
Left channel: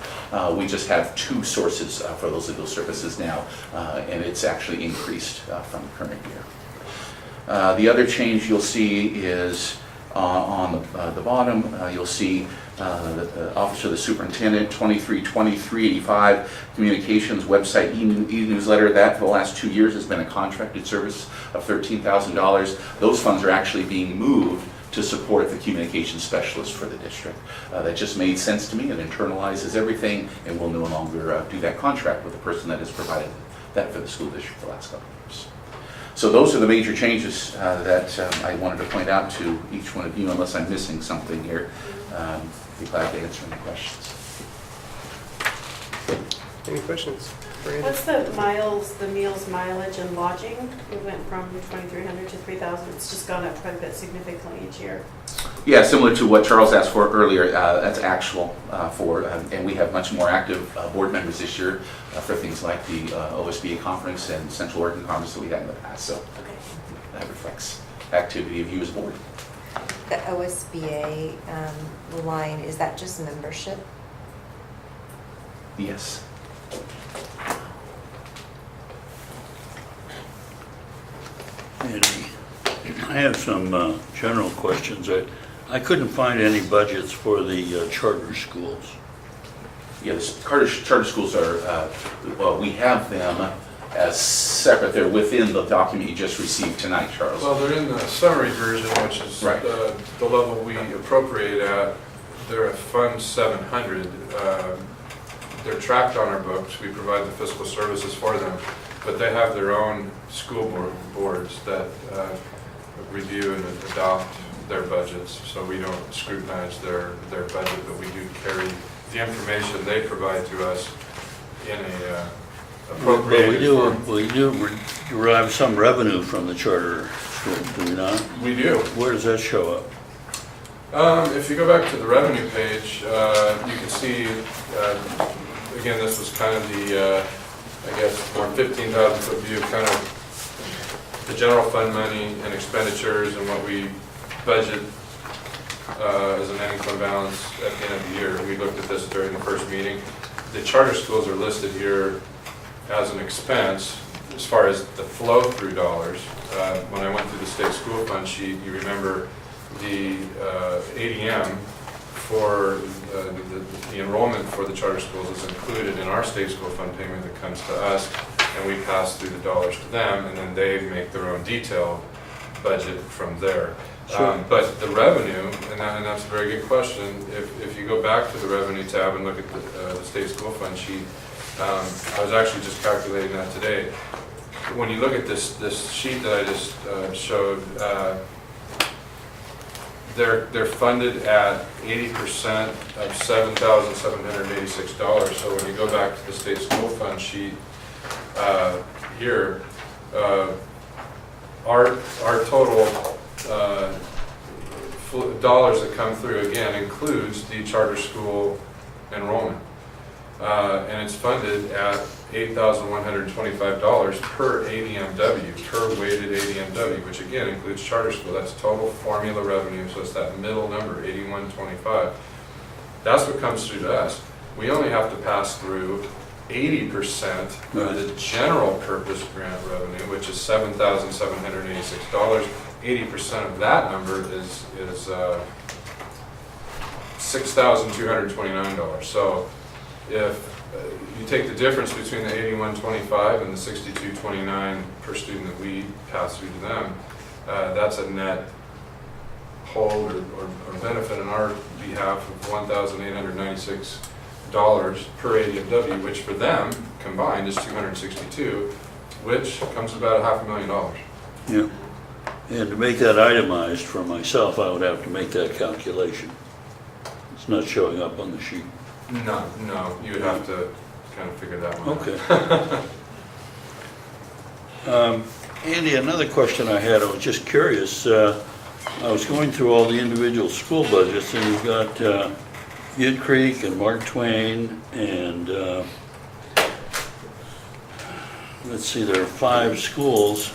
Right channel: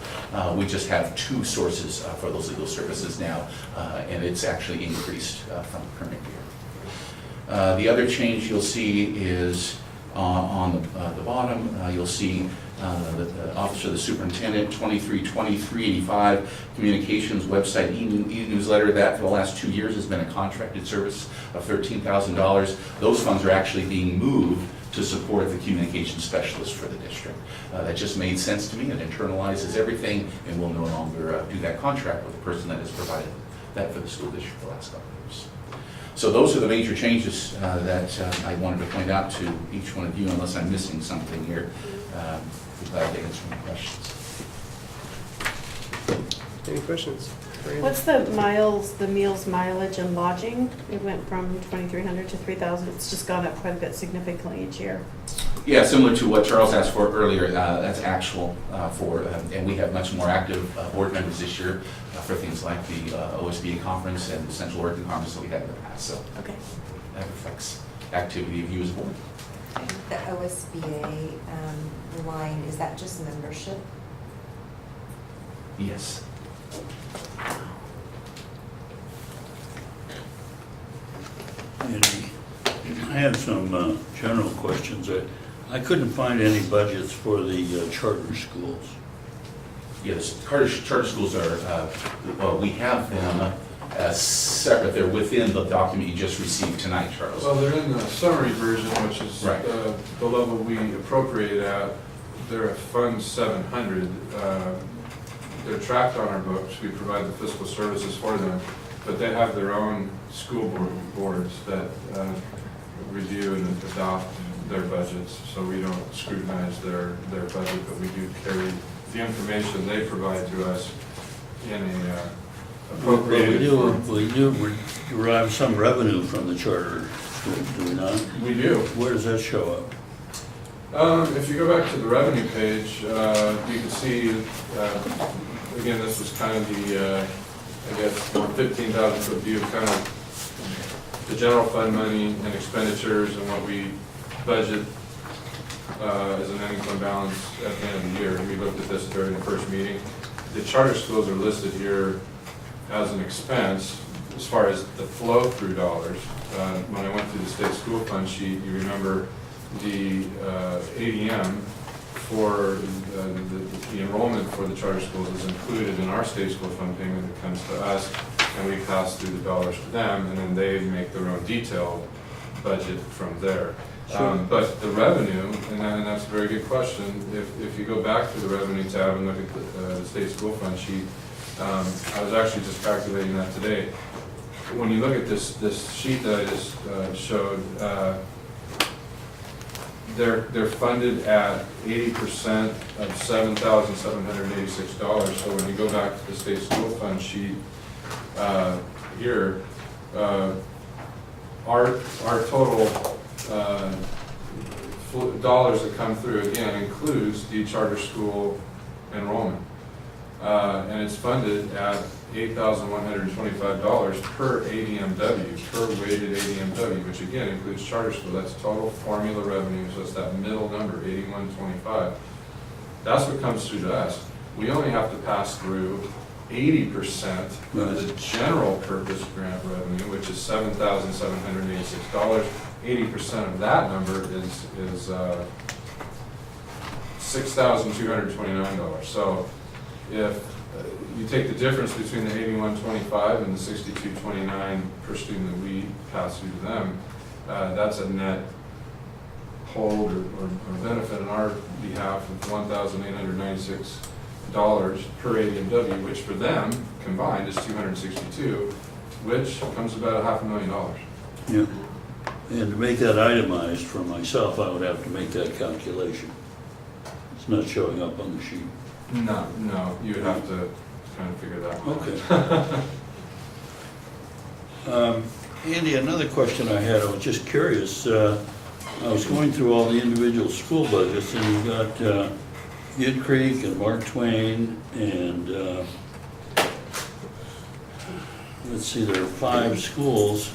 We just have 2 sources for those legal services now, and it's actually increased from the current year. The other change you'll see is on the bottom, you'll see the Office of the Superintendent, 232385 communications website e-newsletter. That for the last 2 years has been a contracted service of $13,000. Those funds are actually being moved to support the communication specialist for the district. That just made sense to me. It internalizes everything, and we'll no longer do that contract with the person that has provided that for the school district for the last couple of years. So those are the major changes that I wanted to point out to each one of you, unless I'm missing something here. Be glad to answer any questions. Any questions? What's the meals, mileage, and lodging? It went from 2,300 to 3,000. It's just gone up quite a bit significantly each year. Yeah, similar to what Charles asked for earlier, that's actual and we have much more active board members this year for things like the OSBA conference and the Central Working Conference that we had in the past. So okay, that reflects activity of you as a board. The OSBA line, is that just membership? Yes. Andy, I have some general questions. I couldn't find any budgets for the charter schools. Yes, charter schools are, we have them as separate. They're within the document you just received tonight, Charles. Well, they're in the summary version, which is Right. the level we appropriate at. They're at Fund 700. They're tracked on our books. We provide the fiscal services for them, but they have their own school boards that review and adopt their budgets. So we don't scrutinize their budget, but we do carry the information they provide to us in a appropriated form. We do derive some revenue from the charter schools, do we not? We do. Where does that show up? If you go back to the revenue page, you can see, again, this was kind of the, I guess, more 15,000 foot view of kind of the general fund money and expenditures and what we budget as an ending fund balance at the end of the year. We looked at this during the first meeting. The charter schools are listed here as an expense as far as the flow-through dollars. When I went through the state school fund sheet, you remember the ADM for the enrollment for the charter schools is included in our state school fund payment that comes to us, and we pass through the dollars to them, and then they make their own detailed budget from there. Sure. But the revenue, and that's a very good question, if you go back to the revenue tab and look at the state school fund sheet, I was actually just calculating that today. When you look at this sheet that I just showed, they're funded at 80% of $7,786. So when you go back to the state school fund sheet here, our total dollars that come through again includes the charter school enrollment, and it's funded at $8,125 per ADMW, per weighted ADMW, which again includes charter school. That's total formula revenue, so it's that middle number, 8125. That's what comes through to us. We only have to pass through 80% of the general purpose grant revenue, which is $7,786. 80% of that number is $6,229. So if you take the difference between the 8125 and the 6229 per student that we pass through to them, that's a net hold or benefit on our behalf of $1,896 per ADMW, which for them combined is $262, which comes about $500,000. Yeah. And to make that itemized for myself, I would have to make that calculation. It's not showing up on the sheet. No, you would have to kind of figure that one out. Okay. Andy, another question I had, I was just curious. I was going through all the individual school budgets, and you've got Ute Creek and Mark Twain, and let's see, there are 5 schools.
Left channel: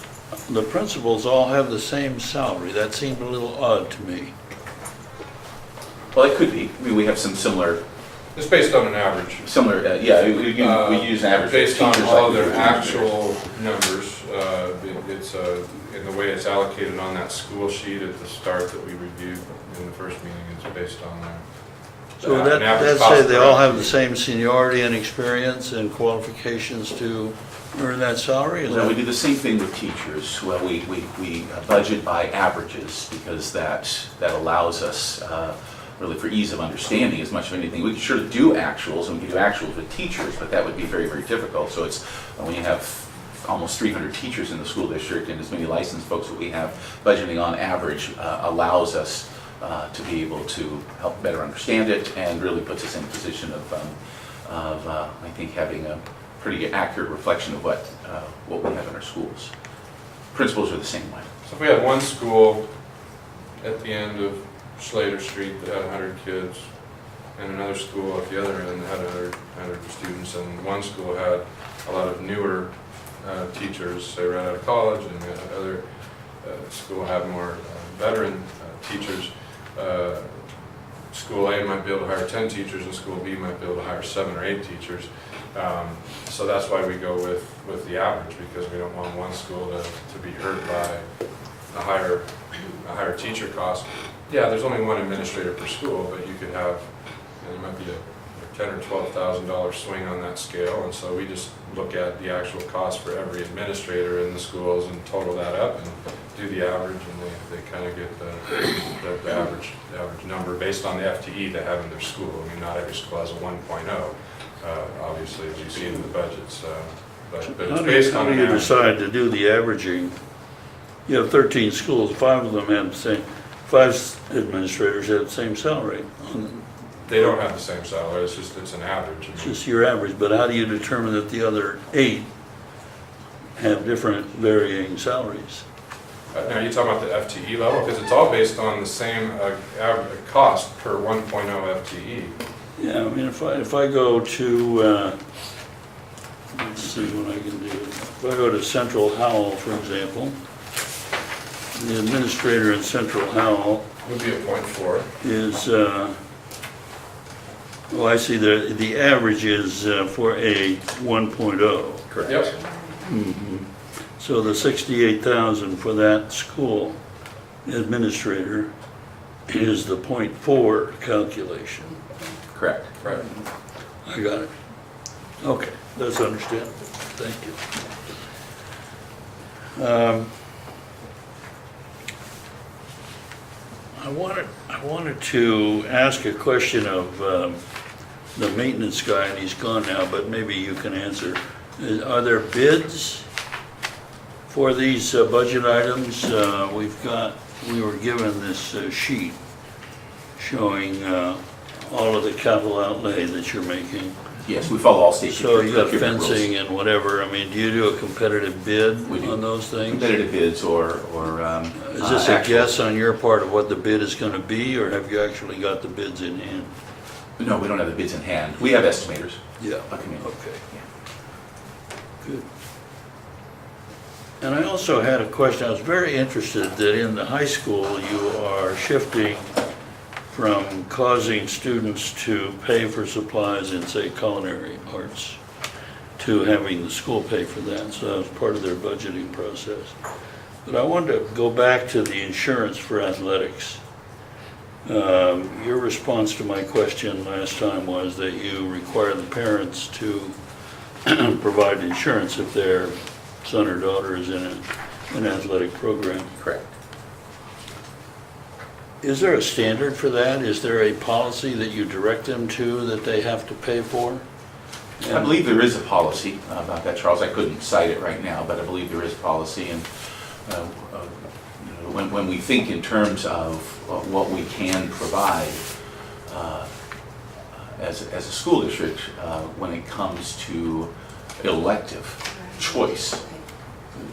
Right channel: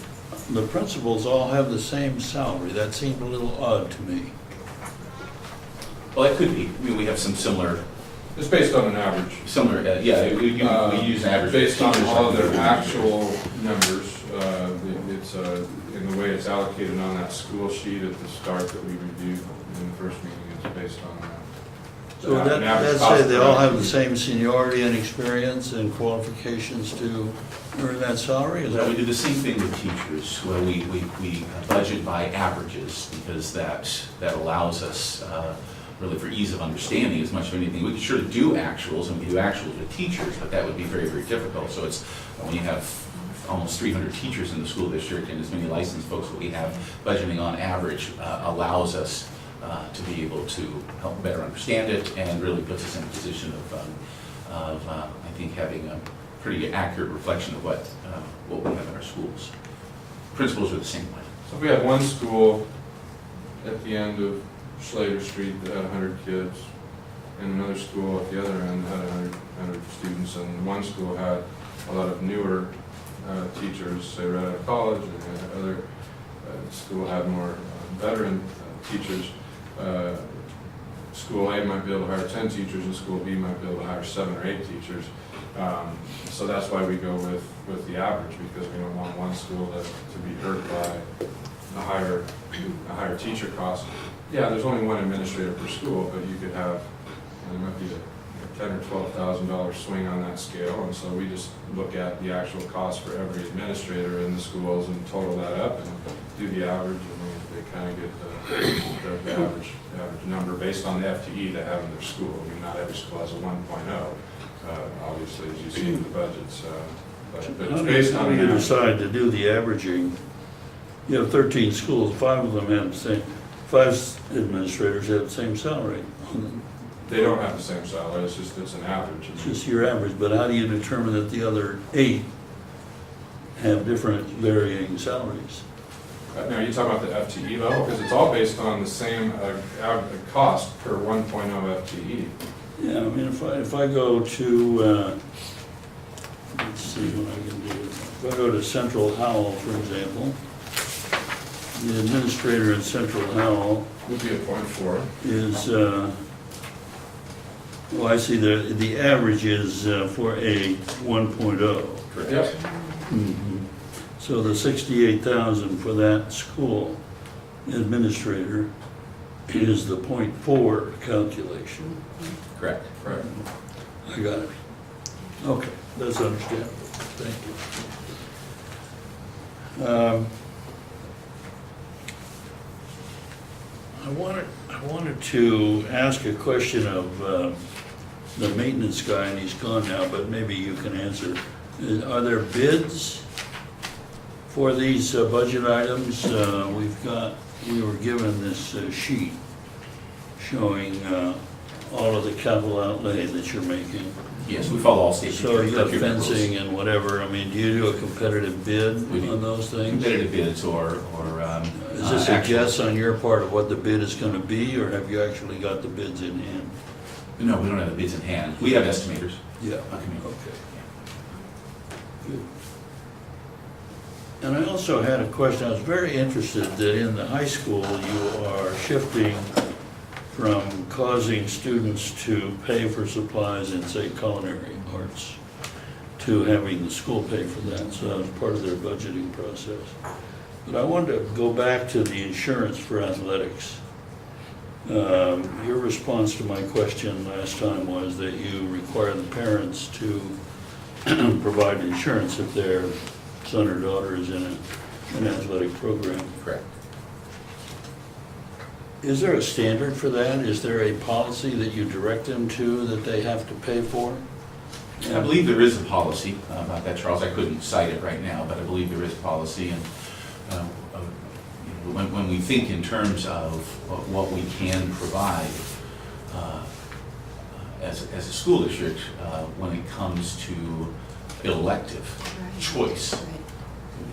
The principals all have the same salary. That seemed a little odd to me. Well, it could be. I mean, we have some similar. It's based on an average. Similar, yeah, we use an average. Based on all of their actual numbers, it's in the way it's allocated on that school sheet at the start that we reviewed in the first meeting, it's based on that. So that says they all have the same seniority and experience and qualifications to earn that salary? No, we do the same thing with teachers. Well, we budget by averages because that allows us, really for ease of understanding as much of anything. We can sure do actuals, and we can do actuals with teachers, but that would be very, very difficult. So it's, when you have almost 300 teachers in the school district and as many licensed folks that we have, budgeting on average allows us to be able to help better understand it and really puts us in a position of I think, having a pretty accurate reflection of what we have in our schools. Principals are the same way. So if we had one school at the end of Slater Street that had 100 kids, and another school at the other end had 100 students, and one school had a lot of newer teachers, say right out of college, and the other school had more veteran teachers, School A might be able to hire 10 teachers and School B might be able to hire 7 or 8 teachers. So that's why we go with the average, because we don't want one school to be hurt by a higher teacher cost. Yeah, there's only one administrator per school, but you could have, there might be a $10,000 or $12,000 swing on that scale, and so we just look at the actual cost for every administrator in the schools and total that up and do the average, and they kind of get the average number based on the FTE they have in their school. I mean, not every school has a 1.0, obviously, as you see in the budgets, but it's based on How do you decide to do the averaging? You have 13 schools, 5 of them have the same, 5 administrators have the same salary. They don't have the same salary, it's an average. It's just your average, but how do you determine that the other 8 have different varying salaries? Now, you're talking about the FTE level, because it's all based on the same cost per 1.0 FTE. Yeah, I mean, if I go to, let's see what I can do. If I go to Central Howell, for example, the administrator in Central Howell Would be a 0.4. is, oh, I see, the average is for a 1.0. Correct. Yep. Mhm. So the 68,000 for that school administrator is the 0.4 calculation. Correct. Right. I got it. Okay, that's understandable. Thank you. I wanted to ask a question of the maintenance guy, and he's gone now, but maybe you can answer. Are there bids for these budget items? We were given this sheet showing all of the capital outlay that you're making. Yes, we follow all state. So you got fencing and whatever. I mean, do you do a competitive bid on those things? Competitive bids or Is this a guess on your part of what the bid is going to be, or have you actually got the bids in hand? No, we don't have the bids in hand. We have estimators. Yeah, okay. Good. And I also had a question. I was very interested that in the high school you are shifting from causing students to pay for supplies in, say, culinary arts, to having the school pay for that. So that was part of their budgeting process. But I wanted to go back to the insurance for athletics. Your response to my question last time was that you require the parents to provide insurance if their son or daughter is in an athletic program. Correct. Is there a standard for that? Is there a policy that you direct them to that they have to pay for? I believe there is a policy about that, Charles. I couldn't cite it right now, but I believe there is a policy. And when we think in terms of what we can provide as a school district, when it comes to elective choice,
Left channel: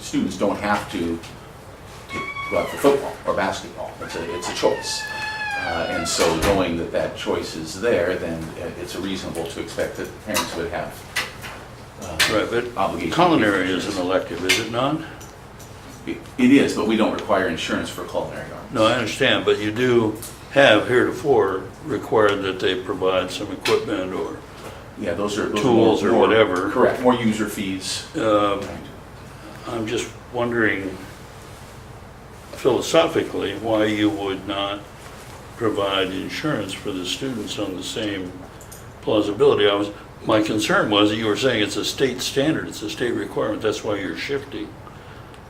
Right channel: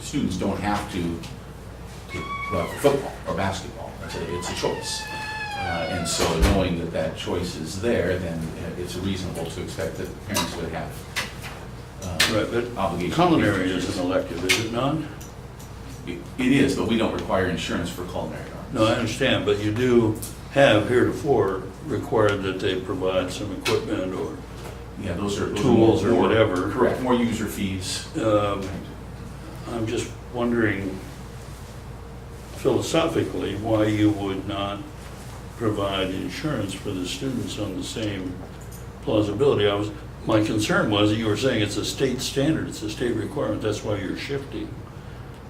students don't have to go out for football or basketball. It's a choice. And so knowing that choice is there, then it's reasonable to expect that parents would have Right, but obligation. culinary is an elective, is it not? It is, but we don't require insurance for culinary arts. No, I understand, but you do have heretofore required that they provide some equipment or Yeah, those are tools or whatever. Correct, more user fees. I'm just wondering philosophically why you would not provide insurance for the students on the same plausibility. My concern was that you were saying it's a state standard, it's a state requirement, that's why you're shifting.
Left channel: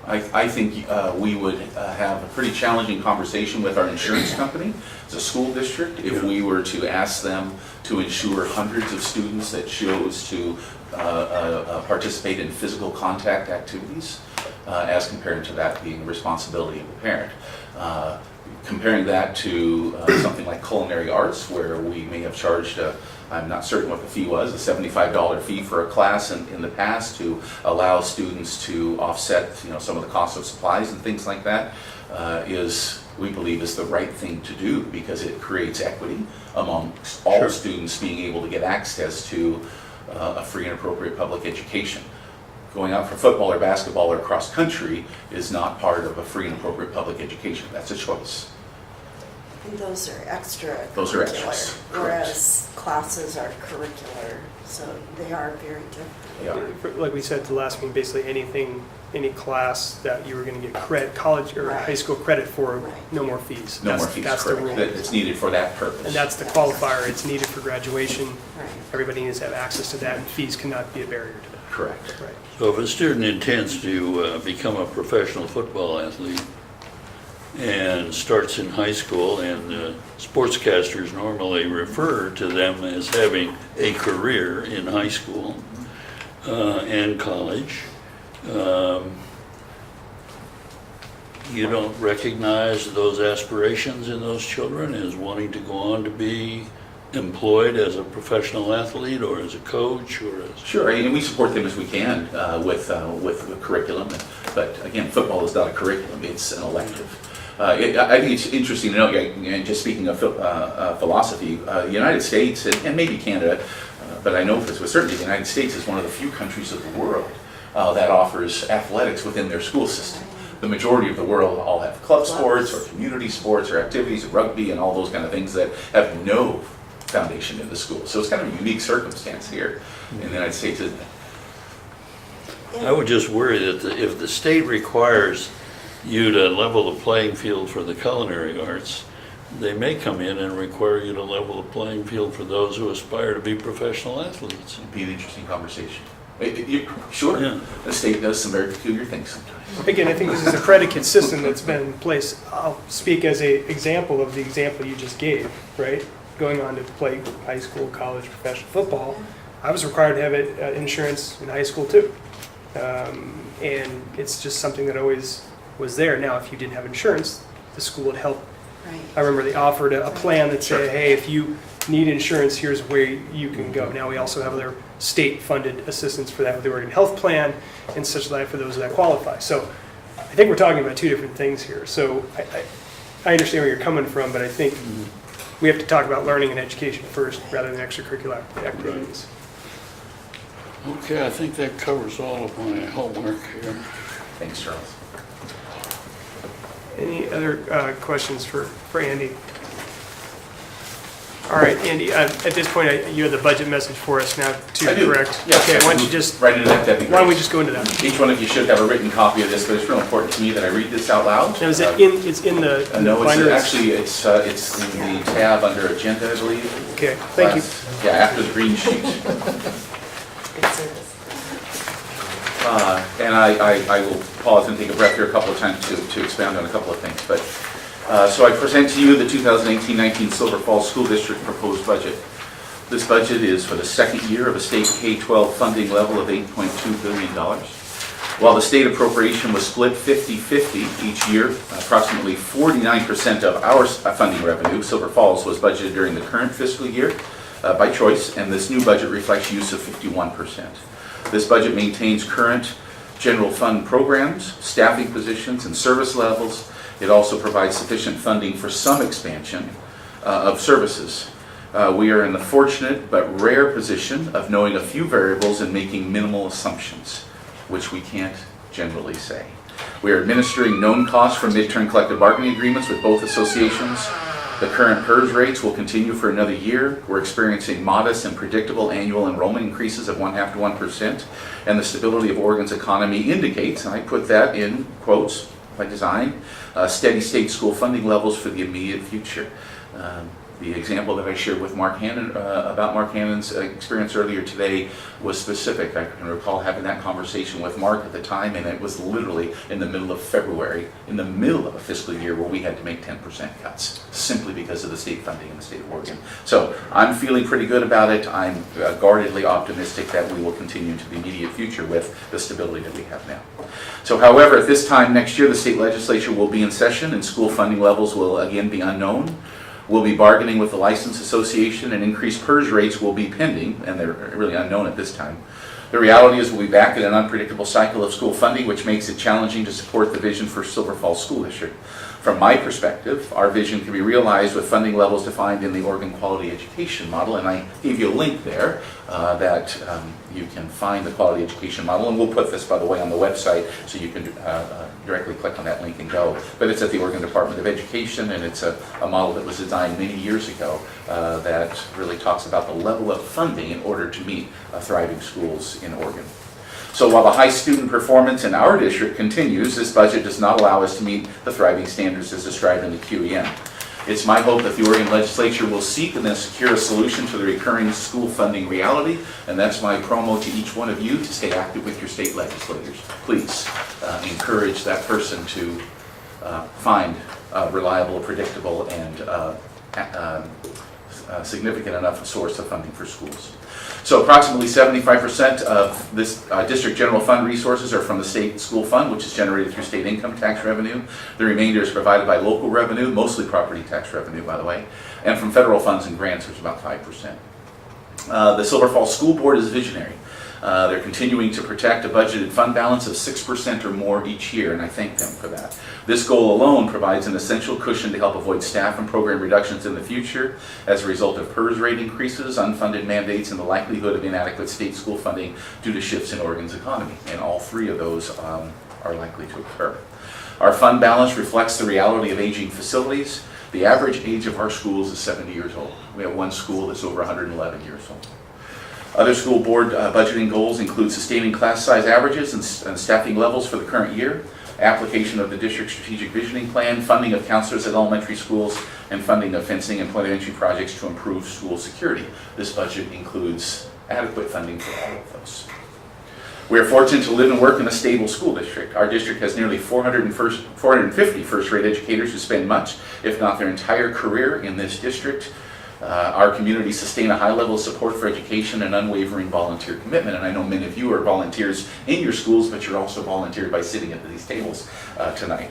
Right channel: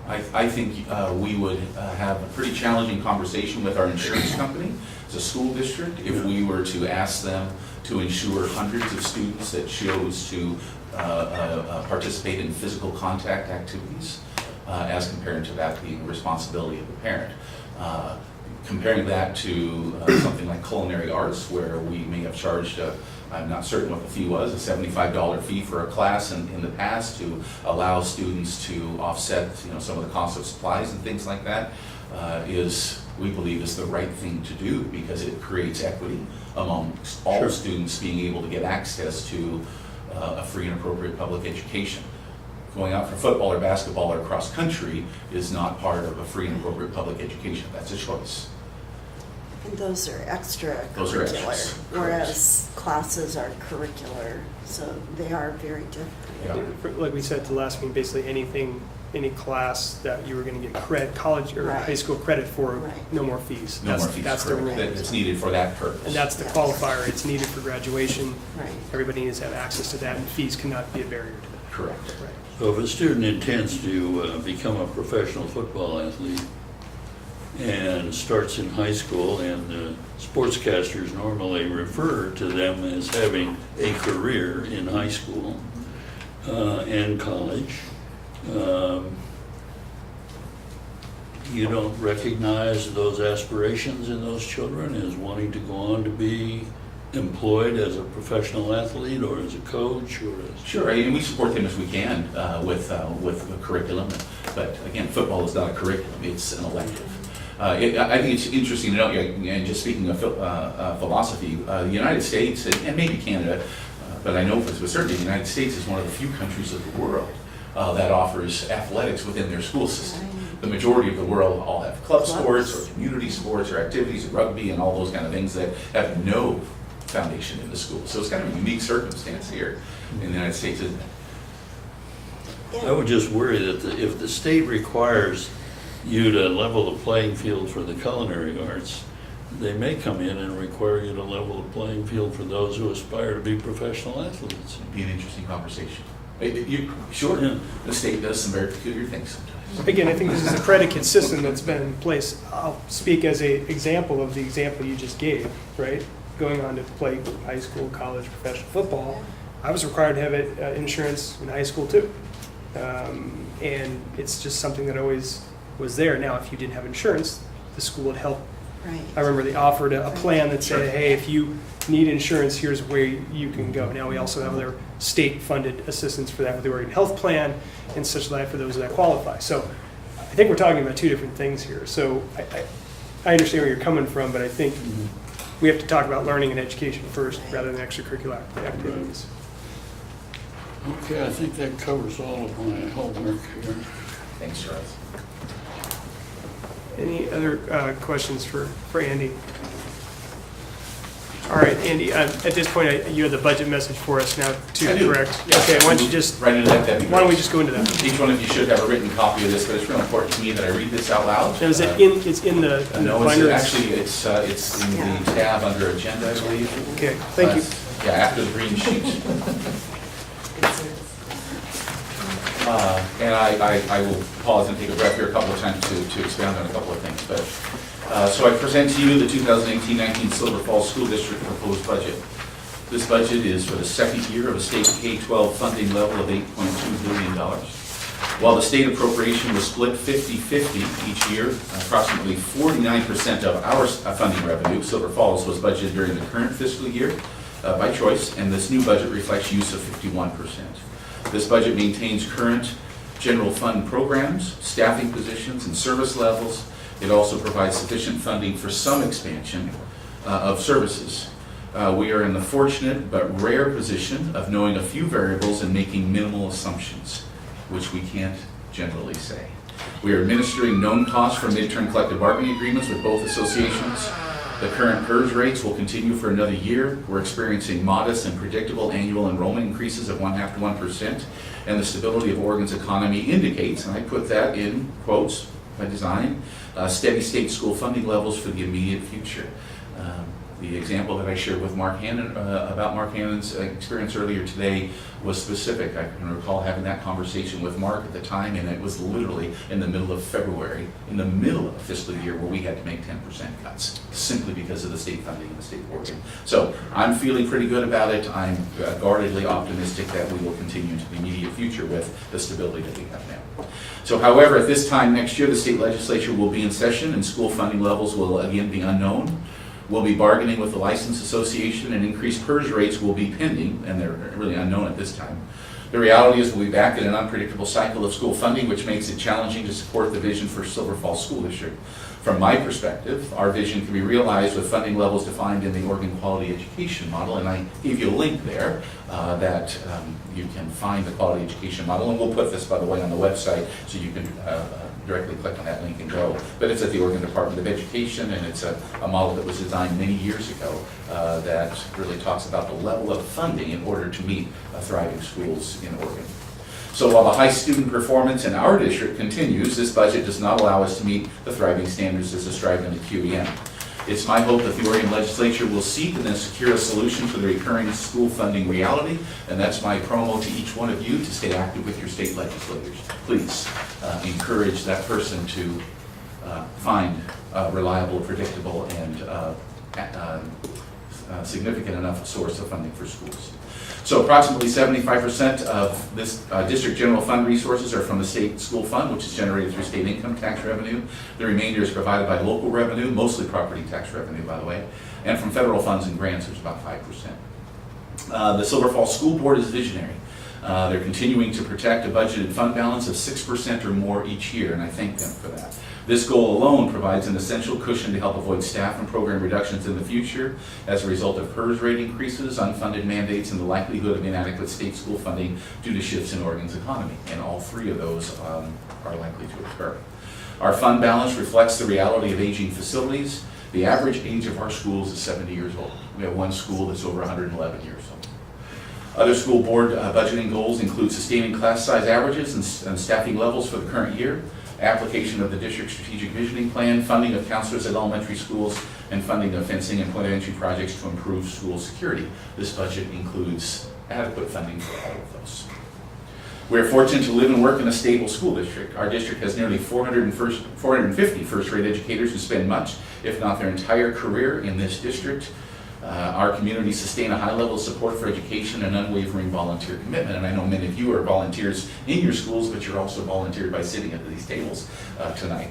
I think we would have a pretty challenging conversation with our insurance company as a school district if we were to ask them to insure hundreds of students that chose to participate in physical contact activities as compared to that being the responsibility of the parent. Comparing that to something like culinary arts, where we may have charged, I'm not certain what the fee was, a $75 fee for a class in the past to allow students to offset, some of the cost of supplies and things like that, we believe is the right thing to do because it creates equity among all students being able to get access to a free and appropriate public education. going out for football or basketball or cross country is not part of a free and appropriate public education. That's a choice. And those are extra Those are curricular, extras, whereas classes are curricular, so they are very different. Yeah. Like we said at the last meeting, basically anything, any class that you were going to get credit, college or Right. high school credit for, Right. no more fees. No That's, more fees, that's the correct. rule. It's needed for that purpose. And that's the qualifier. It's needed for graduation. Right. Everybody needs to have access to that, and fees cannot be a barrier to that. Correct. Right. So if a student intends to become a professional football athlete and starts in high school, and sportscasters normally refer to them as having a career in high school and college, you don't recognize those aspirations in those children as wanting to go on to be employed as a professional athlete or as a coach or as... Sure, and we support them as we can with the curriculum. But again, football is not a curriculum, it's an elective. I think it's interesting to note, and just speaking of philosophy, the United States, and maybe Canada, but I know for certainly the United States is one of the few countries of the world that offers athletics within their school system. The majority of the world all have club sports or community sports or activities, rugby and all those kind of things that have no foundation in the school. So it's kind of a unique circumstance here in the United States, isn't it? I would just worry that if the state requires you to level the playing field for the culinary arts, they may come in and require you to level the playing field for those who aspire to be professional athletes. It'd be an interesting conversation. Sure, Yeah. the state does some very peculiar things sometimes. Again, I think this is a predicate system that's been in place. I'll speak as an example of the example you just gave, right? Going on to play high school, college, professional football, I was required to have insurance in high school too. And it's just something that always was there. Now, if you didn't have insurance, the school would help. Right. I remember they offered a plan that said, hey, if you need insurance, here's where you can go. Now we also have other state-funded assistance for that with the Oregon Health Plan and such like for those that qualify. So I think we're talking about two different things here. So I understand where you're coming from, but I think we have to talk about learning and education first rather than extracurricular activities. Okay, I think that covers all of my homework here. Thanks, Charles. Any other questions for Andy? All right, Andy, at this point, you have the budget message for us now too, I do. correct? Yeah. Okay, why don't you just, Right into that, that'd be why don't we great. just go into that? Each one of you should have a written copy of this, but it's real important to me that I read this out loud. Now, is it it's in the No, binder? actually, it's in the tab under agenda, I believe. Okay, thank you. Yeah, after the green sheet. And I will pause and take a breath here a couple of times to expound on a couple of things. But so I present to you the 2018-19 Silver Falls School District proposed budget. This budget is for the second year of a state K-12 funding level of $8.2 billion. While the state appropriation was split 50-50 each year, approximately 49% of our funding revenue, Silver Falls, was budgeted during the current fiscal year by choice, and this new budget reflects use of 51%. This budget maintains current general fund programs, staffing positions, and service levels. It also provides sufficient funding for some expansion of services. We are in the fortunate but rare position of knowing a few variables and making minimal assumptions, which we can't generally say. We are administering known costs from midterm collective bargaining agreements with both associations. The current PERS rates will continue for another year. We're experiencing modest and predictable annual enrollment increases of 0.5% to 1%, and the stability of Oregon's economy indicates, and I put that in quotes by design, steady state school funding levels for the immediate future. The example that I shared with Mark Hannon about Mark Hannon's experience earlier today was specific. I can recall having that conversation with Mark at the time, and it was literally in the middle of February, in the middle of a fiscal year where we had to make 10% cuts, simply because of the state funding in the state of Oregon. So I'm feeling pretty good about it. I'm guardedly optimistic that we will continue into the immediate future with the stability that we have now. So however, at this time next year, the state legislature will be in session and school funding levels will again be unknown. We'll be bargaining with the License Association, and increased PERS rates will be pending, and they're really unknown at this time. The reality is we'll be back in an unpredictable cycle of school funding, which makes it challenging to support the vision for Silver Falls School District. From my perspective, our vision can be realized with funding levels defined in the Oregon Quality Education Model, and I gave you a link there that you can find the Quality Education Model, and we'll put this, by the way, on the website so you can directly click on that link and go. But it's at the Oregon Department of Education, and it's a model that was designed many years ago that really talks about the level of funding in order to meet thriving schools in Oregon. So while the high student performance in our district continues, this budget does not allow us to meet the thriving standards as described in the QEM. It's my hope that the Oregon Legislature will seek and then secure a solution to the recurring school funding reality, and that's my promo to each one of you to stay active with your state legislators. Please encourage that person to find a reliable, predictable, and significant enough source of funding for schools. So approximately 75% of this district general fund resources are from the state school fund, which is generated through state income tax revenue. The remainder is provided by local revenue, mostly property tax revenue, by the way, and from federal funds and grants, which is about 5%. The Silver Falls School Board is visionary. They're continuing to protect a budgeted fund balance of 6% or more each year, and I thank them for that. This goal alone provides an essential cushion to help avoid staff and program reductions in the future as a result of PERS rate increases, unfunded mandates, and the likelihood of inadequate state school funding due to shifts in Oregon's economy. And all three of those are likely to occur. Our fund balance reflects the reality of aging facilities. The average age of our schools is 70 years old. We have one school that's over 111 years old. Other school board budgeting goals include sustaining class size averages and staffing levels for the current year, application of the district strategic visioning plan, funding of counselors at elementary schools, and funding of fencing and point of entry projects to improve school security. This budget includes adequate funding for all of those. We are fortunate to live and work in a stable school district. Our district has nearly 450 first-rate educators who spend much, if not their entire career, in this district. Our communities sustain a high level of support for education and unwavering volunteer commitment. And I know many of you are volunteers in your schools, but you're also volunteered by sitting at these tables tonight.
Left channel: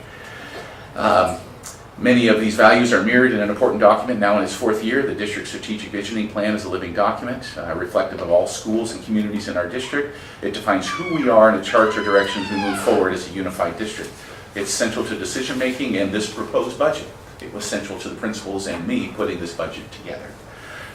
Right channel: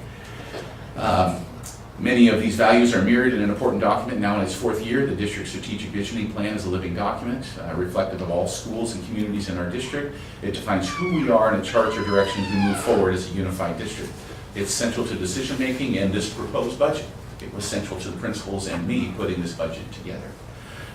Many of these values are mirrored in an important document now in its fourth year. The District Strategic Visioning Plan is a living document reflective of all schools and communities in our district. It defines who we are and it charts our directions we move forward as a unified district. It's central to decision making and this proposed budget. It was central to the principals and me putting this budget together.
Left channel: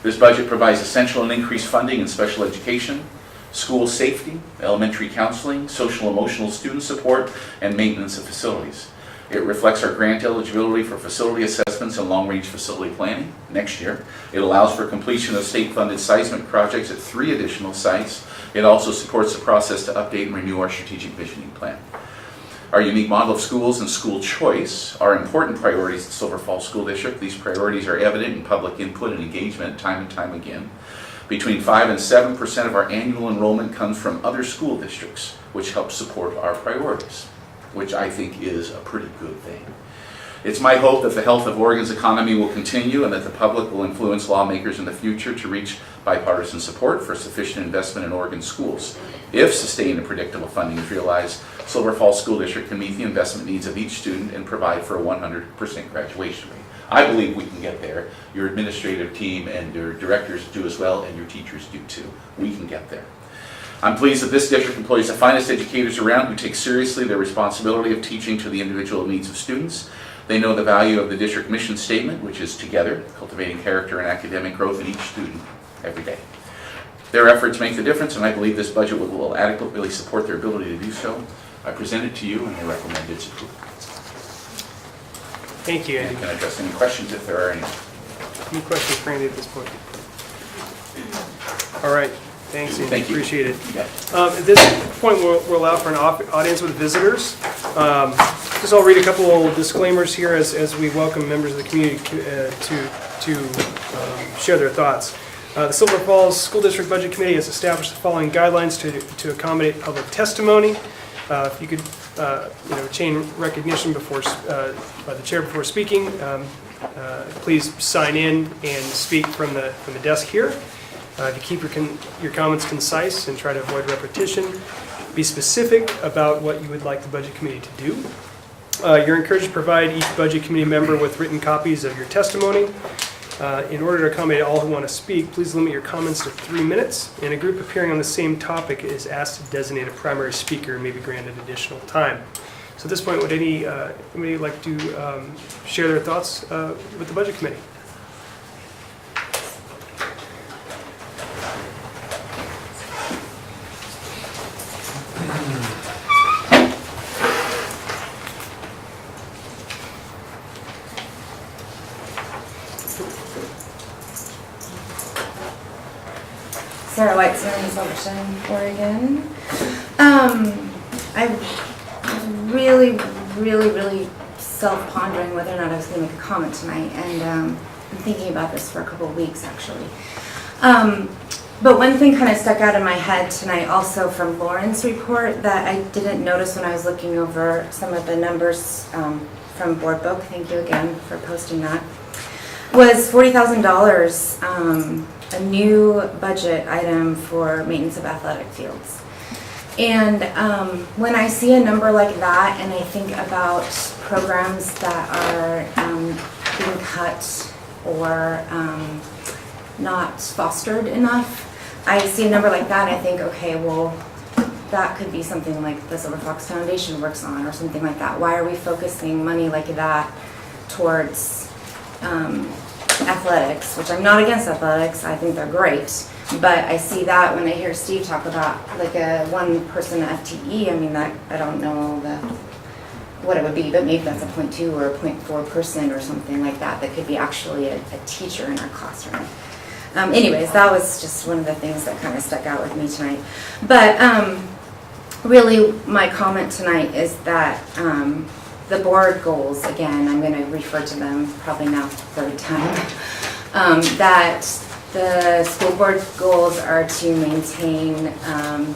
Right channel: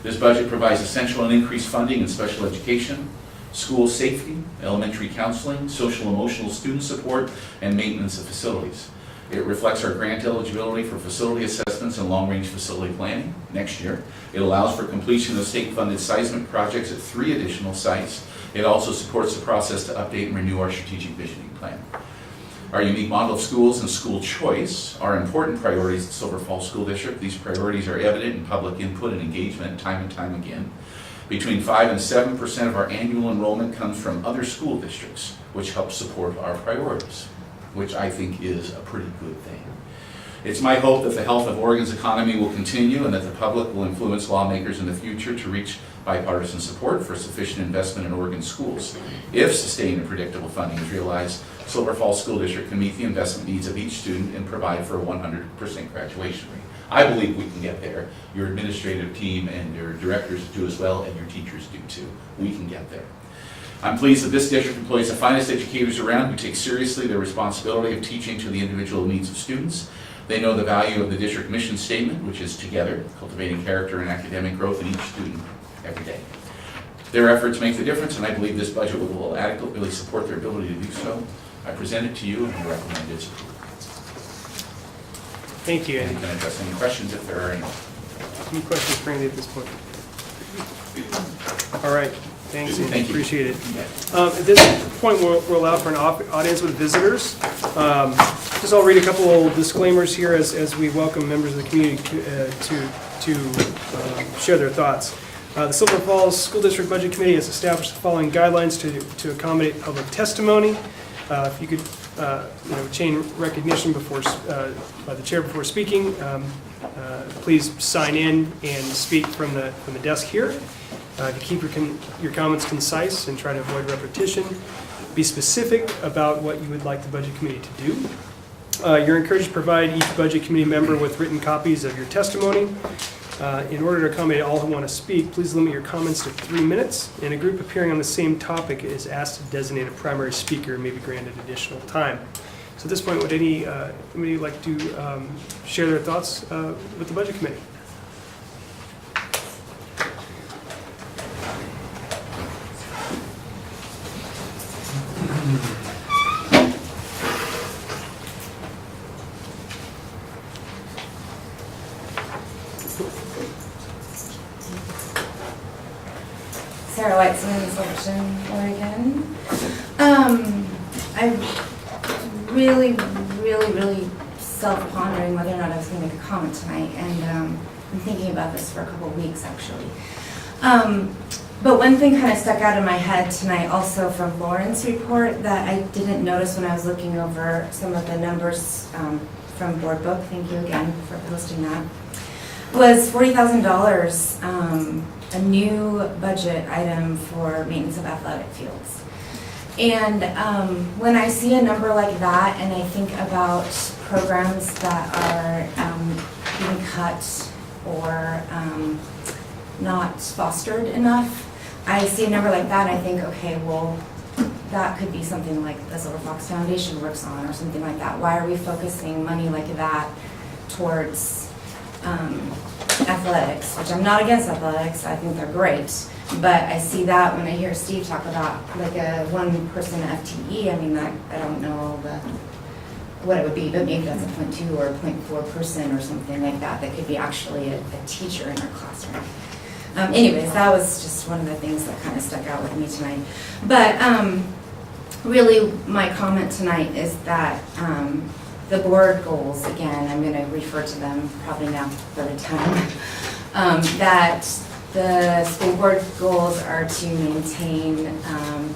This budget provides essential and increased funding in special education, school safety, elementary counseling, social emotional student support, and maintenance of facilities. It reflects our grant eligibility for facility assessments and long-range facility planning next year. It allows for completion of state-funded seismic projects at 3 additional sites. It also supports the process to update and renew our strategic visioning plan. Our unique model of schools and school choice are important priorities at Silver Falls School District. These priorities are evident in public input and engagement time and time again. Between 5 and 7% of our annual enrollment comes from other school districts, which helps support our priorities, which I think is a pretty good thing. It's my hope that the health of Oregon's economy will continue and that the public will influence lawmakers in the future to reach bipartisan support for sufficient investment in Oregon schools. If sustained and predictable funding is realized, Silver Falls School District can meet the investment needs of each student and provide for a 100% graduation rate. I believe we can get there. Your administrative team and your directors do as well, and your teachers do too. We can get there. I'm pleased that this district employs the finest educators around who take seriously their responsibility of teaching to the individual needs of students. They know the value of the district mission statement, which is together, cultivating character and academic growth in each student every day. Their efforts make the difference, and I believe this budget will adequately support their ability to do so. I present it to you, and I recommend its approval. Thank you, Andy. And can I address any questions if there are any? Any questions for Andy at this point? All right. Thanks, Andy. Thank you. Appreciate it. At this point, we'll allow for an audience with visitors. Just I'll read a couple disclaimers here as we welcome members of the community to share their thoughts. The Silver Falls School District Budget Committee has established the following guidelines to accommodate public testimony. If you could, chain recognition before by the chair before speaking. Please sign in and speak from the desk here. If you keep your comments concise and try to avoid repetition, be specific about what you would like the budget committee to do. You're encouraged to provide each budget committee member with written copies of your testimony. In order to accommodate all who want to speak, please limit your comments to 3 minutes, and a group appearing on the same topic is asked to designate a primary speaker and may be granted additional time. So at this point, would anybody like to share their thoughts with the Budget Committee? Sarah Whitesman, Silverton, Oregon. I'm really self-pondering whether or not I was going to make a comment tonight, and I'm thinking about this for a couple of weeks, actually. But one thing kind of stuck out in my head tonight also from Lauren's report that I didn't notice when I was looking over some of the numbers from Board Book, thank you again for posting that, was $40,000, a new budget item for maintenance of athletic fields. And when I see a number like that and I think about programs that are being cut or not fostered enough, I see a number like that and I think, okay, well, that could be something like the Silver Fox Foundation works on or something like that. Why are we focusing money like that towards athletics, which I'm not against athletics, I think they're great, but I see that when I hear Steve talk about like a 1-person FTE, I mean, that I don't know what it would be, but maybe that's a 0.2 or a 0.4 person or something like that could be actually a teacher in our classroom. Anyways, that was just one of the things that kind of stuck out with me tonight. But really my comment tonight is that the board goals, again, I'm going to refer to them probably now for the time, that the school board goals are to maintain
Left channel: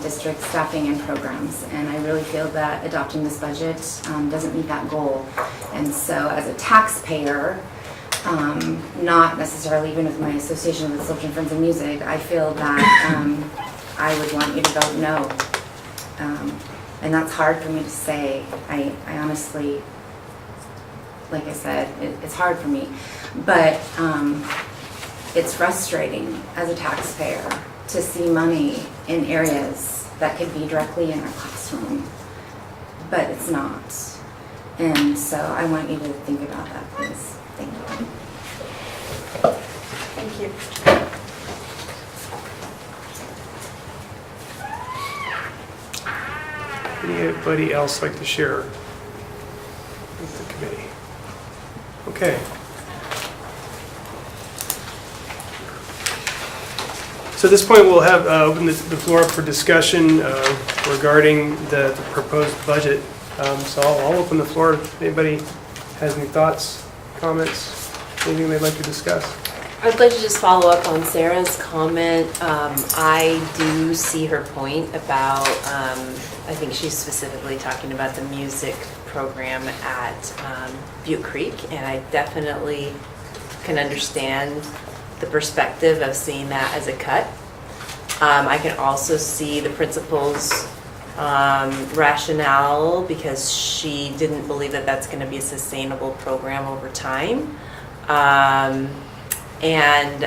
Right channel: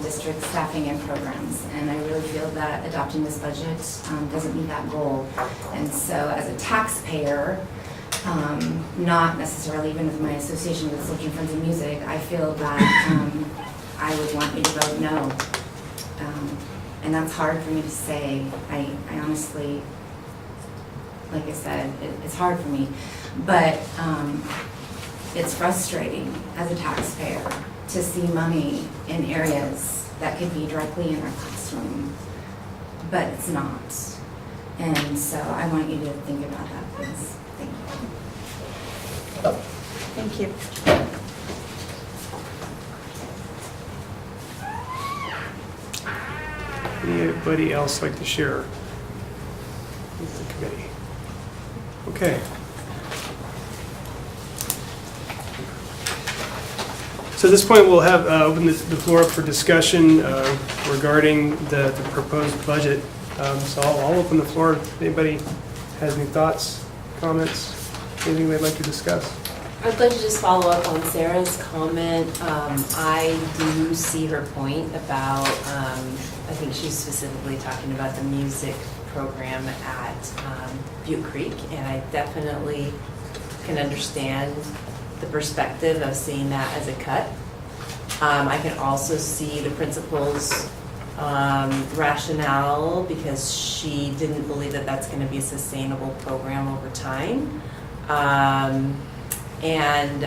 district staffing and programs. And I really feel that adopting this budget doesn't meet that goal. And so as a taxpayer, not necessarily even with my association with Children Friends of Music, I feel that I would want you to vote no. And that's hard for me to say. I honestly, like I said, it's hard for me. But it's frustrating as a taxpayer to see money in areas that could be directly in our classroom, but it's not. And so I want you to think about that, please. Thank you. Thank you. Anybody else like to share with the committee? Okay. So at this point, we'll have open the floor up for discussion regarding the proposed budget. So I'll open the floor. If anybody has any thoughts, comments, anything they'd like to discuss? I'd like to just follow up on Sarah's comment. I do see her point about, I think she's specifically talking about the music program at Butte Creek, and I definitely can understand the perspective of seeing that as a cut. I can also see the principal's rationale because she didn't believe that that's going to be a sustainable program over time. And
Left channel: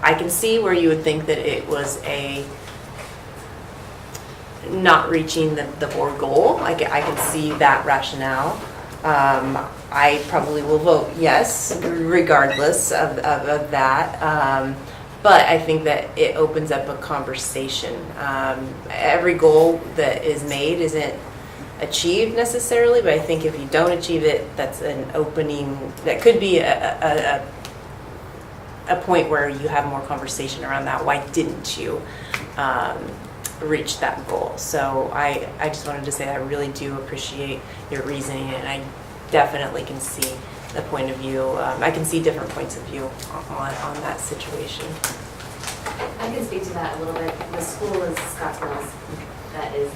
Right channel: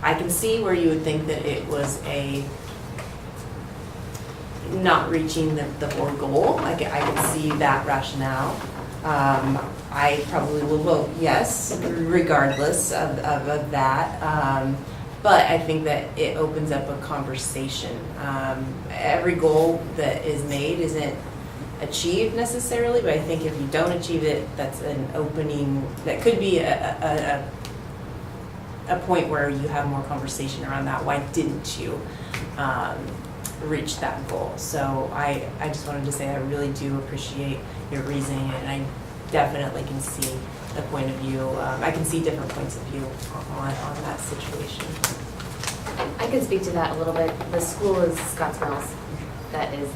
I can see where you would think that it was a not reaching the board goal. I could see that rationale. I probably will vote yes, regardless of that. But I think that it opens up a conversation. Every goal that is made isn't achieved necessarily, but I think if you don't achieve it, that's an opening. That could be a point where you have more conversation around that. Why didn't you reach that goal? So I just wanted to say I really do appreciate your reasoning, and I definitely can see the point of view. I can see different points of view on that situation. I can speak to that a little bit. The school is Scotts Mills. That is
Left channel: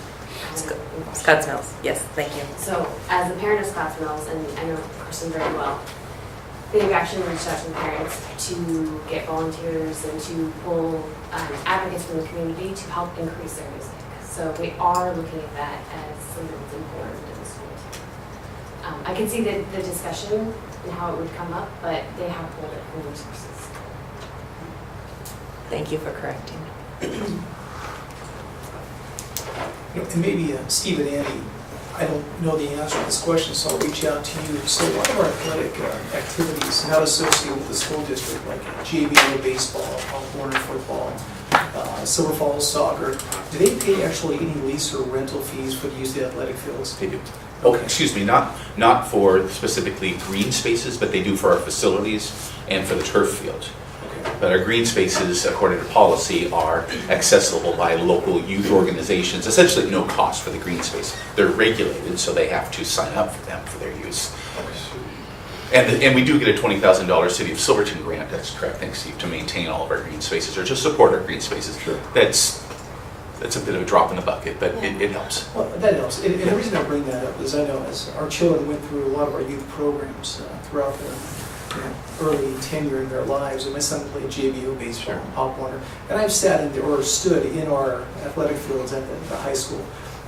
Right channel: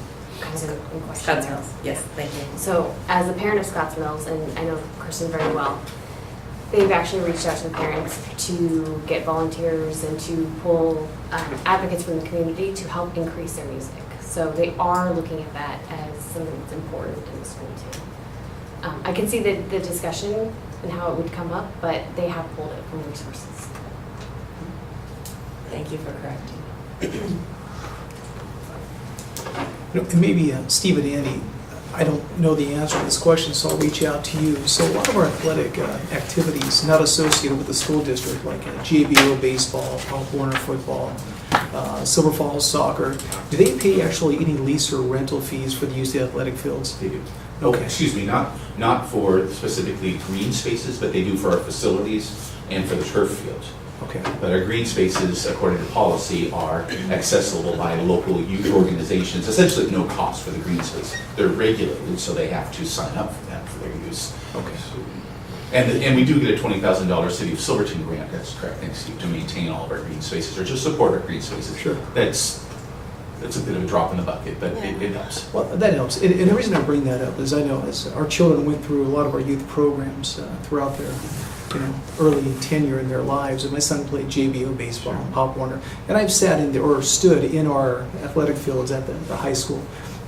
Scotts Mills, yes, thank you. So as a parent of Scotts Mills, and I know Kristen very well, they've actually reached out to the parents to get volunteers and to pull advocates from the community to help increase their music. So they are looking at that as something that's important in the school too. I can see the discussion and how it would come up, but they have pulled it from resources. Thank you for correcting. And maybe Steve and Andy, I don't know the answer to this question, so I'll reach out to you. So what are our athletic activities not associated with the school district, like JBO baseball, Pop Warner football, Silver Falls soccer, do they pay actually any lease or rental fees for the use of the athletic fields? They do. Oh, excuse me, not for specifically green spaces, but they do for our facilities and for the turf field. Okay. But our green spaces, according to policy, are accessible by local youth organizations, essentially at no cost for the green space. They're regulated, so they have to sign up for them for their use. And we do get a $20,000 City of Silverton grant, that's correct, thanks Steve, to maintain all of our green spaces, or just support our green spaces. Sure. That's a bit of a drop in the bucket, but it helps. Well, that helps. And the reason I bring that up is I know as our children went through a lot of our youth programs throughout their early tenure in their lives, and my son played JBO baseball and Pop Warner, and I've sat in or stood in our athletic fields at the high school,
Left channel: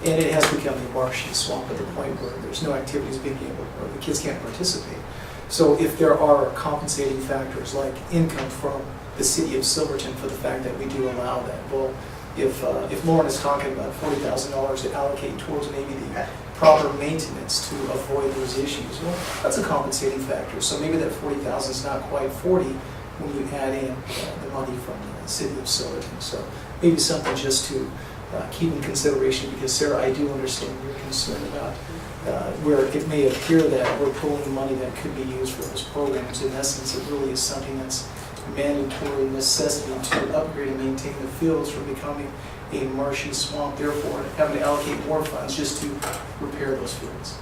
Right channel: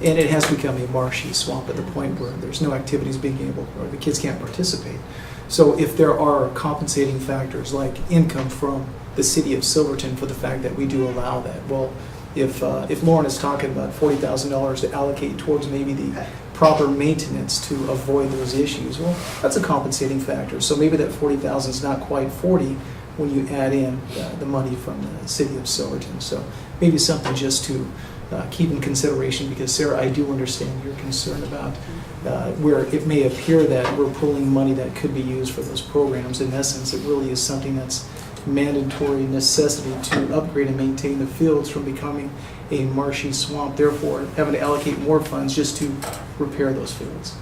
and it has become a marshy swamp at the point where there's no activities being able, or the kids can't participate. So if there are compensating factors like income from the city of Silverton for the fact that we do allow that, well, if Lauren is talking about $40,000 to allocate towards maybe the proper maintenance to avoid those issues, well, that's a compensating factor. So maybe that $40,000 is not quite 40 when you add in the money from the city of Silverton. So maybe something just to keep in consideration, because Sarah, I do understand your concern about where it may appear that we're pulling money that could be used for those programs. In essence, it really is something that's mandatory necessity to upgrade and maintain the fields from becoming a marshy swamp, therefore having to allocate more funds just to repair those fields.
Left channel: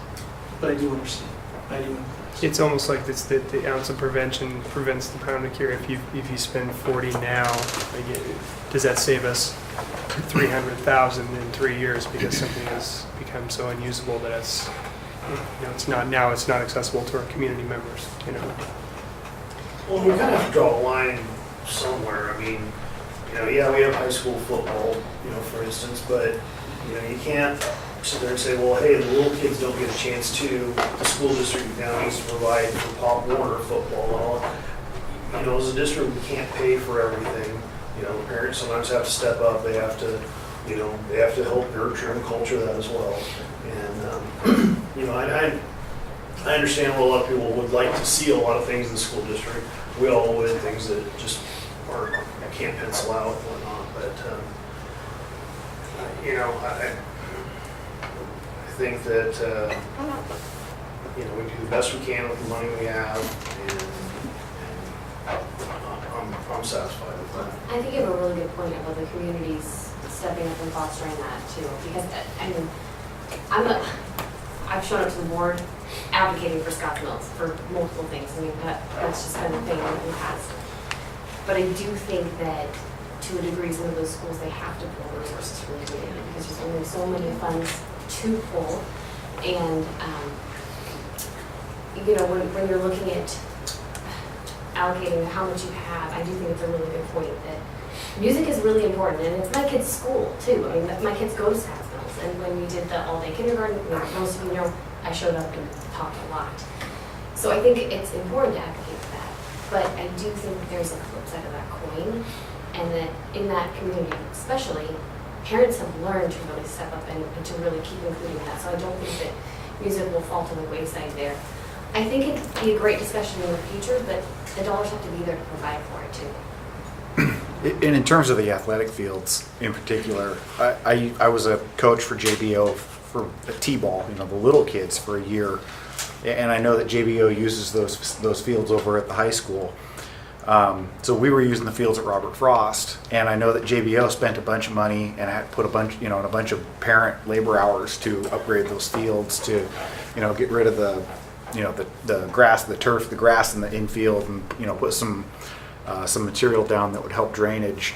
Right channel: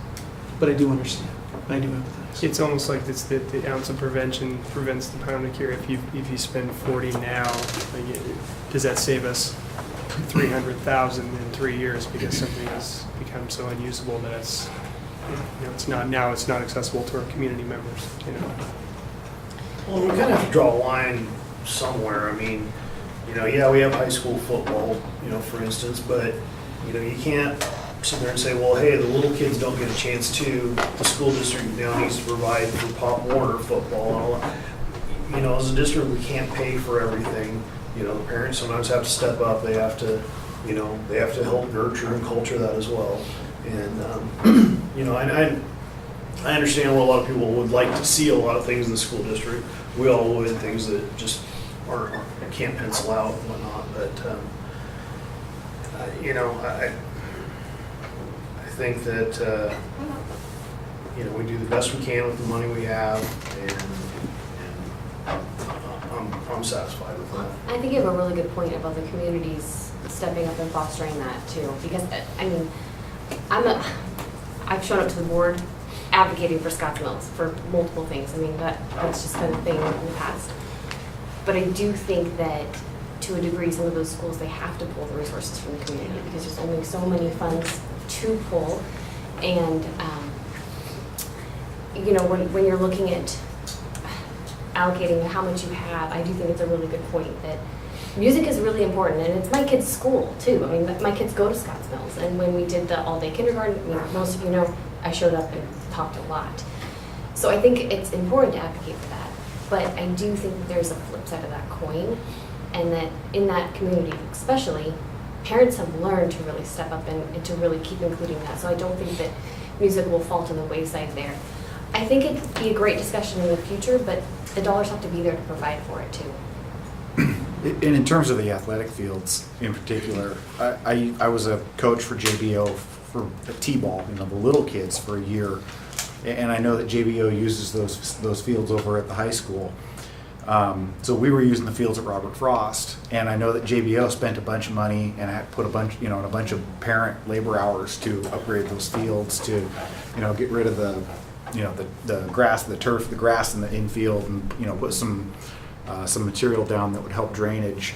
But I do understand. I do understand. It's almost like it's the ounce of prevention prevents the pound of cure. If you spend 40 now, does that save us 300,000 in 3 years because something has become so unusable that it's not accessible to our community members, Well, we kind of have to draw a line somewhere. I mean, yeah, we have high school football, for instance, but, you can't sit there and say, well, hey, the little kids don't get a chance to. The school district now needs to provide for Pop Warner football. As a district, we can't pay for everything. The parents sometimes have to step up. They have to, they have to help nurture and culture that as well. And, I understand what a lot of people would like to see a lot of things in the school district. We all live in things that just can't pencil out and whatnot. But, I think that, we do the best we can with the money we have, and I'm satisfied with that. I think you have a really good point about the communities stepping up and fostering that too, because I've shown up to the board advocating for Scotts Mills for multiple things. That's just been a thing in the past. But I do think that to a degree, some of those schools, they have to pull resources from the community because there's only so many funds to pull. And, when you're looking at allocating how much you have, I do think it's a really good point that music is really important, and it's my kids' school too. My kids go to Scotts Mills, and when we did the all-day kindergarten, most of you know, I showed up and talked a lot. So I think it's important to advocate for that, but I do think there's a flip side of that coin, and that in that community especially, parents have learned to really step up and to really keep including that. So I don't think that music will fall to the wayside there. I think it'd be a great discussion in the future, but the dollars have to be there to provide for it too. And in terms of the athletic fields in particular, I was a coach for JBO for T-ball, the little kids for a year, and I know that JBO uses those fields over at the high school. So we were using the fields at Robert Frost, and I know that JBO spent a bunch of money and had put a bunch of parent labor hours to upgrade those fields to, get rid of the grass, the turf, the grass in the infield, and put some material down that would help drainage.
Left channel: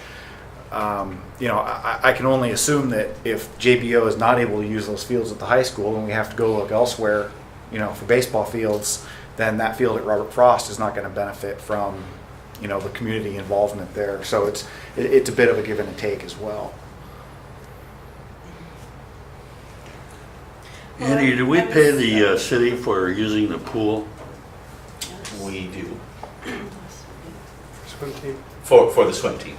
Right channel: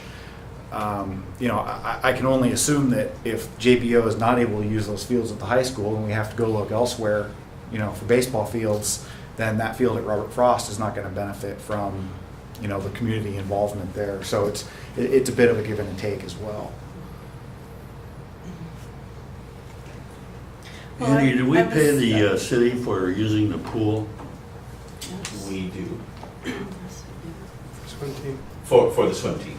I can only assume that if JBO is not able to use those fields at the high school and we have to go look elsewhere, for baseball fields, then that field at Robert Frost is not going to benefit from, the community involvement there. So it's a bit of a give and take as well. Andy, do we pay the city for using the pool? We do, Swim team. for the swim team,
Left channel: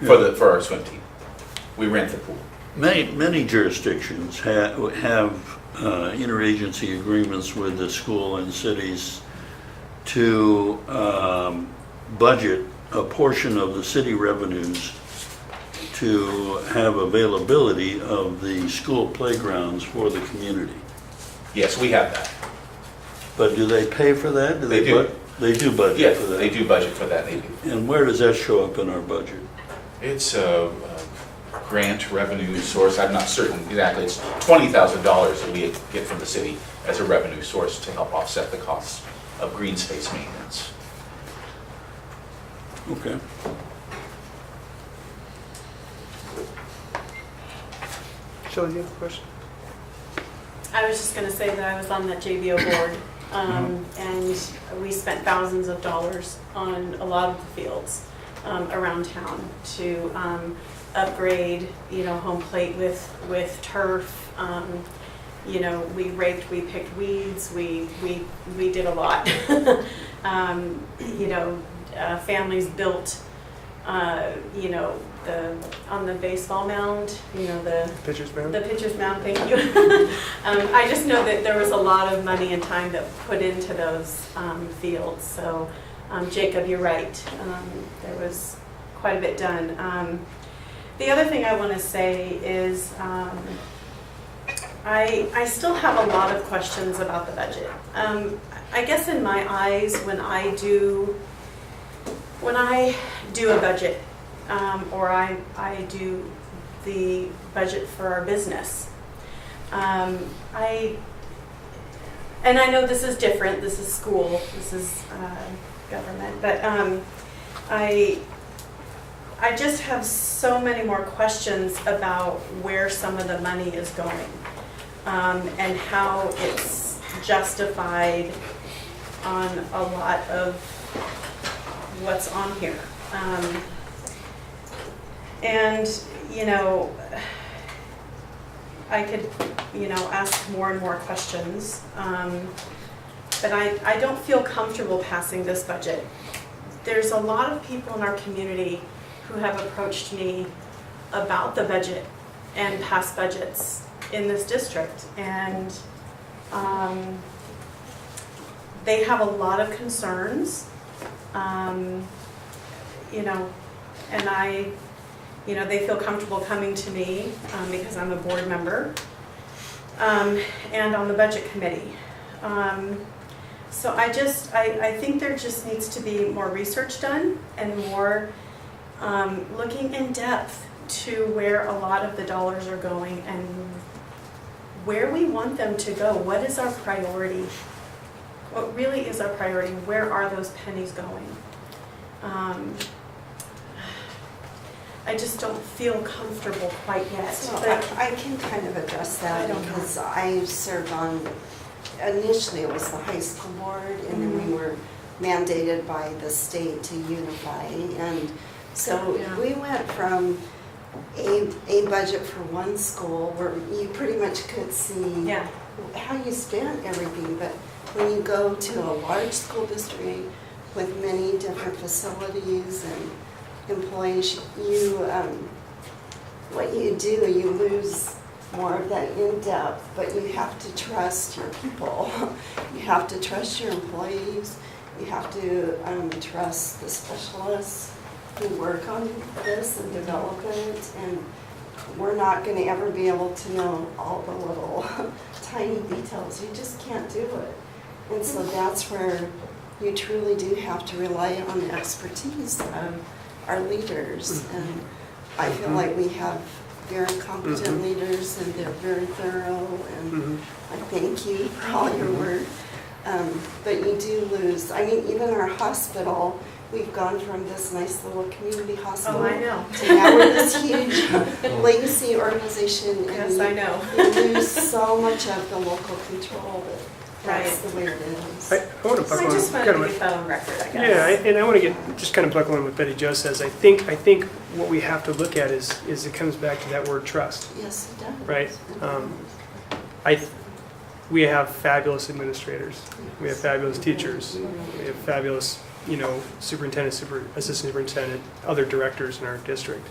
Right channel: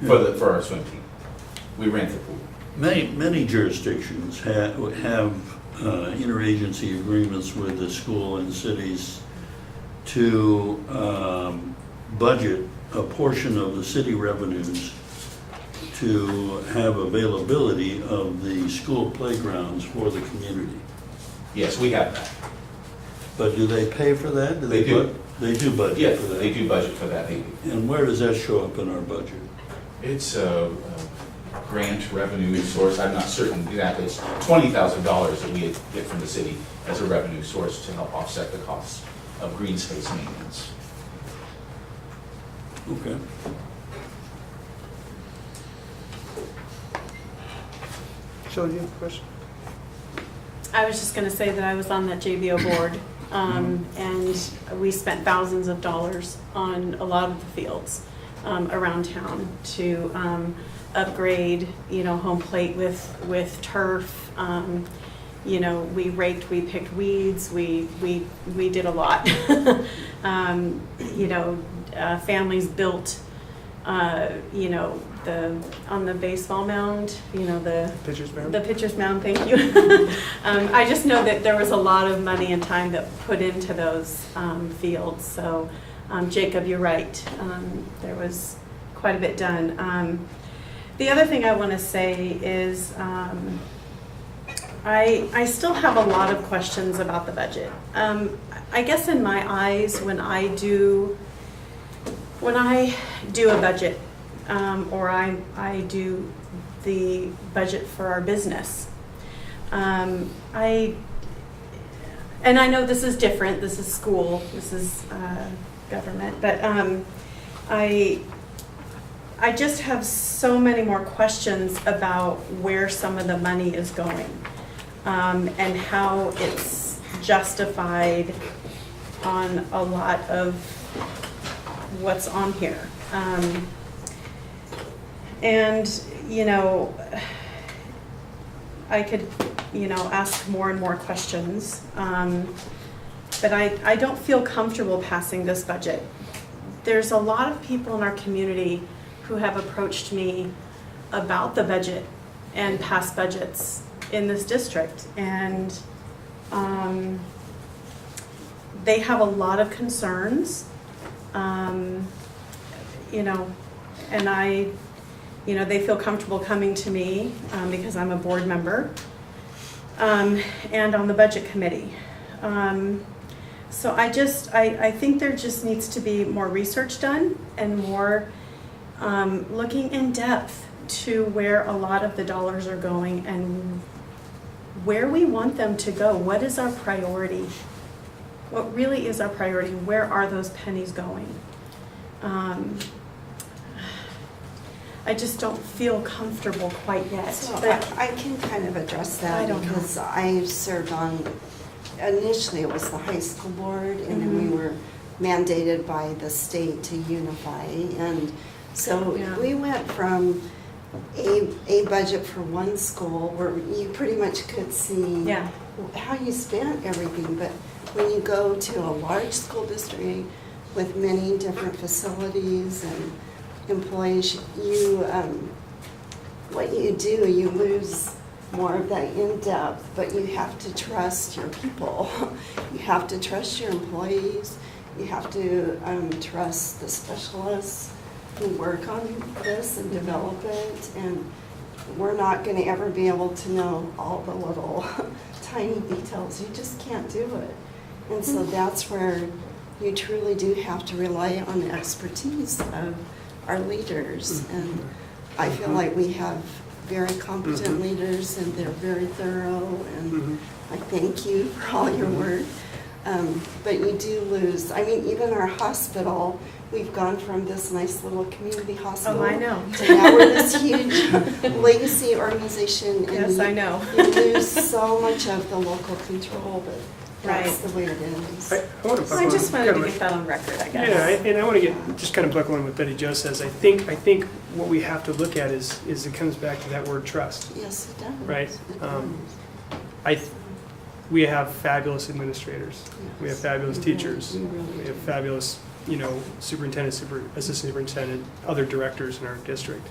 for our swim team. We rent the pool. Many jurisdictions have interagency agreements with the school and cities to budget a portion of the city revenues to have availability of the school playgrounds for the community. Yes, we have that. But do they pay for that? They do. They do budget Yeah, for that? they do budget for that. They do. And where does that show up in our budget? It's a grant revenue source. I'm not certain exactly. It's $20,000 that we get from the city as a revenue source to help offset the costs of green space maintenance. Okay. Shelley, you have a question? I was just gonna say that I was on that JBO board, and we spent thousands of dollars on a lot of the fields around town to upgrade, home plate with turf. We raked, we picked weeds, we did a lot. Families built, on the baseball mound, the Pitcher's mound? The pitcher's mound, thank you. I just know that there was a lot of money and time that put into those fields. So, Jacob, you're right. There was quite a bit done. The other thing I want to say is I still have a lot of questions about the budget. I guess in my eyes, when I do a budget, or I do the budget for our business, and I know this is different. This is school. This is government. But I just have so many more questions about where some of the money is going, and how it's justified on a lot of what's on here. I could, ask more and more questions, but I don't feel comfortable passing this budget. There's a lot of people in our community who have approached me about the budget and past budgets in this district, and they have a lot of concerns, and they feel comfortable coming to me because I'm a board member, and on the budget committee. So I think there just needs to be more research done and more looking in depth to where a lot of the dollars are going and where we want them to go. What is our priority? What really is our priority? Where are those pennies going? I just don't feel comfortable quite yet. So but I can kind of address that because I served on, initially it was the high school board, and then we were mandated by the state to unify. And so we went from a budget for one school where you pretty much could see how you spent everything. But when you go to a large school district with many different facilities and employees, what you do, you lose more of that in-depth, but you have to trust your people. You have to trust your employees. You have to trust the specialists who work on this and develop it. And we're not going to ever be able to know all the little tiny details. You just can't do it. And so that's where you truly do have to rely on the expertise of our leaders. And I feel like we have very competent leaders, and they're very thorough, and I thank you for all your work. But you do lose, even our hospital, we've gone from this nice little community hospital I know. to now we're this huge legacy organization. Yes, I know. We lose so much of the local control, but that's the way it is. I want to buckle I just on wanted to kind of get that on record, I guess. Yeah, and I want to just kind of buckle on what Betty Jo says. I think what we have to look at is it comes back to that word trust, Yes, it does. right? we have fabulous administrators. We have fabulous teachers. We have fabulous, superintendent, assistant superintendent, other directors in our district.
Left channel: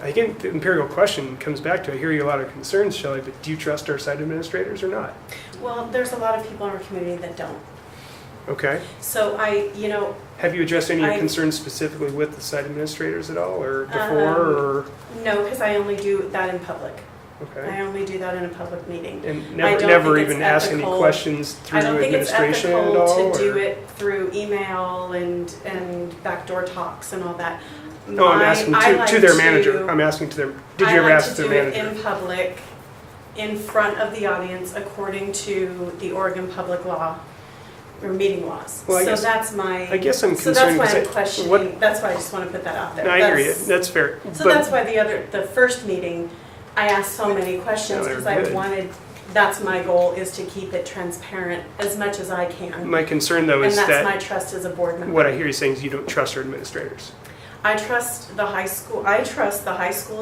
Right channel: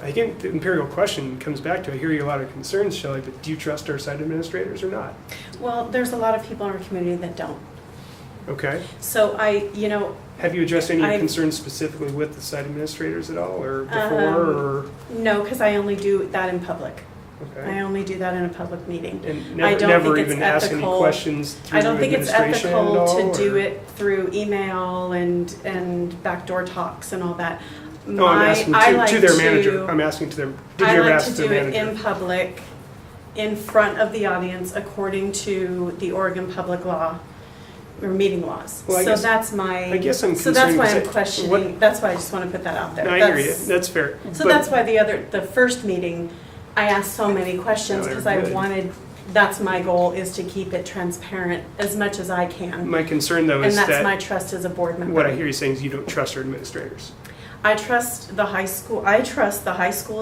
I think the empirical question comes back to, I hear you a lot of concerns, Shelley, but do you trust our site administrators or not? Well, there's a lot of people in our community that don't. Okay. So Have you addressed any of your I- concerns specifically with the site administrators at all, or before, or? No, because I only do that in public. Okay. I only do that in a public meeting. And I never, don't never think it's even ask any ethical. questions through I don't think it's administration at ethical all? to do or- it through email and backdoor talks and all that. No, I'm asking I to like their manager. I'm asking to their, did you ever ask their I like to do manager? it in public, in front of the audience, according to the Oregon public law, or meeting laws. Well, So that's my. I guess I'm So that's concerned why because I'm questioning, what- that's why I just want to put that out there. No, I hear you. That's fair. So But- that's why the first meeting, I asked so many questions No, they're because I good. wanted, that's my goal, is to keep it transparent as much as I can. My concern though is And that's my that trust as a board member. what I hear you saying is you don't trust our administrators. I trust the high school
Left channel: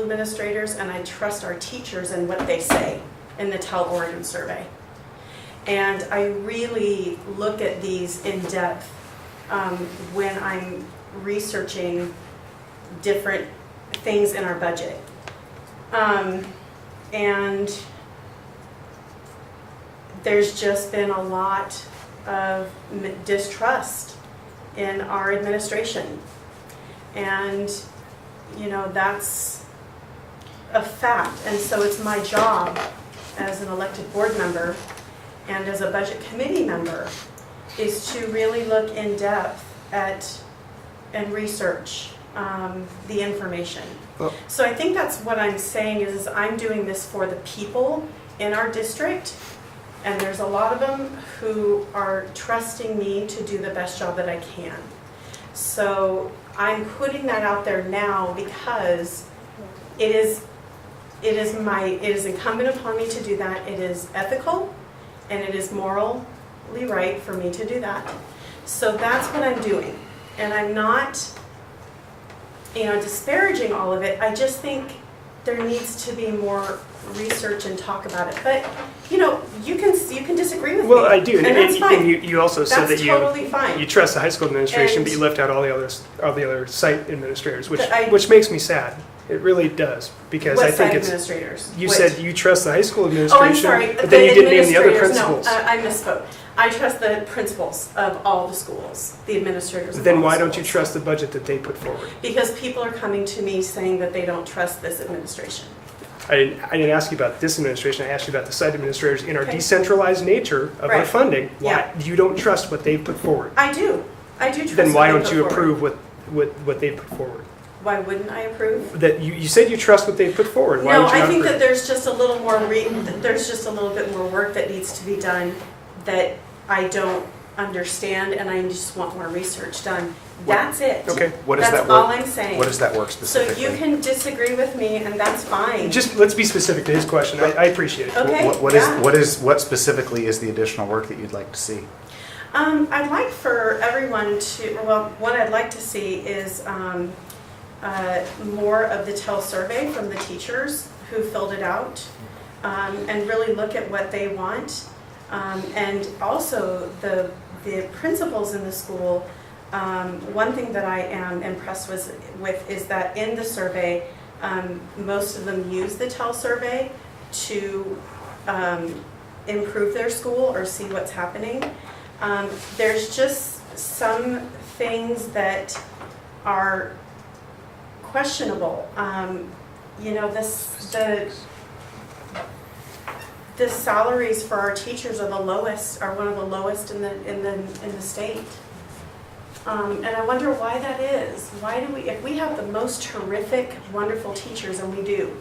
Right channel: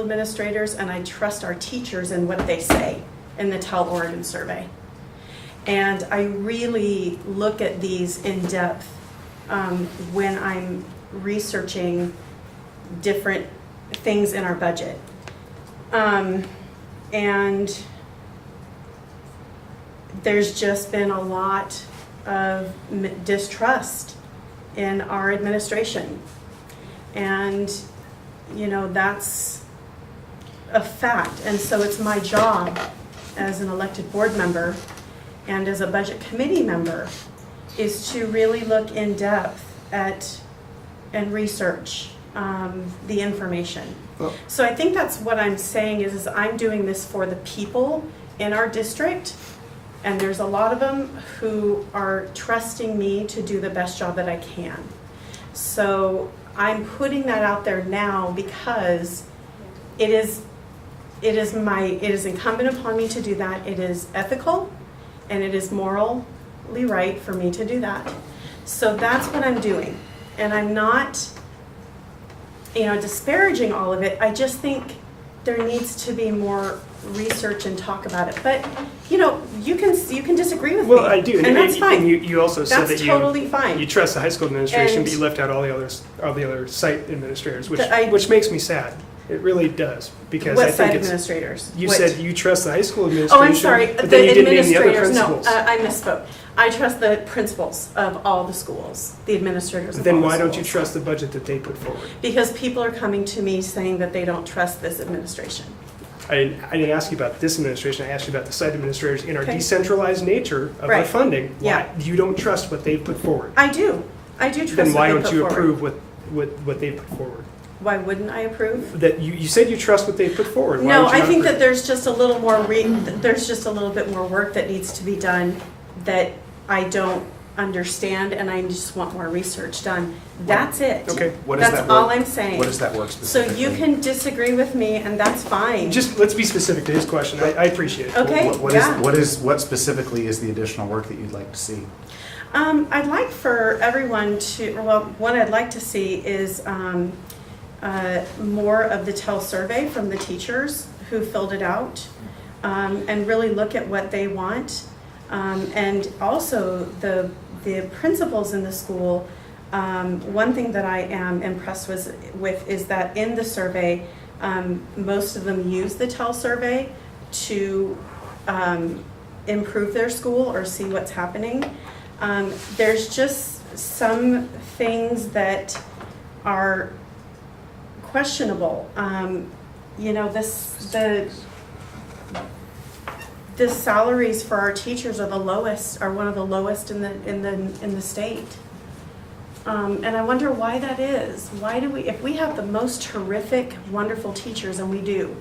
administrators, and I trust our teachers and what they say in the Tell Oregon survey. And I really look at these in depth when I'm researching different things in our budget. And there's just been a lot of distrust in our administration. And, that's a fact. And so it's my job as an elected board member and as a budget committee member is to really look in depth at and research the information. Well- So I think that's what I'm saying is I'm doing this for the people in our district, and there's a lot of them who are trusting me to do the best job that I can. So I'm putting that out there now because it is incumbent upon me to do that. It is ethical and it is morally right for me to do that. So that's what I'm doing. And I'm not, disparaging all of it. I just think there needs to be more research and talk about it. But, you can disagree with me. Well, I do. And that's fine. And you also said That's that totally fine. you trust the high school administration, And- but you left out all the other site administrators, But which makes me sad. It really does, because I What think side it's. administrators? You What? said you trust the high school Oh, administration, I'm sorry. but then you didn't name the other administrators, principals. No, I misspoke. I trust the principals of all the schools, the administrators of Then all the why don't you schools. trust the budget that they put forward? Because people are coming to me saying that they don't trust this administration. I didn't ask you about this administration. I asked you about the site administrators in our Okay. decentralized nature of our Right. funding. Why Yeah. you don't trust what they put forward? I do trust. Then why what they don't put you forward. approve what they put forward? Why wouldn't I approve? That you said you trust what they put forward. Why No, would you I not think approve? that there's just a little more there's just a little bit more work that needs to be done that I don't understand, and I just want more research done. That's it. Okay. What is That's that work? all I'm saying. What does that work So specifically? you can disagree with me, and that's fine. Just let's be specific to his question. I appreciate it. Okay. What specifically is the additional work that you'd like to see? I'd like for everyone to, what I'd like to see is more of the TEL survey from the teachers who filled it out, and really look at what they want. And also the principals in the school, one thing that I am impressed with is that in the survey, most of them use the TEL survey to improve their school or see what's happening. There's just some things that are questionable. The salaries for our teachers are one of the lowest in the state. And I wonder why that is. If we have the most terrific, wonderful teachers, and we do,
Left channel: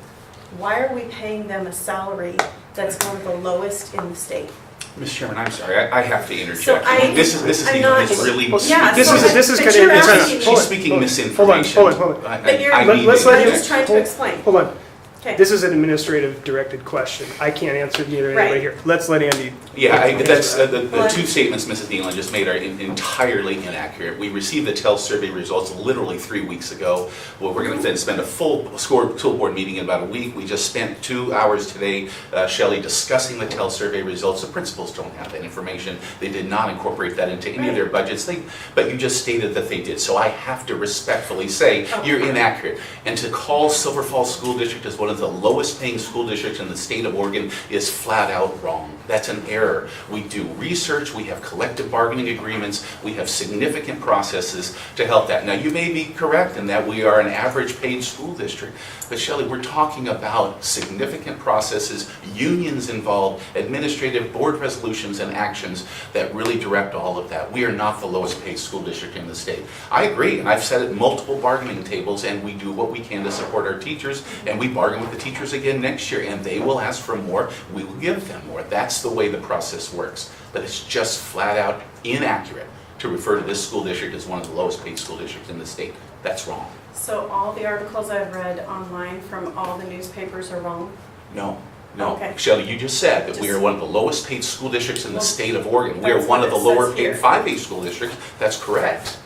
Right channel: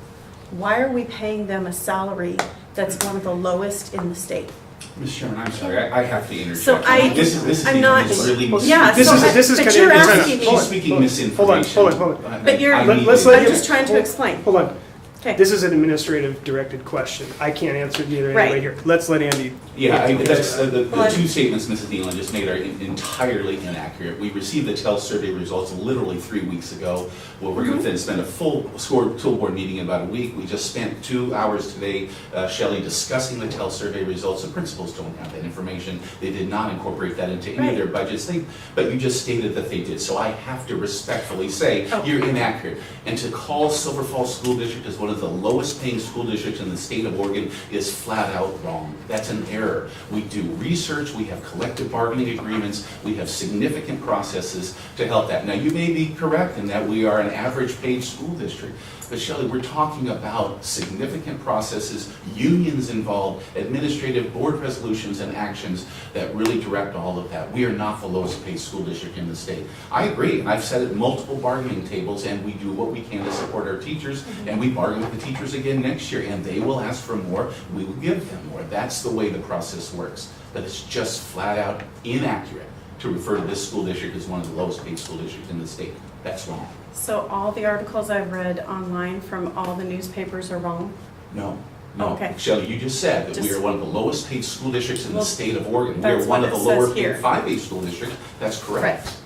why are we paying them a salary that's one of the lowest in the state? Mr. Chairman, I'm sorry, I have to interject. So This is I'm even not- really. Yeah, This is but kind you're of asking me- She's speaking misinformation. Hold on. But you're, I I'm mean- just trying to explain. Hold on. Okay. This is an administrative directed question. I can't answer it neither anybody Right. here. Let's let Andy. Yeah, answer that's, that. the two statements Mrs. Nealon just made are entirely inaccurate. We received the TEL survey results literally 3 weeks ago. Well, we're going to spend a full school board meeting in about a week. We just spent 2 hours today, Shelley, discussing the TEL survey results. The principals don't have that information. They did not incorporate that into any of their budgets. But you just stated that they did. So I have to respectfully say you're inaccurate. And to call Silver Falls School District as one of the lowest paying school districts in the state of Oregon is flat out wrong. That's an error. We do research, we have collective bargaining agreements, we have significant processes to help that. Now, you may be correct in that we are an average paid school district, but Shelley, we're talking about significant processes, unions involved, administrative board resolutions and actions that really direct all of that. We are not the lowest paid school district in the state. I agree, and I've said it multiple bargaining tables, and we do what we can to support our teachers, and we bargain with the teachers again next year, and they will ask for more, we will give them more. That's the way the process works. But it's just flat out inaccurate to refer to this school district as one of the lowest paid school districts in the state. That's wrong. So all the articles I've read online from all the newspapers are wrong? No. Okay. Shelley, you just said that we are one of the lowest paid school districts in the state of Oregon. We are that's one what of the it says lower here. paid 5A school districts. That's correct.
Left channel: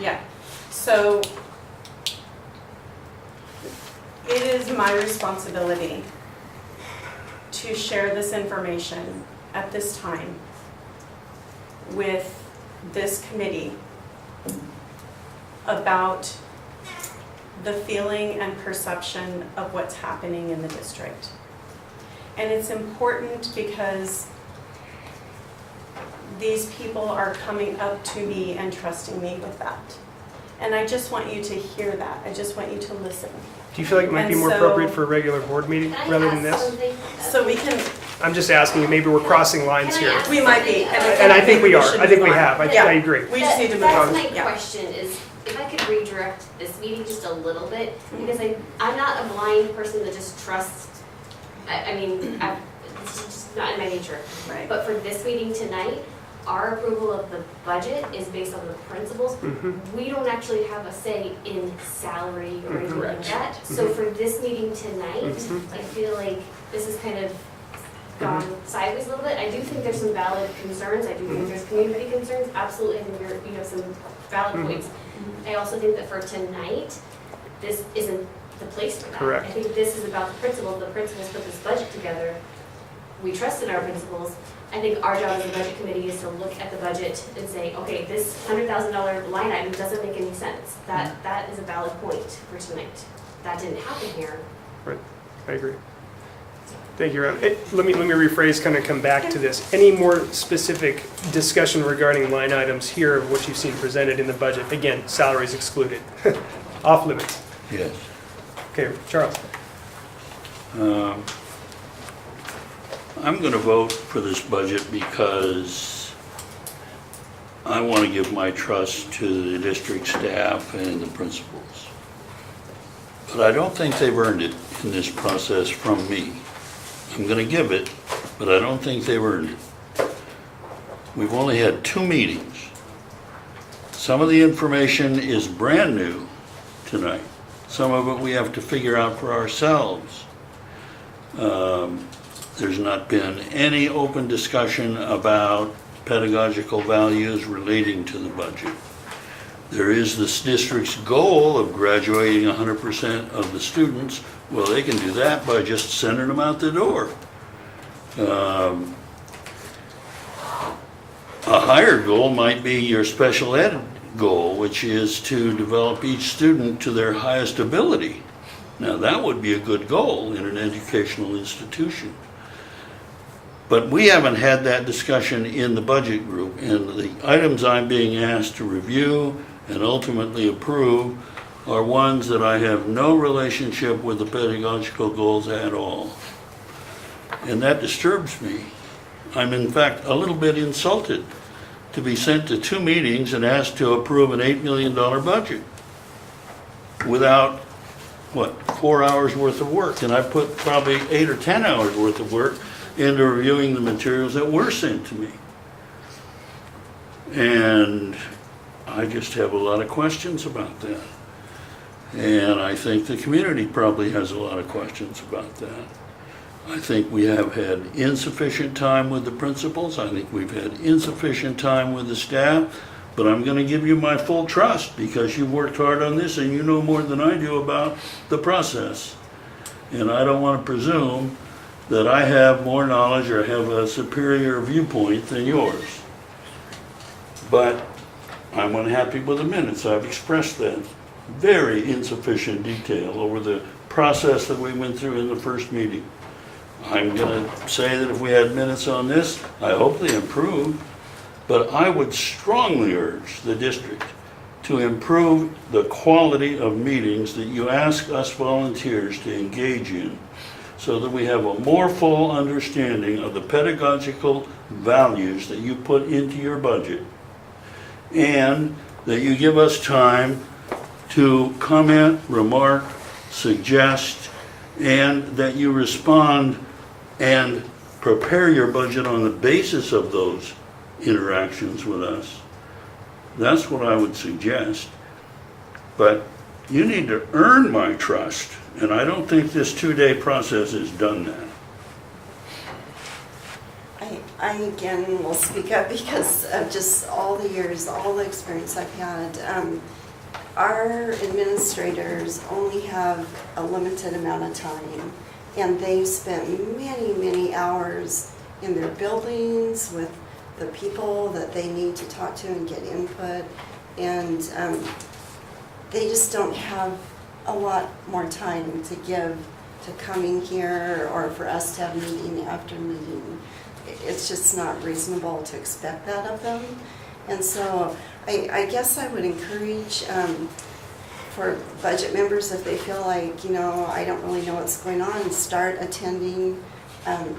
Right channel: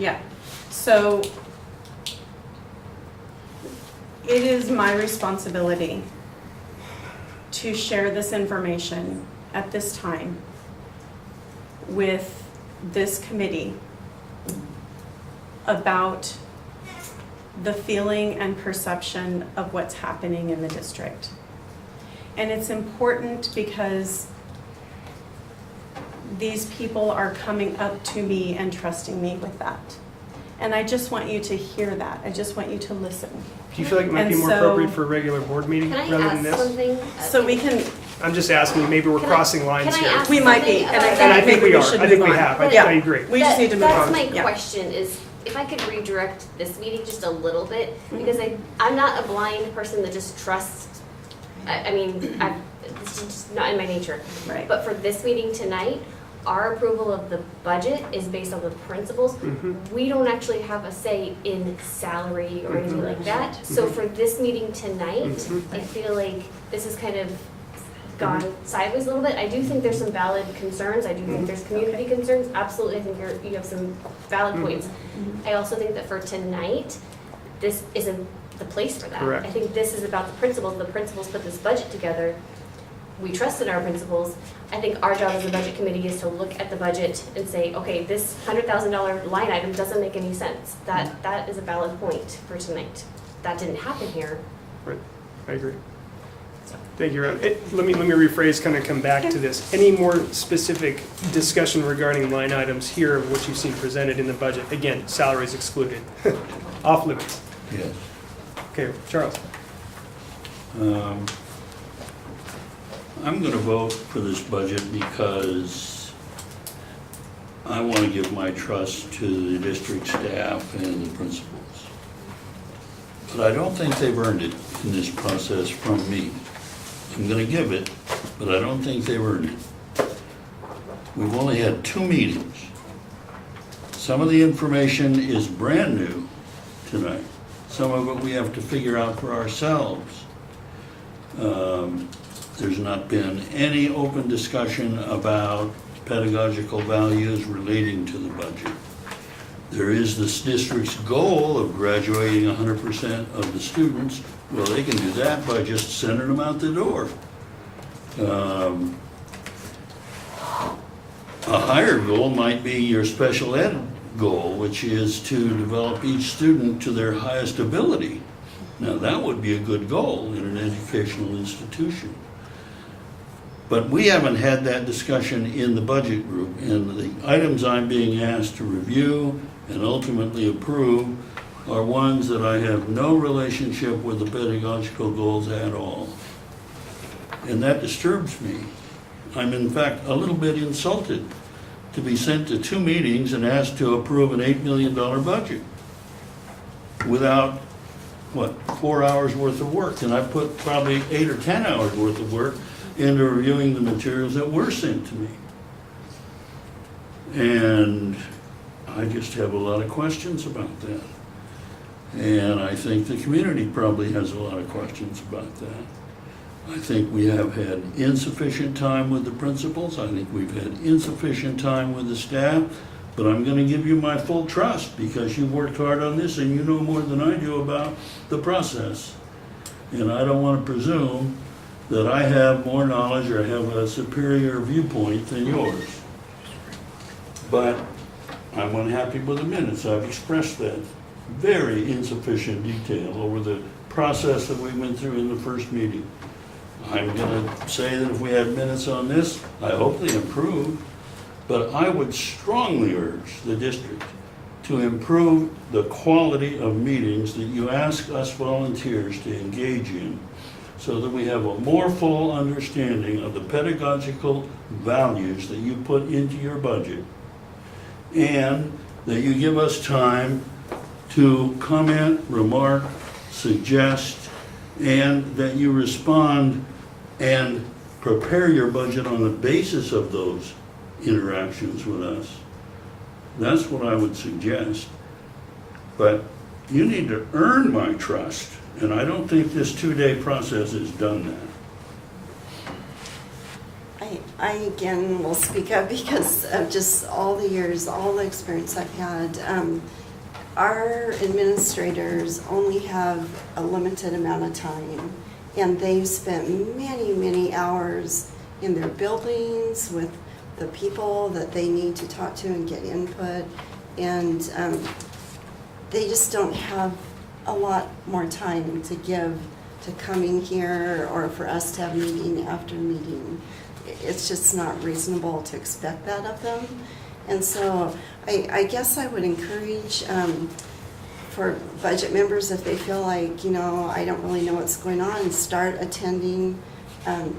Yeah. So it is my responsibility to share this information at this time with this committee about the feeling and perception of what's happening in the district. And it's important because these people are coming up to me and trusting me with that. And I just want you to hear that. I just want you to listen. Do you feel like it might be more appropriate for a regular board meeting rather than this? So we can. I'm just asking you, maybe we're crossing lines here. We might be. And I think we are. I think we have. I agree. We just need to move on. That's my question is, if I could redirect this meeting just a little bit, because I'm not a blind person that just trusts, it's just not in my nature. Right. But for this meeting tonight, our approval of the budget is based on the principles. We don't actually have a say in salary or anything like that. So for this meeting tonight, I feel like this has kind of gone sideways a little bit. I do think there's some valid concerns. I do think there's community concerns. Absolutely, I think you have some valid points. I also think that for tonight, this isn't the place for that. Correct. I think this is about the principals. The principals put this budget together. We trust in our principals. I think our job as a budget committee is to look at the budget and say, okay, this $100,000 line item doesn't make any sense. That is a valid point for tonight. That didn't happen here. Right, I agree. Thank you, Ron. Let me rephrase, kind of come back to this. Any more specific discussion regarding line items here of what you've seen presented in the budget? Again, salaries excluded, off limits. Yes. Okay, Charles. I'm going to vote for this budget because I want to give my trust to the district staff and the principals. But I don't think they've earned it in this process from me. I'm going to give it, but I don't think they've earned it. We've only had 2 meetings. Some of the information is brand new tonight. Some of it we have to figure out for ourselves. There's not been any open discussion about pedagogical values relating to the budget. There is this district's goal of graduating 100% of the students. Well, they can do that by just sending them out the door. A higher goal might be your special ed goal, which is to develop each student to their highest ability. Now, that would be a good goal in an educational institution. But we haven't had that discussion in the budget group, and the items I'm being asked to review and ultimately approve are ones that I have no relationship with the pedagogical goals at all. And that disturbs me. I'm in fact a little bit insulted to be sent to 2 meetings and asked to approve an $8 million budget without, 4 hours worth of work. And I put probably 8 or 10 hours worth of work into reviewing the materials that were sent to me. And I just have a lot of questions about that. And I think the community probably has a lot of questions about that. I think we have had insufficient time with the principals. I think we've had insufficient time with the staff. But I'm going to give you my full trust because you worked hard on this and you know more than I do about the process. And I don't want to presume that I have more knowledge or have a superior viewpoint than yours. But I'm unhappy with the minutes. I've expressed that. Very insufficient detail over the process that we went through in the first meeting. I'm going to say that if we had minutes on this, I hope they improve. But I would strongly urge the district to improve the quality of meetings that you ask us volunteers to engage in so that we have a more full understanding of the pedagogical values that you put into your budget and that you give us time to comment, remark, suggest, and that you respond and prepare your budget on the basis of those interactions with us. That's what I would suggest. But you need to earn my trust, and I don't think this 2-day process has done that. I again will speak up because of just all the years, all the experience I've had. Our administrators only have a limited amount of time, and they've spent many, many hours in their buildings with the people that they need to talk to and get input, and they just don't have a lot more time to give to coming here or for us to have meeting after meeting. It's just not reasonable to expect that of them. And so I guess I would encourage for budget members, if they feel like, you know, I don't really know what's going on, start attending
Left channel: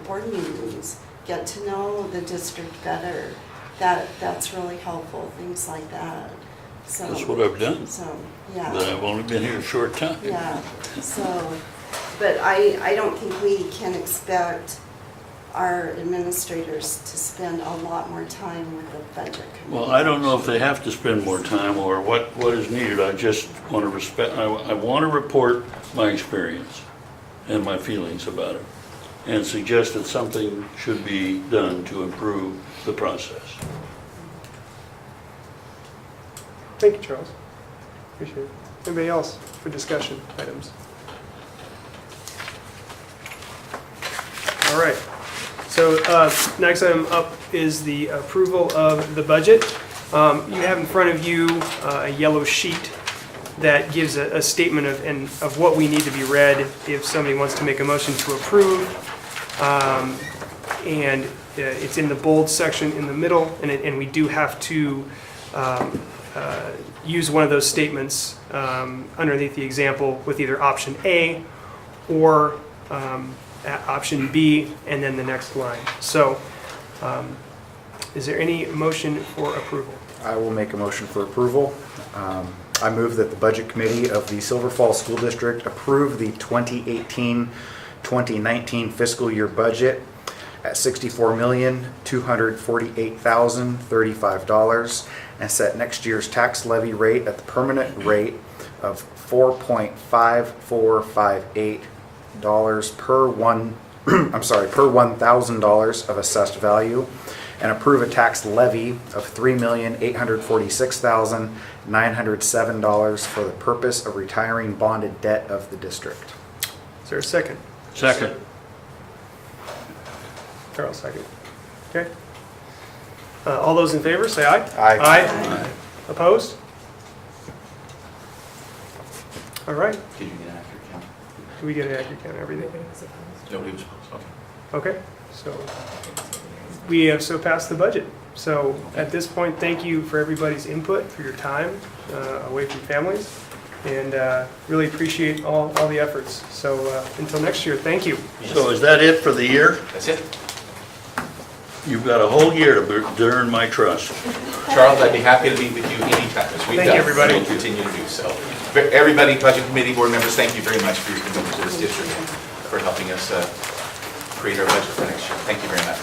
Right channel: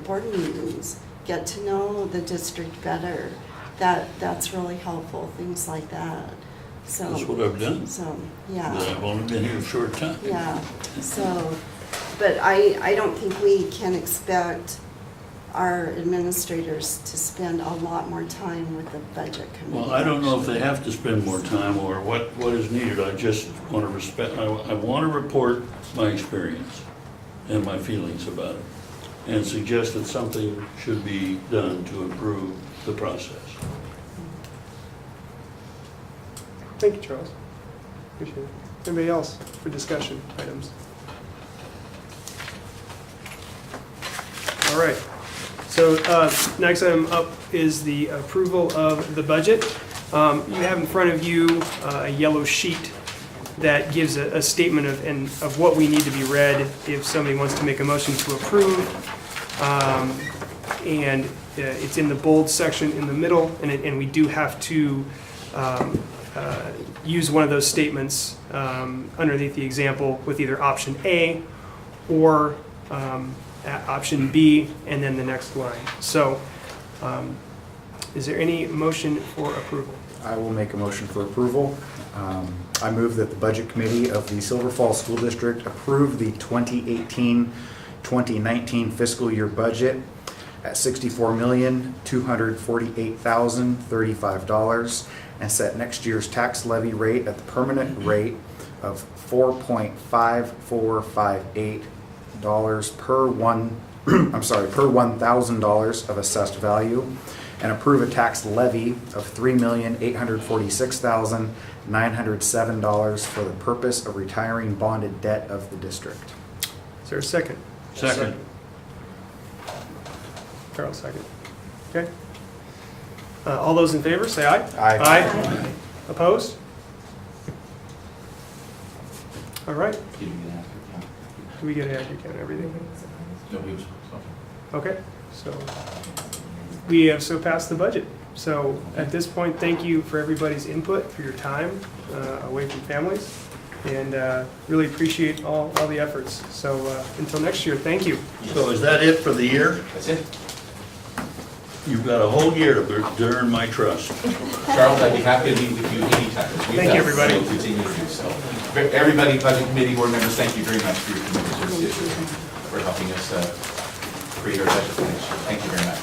board meetings. Get to know the district better. That's really helpful, things like that. So That's what I've done. So, yeah. But I've only been here a short time. Yeah, so, but I don't think we can expect our administrators to spend a lot more time with the budget committee. Well, I don't know if they have to spend more time or what is needed. I just want to I want to report my experience and my feelings about it and suggest that something should be done to improve the process. Thank you, Charles. Appreciate it. Anybody else for discussion items? All right. So next item up is the approval of the budget. You have in front of you a yellow sheet that gives a statement of what we need to be read if somebody wants to make a motion to approve. And it's in the bold section in the middle, and we do have to use one of those statements underneath the example with either option A or option B and then the next line. So is there any motion for approval? I will make a motion for approval. I move that the Budget Committee of the Silver Falls School District approve the 2018-2019 fiscal year budget at $64,248,035 and set next year's tax levy rate at the permanent rate of $4.5458 per $1,000 of assessed value, and approve a tax levy of $3,846,907 for the purpose of retiring bonded debt of the district. Is there a second? Second. Carol, second. Okay. All those in favor, say aye. Aye. Aye. Opposed? All right. Did you get an accurate count? Do we get an accurate count of everything? Nobody was supposed to. Okay, so we have so passed the budget. So at this point, thank you for everybody's input, for your time away from families, and really appreciate all the efforts. So until next year, thank you. So is that it for the year? That's it. You've got a whole year to earn my trust. Charles, I'd be happy to meet with you anytime. Thank you, everybody. We'll continue to do so. Everybody, budget committee board members, thank you very much for your commitment to this district, for helping us create our budget for next year. Thank you very much.